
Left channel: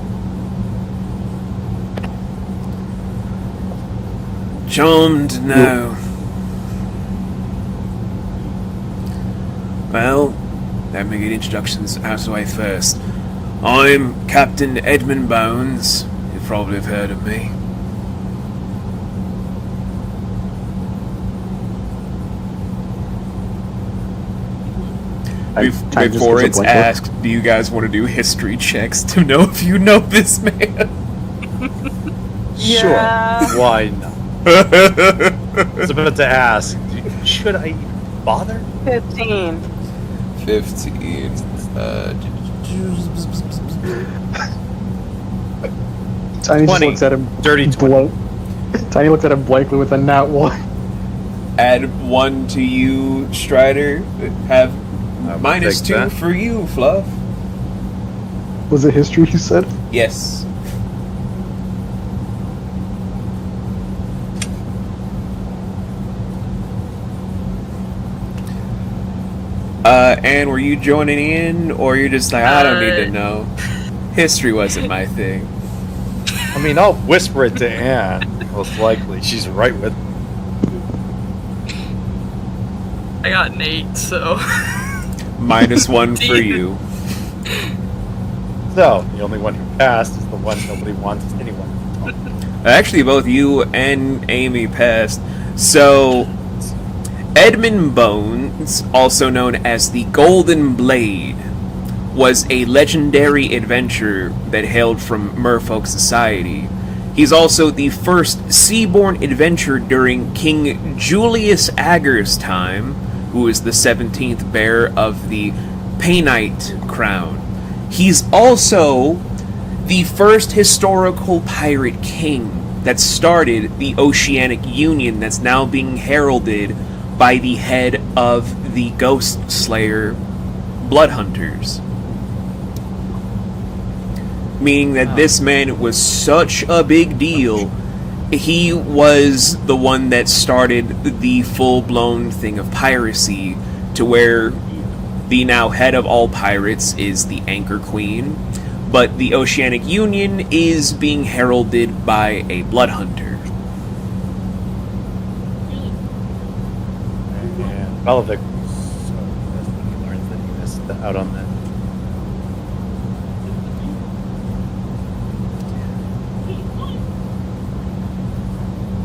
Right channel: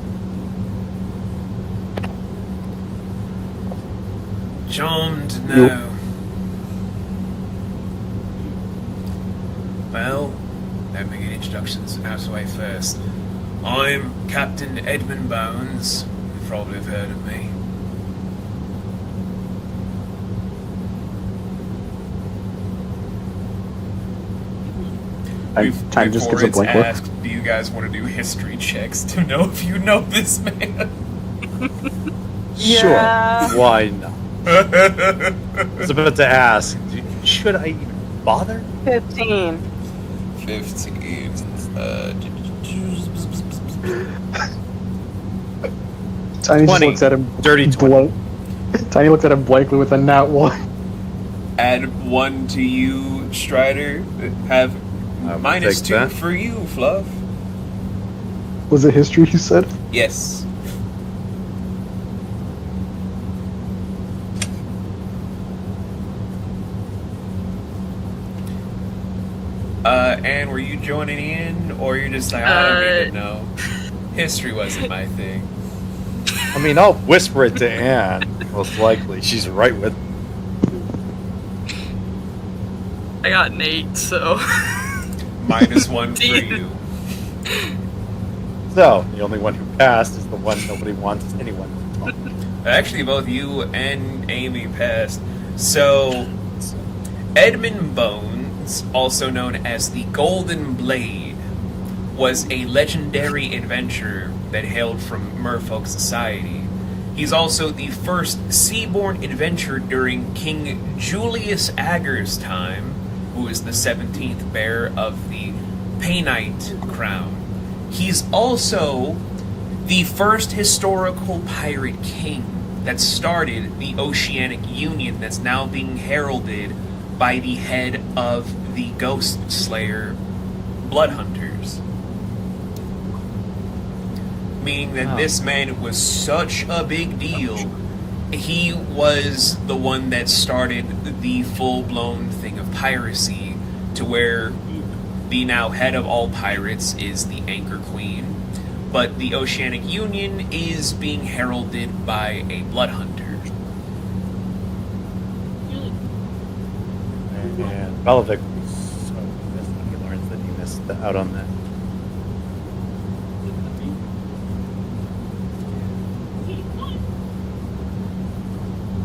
Charmed to know. Well, let me get introductions out of the way first. I'm Captain Edmund Bones. You probably have heard of me. Tiny just Before gives a it's blank look. asked, do you guys want to do history checks to know if you know this man? Yeah. Sure. Why not? I was about to ask, should I even bother? 15. 15. Tiny just 20. looks at him. Dirty 20. Tiny looks at him blankly with a nat 1. Add 1 to you, Strider. Have I will minus take 2 that. for you, Fluff. Was it history you said? Yes. And were you joining in, or you're just like, I don't need to know? History wasn't my thing. I mean, I'll whisper it to Anne. Most likely, she's right with me. I got an 8, so. Minus 1 for you. So, the only one who passed is the one nobody wants anyone to talk to. Actually, both you and Amy passed. So, Edmund Bones also known as the Golden Blade, was a legendary adventurer that hailed from merfolk society. He's also the first seaborne adventurer during King Julius Ager's time, who is the 17th bearer of the Painite crown. He's also the first historical pirate king that started the Oceanic Union that's now being heralded by the head of the Ghost Slayer Bloodhunters. Meaning that this man was such a big deal. He was the one that started the full-blown thing of piracy, to where the now head of all pirates is the Anchor Queen, but the Oceanic Union is being heralded by a Bloodhunter. And Balavic was so pissed when he learns that he missed out on that.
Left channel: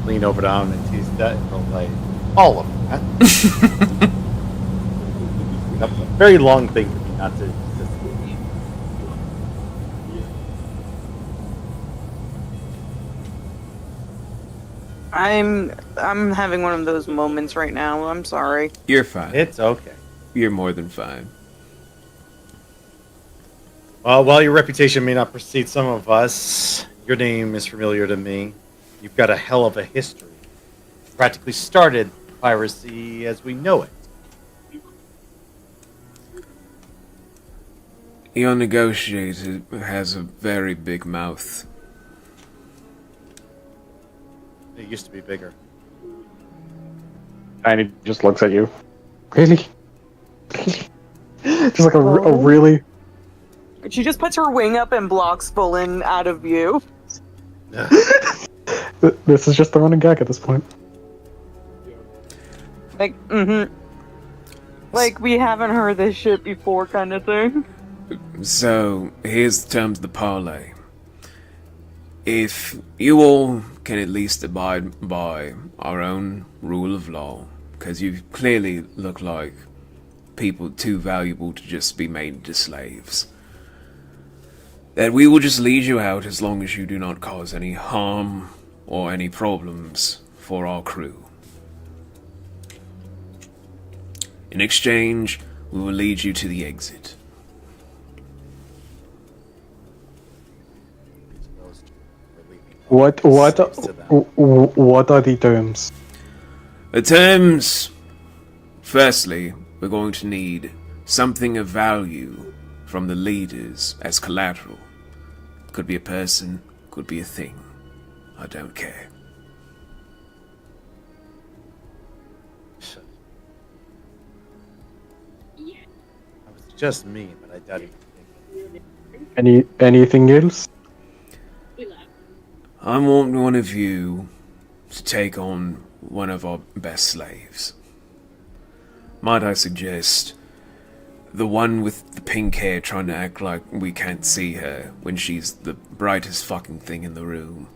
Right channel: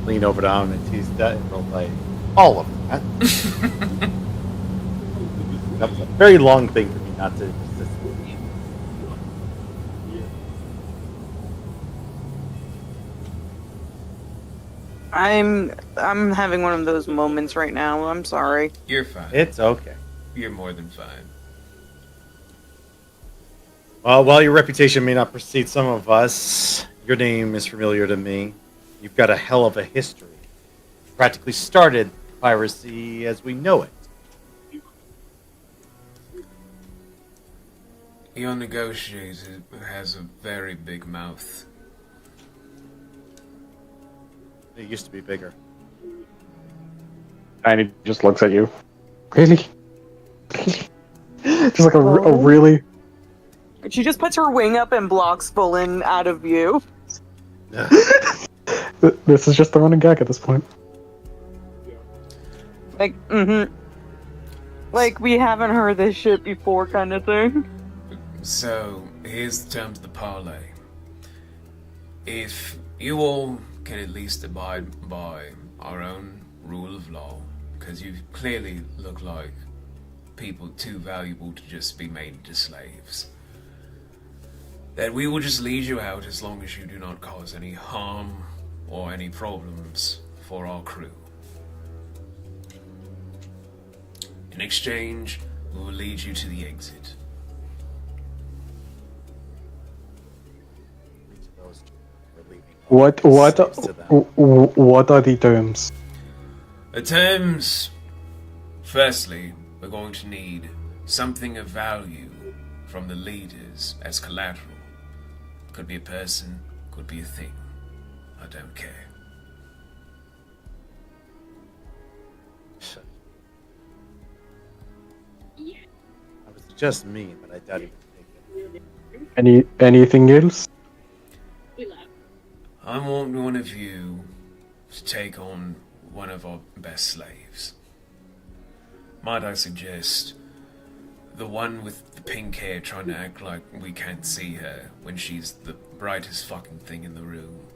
Lean over down and tease that and roll like all of that. That was a very long thing for me not to resist. I'm having one of those moments right now. I'm sorry. You're fine. It's okay. You're more than fine. While your reputation may not precede some of us, your name is familiar to me. You've got a hell of a history. Practically started piracy as we know it. Your negotiator has a very big mouth. It used to be bigger. And he just looks at you. Really? Just like a really... She just puts her wing up and blocks Bullen out of view. This is just the running gag at this point. Like, Like, we haven't heard this shit before kind of thing. So, here's the terms of the parlay. If you all can at least abide by our own rule of law, because you clearly look like people too valuable to just be made into slaves, that we will just lead you out as long as you do not cause any harm or any problems for our crew. In exchange, we will lead you to the exit. What are the terms? The terms... Firstly, we're going to need something of value from the leaders as collateral. Could be a person, could be a thing. I don't care. That was just me, but I doubt he would take it. Anything else? I want one of you to take on one of our best slaves. Might I suggest the one with the pink hair trying to act like we can't see her when she's the brightest fucking thing in the room.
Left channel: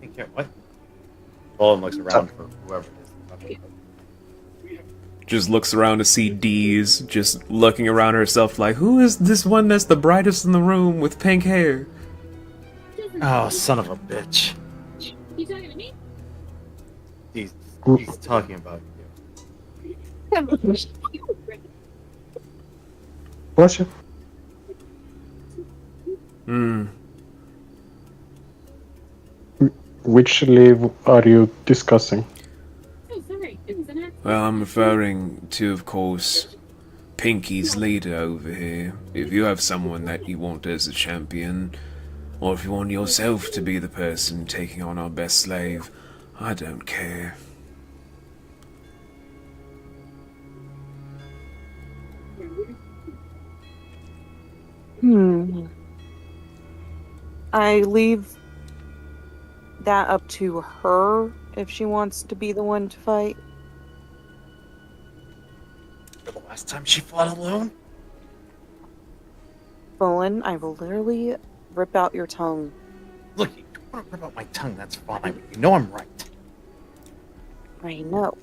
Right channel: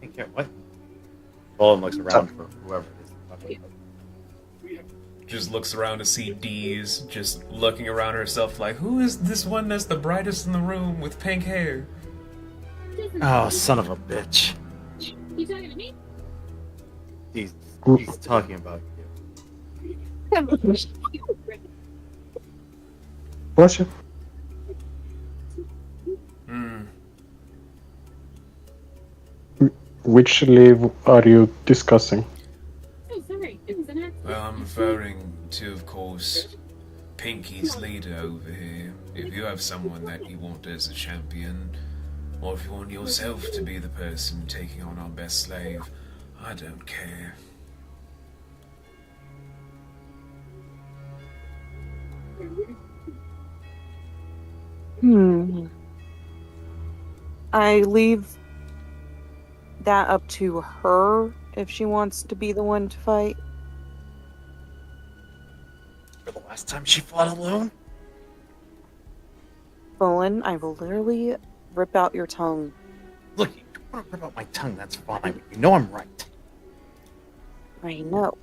Pink hair, what? Bolin looks around for whoever it is. Just looks around to see Dee's just looking around herself like, who is this one that's the brightest in the room with pink hair? Oh, son of a bitch. You talking to me? He's talking about you. Bless you. Which slave are you discussing? Oh, sorry. It was an accident. Well, I'm referring to, of course, Pinky's leader over here. If you have someone that you want as a champion, or if you want yourself to be the person taking on our best slave, I don't care. I leave that up to her if she wants to be the one to fight. For the last time she fought alone? Bullen, I will literally rip out your tongue. Look, you want to rip out my tongue, that's fine, but you know I'm right. I know.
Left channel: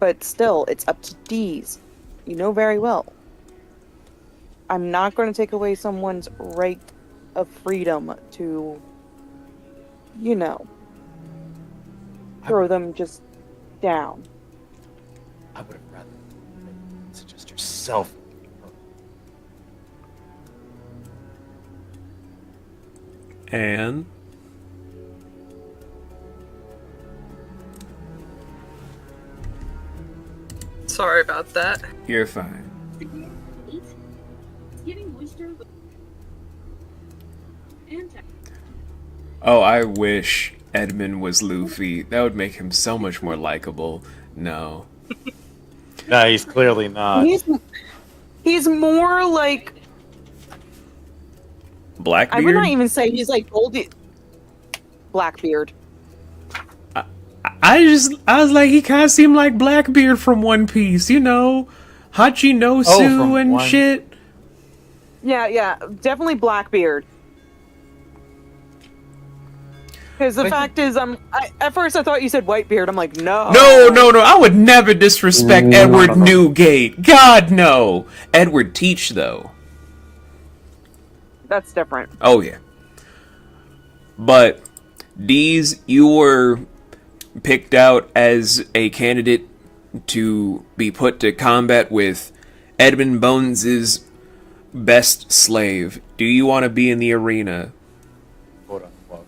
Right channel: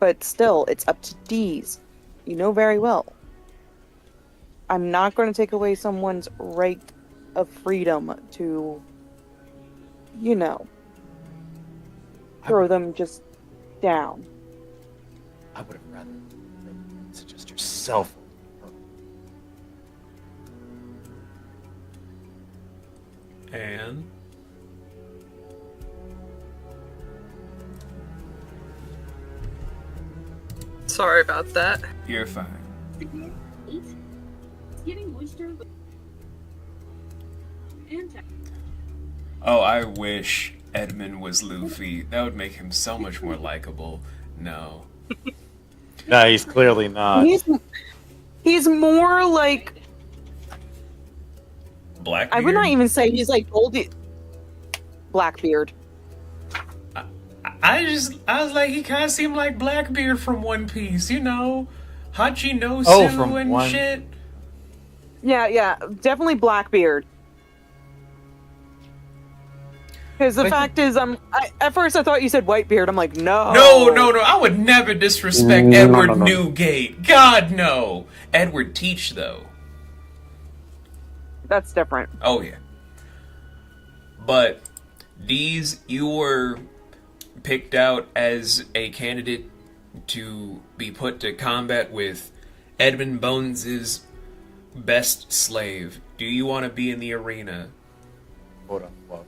But still, it's up to D's. You know very well. I'm not going to take away someone's right of freedom to, you know, throw them just down. I would have rather suggest yourself. And Sorry about that. you're fine. It's getting moisture and Oh, I wish Edmund was Luffy. That would make him so much more likable. No. No, he's clearly not. He's more like, Blackbeard? I would not even say he's like Goldie. Blackbeard. I was like, he kind of seemed like Blackbeard from One Piece, you know? Hachinosu from and One- shit. Yeah, definitely Blackbeard. Because the fact is, at first I thought you said Whitebeard. I'm like, no. No, I would never disrespect No, Edward no, no. Newgate. God, no. Edward Teach, though. That's different. Oh, yeah. But, Deez, you were picked out as a candidate to be put to combat with Edmund Bones's best slave. Do you want to be in the arena? Quote unquote.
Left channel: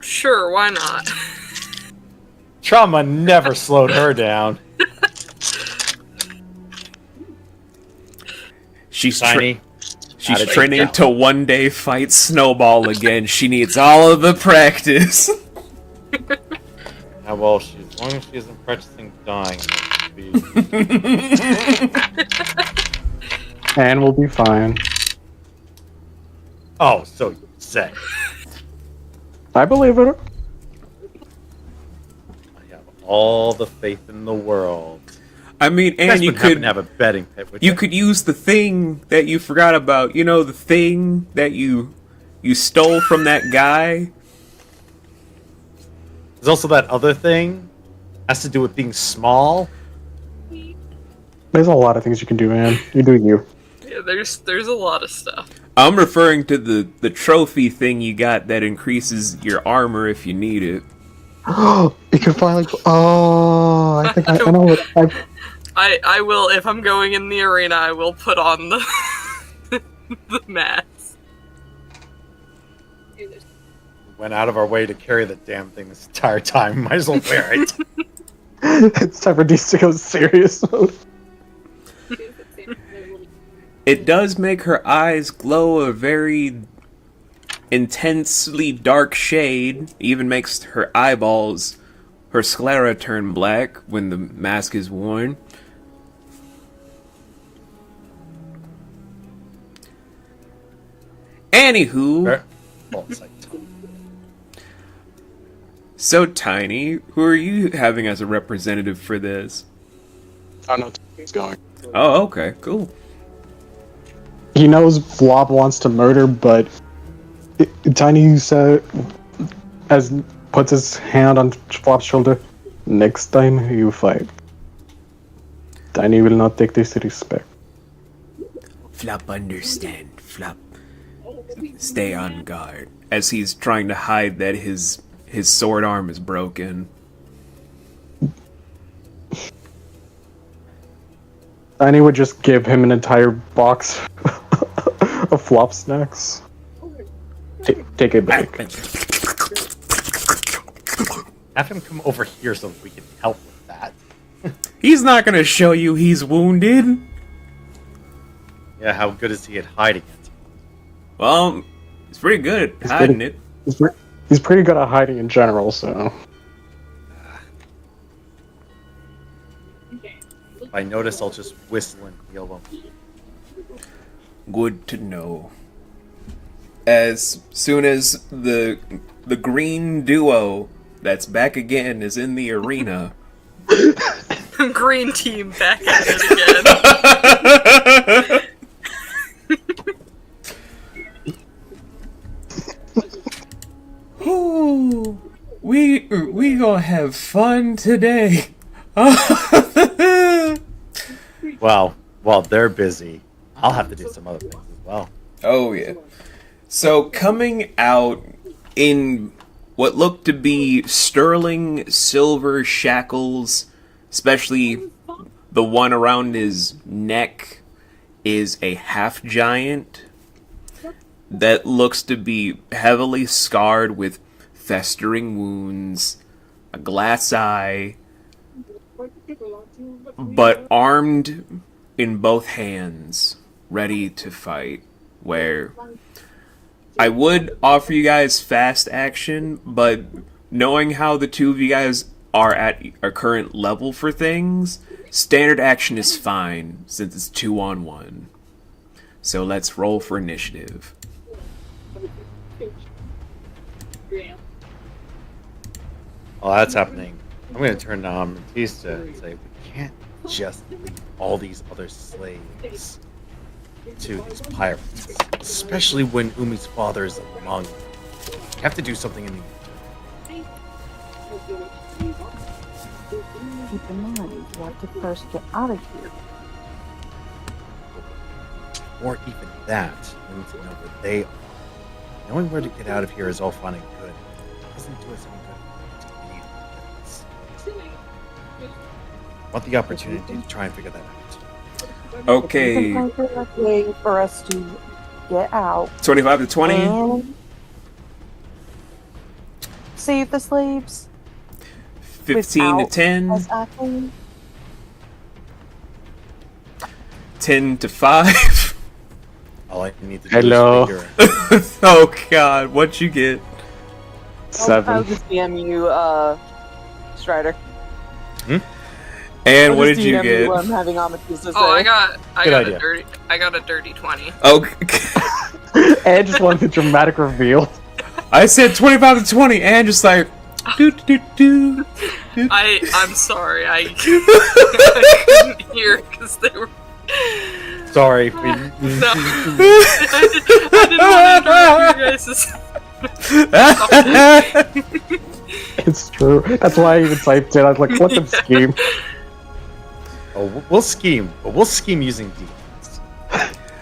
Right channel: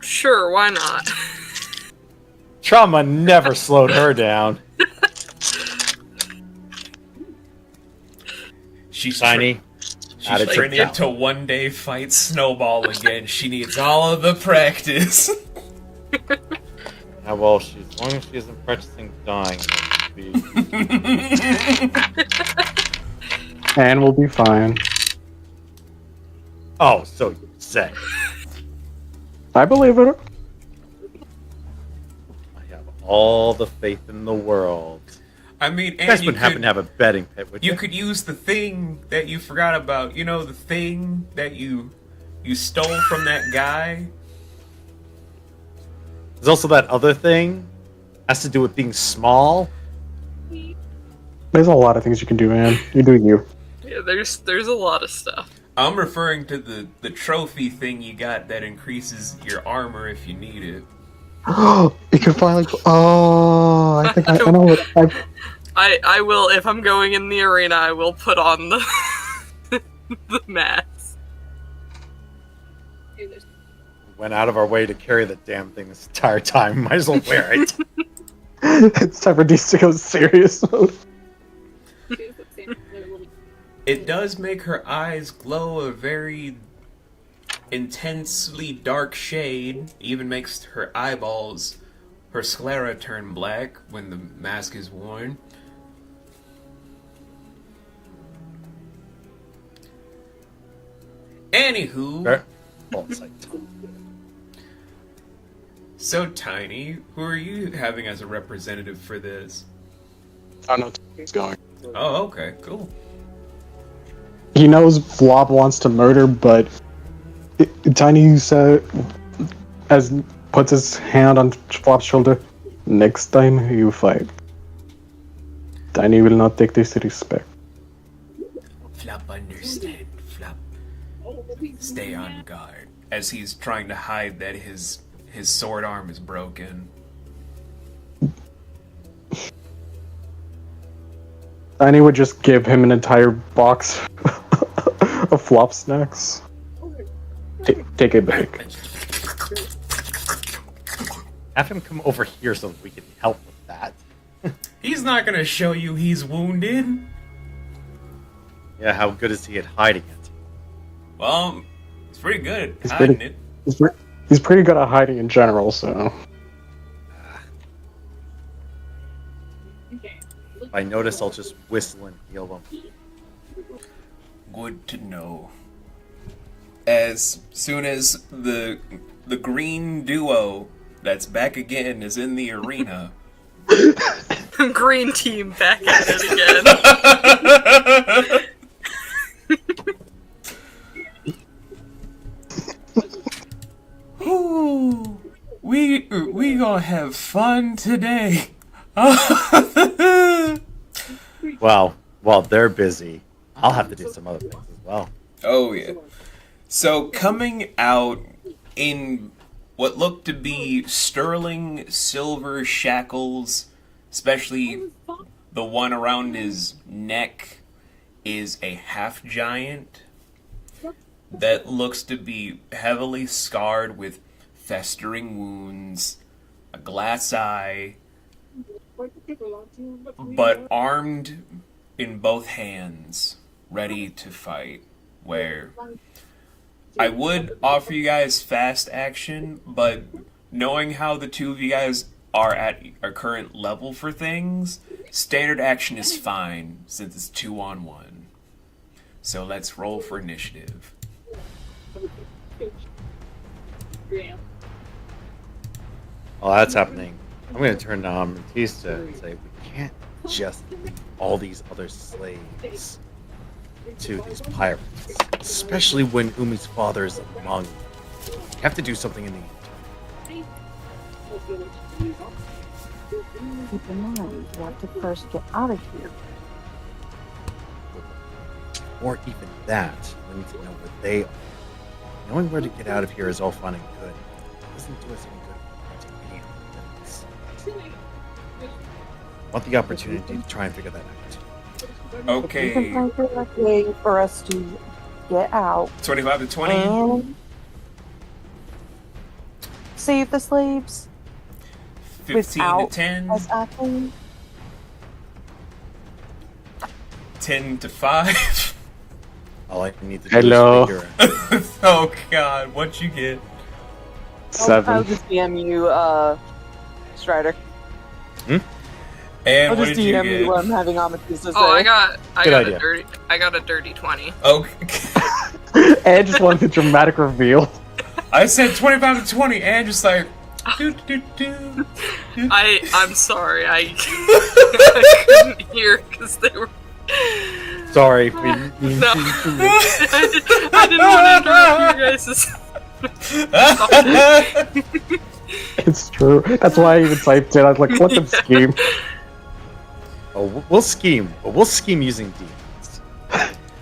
Sure, why not? Trauma never slowed her down. She's Tiny. She's Attitude training down. to one day fight Snowball again. She needs all of the practice. Yeah, well, as long as she isn't practicing dying, she'll be... And we'll be fine. Oh, so you say. I believe it. I have all the faith in the world. I mean, You and guys you wouldn't happen could to have a betting pit, would you? you could use the thing that you forgot about. You know, the thing that you stole from that guy. There's also that other thing. Has to do with being small. There's a lot of things you can do, man. You do you. Yeah, there's a lot of stuff. I'm referring to the trophy thing you got that increases your armor if you need it. You can finally. Oh, I think I know what. I will, if I'm going in the arena, I will put on the the mask. Went out of our way to carry the damn thing this entire time. Might as well wear it. It's time for Deez to go serious mode. It does make her eyes glow a very intensely dark shade. Even makes her eyeballs, her sclera, turn black when the mask is worn. Anywho, Fair. Well, it's like, so Tiny, who are you having as a representative for this? I know he's going. Oh, okay, cool. He knows Flob wants to murder, but Tiny said, as puts his hand on Flop's shoulder, next time you fight, Tiny will not take disrespect. Flop, understand. Flop, stay on guard. As he's trying to hide that his sword arm is broken. Tiny would just give him an entire box of Flop snacks. Take a bag. have him come over here so we can help with that. He's not gonna show you he's wounded. Yeah, how good is he at hiding it? Well, he's pretty good at He's hiding pretty- it. He's pretty good at hiding in general, so. If I notice, I'll just whistle and heal him. Good to know. As soon as the green duo that's back again is in the arena. Green team back at it again. fun today. Well, while they're busy, I'll have to do some other things as well. Oh, yeah. So, coming out in what looked to be sterling silver shackles, especially the one around his neck, is a half giant that looks to be heavily scarred with festering wounds, a glass eye, but armed in both hands, ready to fight. Where I would offer you guys fast action, but knowing how the two of you guys are at our current level for things, standard action is fine since it's 2-on-1. So let's roll for initiative. While that's happening, I'm going to turn to Matista and say, we can't just leave all these other slaves to these pirates, especially when Umi's father is among them. We have to do something in the interim. Keep in mind, you have to first get out of here. Or even that, we need to know where they are. Knowing where to get out of here is all fine and good. It doesn't do us any good to any of the things. I want the opportunity to try and figure that out. Okay, You can find a way for us to get out 25 to 20, and save the slaves 15 to without 10, us acting. 10 to 5. All I need to do Hello. is figure Oh god, what'd you get? I'll 7. just DM you, Strider. And I'll what just did you DM get? what I'm having Amethyst to say. Oh, I Good got idea. a dirty 20. Okay. And just wanted the dramatic reveal. I said 25 to 20, and just like, do, do, do, do. I'm sorry, I couldn't hear because they were. sorry. No, I didn't want to interrupt you guys. It's true. That's why I even typed it. I was like, let them scheme. Oh, we'll scheme, but we'll scheme using demons.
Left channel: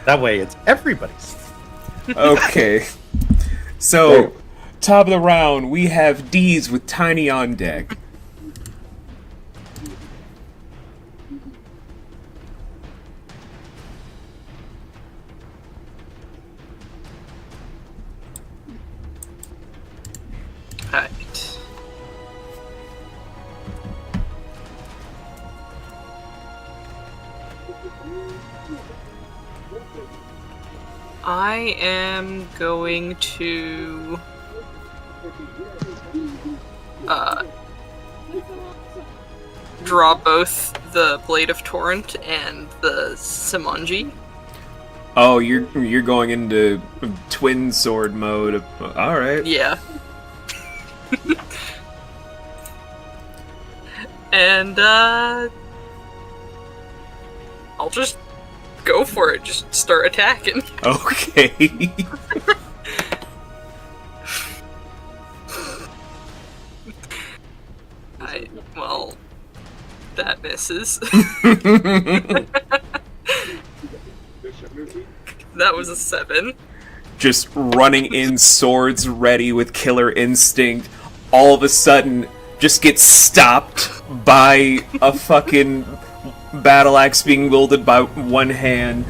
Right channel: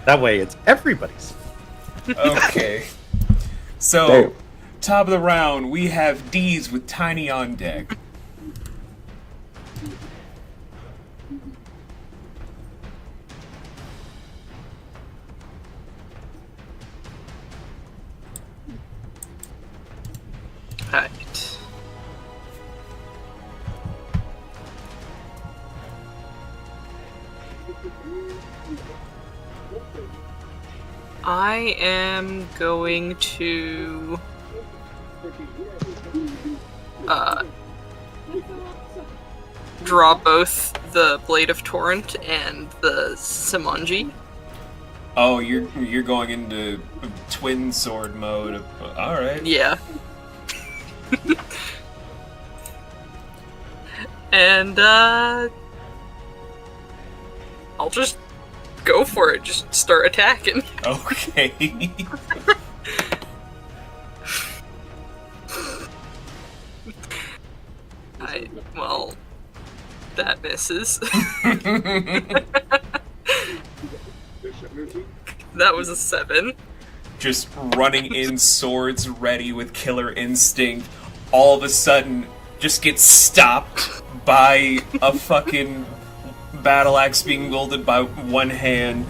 That way, it's everybody's. Okay. So, top of the round, we have D's with Tiny on deck. Right. I am going to draw both the Blade of Torrent and the Simonji. Oh, you're going into twin sword mode. All right. Yeah. And I'll just go for it. Just start attacking. Okay. Well, that misses. That was a 7. Just running in, swords ready with killer instinct. All of a sudden, just gets stopped by a fucking battle axe being wielded by one hand.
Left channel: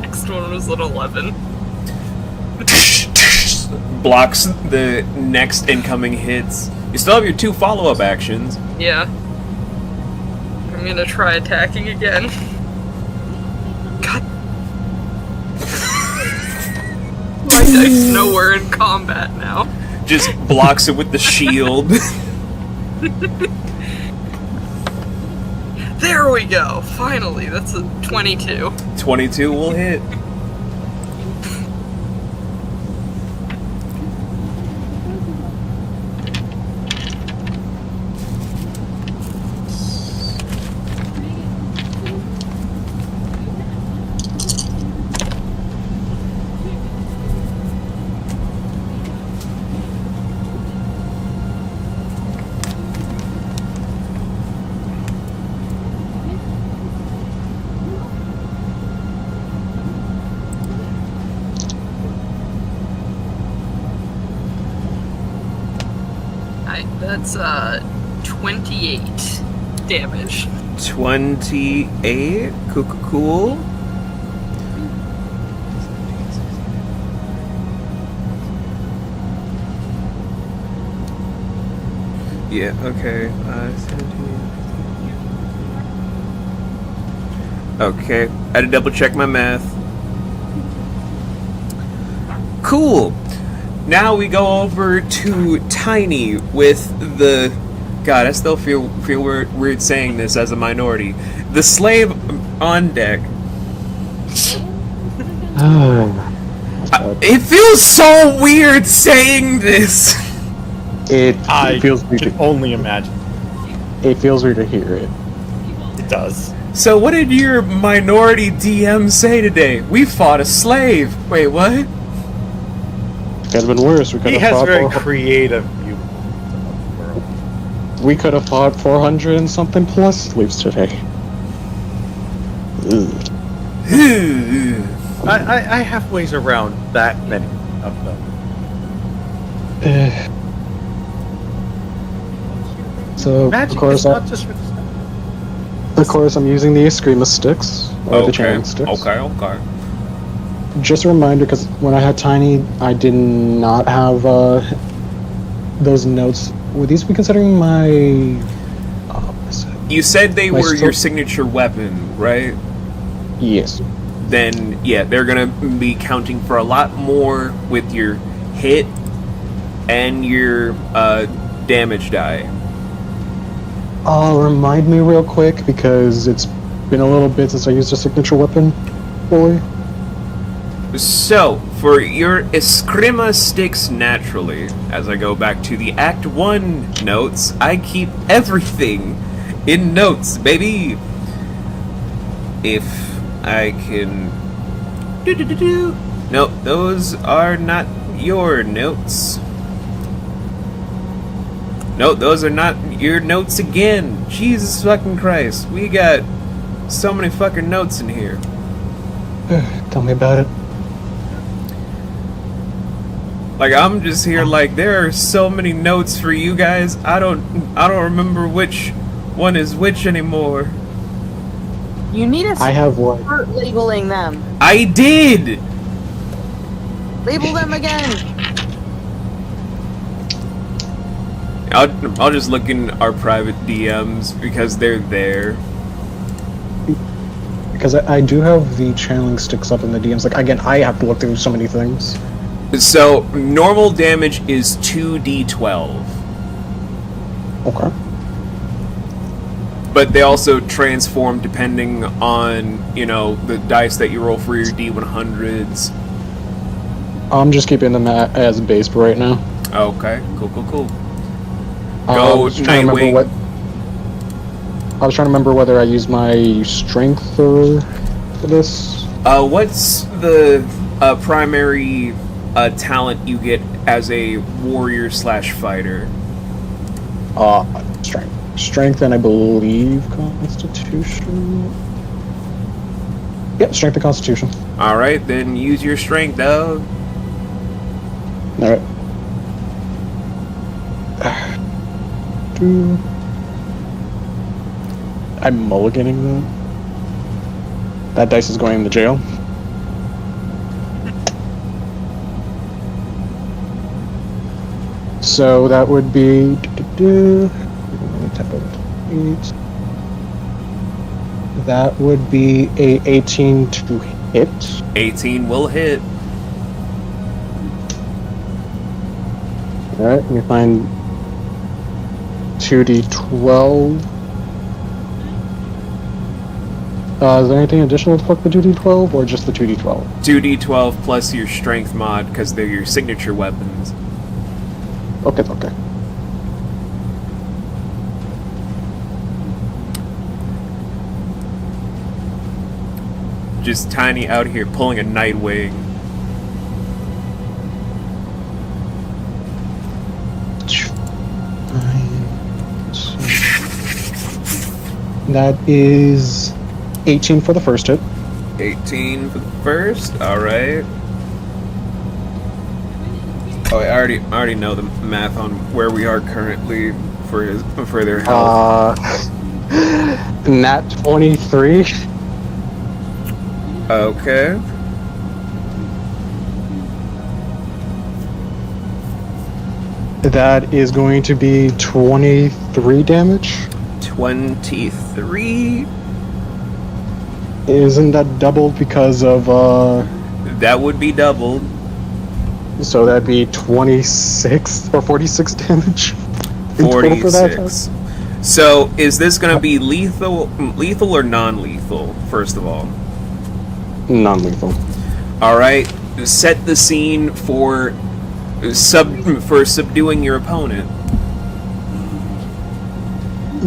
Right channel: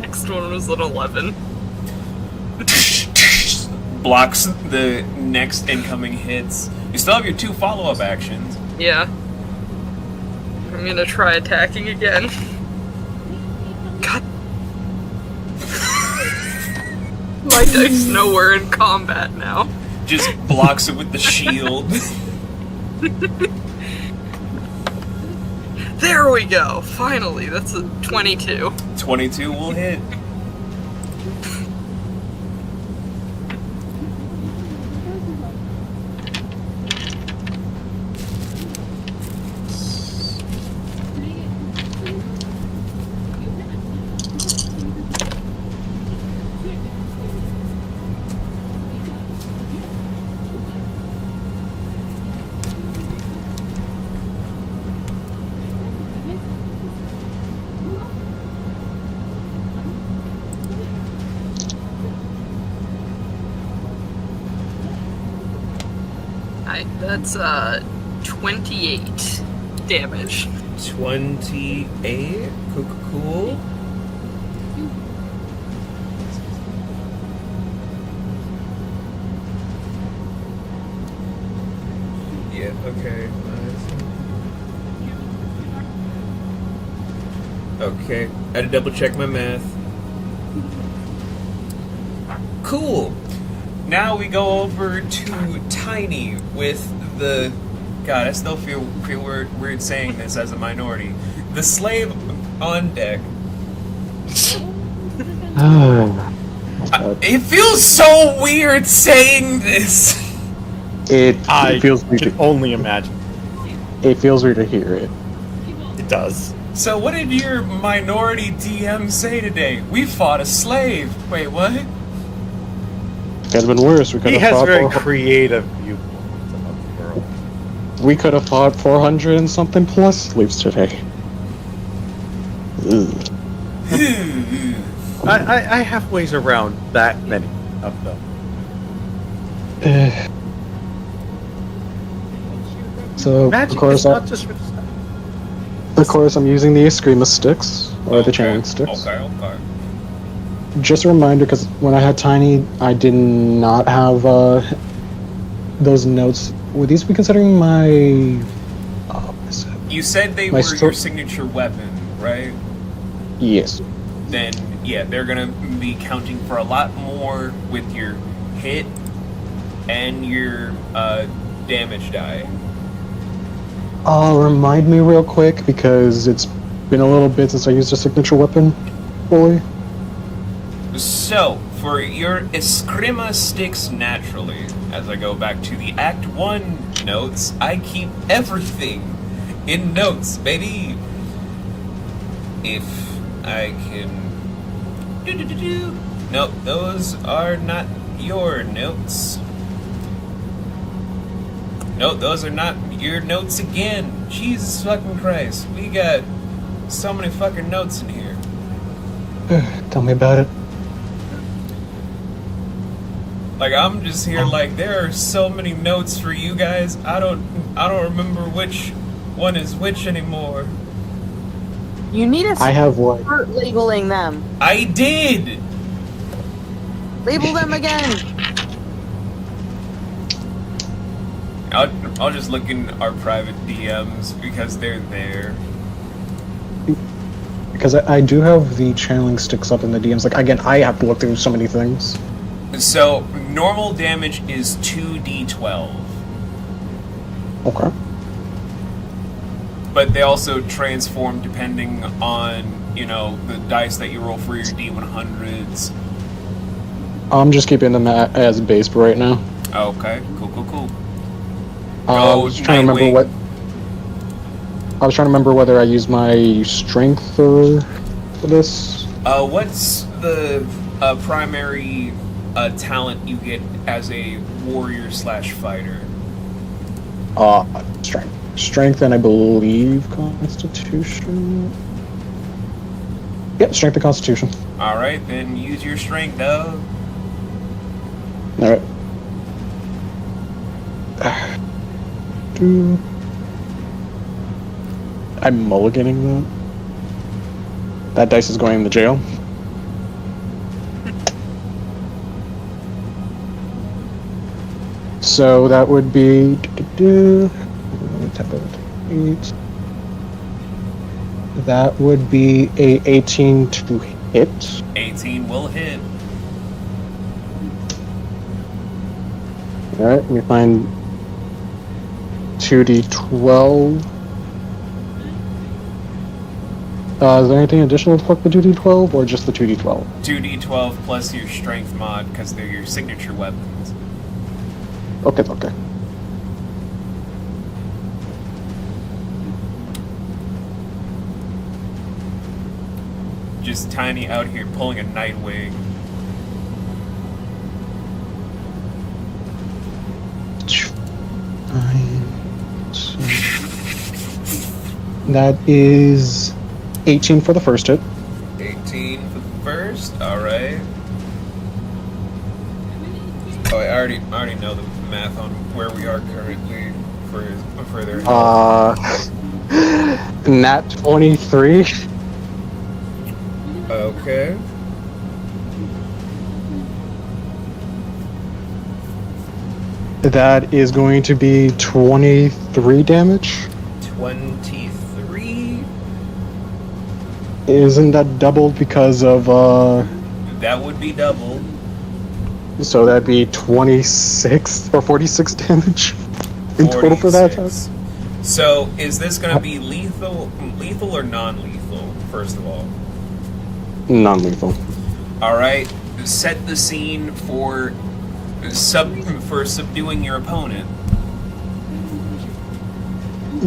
Next one was an 11. Blocks the next incoming hits. You still have your 2 follow-up actions. Yeah. I'm gonna try attacking again. God. My dice nowhere in combat now. Just blocks it with the shield. There we go! Finally, that's a 22. 22 will hit. That's 28 damage. 28. Cool. Yeah, okay. Okay, I had to double check my math. Cool. Now we go over to Tiny with the... God, I still feel weird saying this as a minority. The slave on deck. It feels so weird saying this. It I feels weird. can only imagine. It feels weird to hear it. It does. So what did your minority DM say today? We fought a slave. Wait, what? It could have been worse. We could He have has fought very creative viewpoints about the world. We could have fought 400 and something plus slaves today. Ugh. I have ways around that many of them. So Magic of course, is not just for the stuff. I'm using the Eskrima sticks or the channeling sticks. Okay. Just a reminder, because when I had Tiny, I did not have those notes. Would these be considering my? You said they were your signature weapon, right? Yes. Then yeah, they're gonna be counting for a lot more with your hit and your damage die. Remind me real quick, because it's been a little bit since I used a signature weapon fully. So, for your Eskrima sticks naturally, as I go back to the Act 1 notes, I keep everything in notes, baby! If I can... No, those are not your notes. No, those are not your notes again. Jesus fucking Christ. We got so many fucking notes in here. Tell me about it. Like, I'm just here like, there are so many notes for you guys. I don't remember which one is which anymore. You need to start labeling them. I did! Label them again. I'll just look in our private DMs because they're there. Because I do have the channeling sticks up in the DMs. Like, again, I have to look through so many things. So, normal damage is 2d12. Okay. But they also transform depending on, you know, the dice that you roll for your D100s. I'm just keeping them as base for right now. Okay, cool. I was trying to remember whether I use my strength for this. What's the primary talent you get as a warrior/fighter? Strength and I believe Constitution. Yep, strength and Constitution. Alright, then use your strength, dog. Alright. I'm mulliganing that. That dice is going in the jail. So that would be... That would be a 18 to hit. 18 will hit. Alright, let me find 2d12. Is there anything additional to fuck the 2d12, or just the 2d12? 2d12 plus your strength mod, because they're your signature weapons. Okay. Just Tiny out here pulling a Nightwing. That is 18 for the first hit. 18 for the first, alright. Oh, I already know the math on where we are currently for their health. Nat 23. Okay. That is going to be 23 damage. 23. Isn't that doubled because of That would be doubled. So that'd be 26 or 46 damage in total for that attack? So, is this going to be lethal or non-lethal, first of all? Non-lethal. Alright, set the scene for subduing your opponent.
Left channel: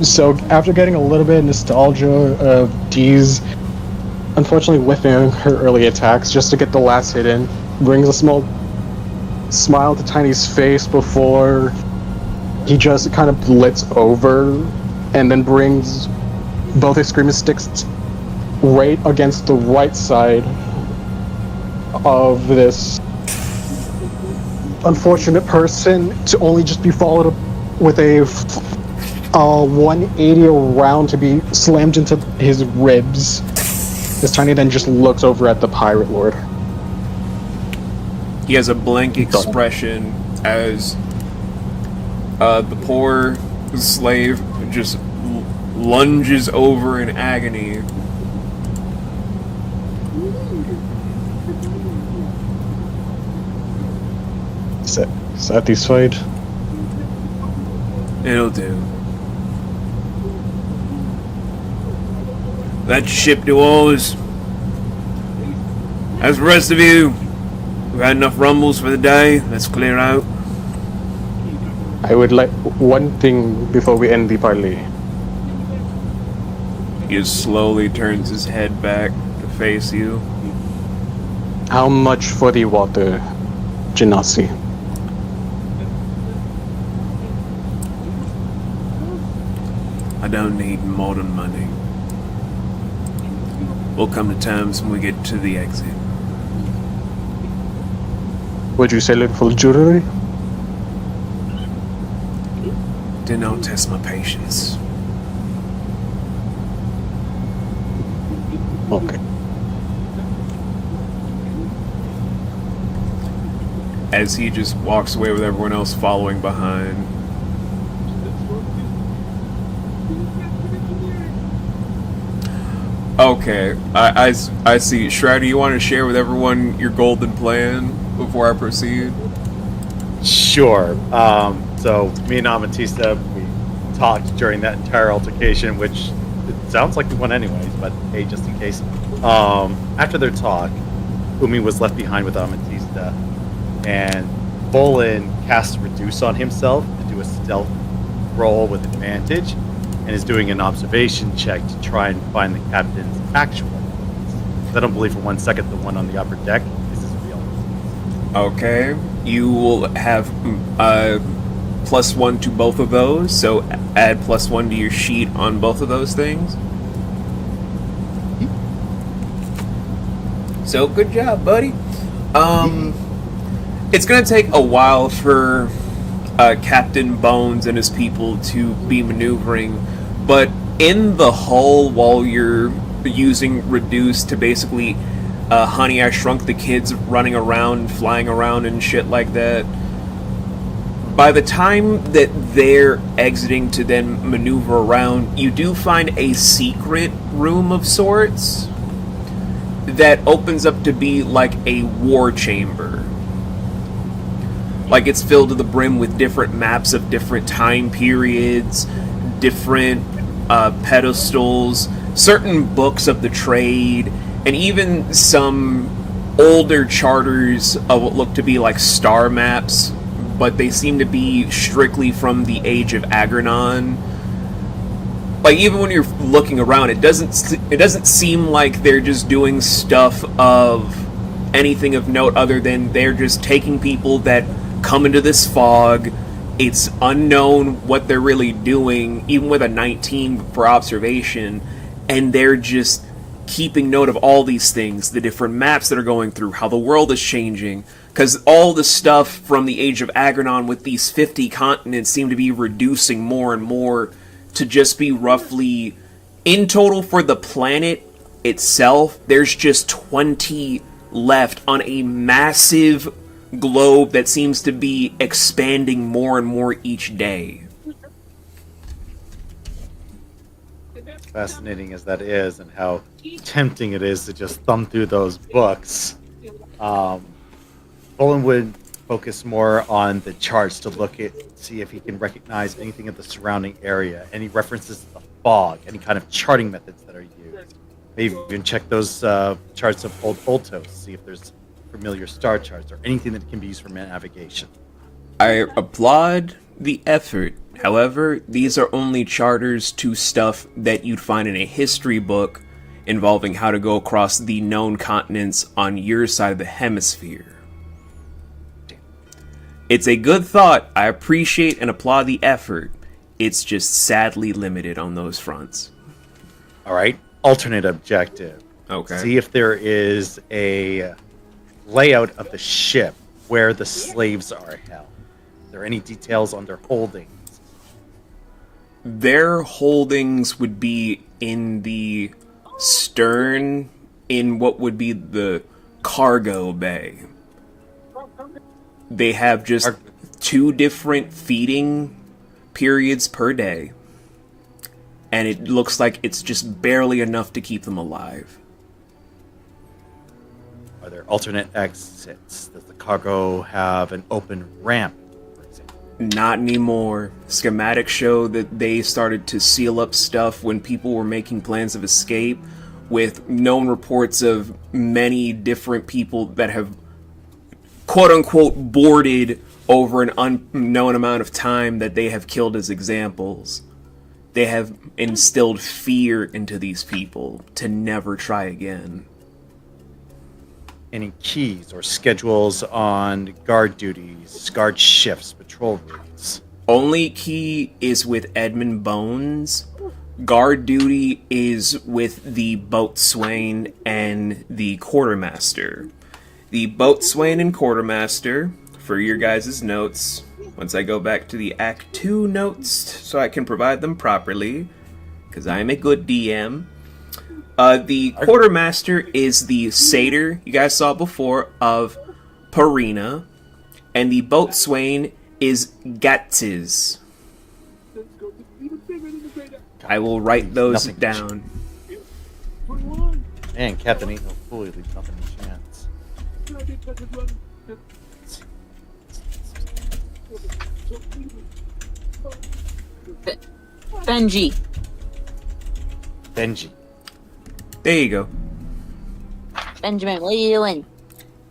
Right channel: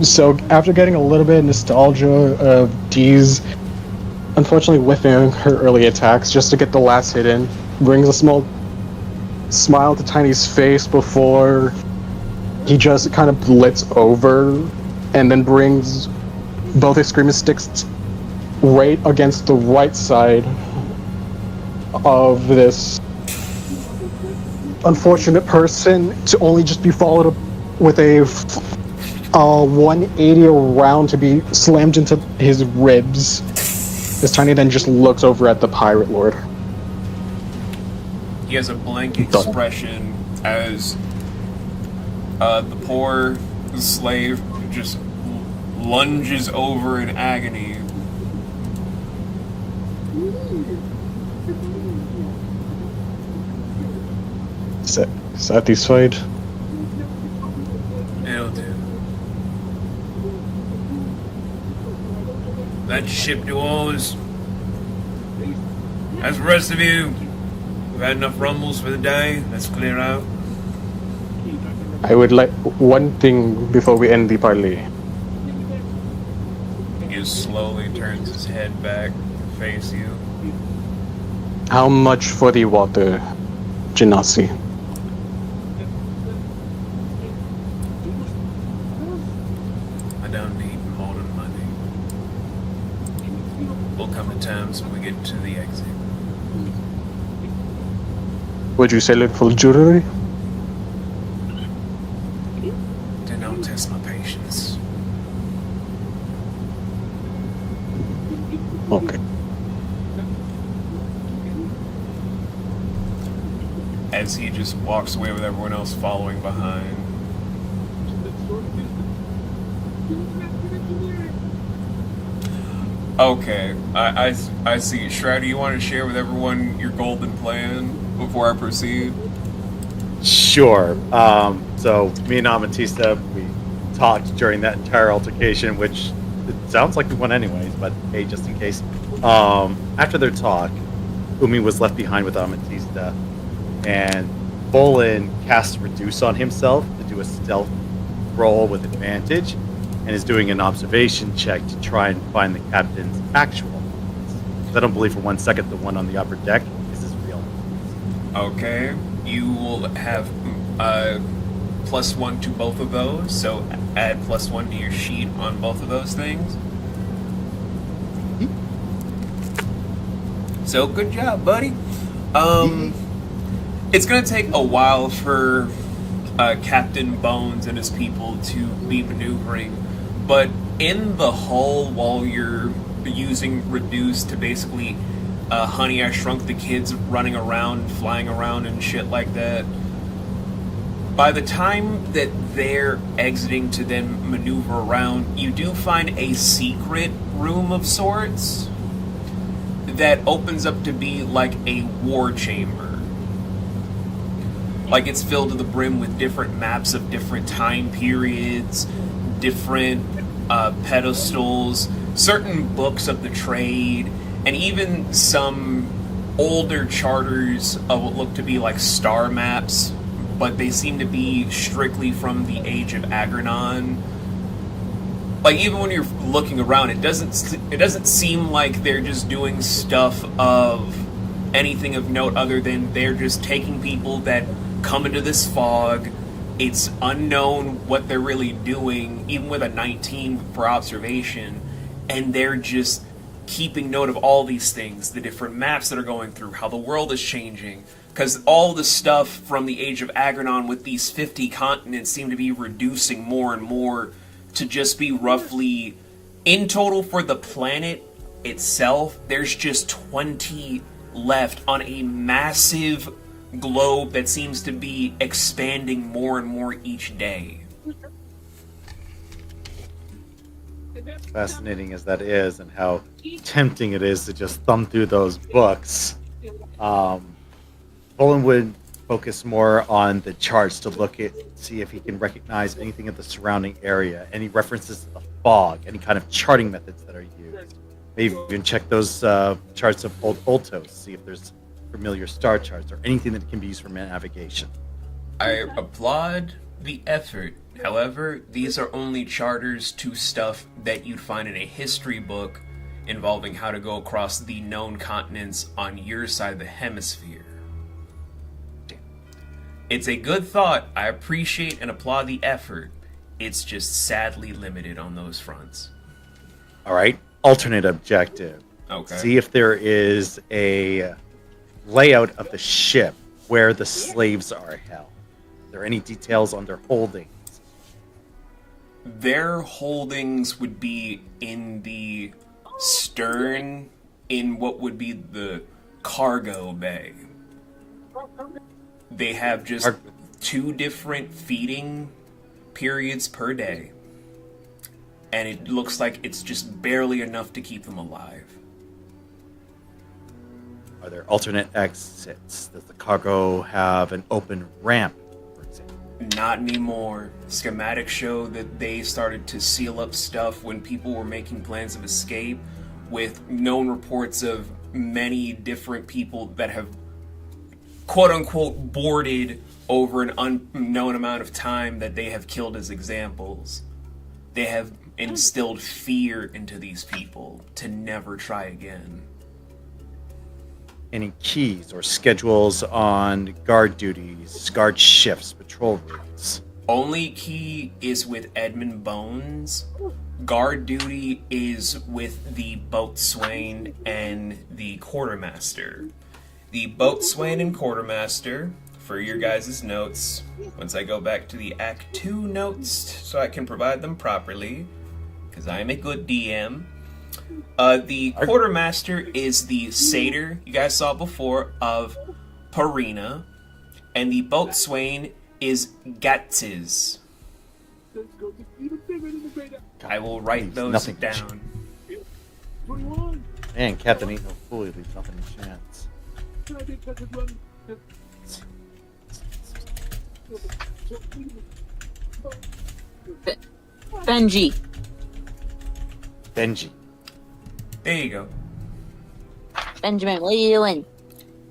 So, after getting a little bit of nostalgia of Dee's unfortunately whiffing her early attacks just to get the last hit in, brings a small smile to Tiny's face before he just kind of blitz over and then brings both his screaming sticks right against the right side of this unfortunate person to only just be followed up with a 180 round to be slammed into his ribs. As Tiny then just looks over at the Pirate Lord. He has a blank expression as the poor slave just lunges over in agony. Satisfied? It'll do. That ship to oars. As the rest of you, we've had enough rumbles for the day. Let's clear out. I would like one thing before we end the parley. He just slowly turns his head back to face you. How much for the water, Genasi? I don't need more than money. We'll come to terms when we get to the exit. Would you sell it for jewelry? Don't test my patience. Okay. As he just walks away with everyone else following behind. Okay, I see. Shrouder, you want to share with everyone your golden plan before I proceed? Sure. So me and Amatista, we talked during that entire altercation, which it sounds like we won anyways, but hey, just in case. After their talk, Umi was left behind with Amatista, and Bolin cast Reduce on himself to do a stealth roll with advantage, and is doing an observation check to try and find the captain's actual mods. I don't believe for 1 second the one on the upper deck is his real. Okay, you will have +1 to both of those, so add +1 to your sheet on both of those things. So good job, buddy. It's gonna take a while for Captain Bones and his people to be maneuvering, but in the hull, while you're using Reduce to basically Honey, I Shrunk the Kids running around, flying around and shit like that, by the time that they're exiting to then maneuver around, you do find a secret room of sorts that opens up to be like a war chamber. Like, it's filled to the brim with different maps of different time periods, different pedestals, certain books of the trade, and even some older charters of what look to be like star maps, but they seem to be strictly from the age of Agrenon. Like, even when you're looking around, it doesn't seem like they're just doing stuff of anything of note other than they're just taking people that come into this fog. It's unknown what they're really doing, even with a 19 for observation, and they're just keeping note of all these things, the different maps that are going through, how the world is changing, Because all the stuff from the Age of Agranon with these 50 continents seem to be reducing more and more to just be roughly, in total for the planet itself, there's just 20 left on a massive globe that seems to be expanding more and more each day. Fascinating as that is, and how tempting it is to just thumb through those books. Bolin would focus more on the charts to see if he can recognize anything of the surrounding area, any references to the fog, any kind of charting methods that are used. Maybe even check those charts of old Oltos, see if there's familiar star charts or anything that can be used for navigation. I applaud the effort. However, these are only charters to stuff that you'd find in a history book involving how to go across the known continents on your side of the hemisphere. It's a good thought. I appreciate and applaud the effort. It's just sadly limited on those fronts. All right. Alternate objective. Okay. See if there is a layout of the ship where the slaves are held. Are there any details on their holdings? Their holdings would be in the stern, in what would be the cargo bay. They have just 2 different feeding periods per day. And it looks like it's just barely enough to keep them alive. Are there alternate exits? Does the cargo have an open ramp, for example? Not anymore. Schematics show that they started to seal up stuff when people were making plans of escape, with known reports of many different people that have quote-unquote boarded over an unknown amount of time that they have killed as examples. They have instilled fear into these people to never try again. Any keys or schedules on guard duties, guard shifts, patrol routes? Only key is with Edmund Bones. Guard duty is with the boatswain and the quartermaster. The boatswain and quartermaster, for your guys' notes, once I go back to the Act 2 notes so I can provide them properly, because I am a good DM. The quartermaster is the satyr you guys saw before of Parina, and the boatswain is Gatziz. I will write those down. Man, Captain Ain't No Fool, he leaves nothing to chance. Benji. Benji. There you go. Benjamin, what are you doing?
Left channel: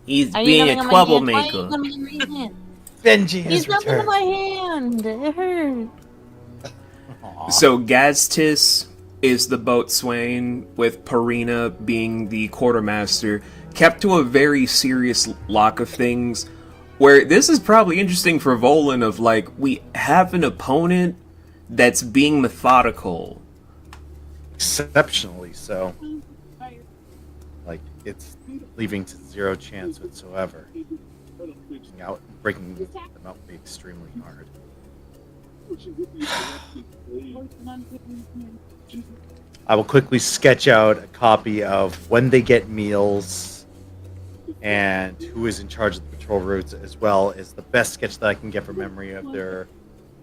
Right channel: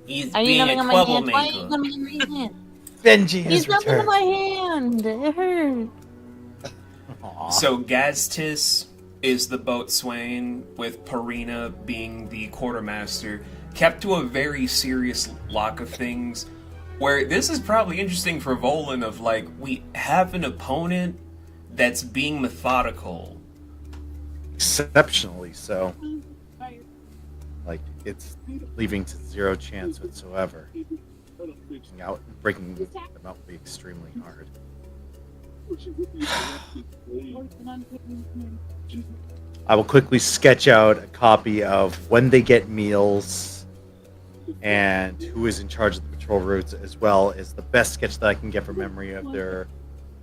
He's Are you being coming a on my hand? Why are you troublemaker. coming in my hand? Benji has He's coming in returned. my hand. It hurt. Aw. So Gaztis is the boatswain, with Parina being the quartermaster, kept to a very serious lock of things, where this is probably interesting for Volan of, like, we have an opponent that's being methodical. Exceptionally so. Like, it's leaving to 0 chance whatsoever. Breaking them out would be extremely hard. I will quickly sketch out a copy of when they get meals and who is in charge of the patrol routes, as well as the best sketch that I can get from memory of their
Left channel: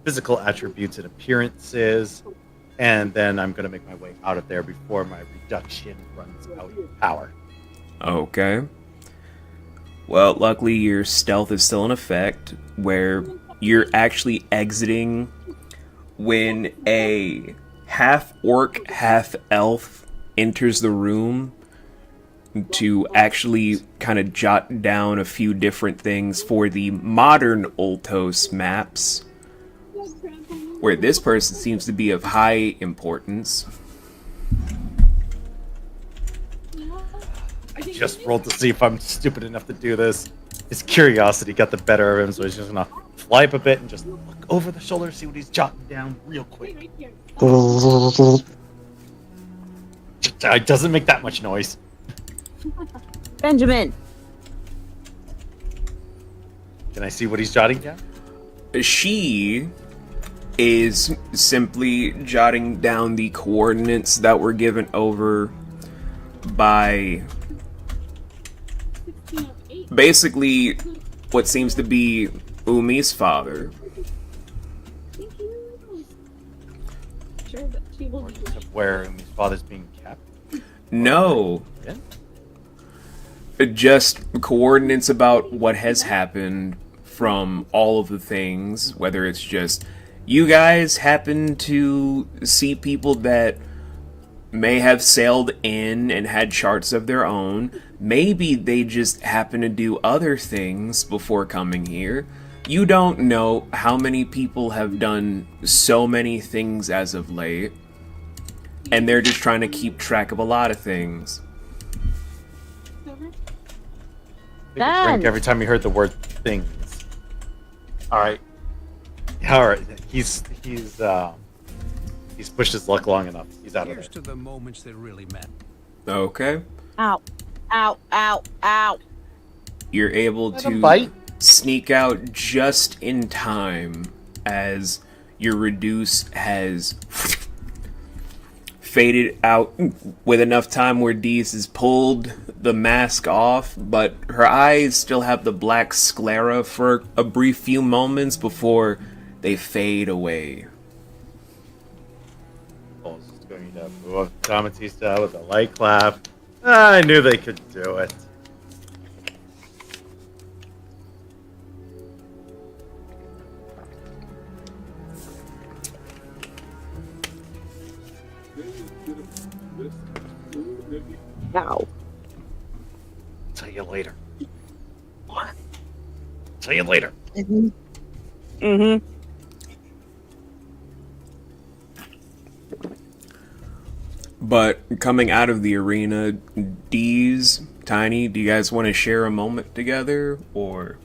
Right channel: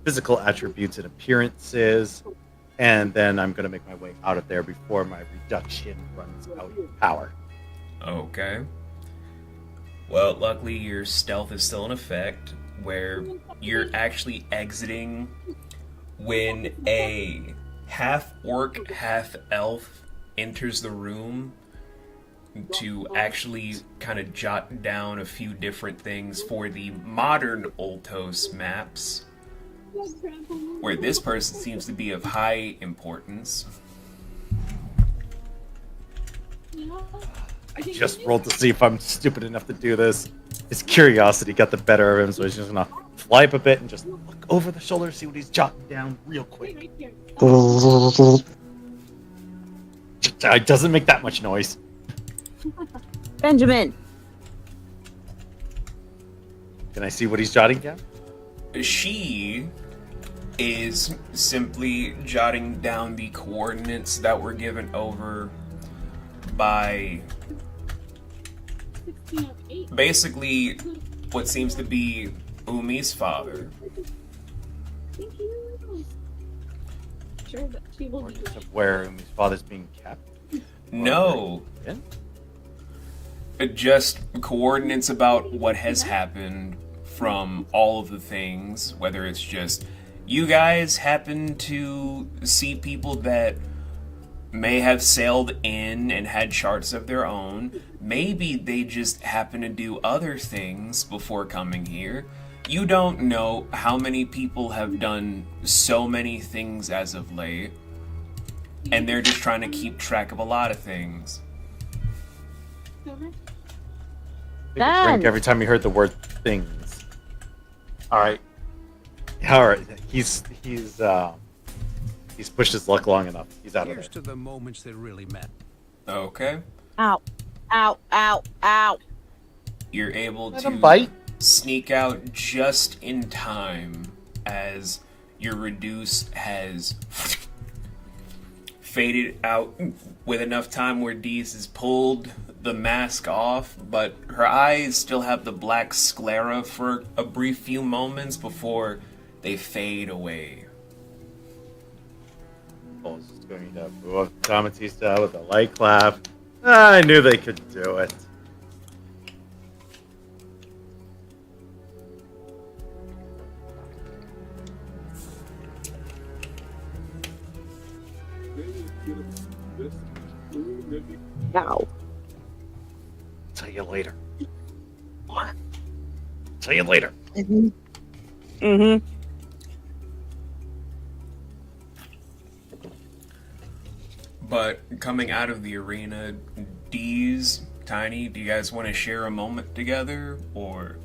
physical attributes and appearances. And then I'm going to make my way out of there before my reduction runs out of power. Okay. Well, luckily your stealth is still in effect, where you're actually exiting when a half-orc, half-elf enters the room to actually kind of jot down a few different things for the modern Oltos maps, where this person seems to be of high importance. I just rolled to see if I'm stupid enough to do this. His curiosity got the better of him, so he's just gonna fly up a bit and just look over the shoulder, see what he's jotting down real quick. It doesn't make that much noise. Benjamin. Can I see what he's jotting down? She is simply jotting down the coordinates that were given over by 1608. basically what seems to be Umi's father. Thank you. Sure that she will be Coordinates right. of where his father's being kept? No, Yeah? just coordinates about what has happened from all of the things, whether it's just you guys happen to see people that may have sailed in and had charts of their own. Maybe they just happen to do other things before coming here. You don't know how many people have done so many things as of late, and they're just trying to keep track of a lot of things. Over. Take a drink every time you heard the word things. Alright. Alright. He's pushed his luck long enough. He's out of Here's there. to the moments that really matter. Okay. Ow. Ow, ow, ow. You're able Let him to bite. sneak out just in time as your reduce has faded out with enough time where Dees has pulled the mask off, but her eyes still have the black sclera for a brief few moments before they fade away. Oh, is going to move up Tamatista with a light clap. I knew they could do it. Ow. Tell you later. What? Tell you later. Mm-hmm. But coming out of the arena, Dees, Tiny, do you guys want to share a moment together, or?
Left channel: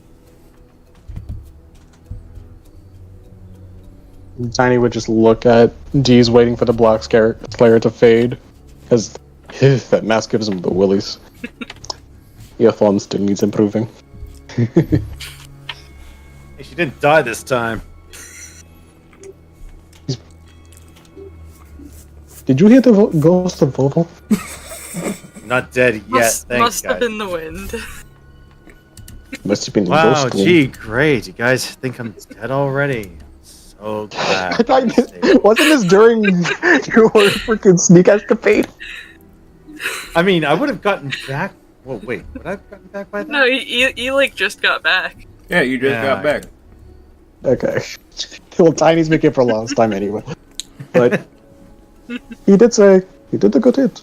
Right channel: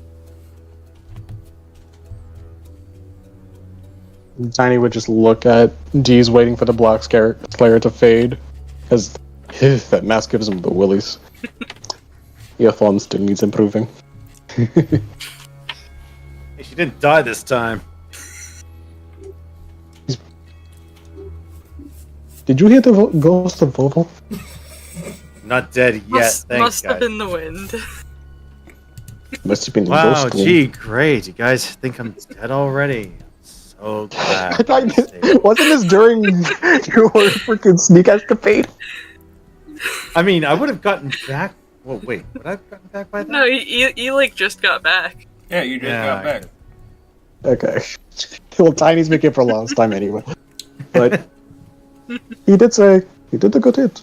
Tiny would just look at D's waiting for the black Slayer to fade, because that mask gives him the willies. Yeah, Fawn still needs improving. Hey, she didn't die this time. Did you hear the ghost of Vovo? Not dead yet. Must Thanks, have guys. been the wind. Must have been the Wow, ghost. gee, great. You guys think I'm dead already? I'm so glad. Wasn't this during your freaking sneak escapade? I mean, I would have gotten back. Well, wait, would I have gotten back by then? No, you like just got back. Yeah, you just got back. Okay. Well, Tiny's making it for last time anyway. But he did say he did a good hit.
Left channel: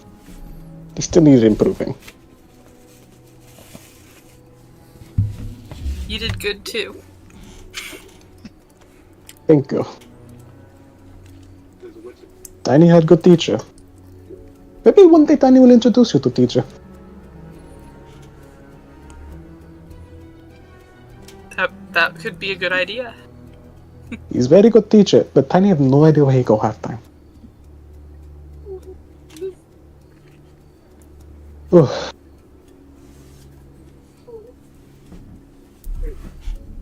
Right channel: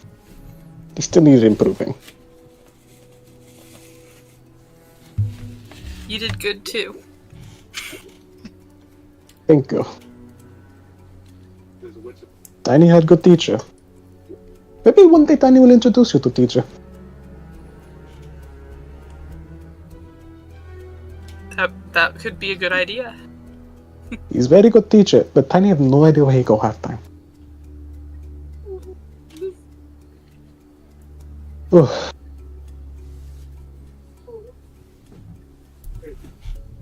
He still needs improving. You did good too. Thank you. Tiny had good teacher. Maybe one day Tiny will introduce you to teacher. That could be a good idea. He's very good teacher, but Tiny have no idea where he go half time.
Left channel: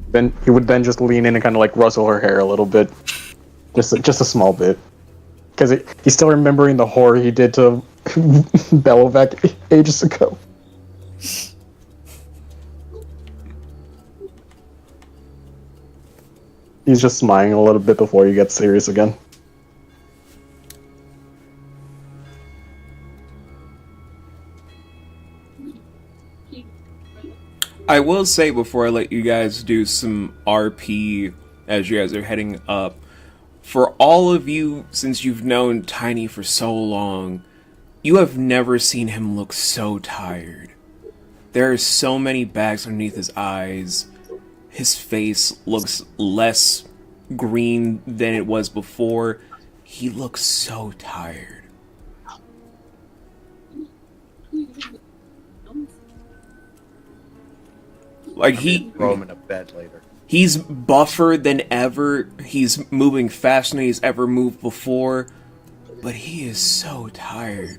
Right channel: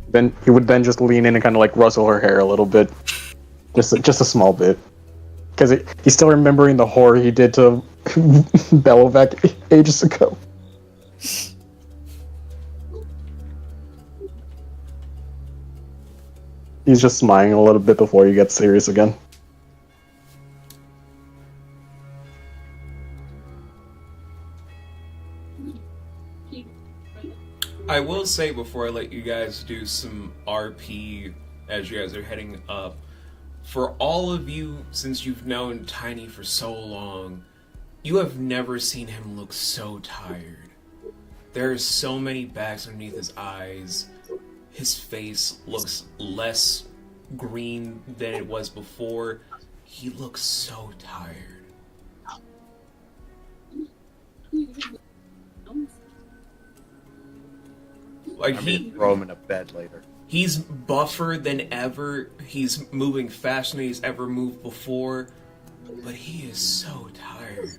Then he would then just lean in and kind of like rustle her hair a little bit, just a small bit, because he's still remembering the horror he did to Belovac ages ago. He's just smiling a little bit before he gets serious again. I will say before I let you guys do some RP as you guys are heading up, for all of you, since you've known Tiny for so long, you have never seen him look so tired. There are so many bags underneath his eyes. His face looks less green than it was before. He looks so tired. Like I'm gonna throw him in a bed later. He's buffer than ever. He's moving faster than he's ever moved before. But he is so tired.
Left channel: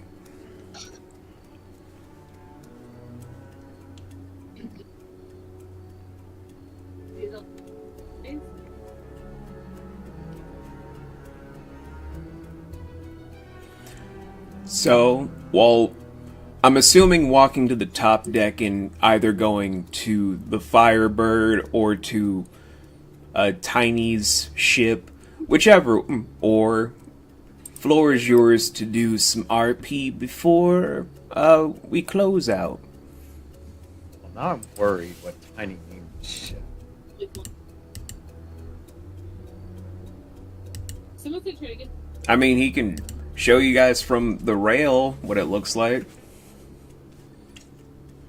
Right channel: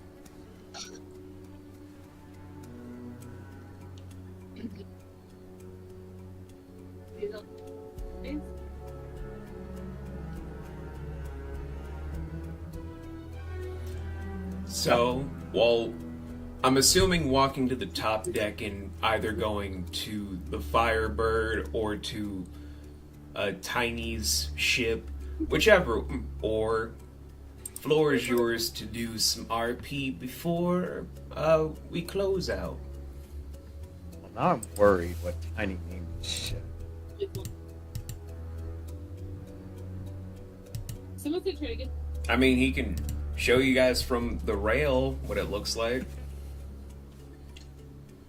So, well, I'm assuming walking to the top deck and either going to the Firebird or to Tiny's ship, whichever, or floor is yours to do some RP before we close out. Well, now I'm worried what Tiny named shit. Someone said try to get. I mean, he can show you guys from the rail what it looks like.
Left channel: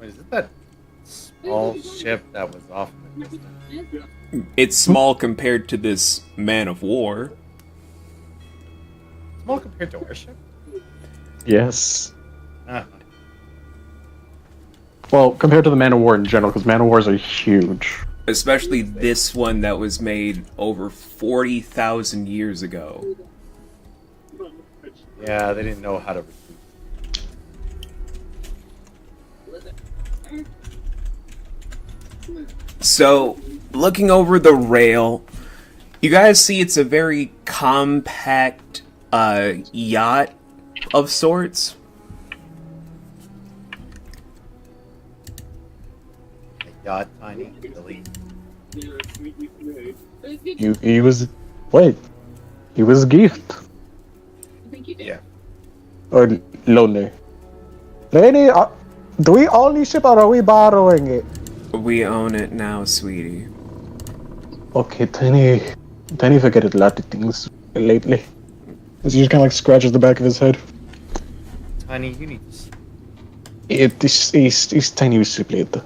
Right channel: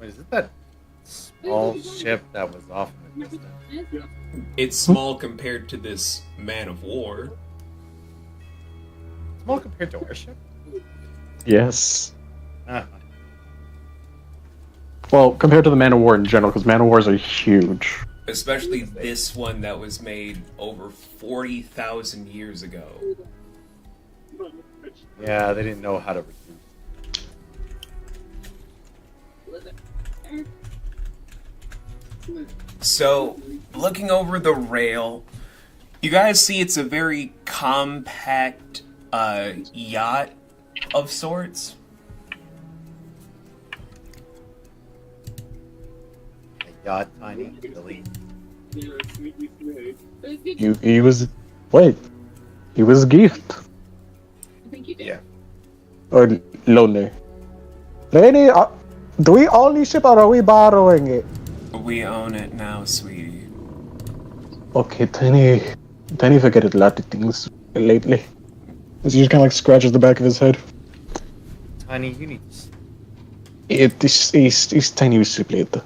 Wait, is it that small ship that was off in the distance? It's small compared to this man of war. Small compared to our ship? Yes. Ah, Well, compared to the Man of War in general, because Man of Wars are huge. Especially this one that was made over 40,000 years ago. yeah, they didn't know how to reduce. So, looking over the rail, you guys see it's a very compact yacht of sorts. A yacht, Tiny, really. He was... Wait. He was a gift. I think you did. Yeah. Or lonely. Lady, do we own this ship or are we borrowing it? We own it now, sweetie. Okay, Tiny forget a lot of things lately. He just kind of like scratches the back of his head. Tiny, you need to sleep. He's Tiny with sleep later.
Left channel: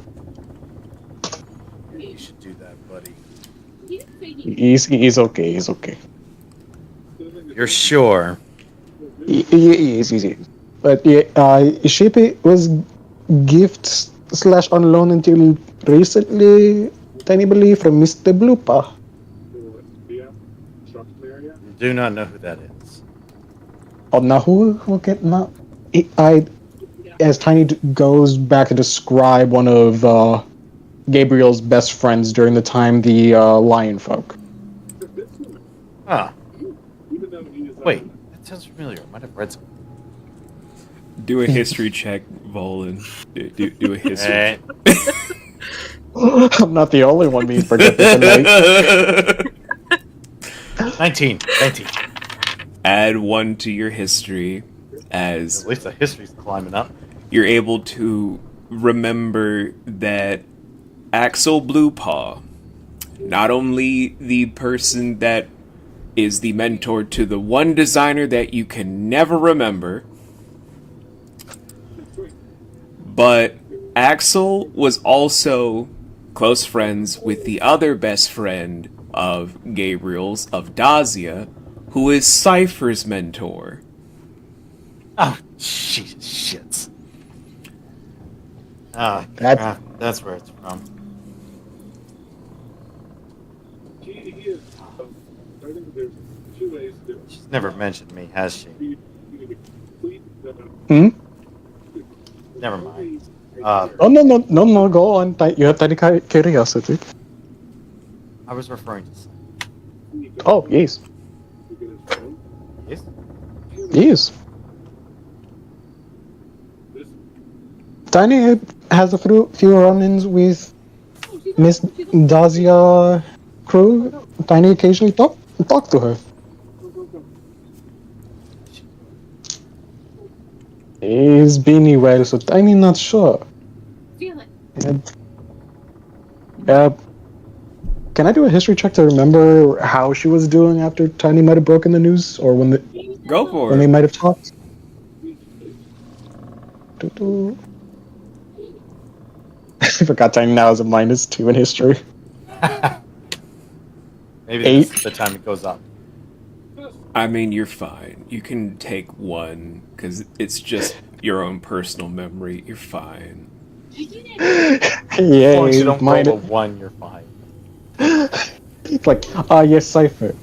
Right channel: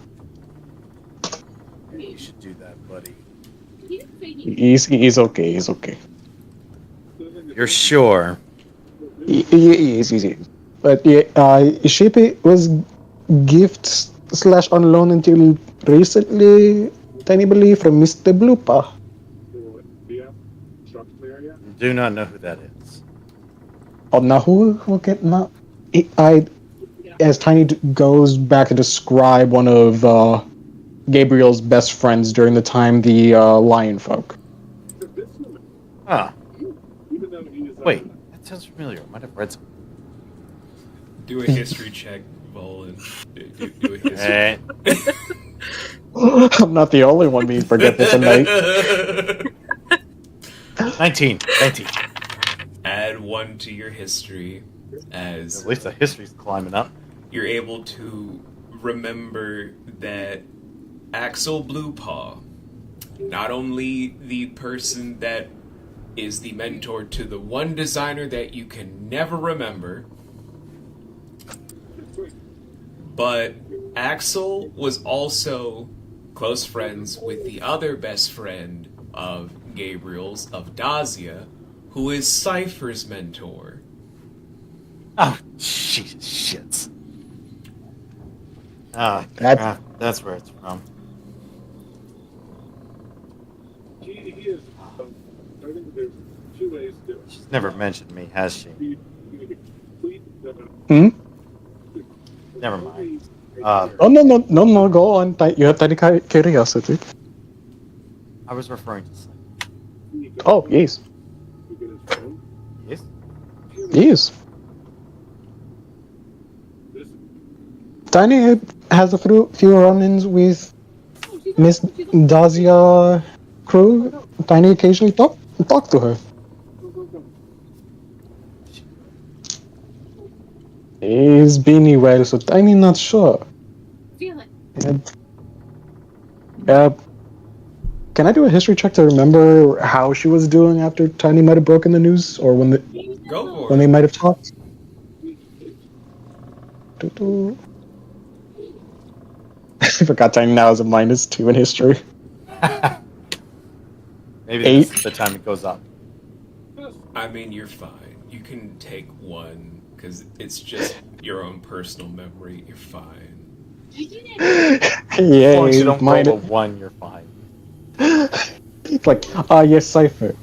Yeah, you should do that, buddy. He didn't say he. He's okay, he's okay. You're sure? He is easy. But yeah, ship was gift / on loan until recently, Tiny believe, from Mr. Blooper. Do not know who that is. Oh, now who get now? As Tiny goes back to describe one of Gabriel's best friends during the time the Lion Folk. Ah. Wait, that sounds familiar. I might have read something. Do a history check, Volan. Do a history. Eh. I'm not the only one being forgetful tonight. 19. Add 1 to your history as At least the history's climbing up. you're able to remember that Axel Bluepaw, not only the person that is the mentor to the one designer that you can never remember, but Axel was also close friends with the other best friend of Gabriel's, of Dazia, who is Cypher's mentor. Oh, Jesus, shits. Ah, that's where it's from. He is. I think there's 2 ways to do it. She's never mentioned me, has she? You need to complete the. Hmm? Never mind. Oh no, go on. You have Tiny curiosity. I was referring to something. Oh, yes. Yes? Yes. Tiny has a few run-ins with Miss Dazia crew. Tiny occasionally talk to her. He's been well, so Tiny not sure. Feel it. Can I do a history check to remember how she was doing after Tiny might have broken the news, or when Go for they it. might have talked? Doo-doo. I forgot Tiny now has a -2 in history. Maybe 8. this is the time it goes up. I mean, you're fine. You can take 1, because it's just your own personal memory. You're fine. As long as you don't mine. roll a 1, you're fine. It's like, yes, Cypher.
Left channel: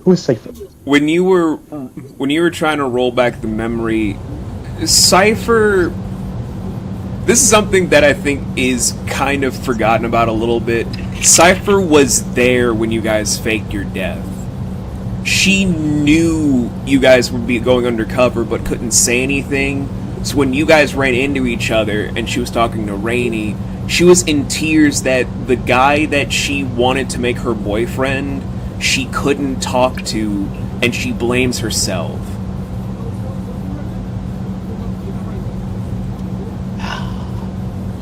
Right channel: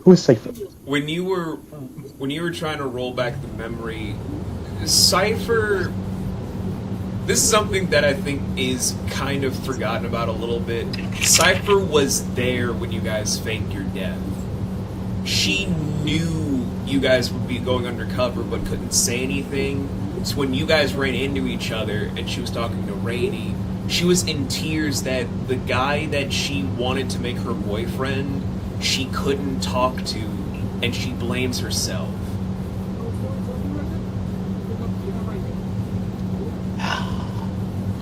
Who's Cypher? When you were trying to roll back the memory, Cypher. This is something that I think is kind of forgotten about a little bit. Cypher was there when you guys faked your death. she knew you guys would be going undercover but couldn't say anything. So when you guys ran into each other and she was talking to Rainey, she was in tears that the guy that she wanted to make her boyfriend, she couldn't talk to, and she blames herself.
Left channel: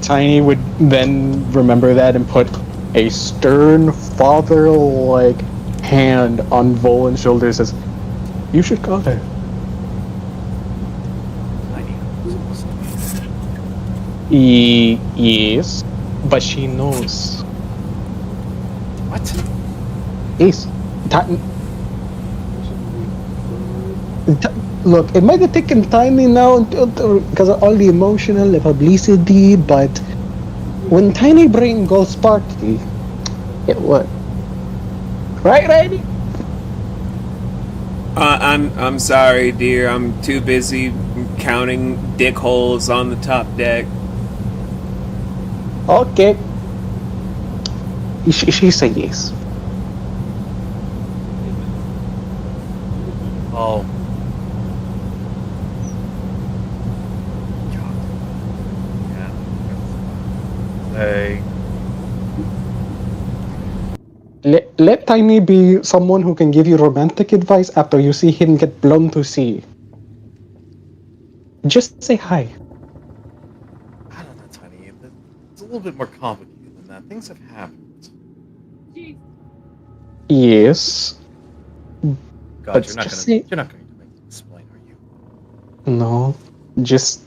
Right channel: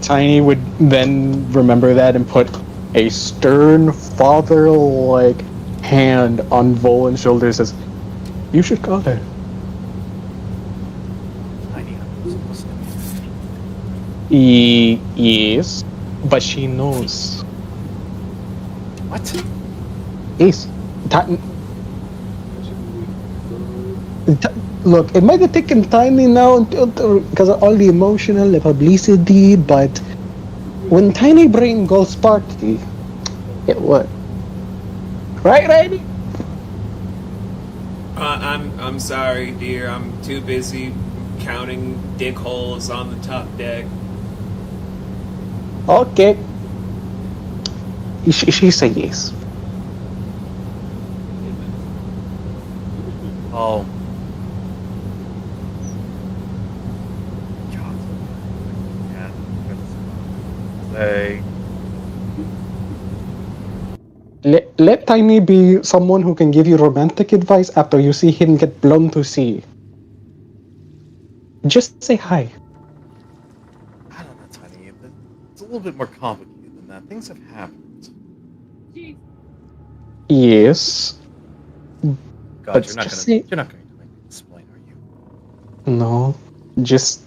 Tiny would then remember that and put a stern father-like hand on Volan's shoulder and says, "You should call her." Yes, but she knows. What? Yes. Look, it might have taken Tiny now because of all the emotional publicity, but when Tiny Brain goes party, it would. Right, Randy? I'm sorry, dear. I'm too busy counting dick holes on the top deck. Okay. She said yes. Oh. God. Yeah. Say. Let Tiny be someone who can give you romantic advice after you see him get blown to sea. Just say hi. I don't know, Tiny. It's a little bit more complicated than that. Things have happened. Jeez. Yes. God, But you're not just going say to make me explain, are you? no. Just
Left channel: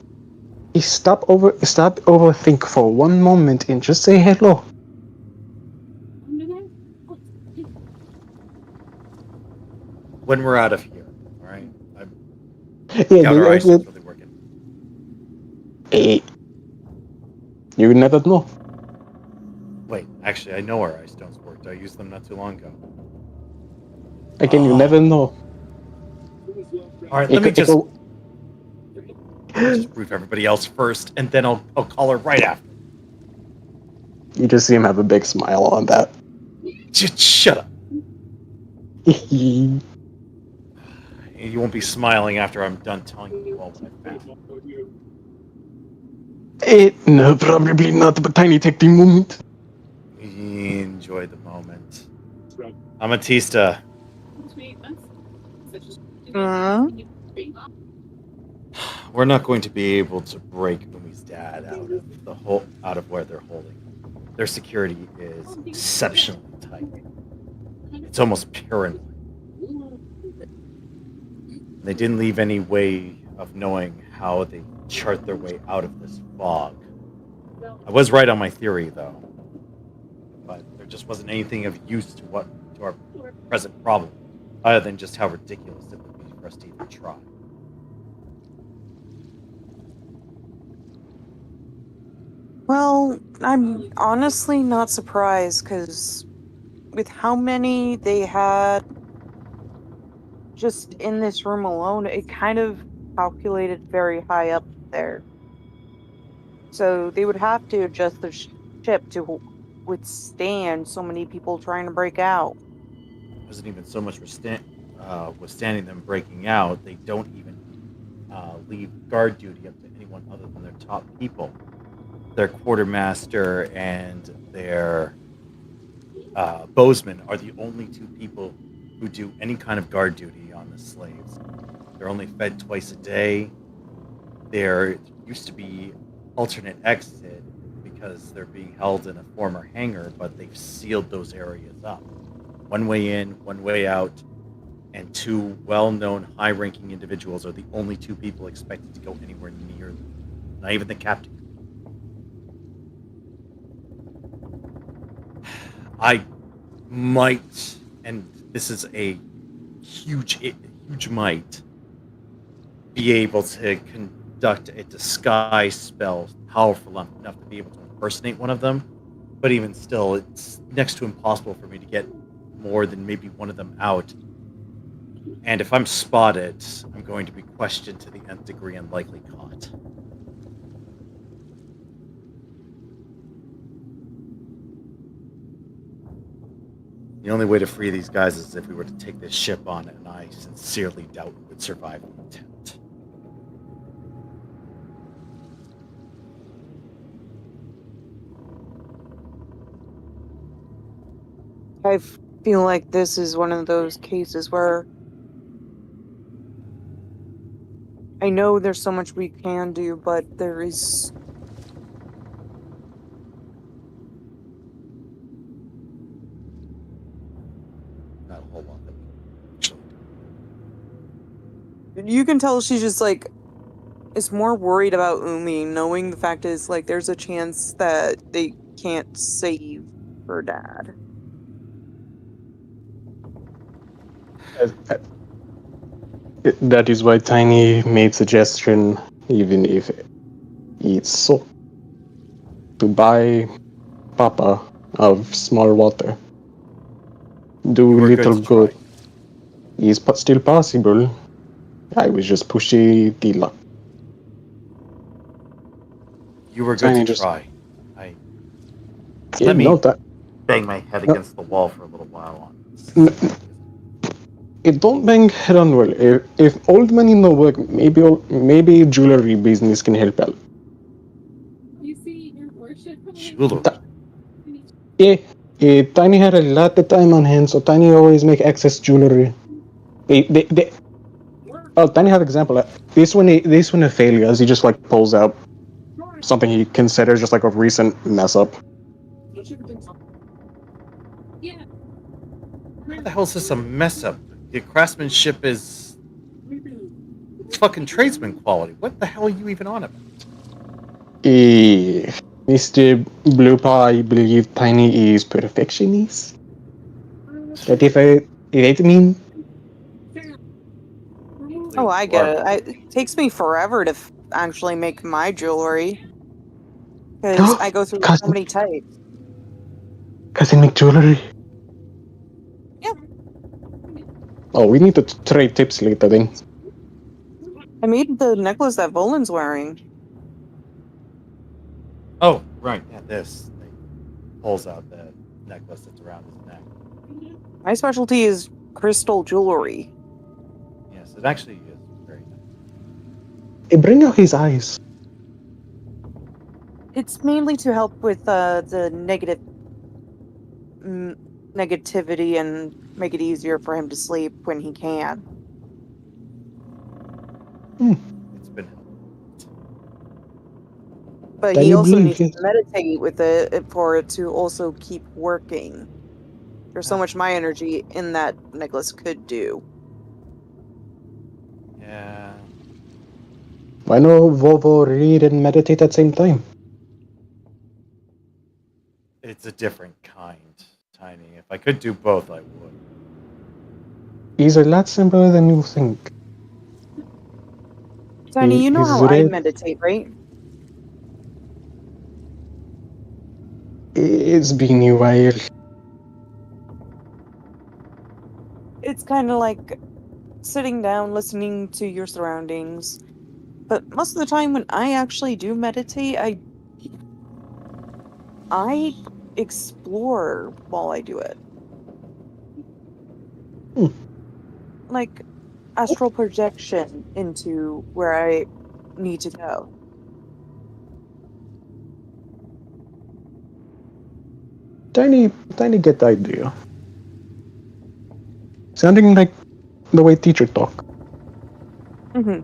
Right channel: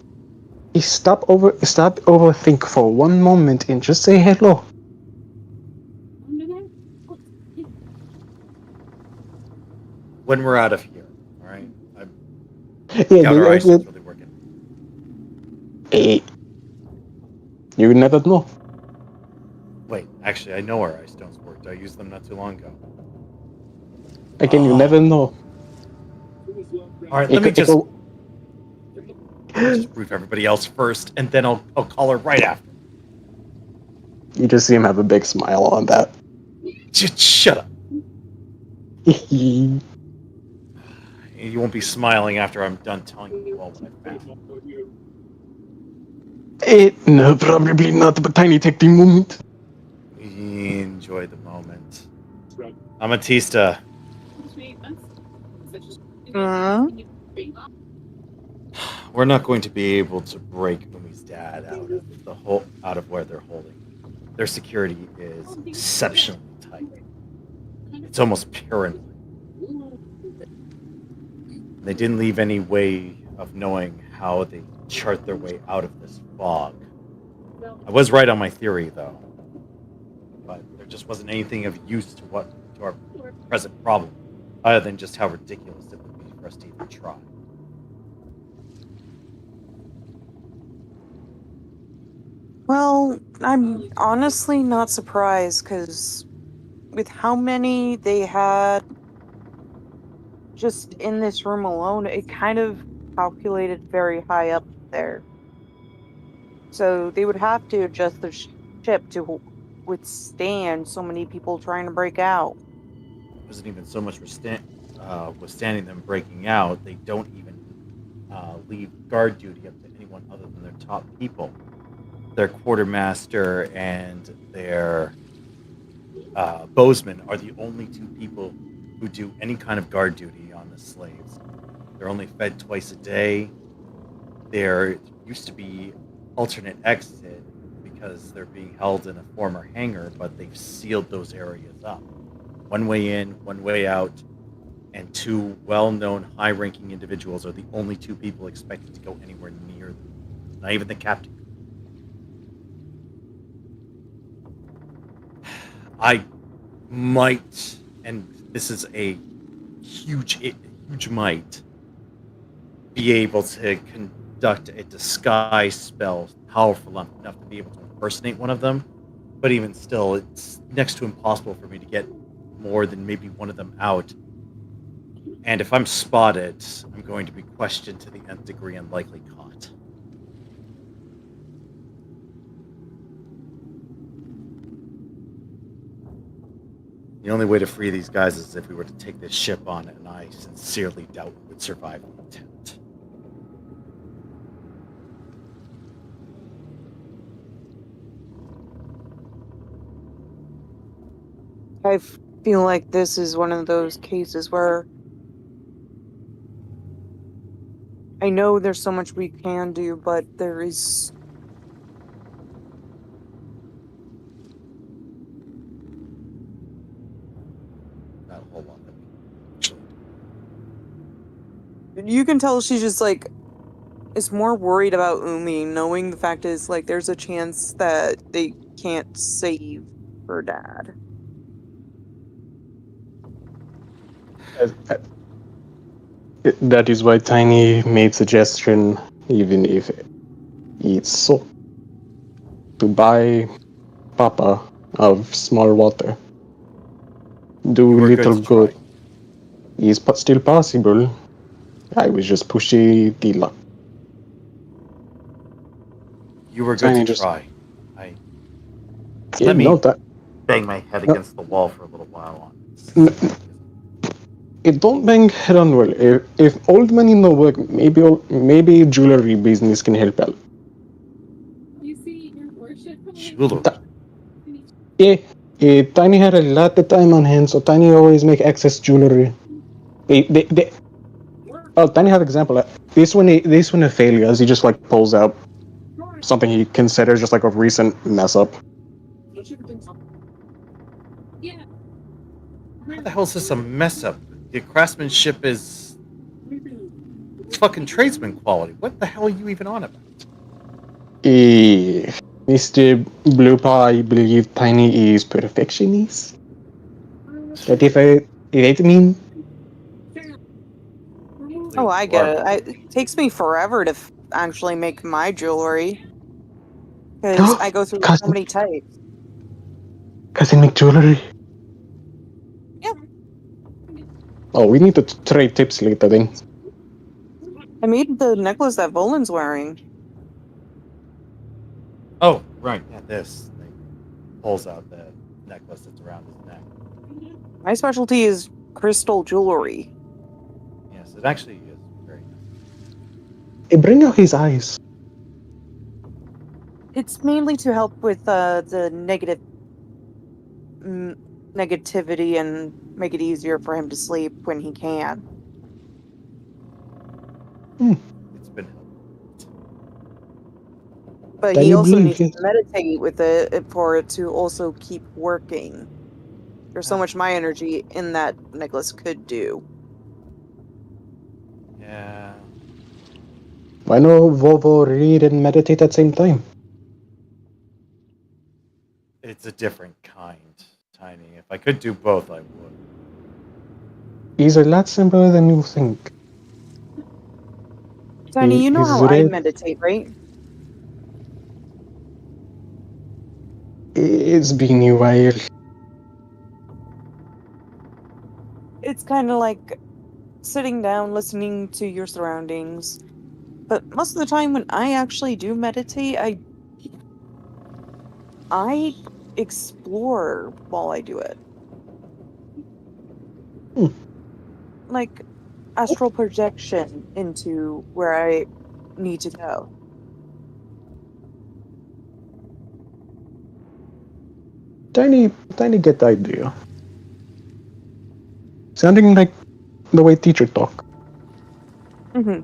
stop overthink for one moment and just say hello. Under there? When we're out of here, all right? Yeah, Doubt our eyesight's really working. You never know. Wait, actually, I know our eye stones worked. I used them not too long ago. Again, you never know. All right, let me just brief everybody else first, and then I'll call her right after. You just see him have a big smile on that. Just shut up. You won't be smiling after I'm done telling you all what I found. No, probably not, but Tiny, take the moment. Enjoy the moment. Amatista. We're not going to be able to break Umi's dad out of where they're holding him. Their security is exceptionally tight. It's almost paranoid. They didn't leave any way of knowing how they chart their way out of this fog. I was right on my theory, though. But there just wasn't anything of use to our present problem, other than just how ridiculous it would be for us to even try. Well, I'm honestly not surprised, because with how many they had just in this room alone, it kind of calculated very high up there. So they would have to adjust their ship to withstand so many people trying to break out. It wasn't even so much withstanding them breaking out. They don't even leave guard duty up to anyone other than their top people. Their quartermaster and their bowsman are the only two people who do any kind of guard duty on the slaves. They're only fed twice a day. There used to be alternate exit because they're being held in a former hangar, but they've sealed those areas up. One way in, one way out, and two well-known high-ranking individuals are the only two people expected to go anywhere near them. Not even the captain. I might, and this is a huge might, be able to conduct a disguise spell powerful enough to be able to impersonate one of them. But even still, it's next to impossible for me to get more than maybe one of them out. And if I'm spotted, I'm going to be questioned to the nth degree and likely caught. The only way to free these guys is if we were to take this ship on, and I sincerely doubt we would survive the attempt. I feel like this is one of those cases where I know there's so much we can do, but there is Not a whole lot that we can actually do. you can tell she's just like is more worried about Umi, knowing the fact is like there's a chance that they can't save her dad. That is why Tiny made suggestion, even if it's so, to buy Papa of small water. Do We're little good to good. try. Is still possible. I was just pushing the luck. You were good Tiny to just- try. Yeah, Let me no, that bang my head No. against the wall for a little while on No. this. it don't bang head on well. If old money no work, maybe jewelry business can help out. You see your worship. Jewelry. Yeah, Tiny had a lot of time on hand, so Tiny always make excess jewelry. Oh, Tiny have example. This one a failure, as he just like pulls out something he considers just like a recent mess up. Yeah. How the hell is this a mess up? The craftsmanship is it's fucking tradesman quality. What the hell are you even on about? Mr. Blue Paw, I believe Tiny is perfectionist. That if I mean, Oh, I get it. It takes me forever to actually make my jewelry because I go through so many types. Cousin make jewelry. Yeah. Oh, we need to trade tips later then. I made the necklace that Volan's wearing. Oh, right. Yeah, this. Like, pulls out the necklace that's around his neck. My specialty is crystal jewelry. Yes, it actually is very nice. Bring out his eyes. It's mainly to help with the negativity and make it easier for him to sleep when he can. It's been helpful. But Then he you also believe, needs to yes. meditate with it for it to also keep working. There's so much my energy in that necklace could do. Yeah. Why no Vovo read and meditate at the same time? It's a different kind, Tiny. If I could do both, I would. He's a lot simpler than you think. Tiny, you know He's how I red. meditate, right? It's been a while. It's kind of like sitting down, listening to your surroundings. But most of the time when I actually do meditate, I explore while I do it. Like astral projection into where I need to go. Tiny get the idea. Sounding like the way teacher talk. Mm-hmm.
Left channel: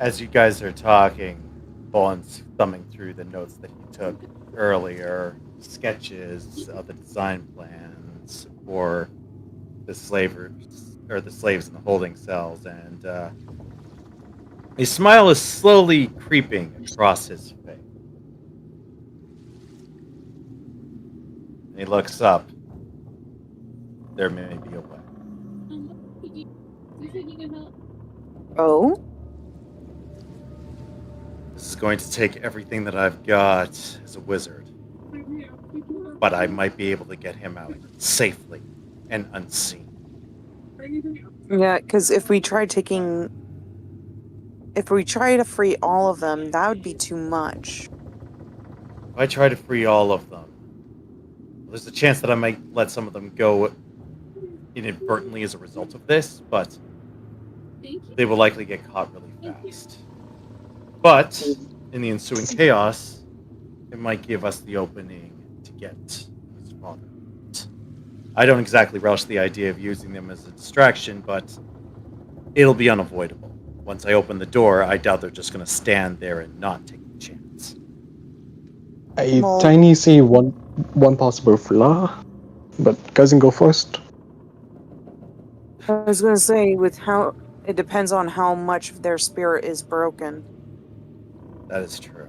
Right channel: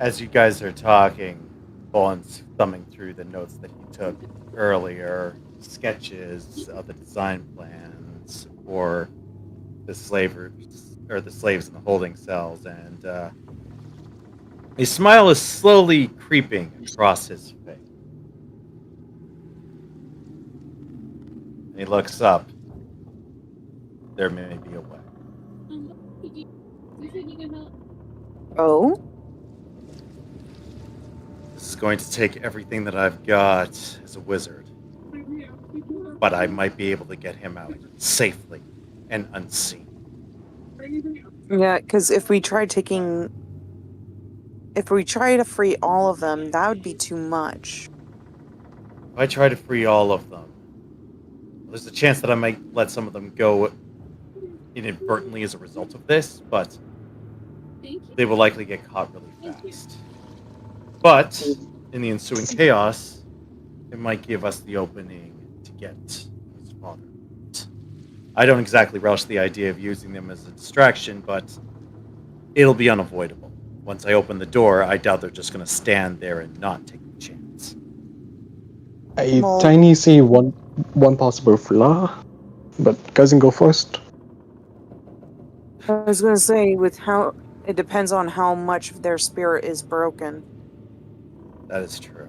As you guys are talking, Vaughn's thumbing through the notes that he took earlier, sketches of the design plans for the slavers or the slaves in the holding cells, and a smile is slowly creeping across his face. And he looks up. There may be a way. You said you can help. Oh? This is going to take everything that I've got as a wizard, but I might be able to get him out safely and unseen. Yeah, because if we try taking If we try to free all of them, that would be too much. If I try to free all of them, there's a chance that I might let some of them go inadvertently as a result of this, but they will likely get caught really fast. But in the ensuing chaos, it might give us the opening to get his father. I don't exactly relish the idea of using them as a distraction, but it'll be unavoidable. Once I open the door, I doubt they're just going to stand there and not take the chance. I Well- tiny see one possible flaw, but cousin go first. I was gonna say, with how it depends on how much their spirit is broken. That is true.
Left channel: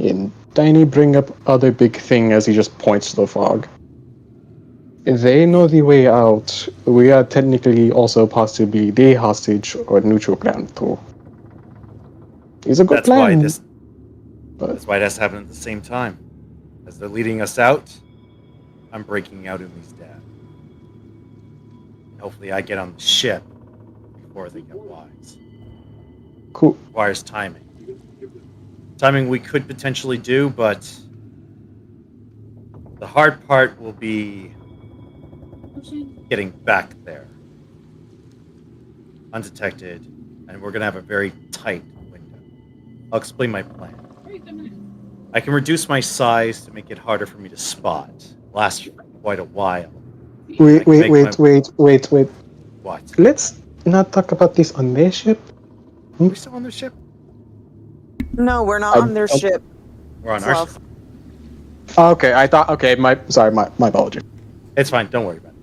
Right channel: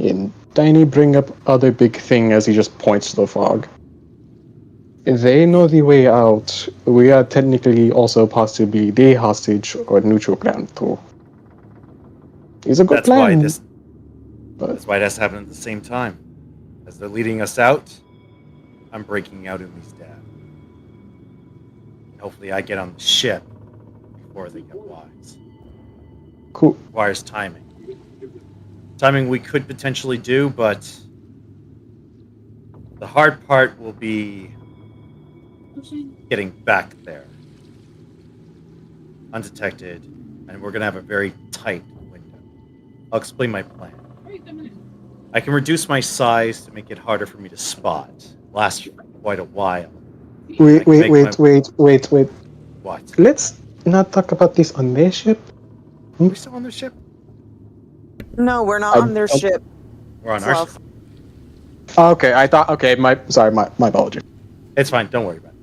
And Tiny bring up other big thing as he just points to the fog. They know the way out. We are technically also possibly the hostage or neutral ground too. It's a good That's why plan. that's why it has to happen at the same time. As they're leading us out, I'm breaking out Umi's dad. And hopefully I get on the ship before they get wise. Cool. Requires timing. Timing we could potentially do, but the hard part will be getting back there undetected, and we're going to have a very tight window. I'll explain my plan. I can reduce my size to make it harder for me to spot. Lasts quite a while. Wait. What? Let's not talk about this on their ship. Are we still on the ship? No, we're not on their ship. We're on our Fluff. ship. Okay, I thought. Okay, my apology. It's fine, don't worry about it.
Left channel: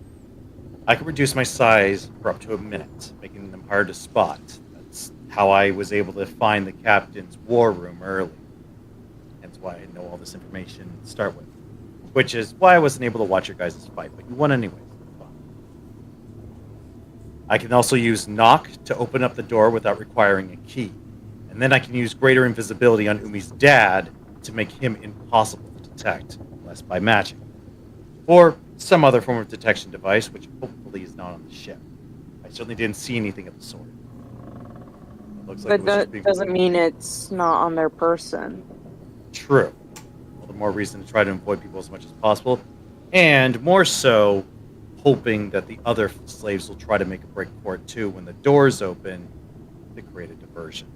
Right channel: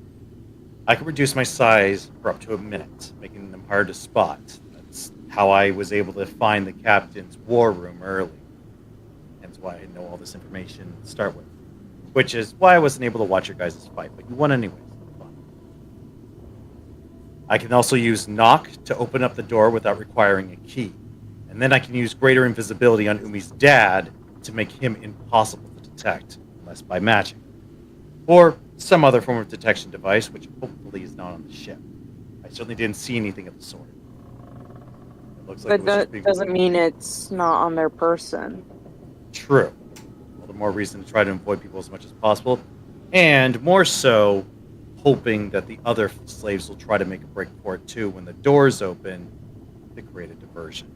I can reduce my size for up to a minute, making them hard to spot. That's how I was able to find the captain's war room early. Hence why I know all this information to start with. Which is why I wasn't able to watch your guys' fight, but you won anyways. I can also use knock to open up the door without requiring a key. And then I can use greater invisibility on Umi's dad to make him impossible to detect, unless by magic. Or some other form of detection device, which hopefully is not on the ship. I certainly didn't see anything of the sort. It looks like But it was that just being doesn't mean it's not on their person. true. Well, the more reason to try to avoid people as much as possible. And more so, hoping that the other slaves will try to make a break for it too when the doors open to create a diversion.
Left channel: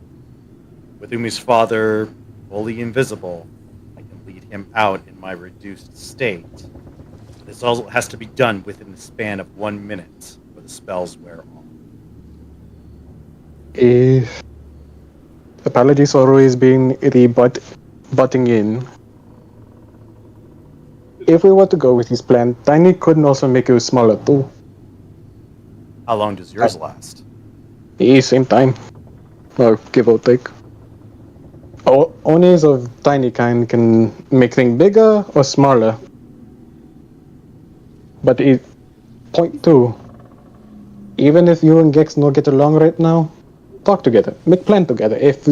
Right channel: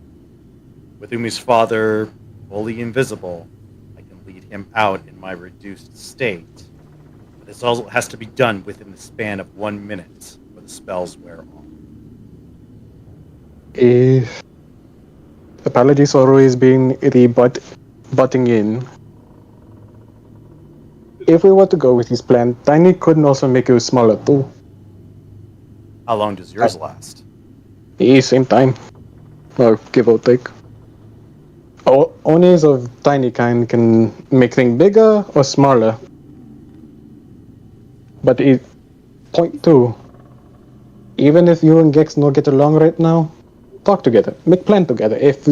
With Umi's father fully invisible, I can lead him out in my reduced state. This all has to be done within the span of 1 minute, or the spells wear off. Apologies for always being butting in. If we were to go with his plan, Tiny could also make it smaller too. How long does yours last? Same time. Or give or take. Onis of Tiny kind can make things bigger or smaller. But point two. Even if you and Gex don't get along right now, talk together. Make plan together. If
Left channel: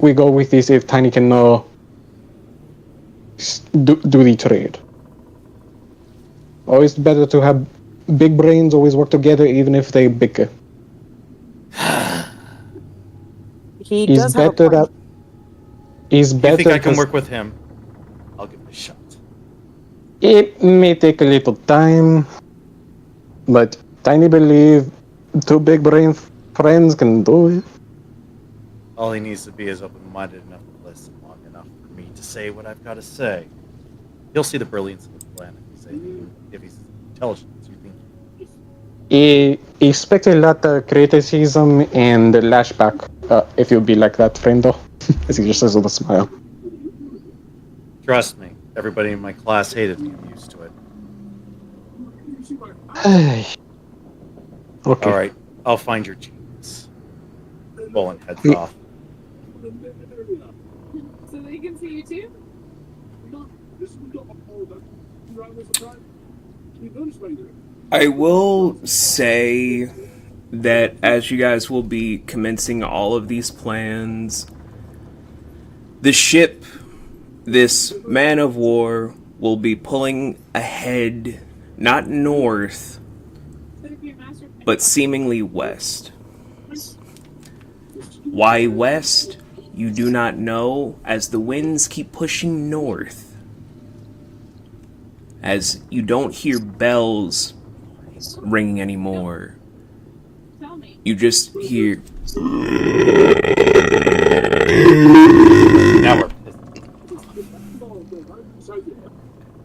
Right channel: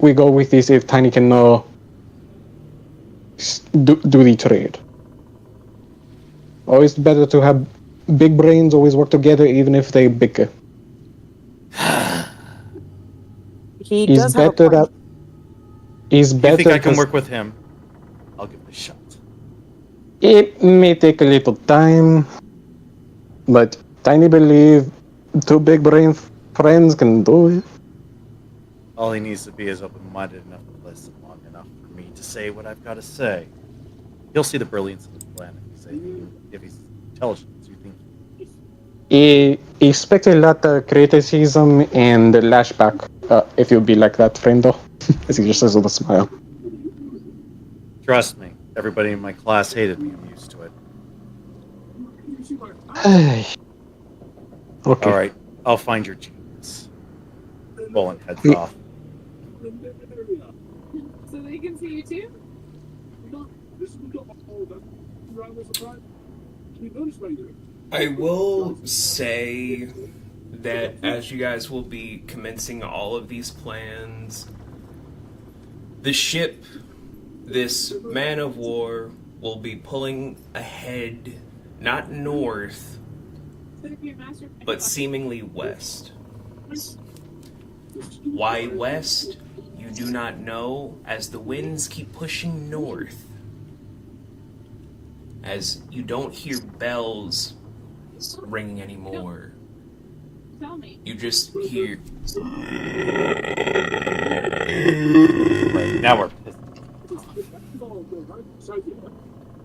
we go with this, if Tiny can do the trade. Always better to have big brains always work together, even if they bicker. He He's does have a better point. that. He's If better. you think I can 'cause work with him, I'll give it a shot. It may take a little time, but Tiny believe two big brain friends can do it. All he needs to be is open-minded enough to listen long enough for me to say what I've got to say. He'll see the brilliance of the plan if he's intelligent, as you think. He expects a lot of criticism and lashback if you be like that, friendo. As he just says with a smile. Trust me, everybody in my class hated me. I'm used to it. Okay. All right, I'll find your genius. Bolin heads Yeah. off. So they can see you too? I will say that as you guys will be commencing all of these plans, the ship, this man of war, will be pulling ahead, not north, but seemingly west. Why west? You do not know, as the winds keep pushing north. As you don't hear bells ringing anymore. Tell me. You just hear Now we're pissed.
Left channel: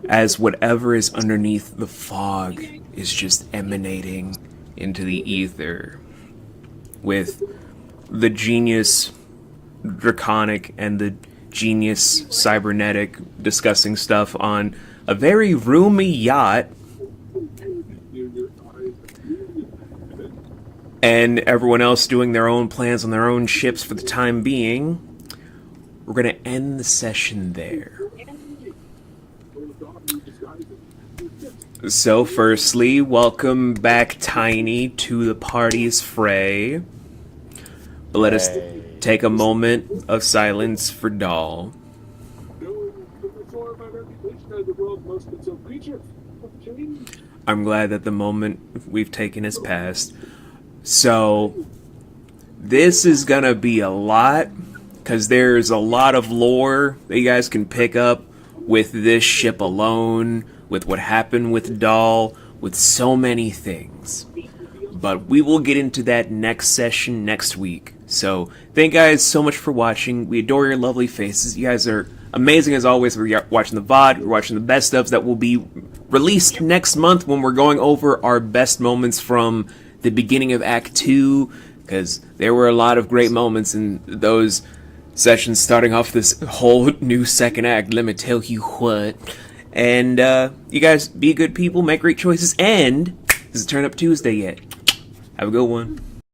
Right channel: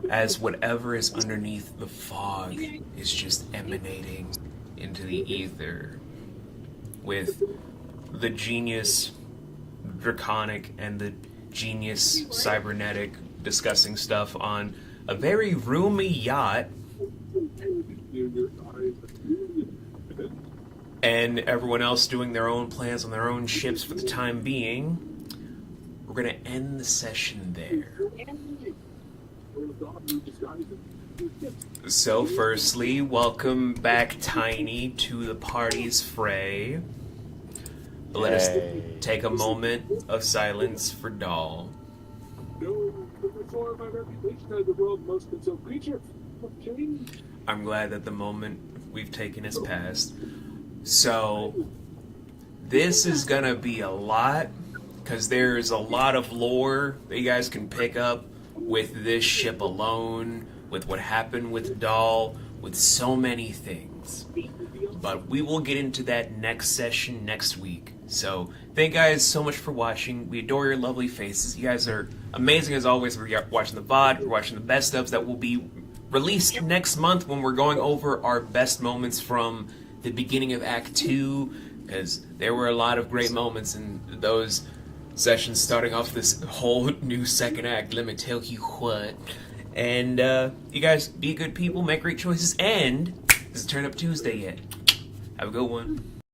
as whatever is underneath the fog is just emanating into the ether, with the genius draconic and the genius cybernetic discussing stuff on a very roomy yacht, and everyone else doing their own plans on their own ships for the time being. We're going to end the session there. So firstly, welcome back, Tiny, to the party's fray. Let us take a moment of silence for Doll. I'm glad that the moment we've taken has passed. So, this is gonna be a lot, because there's a lot of lore that you guys can pick up with this ship alone, with what happened with Doll, with so many things. But we will get into that next session next week. So, thank you guys so much for watching. We adore your lovely faces. You guys are amazing as always. We're watching the VOD, we're watching the best ofs that will be released next month when we're going over our best moments from the beginning of Act 2, because there were a lot of great moments in those sessions starting off this whole new second act, let me tell you what. And you guys be good people, make great choices, and this is Turn Up Tuesday yet. Have a good one.